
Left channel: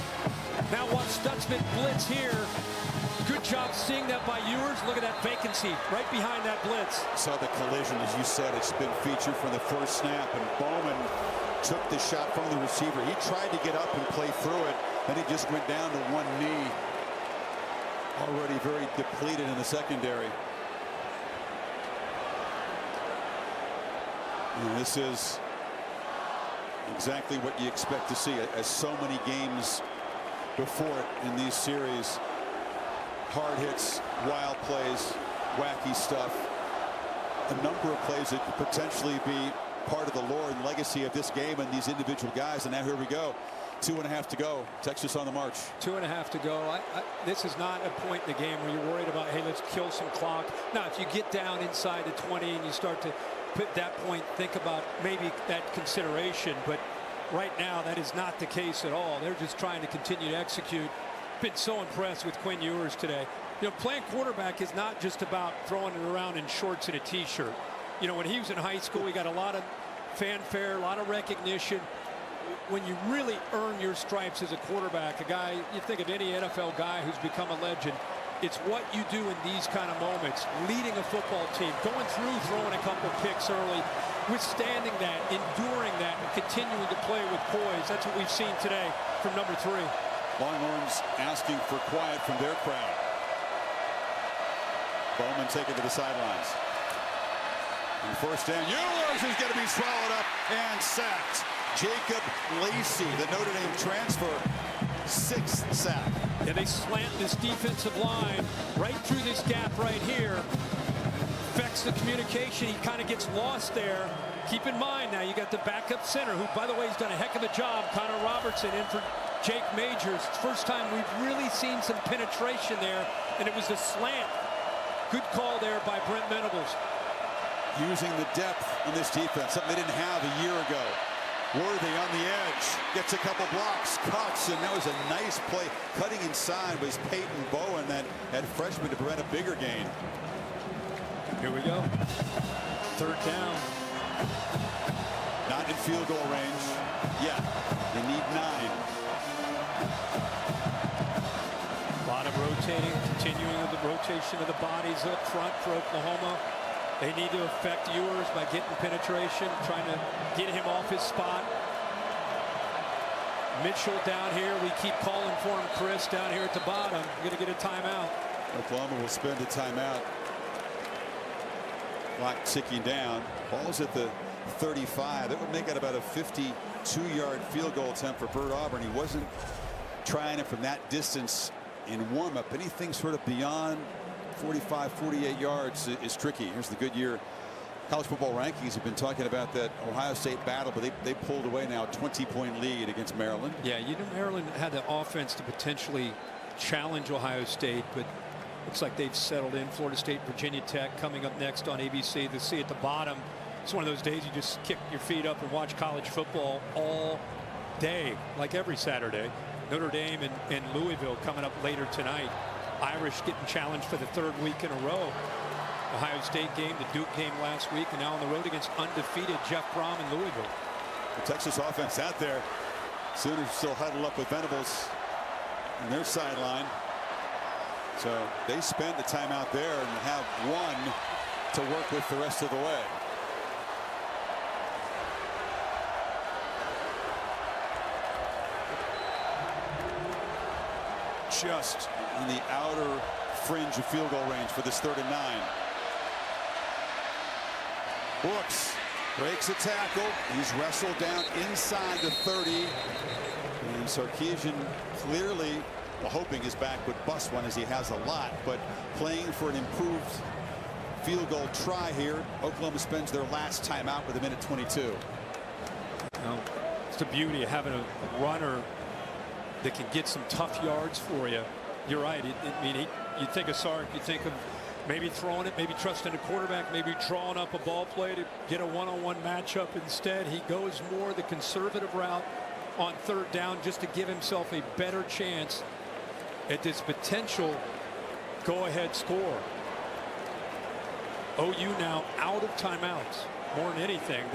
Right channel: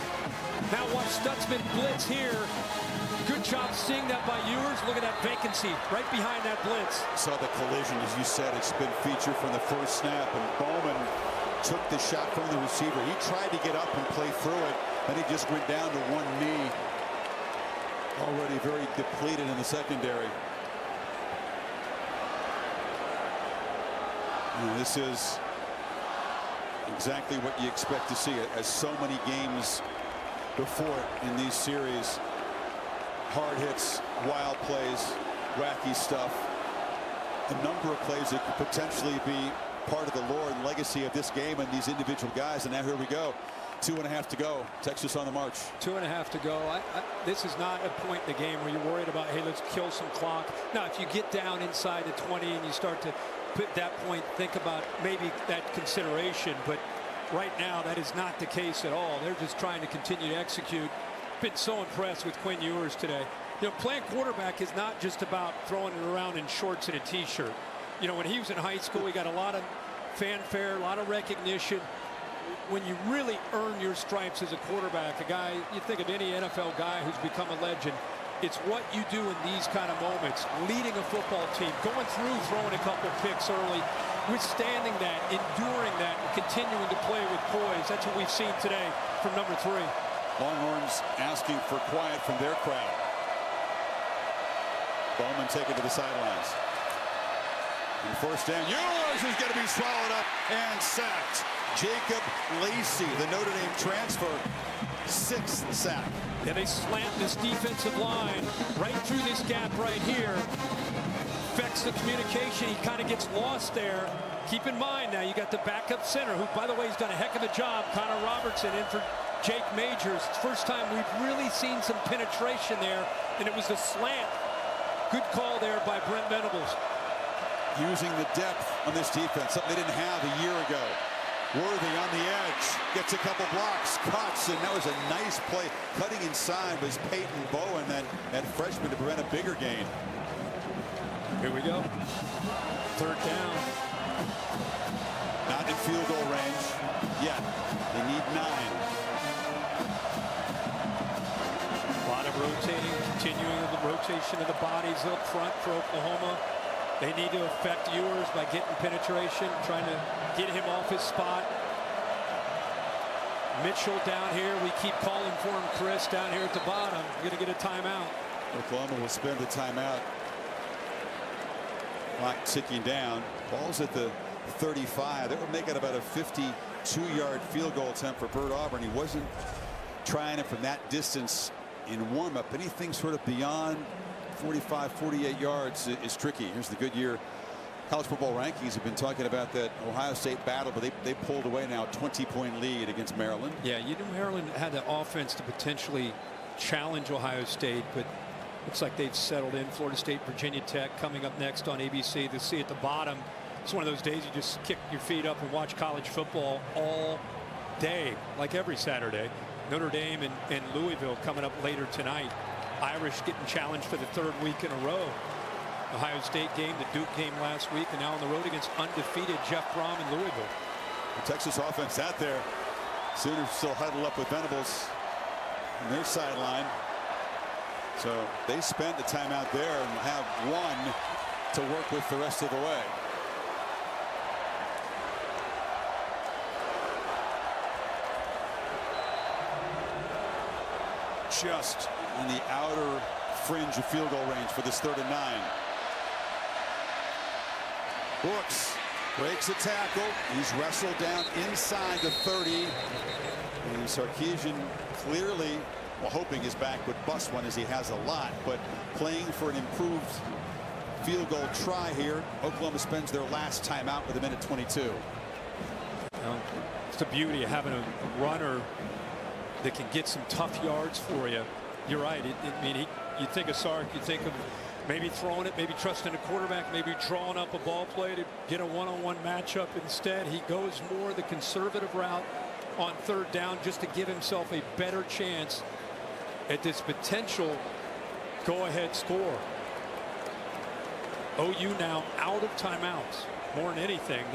Now watch Stutzman blitz here. Good job seeing that by Ewers. Look at that vacancy right behind that blitz. Saw the collision, as you said. It's been featured from the first snap, and Bowman took the shot from the receiver. He tried to get up and play through it. Then he just went down to one knee. Already very depleted in the secondary. You know, this is exactly what you expect to see, as so many games before it in these series. Hard hits, wild plays, wacky stuff. A number of plays that could potentially be part of the lore and legacy of this game and these individual guys. And now here we go. 2.5 to go. Texas on the march. 2.5 to go. This is not a point in the game where you're worried about, hey, let's kill some clock. Now, if you get down inside the 20 and you start to put that point, think about maybe that consideration. But right now, that is not the case at all. They're just trying to continue to execute. Been so impressed with Quinn Ewers today. You know, playing quarterback is not just about throwing it around in shorts and a t-shirt. You know, when he was in high school, he got a lot of fanfare, a lot of recognition. When you really earn your stripes as a quarterback, a guy, you think of any NFL guy who's become a legend, it's what you do in these kind of moments. Leading a football team, going through, throwing a couple picks early, withstanding that, enduring that, and continuing to play with poise. That's what we've seen today from number 3. Longhorns asking for quiet from their crowd. Bowman taken to the sidelines. And first down, Ewers is going to be swallowed up and sacked. Jacob Lacey, the Notre Dame transfer, 6th sack. Yeah, they slant this defensive line right through this gap right here. Affects the communication. He kind of gets lost there. Keep in mind now, you got the backup center, who, by the way, has done a heck of a job. Connor Robertson in for Jake Majors. First time we've really seen some penetration there, and it was the slant. Good call there by Brent Venables. Using the depth on this defense, something they didn't have a year ago. Worthy on the edge, gets a couple blocks, cuts, and that was a nice play. Cutting inside was Peyton Bowen, that freshman, to prevent a bigger gain. Here we go. 3rd down. Not in field goal range yet. They need 9. A lot of rotating, continuing the rotation of the bodies up front for Oklahoma. They need to affect Ewers by getting penetration, trying to get him off his spot. Mitchell down here. We keep calling for him, Chris, down here at the bottom. Going to get a timeout. Oklahoma will spend a timeout. Clock ticking down. Ball's at the 35. That would make it about a 52-yard field goal attempt for Bert Auburn. He wasn't trying it from that distance in warm-up. Anything sort of beyond 45, 48 yards is tricky. Here's the Goodyear college football rankings. Have been talking about that Ohio State battle, but they pulled away now, 20-point lead against Maryland. Yeah, you knew Maryland had the offense to potentially challenge Ohio State, but looks like they've settled in. Florida State, Virginia Tech coming up next on ABC. To see at the bottom, it's one of those days you just kick your feet up and watch college football all day, like every Saturday. Notre Dame and Louisville coming up later tonight. Irish getting challenged for the 3rd week in a row. Ohio State game, the Duke game last week, and now on the road against undefeated Jeff Brom in Louisville. The Texas offense out there. Sooners still huddled up with Venables in their sideline. So they spent the timeout there and have one to work with the rest of the way. Just on the outer fringe of field goal range for this 3rd and 9. Brooks breaks a tackle. He's wrestled down inside the 30. And Sarkisian clearly, well, hoping his back would bust one, as he has a lot, but playing for an improved field goal try here. Oklahoma spends their last timeout with 1:22. Well, it's the beauty of having a runner that can get some tough yards for you. You're right. You think of Sark, you think of maybe throwing it, maybe trusting a quarterback, maybe drawing up a ball play to get a one-on-one matchup. Instead, he goes more the conservative route on 3rd down just to give himself a better chance at this potential go-ahead score. OU now out of timeouts more than anything.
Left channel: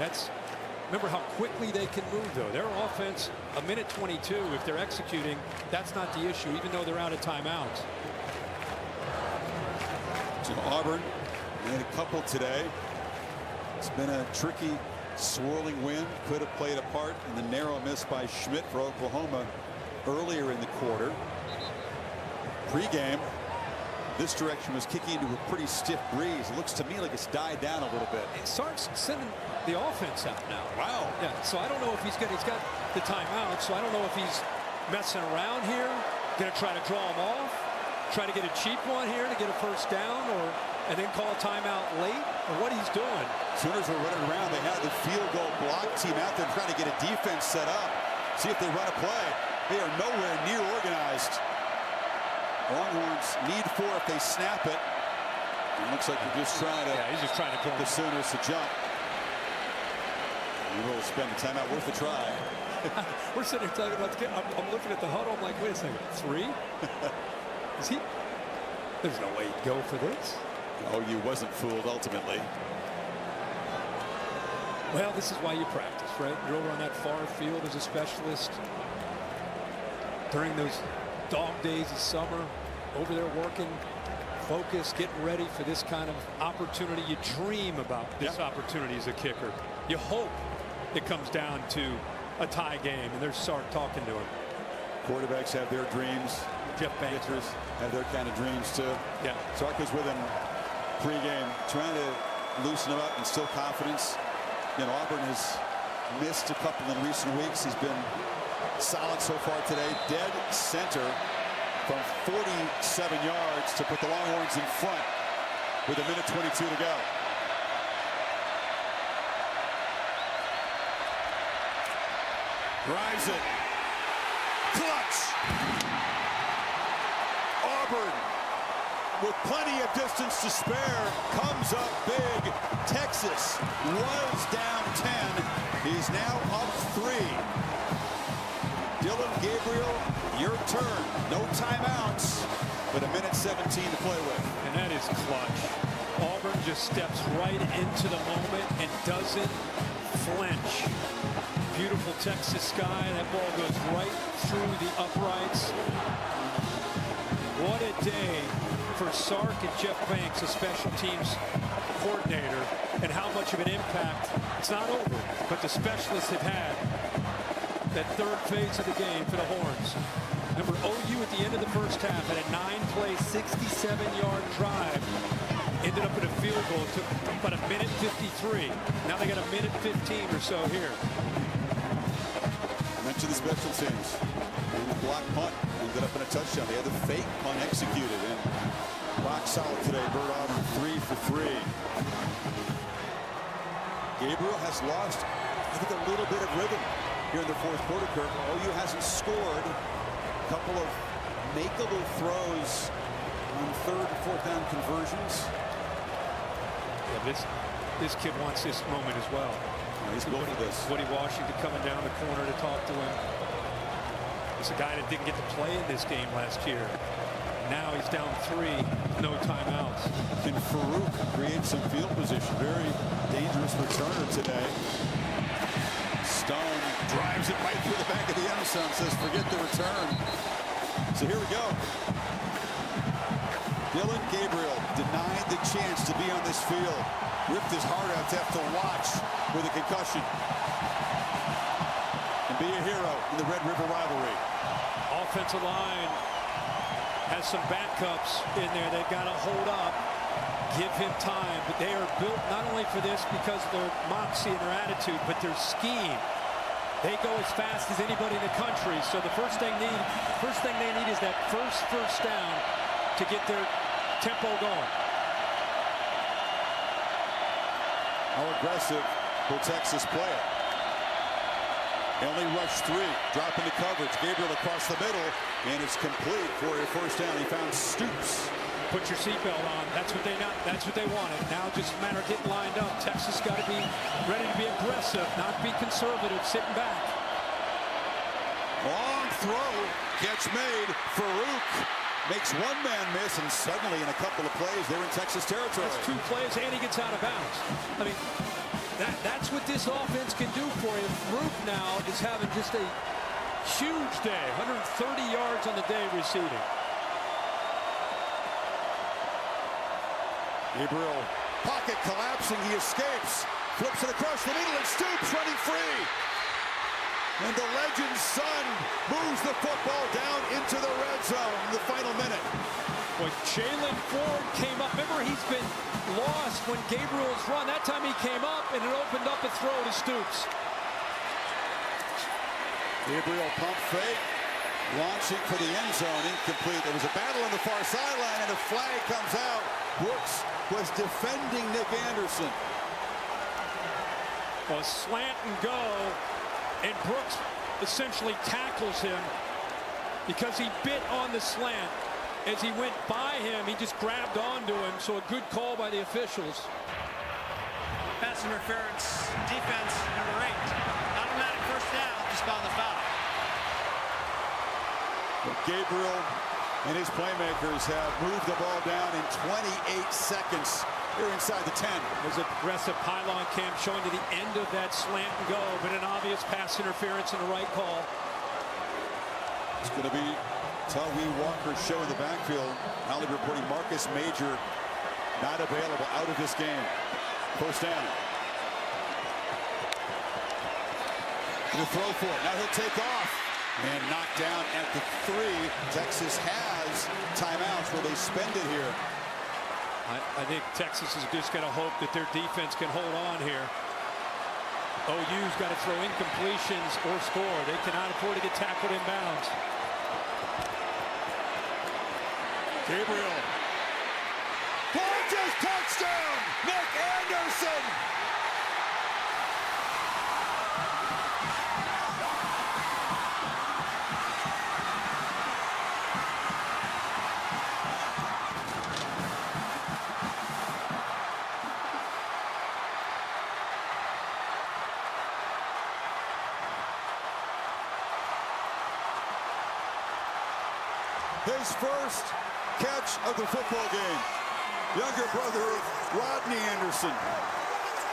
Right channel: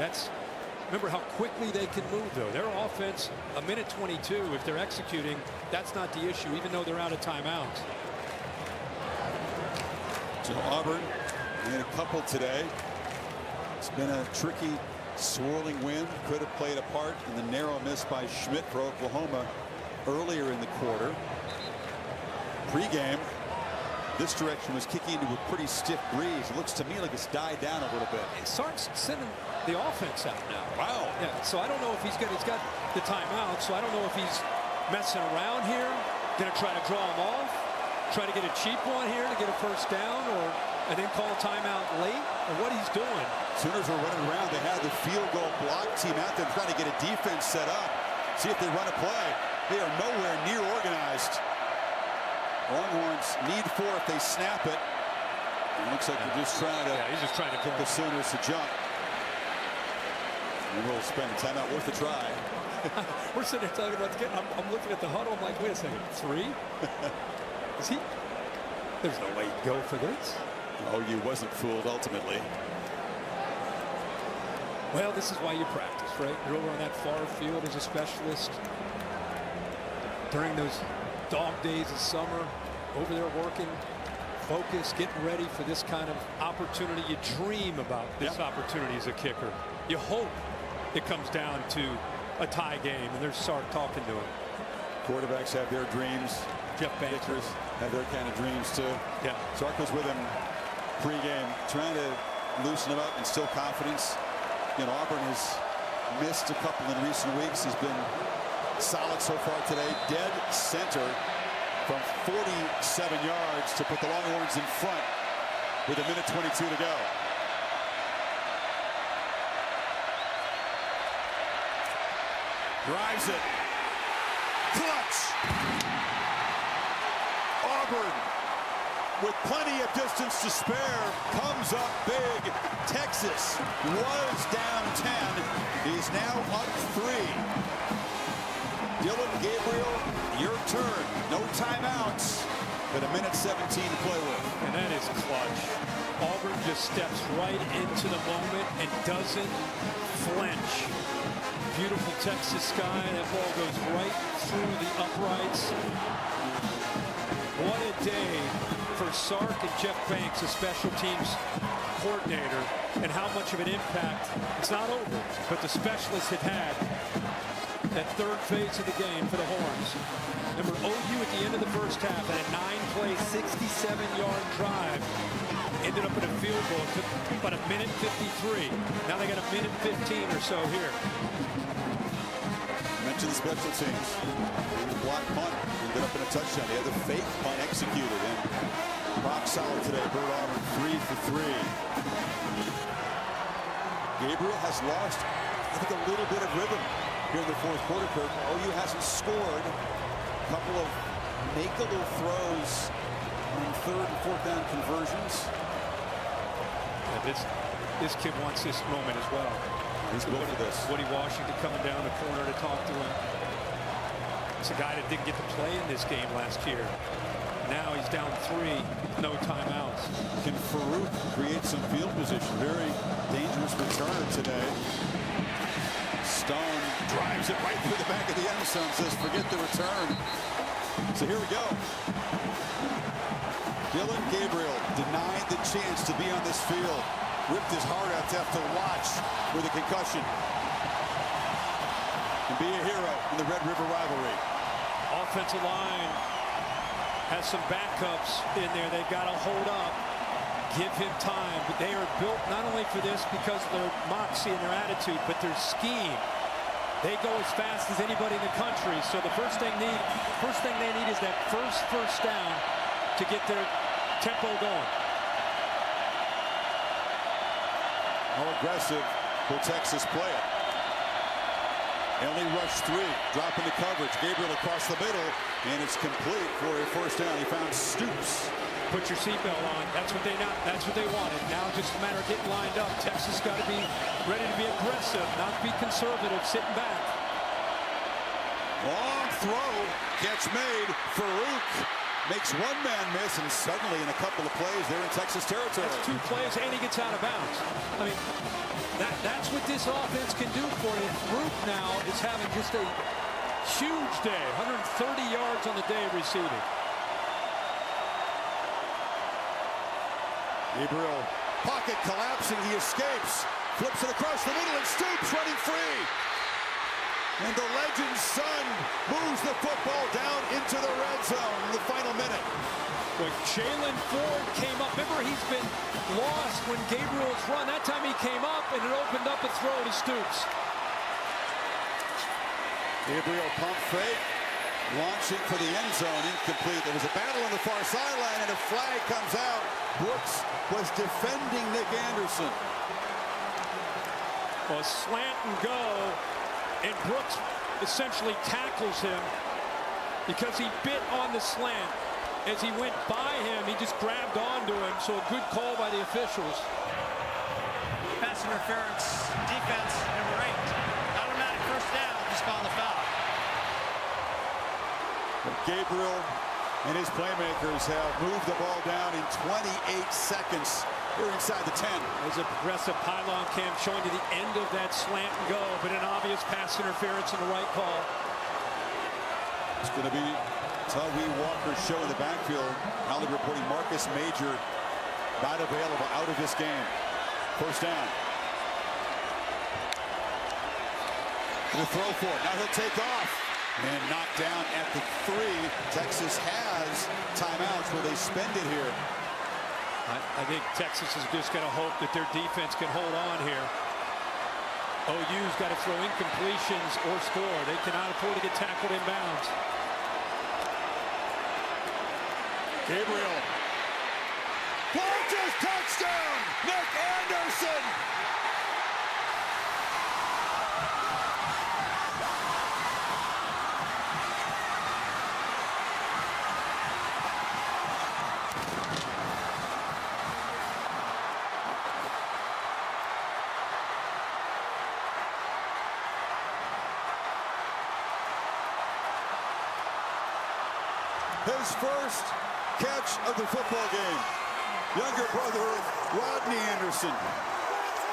Remember how quickly they can move, though. Their offense, 1:22, if they're executing, that's not the issue, even though they're out of timeouts. So Auburn made a couple today. It's been a tricky, swirling wind. Could have played a part in the narrow miss by Schmidt for Oklahoma earlier in the quarter. Pre-game, this direction was kicking into a pretty stiff breeze. It looks to me like it's died down a little bit. Sark's sending the offense out now. Wow. Yeah, so I don't know if he's got the timeout, so I don't know if he's messing around here, going to try to draw him off, try to get a cheap one here to get a 1st down, and then call a timeout late, or what he's doing. Sooners were running around. They had the field goal block team out there trying to get a defense set up, see if they run a play. They are nowhere near organized. Longhorns need 4 if they snap it. It looks like they're just trying to. Yeah, he's just trying to get the Sooners to jump. We will spend a timeout worth a try. We're sitting here talking about the game. I'm looking at the huddle. I'm like, wait a second, 3? Is he? There's no way he'd go for this. OU wasn't fooled ultimately. Well, this is why you practice, right? You're over on that far field as a specialist during those dog days of summer, over there working, focused, getting ready for this kind of opportunity. You dream about this opportunity as a kicker. You hope it comes down to a tie game, and there's Sark talking to him. Quarterbacks have their dreams. Jeff Banks Kickers have their kind of dreams too. Yeah. Sark was with him pre-game, trying to loosen him up, and still confidence. You know, Auburn has missed a couple in recent weeks. He's been solid so far today. Dead center from 47 yards to put the Longhorns in front with 1:22 to go. Drives it. Clutch. Auburn, with plenty of distance to spare, comes up big. Texas was down 10. He's now up 3. Dylan Gabriel, your turn. No timeouts, but 1:17 to play with. And that is clutch. Auburn just steps right into the moment and doesn't flinch. Beautiful Texas sky. That ball goes right through the uprights. What a day for Sark and Jeff Banks, a special teams coordinator, and how much of an impact. It's not over, but the specialists have had that 3rd phase of the game for the Horns. Remember, OU at the end of the 1st half had a 9-play, 67-yard drive ended up in a field goal. It took about a minute 53. Now they got a minute 15 or so here. Mentioned the special teams. And the block punt ended up in a touchdown. They had the fake punt executed, and rock solid today. Bird Auburn 3 for 3. Gabriel has lost, I think, a little bit of rhythm here in the fourth quarter. Kirk, OU hasn't scored. A couple of makeable throws on third and fourth down conversions. Yeah, but this kid wants this moment as well. He's built for this. Woody Washington coming down the corner to talk to him. It's a guy that didn't get to play in this game last year. Now he's down 3 with no timeouts. Can Farooq create some field position? Very dangerous returner today. Stone drives it right through the back of the end zone, says forget the return. So here we go. Dylan Gabriel denied the chance to be on this field. Ripped his heart out to have to watch with a concussion. And be a hero in the Red River rivalry. Offensive line has some backups in there. They've got to hold up, give him time. But they are built not only for this because of their moxie and their attitude, but their scheme. They go as fast as anybody in the country. So the first thing they need is that first down to get their tempo going. How aggressive will Texas play it? They only rushed 3, drop into coverage. Gabriel across the middle, and it's complete for a first down. He found Stoops. Put your seatbelt on. That's what they wanted. Now just a matter of getting lined up. Texas got to be ready to be aggressive, not be conservative, sitting back. Long throw, catch made. Farooq makes one man miss, and suddenly in a couple of plays they're in Texas territory. That's 2 plays, and he gets out of bounds. I mean, that's what this offense can do for you. Farooq now is having just a huge day. 130 yards on the day receiving. Gabriel, pocket collapsing, he escapes, flips it across the middle, and Stoops running free. And the legend's son moves the football down into the red zone in the final minute. Boy, Jalen Ford came up. Remember, he's been lost when Gabriel's run. That time he came up, and it opened up a throw to Stoops. Gabriel pump fake, launching for the end zone, incomplete. There was a battle on the far sideline, and a flag comes out. Brooks was defending Nick Anderson. Well, slant and go, and Brooks essentially tackles him because he bit on the slant. As he went by him, he just grabbed onto him, so a good call by the officials. Pass interference, defense, number 8. Automatic first down, just on the foul. Well, Gabriel and his playmakers have moved the ball down in 28 seconds. Here inside the 10. There's a progressive pylon cam showing to the end of that slant and go, but an obvious pass interference in the right call. It's going to be Tawee Walker's show in the backfield. Holly reporting Marcus Major not available, out of this game. First down. Going to throw for it. Now he'll take off and knock down at the 3. Texas has timeouts. Will they spend it here? I think Texas is just going to hope that their defense can hold on here. OU's got to throw incompletions or score. They cannot afford to get tackled in bounds. Gabriel. Launches, touchdown! Nick Anderson! His first catch of the football game. Younger brother of Rodney Anderson,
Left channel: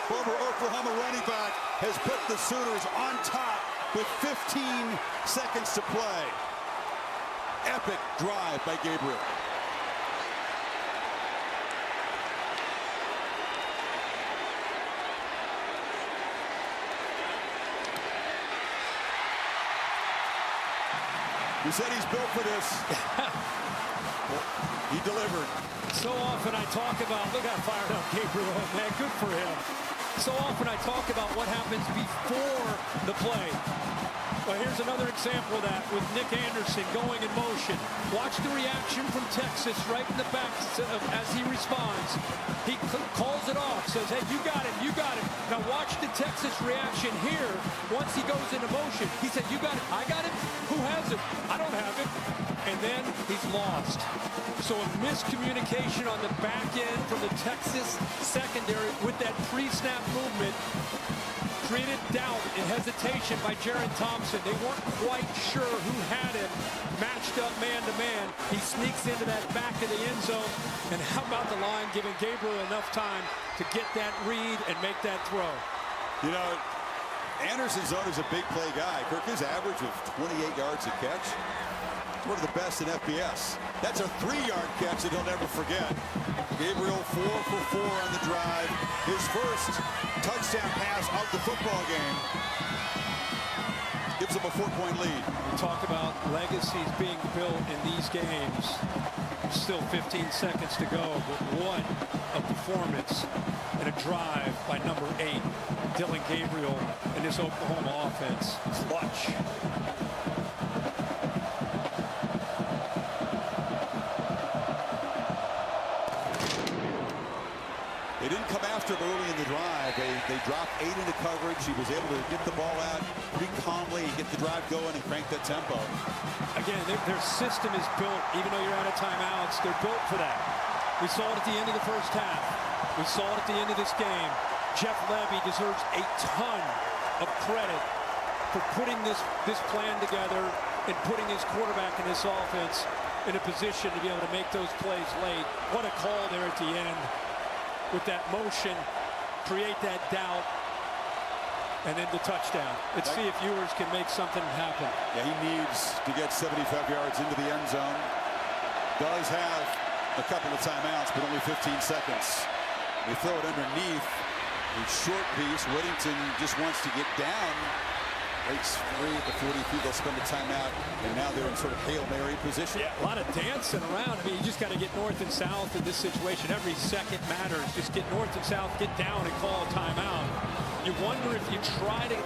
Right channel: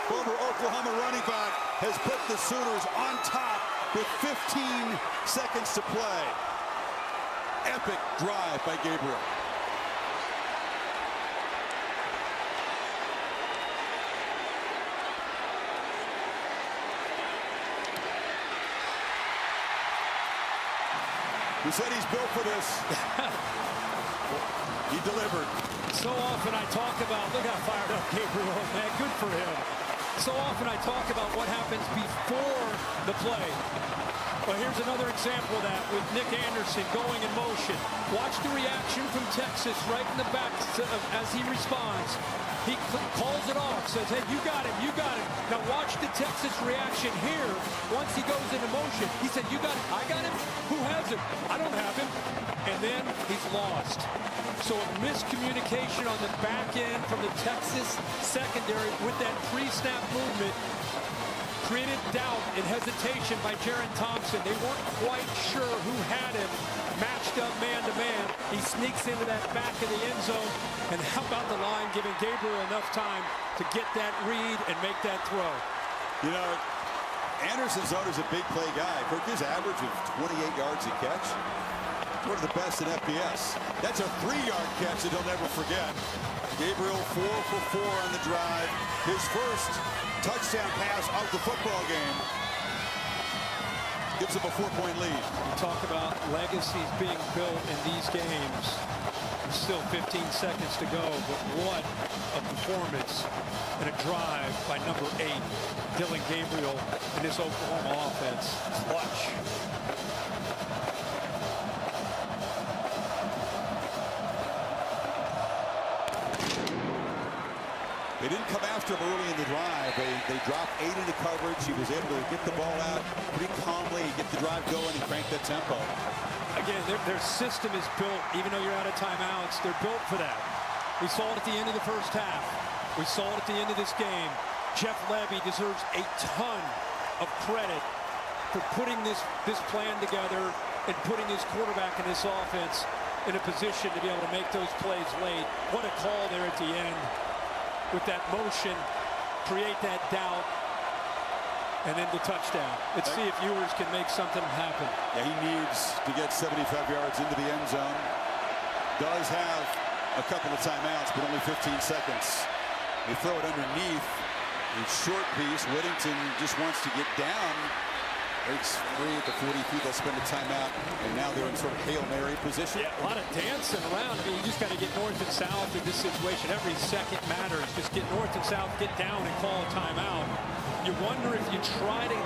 former Oklahoma running back, has put the Sooners on top with 15 seconds to play. Epic drive by Gabriel. He said he's built for this. He delivered. So often I talk about, look how fired up Gabriel is, man. Good for him. So often I talk about what happens before the play. Well, here's another example of that with Nick Anderson going in motion. Watch the reaction from Texas right in the back as he responds. He calls it off, says, hey, you got him, you got him. Now watch the Texas reaction here once he goes into motion. He said, you got him, I got him? Who has him? I don't have him. And then he's lost. So a miscommunication on the back end from the Texas secondary with that pre-snap movement created doubt and hesitation by Jaron Thompson. They weren't quite sure who had him matched up man-to-man. He sneaks into that back of the end zone. And how about the line giving Gabriel enough time to get that read and make that throw? You know, Anderson's known as a big play guy. Kirk, his average of 28 yards a catch. One of the best in FBS. That's a 3-yard catch that he'll never forget. Gabriel 4 for 4 on the drive. His first touchdown pass of the football game. Gives them a 4-point lead. We talk about legacies being built in these games. There's still 15 seconds to go, but what a performance and a drive by number 8, Dylan Gabriel, in this Oklahoma offense. Clutch. They didn't come after him early in the drive. They dropped 8 into coverage. He was able to get the ball out pretty calmly, get the drive going, and crank that tempo. Again, their system is built, even though you're out of timeouts, they're built for that. We saw it at the end of the first half. We saw it at the end of this game. Jeff Levy deserves a ton of credit for putting this plan together and putting his quarterback in this offense in a position to be able to make those plays late. What a call there at the end. With that motion, create that doubt, and then the touchdown. Let's see if Ewers can make something happen. Yeah, he needs to get 75 yards into the end zone. Does have a couple of timeouts, but only 15 seconds. They throw it underneath. A short piece. Whittington just wants to get down. Breaks free at the 43. They'll spend a timeout, and now they're in sort of Hail Mary position. Yeah, a lot of dancing around. I mean, you just got to get north and south in this situation. Every second matters. Just get north and south, get down, and call a timeout. You wonder if you try to,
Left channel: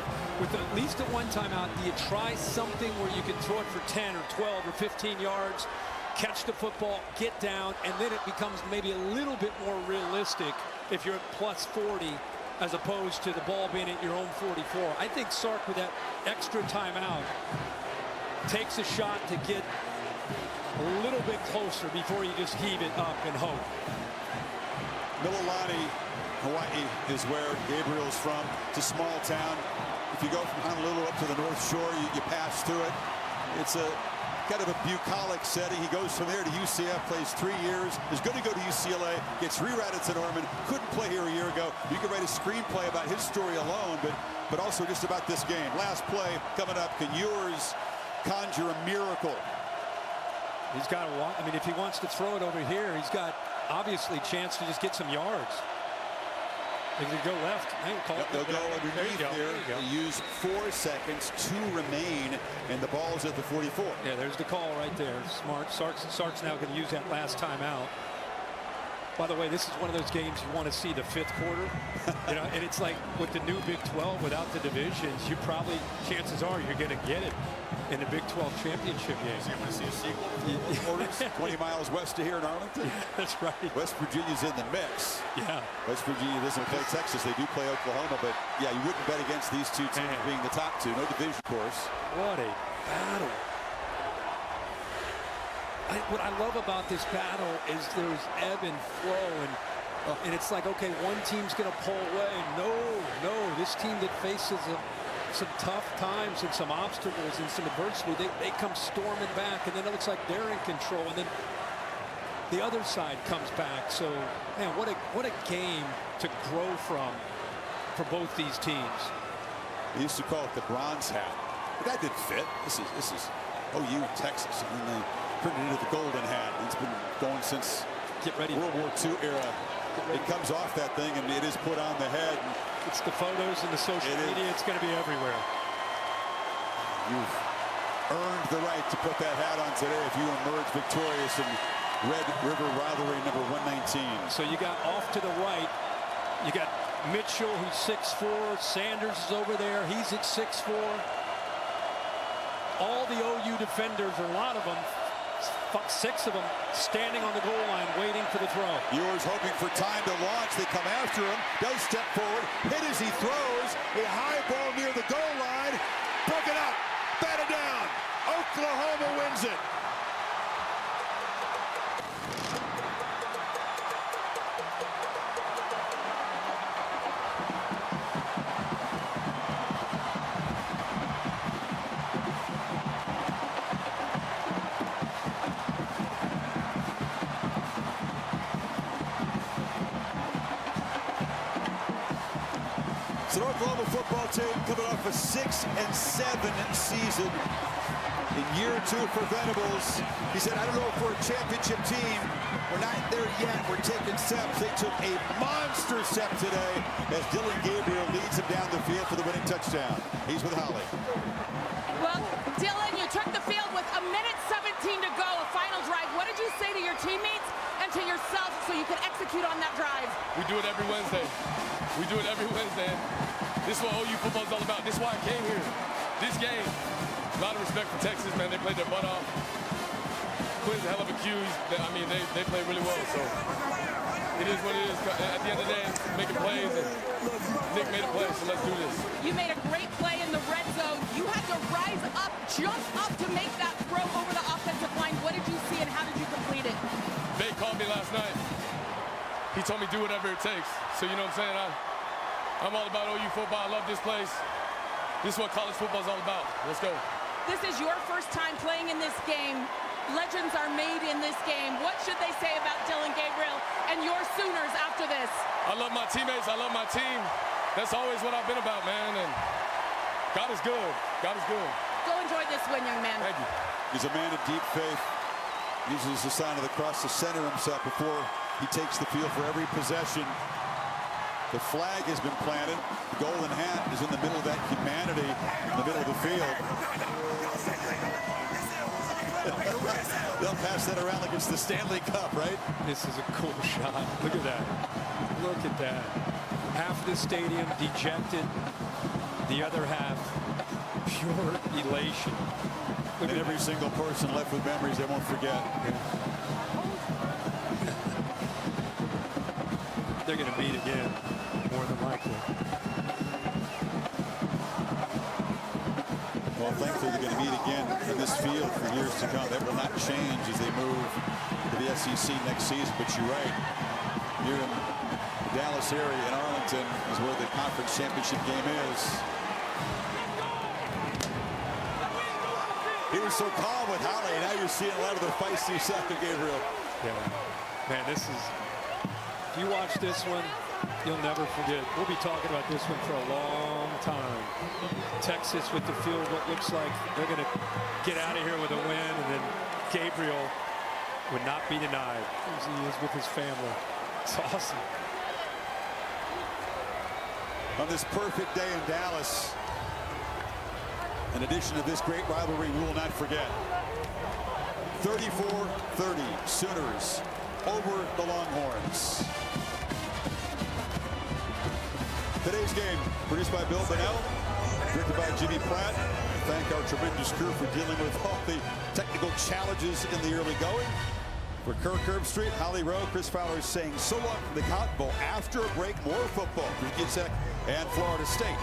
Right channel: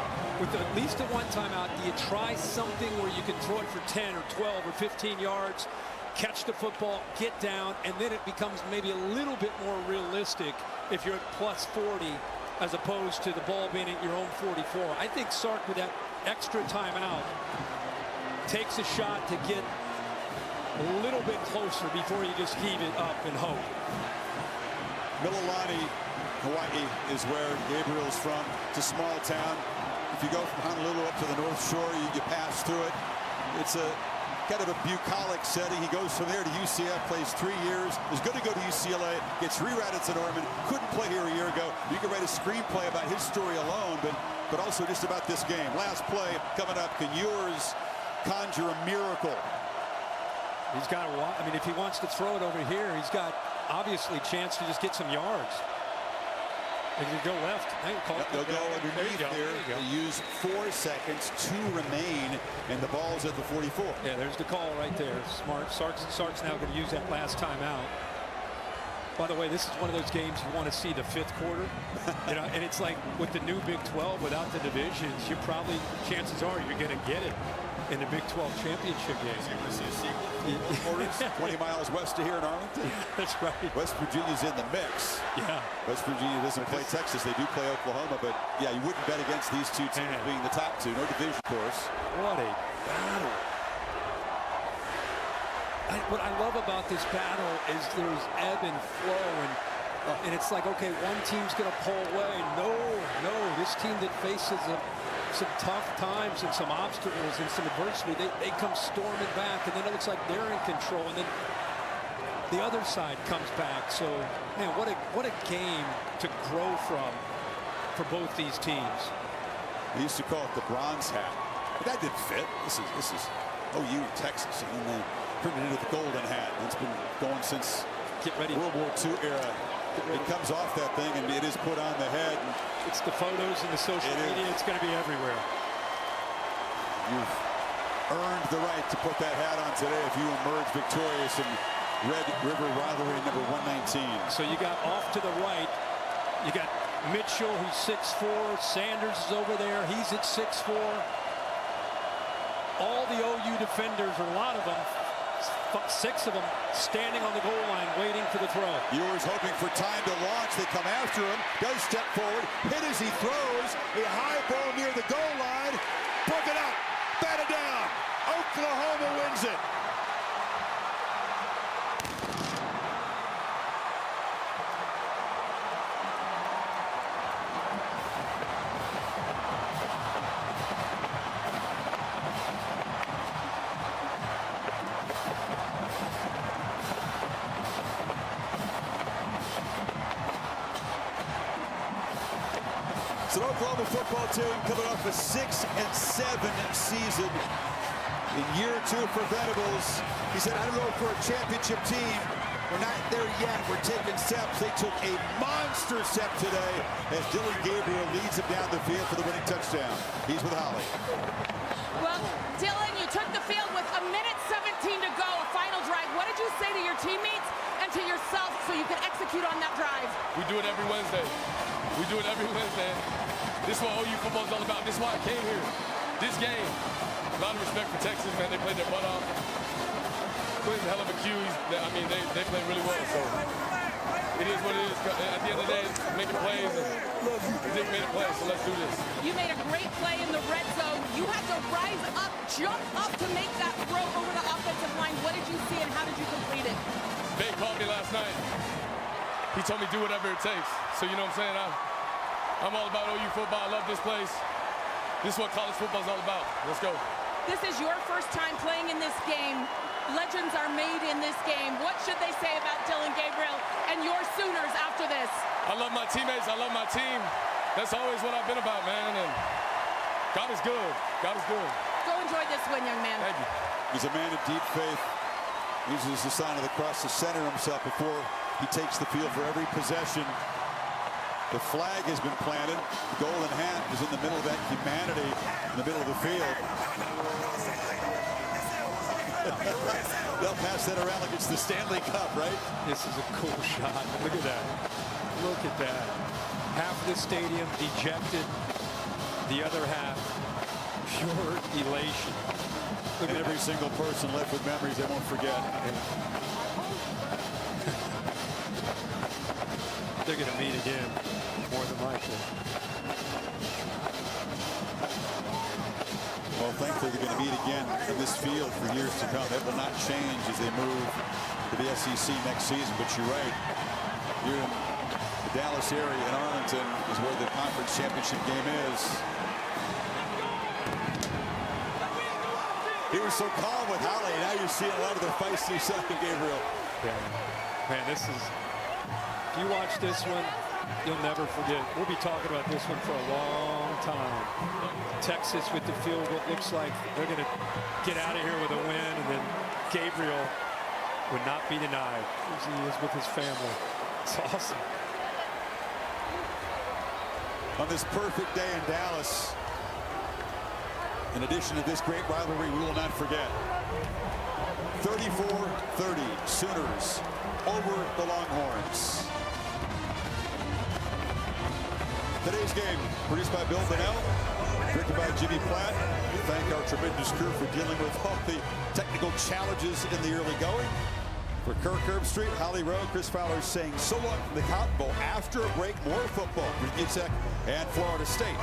with at least a one timeout, do you try something where you can throw it for 10 or 12 or 15 yards, catch the football, get down, and then it becomes maybe a little bit more realistic if you're at plus 40 as opposed to the ball being at your own 44. I think Sark, with that extra timeout, takes a shot to get a little bit closer before you just heave it up and hope. Mililani, Hawaii is where Gabriel's from. It's a small town. If you go from Honolulu up to the North Shore, you pass through it. It's a kind of a bucolic setting. He goes from there to UCF, plays 3 years, is going to go to UCLA, gets rerouted to Norman, couldn't play here a year ago. You could write a screenplay about his story alone, but also just about this game. Last play coming up. Can Ewers conjure a miracle? He's got to, I mean, if he wants to throw it over here, he's got obviously a chance to just get some yards. They could go left. They'll go underneath here. They use 4 seconds, 2 remain, and the ball's at the 44. Yeah, there's the call right there. Smart. Sark's now going to use that last timeout. By the way, this is one of those games you want to see the 5th quarter. You know, and it's like with the new Big 12 without the divisions, you probably, chances are you're going to get it in the Big 12 championship game. So you want to see a sequel? 4 quarters, 20 miles west of here in Arlington? Yeah, that's right. West Virginia's in the mix. Yeah. West Virginia doesn't play Texas. They do play Oklahoma, but yeah, you wouldn't bet against these two teams being the top 2. No division course. What a battle. What I love about this battle is there's ebb and flow, and it's like, okay, one team's going to pull away. No, this team that faces some tough times and some obstacles and some adversity, they come storming back, and then it looks like they're in control, and then the other side comes back. So, man, what a game to grow from for both these teams. They used to call it the bronze hat, but that didn't fit. This is OU in Texas, and then they turned it into the golden hat, and it's been going since World War II era. It comes off that thing, and it is put on the head. And it's the photos and the social media. It's going to be everywhere. You've earned the right to put that hat on today if you emerge victorious and Red River rivalry number 119. So you got off to the right, you got Mitchell, who's 6'4", Sanders is over there, he's at 6'4". All the OU defenders, or a lot of them, 6 of them, standing on the goal line waiting for the throw. Ewers hoping for time to launch. They come after him. Does step forward. Hit as he throws. A high ball near the goal line. Broken up. Batted down. Oklahoma wins it. It's an Oklahoma football team coming off a 6-7 season. In year 2 for Venables, he said, I don't know if we're a championship team. We're not there yet. We're taking steps. They took a monster step today as Dillon Gabriel leads him down the field for the winning touchdown. He's with Holly. Well, Dillon, you took the field with 1:17 to go, a final drive. What did you say to your teammates and to yourself so you could execute on that drive? We do it every Wednesday. We do it every Wednesday. This is what OU football is all about. This is why I came here. This game. A lot of respect for Texas, man. They played their butt off. Quinn's a hell of a Q. I mean, they play really well. So it is what it is. At the end of the day, making plays. And Nick made a play, so let's do this. You made a great play in the red zone. You had to rise up, jump up to make that throw over the offensive line. What did you see and how did you complete it? Bay called me last night. He told me do whatever it takes. So you know what I'm saying? I'm all about OU football. I love this place. This is what college football is all about. Let's go. This is your first time playing in this game. Legends are made in this game. What should they say about Dillon Gabriel and your Sooners after this? I love my teammates. I love my team. That's always what I've been about, man. And God is good. God is good. Go enjoy this win, young man. Thank you. He's a man of deep faith. Uses the sign of the cross to center himself before he takes the field for every possession. The flag has been planted. The golden hat is in the middle of that humanity in the middle of the field. They'll pass that around like it's the Stanley Cup, right? This is a cool shot. Look at that. Look at that. Half of the stadium dejected. The other half, pure elation. Look at every single person left with memories they won't forget. Yeah. They're going to meet again, more than likely. Well, thankfully, they're going to meet again in this field for years to come. That will not change as they move to the SEC next season. But you're right. Here in the Dallas area in Arlington is where the conference championship game is. He was so calm with Holly, and now you're seeing a lot of the feisty side of Gabriel. Yeah, man, this is, if you watch this one, you'll never forget. We'll be talking about this one for a long time. Texas with the field goal, looks like they're going to get out of here with a win, and then Gabriel would not be denied as he is with his family. It's awesome. On this perfect day in Dallas, in addition to this great rivalry, we will not forget. 34-30 Sooners over the Longhorns. Today's game produced by Bill Bonnell, directed by Jimmy Platt. We thank our tremendous crew for dealing with all the technical challenges in the early going. For Kirk Herbstreit, Holly Rowe, Chris Fowler saying so long from the Cotton Bowl. After a break, more football. Virginia Tech and Florida State.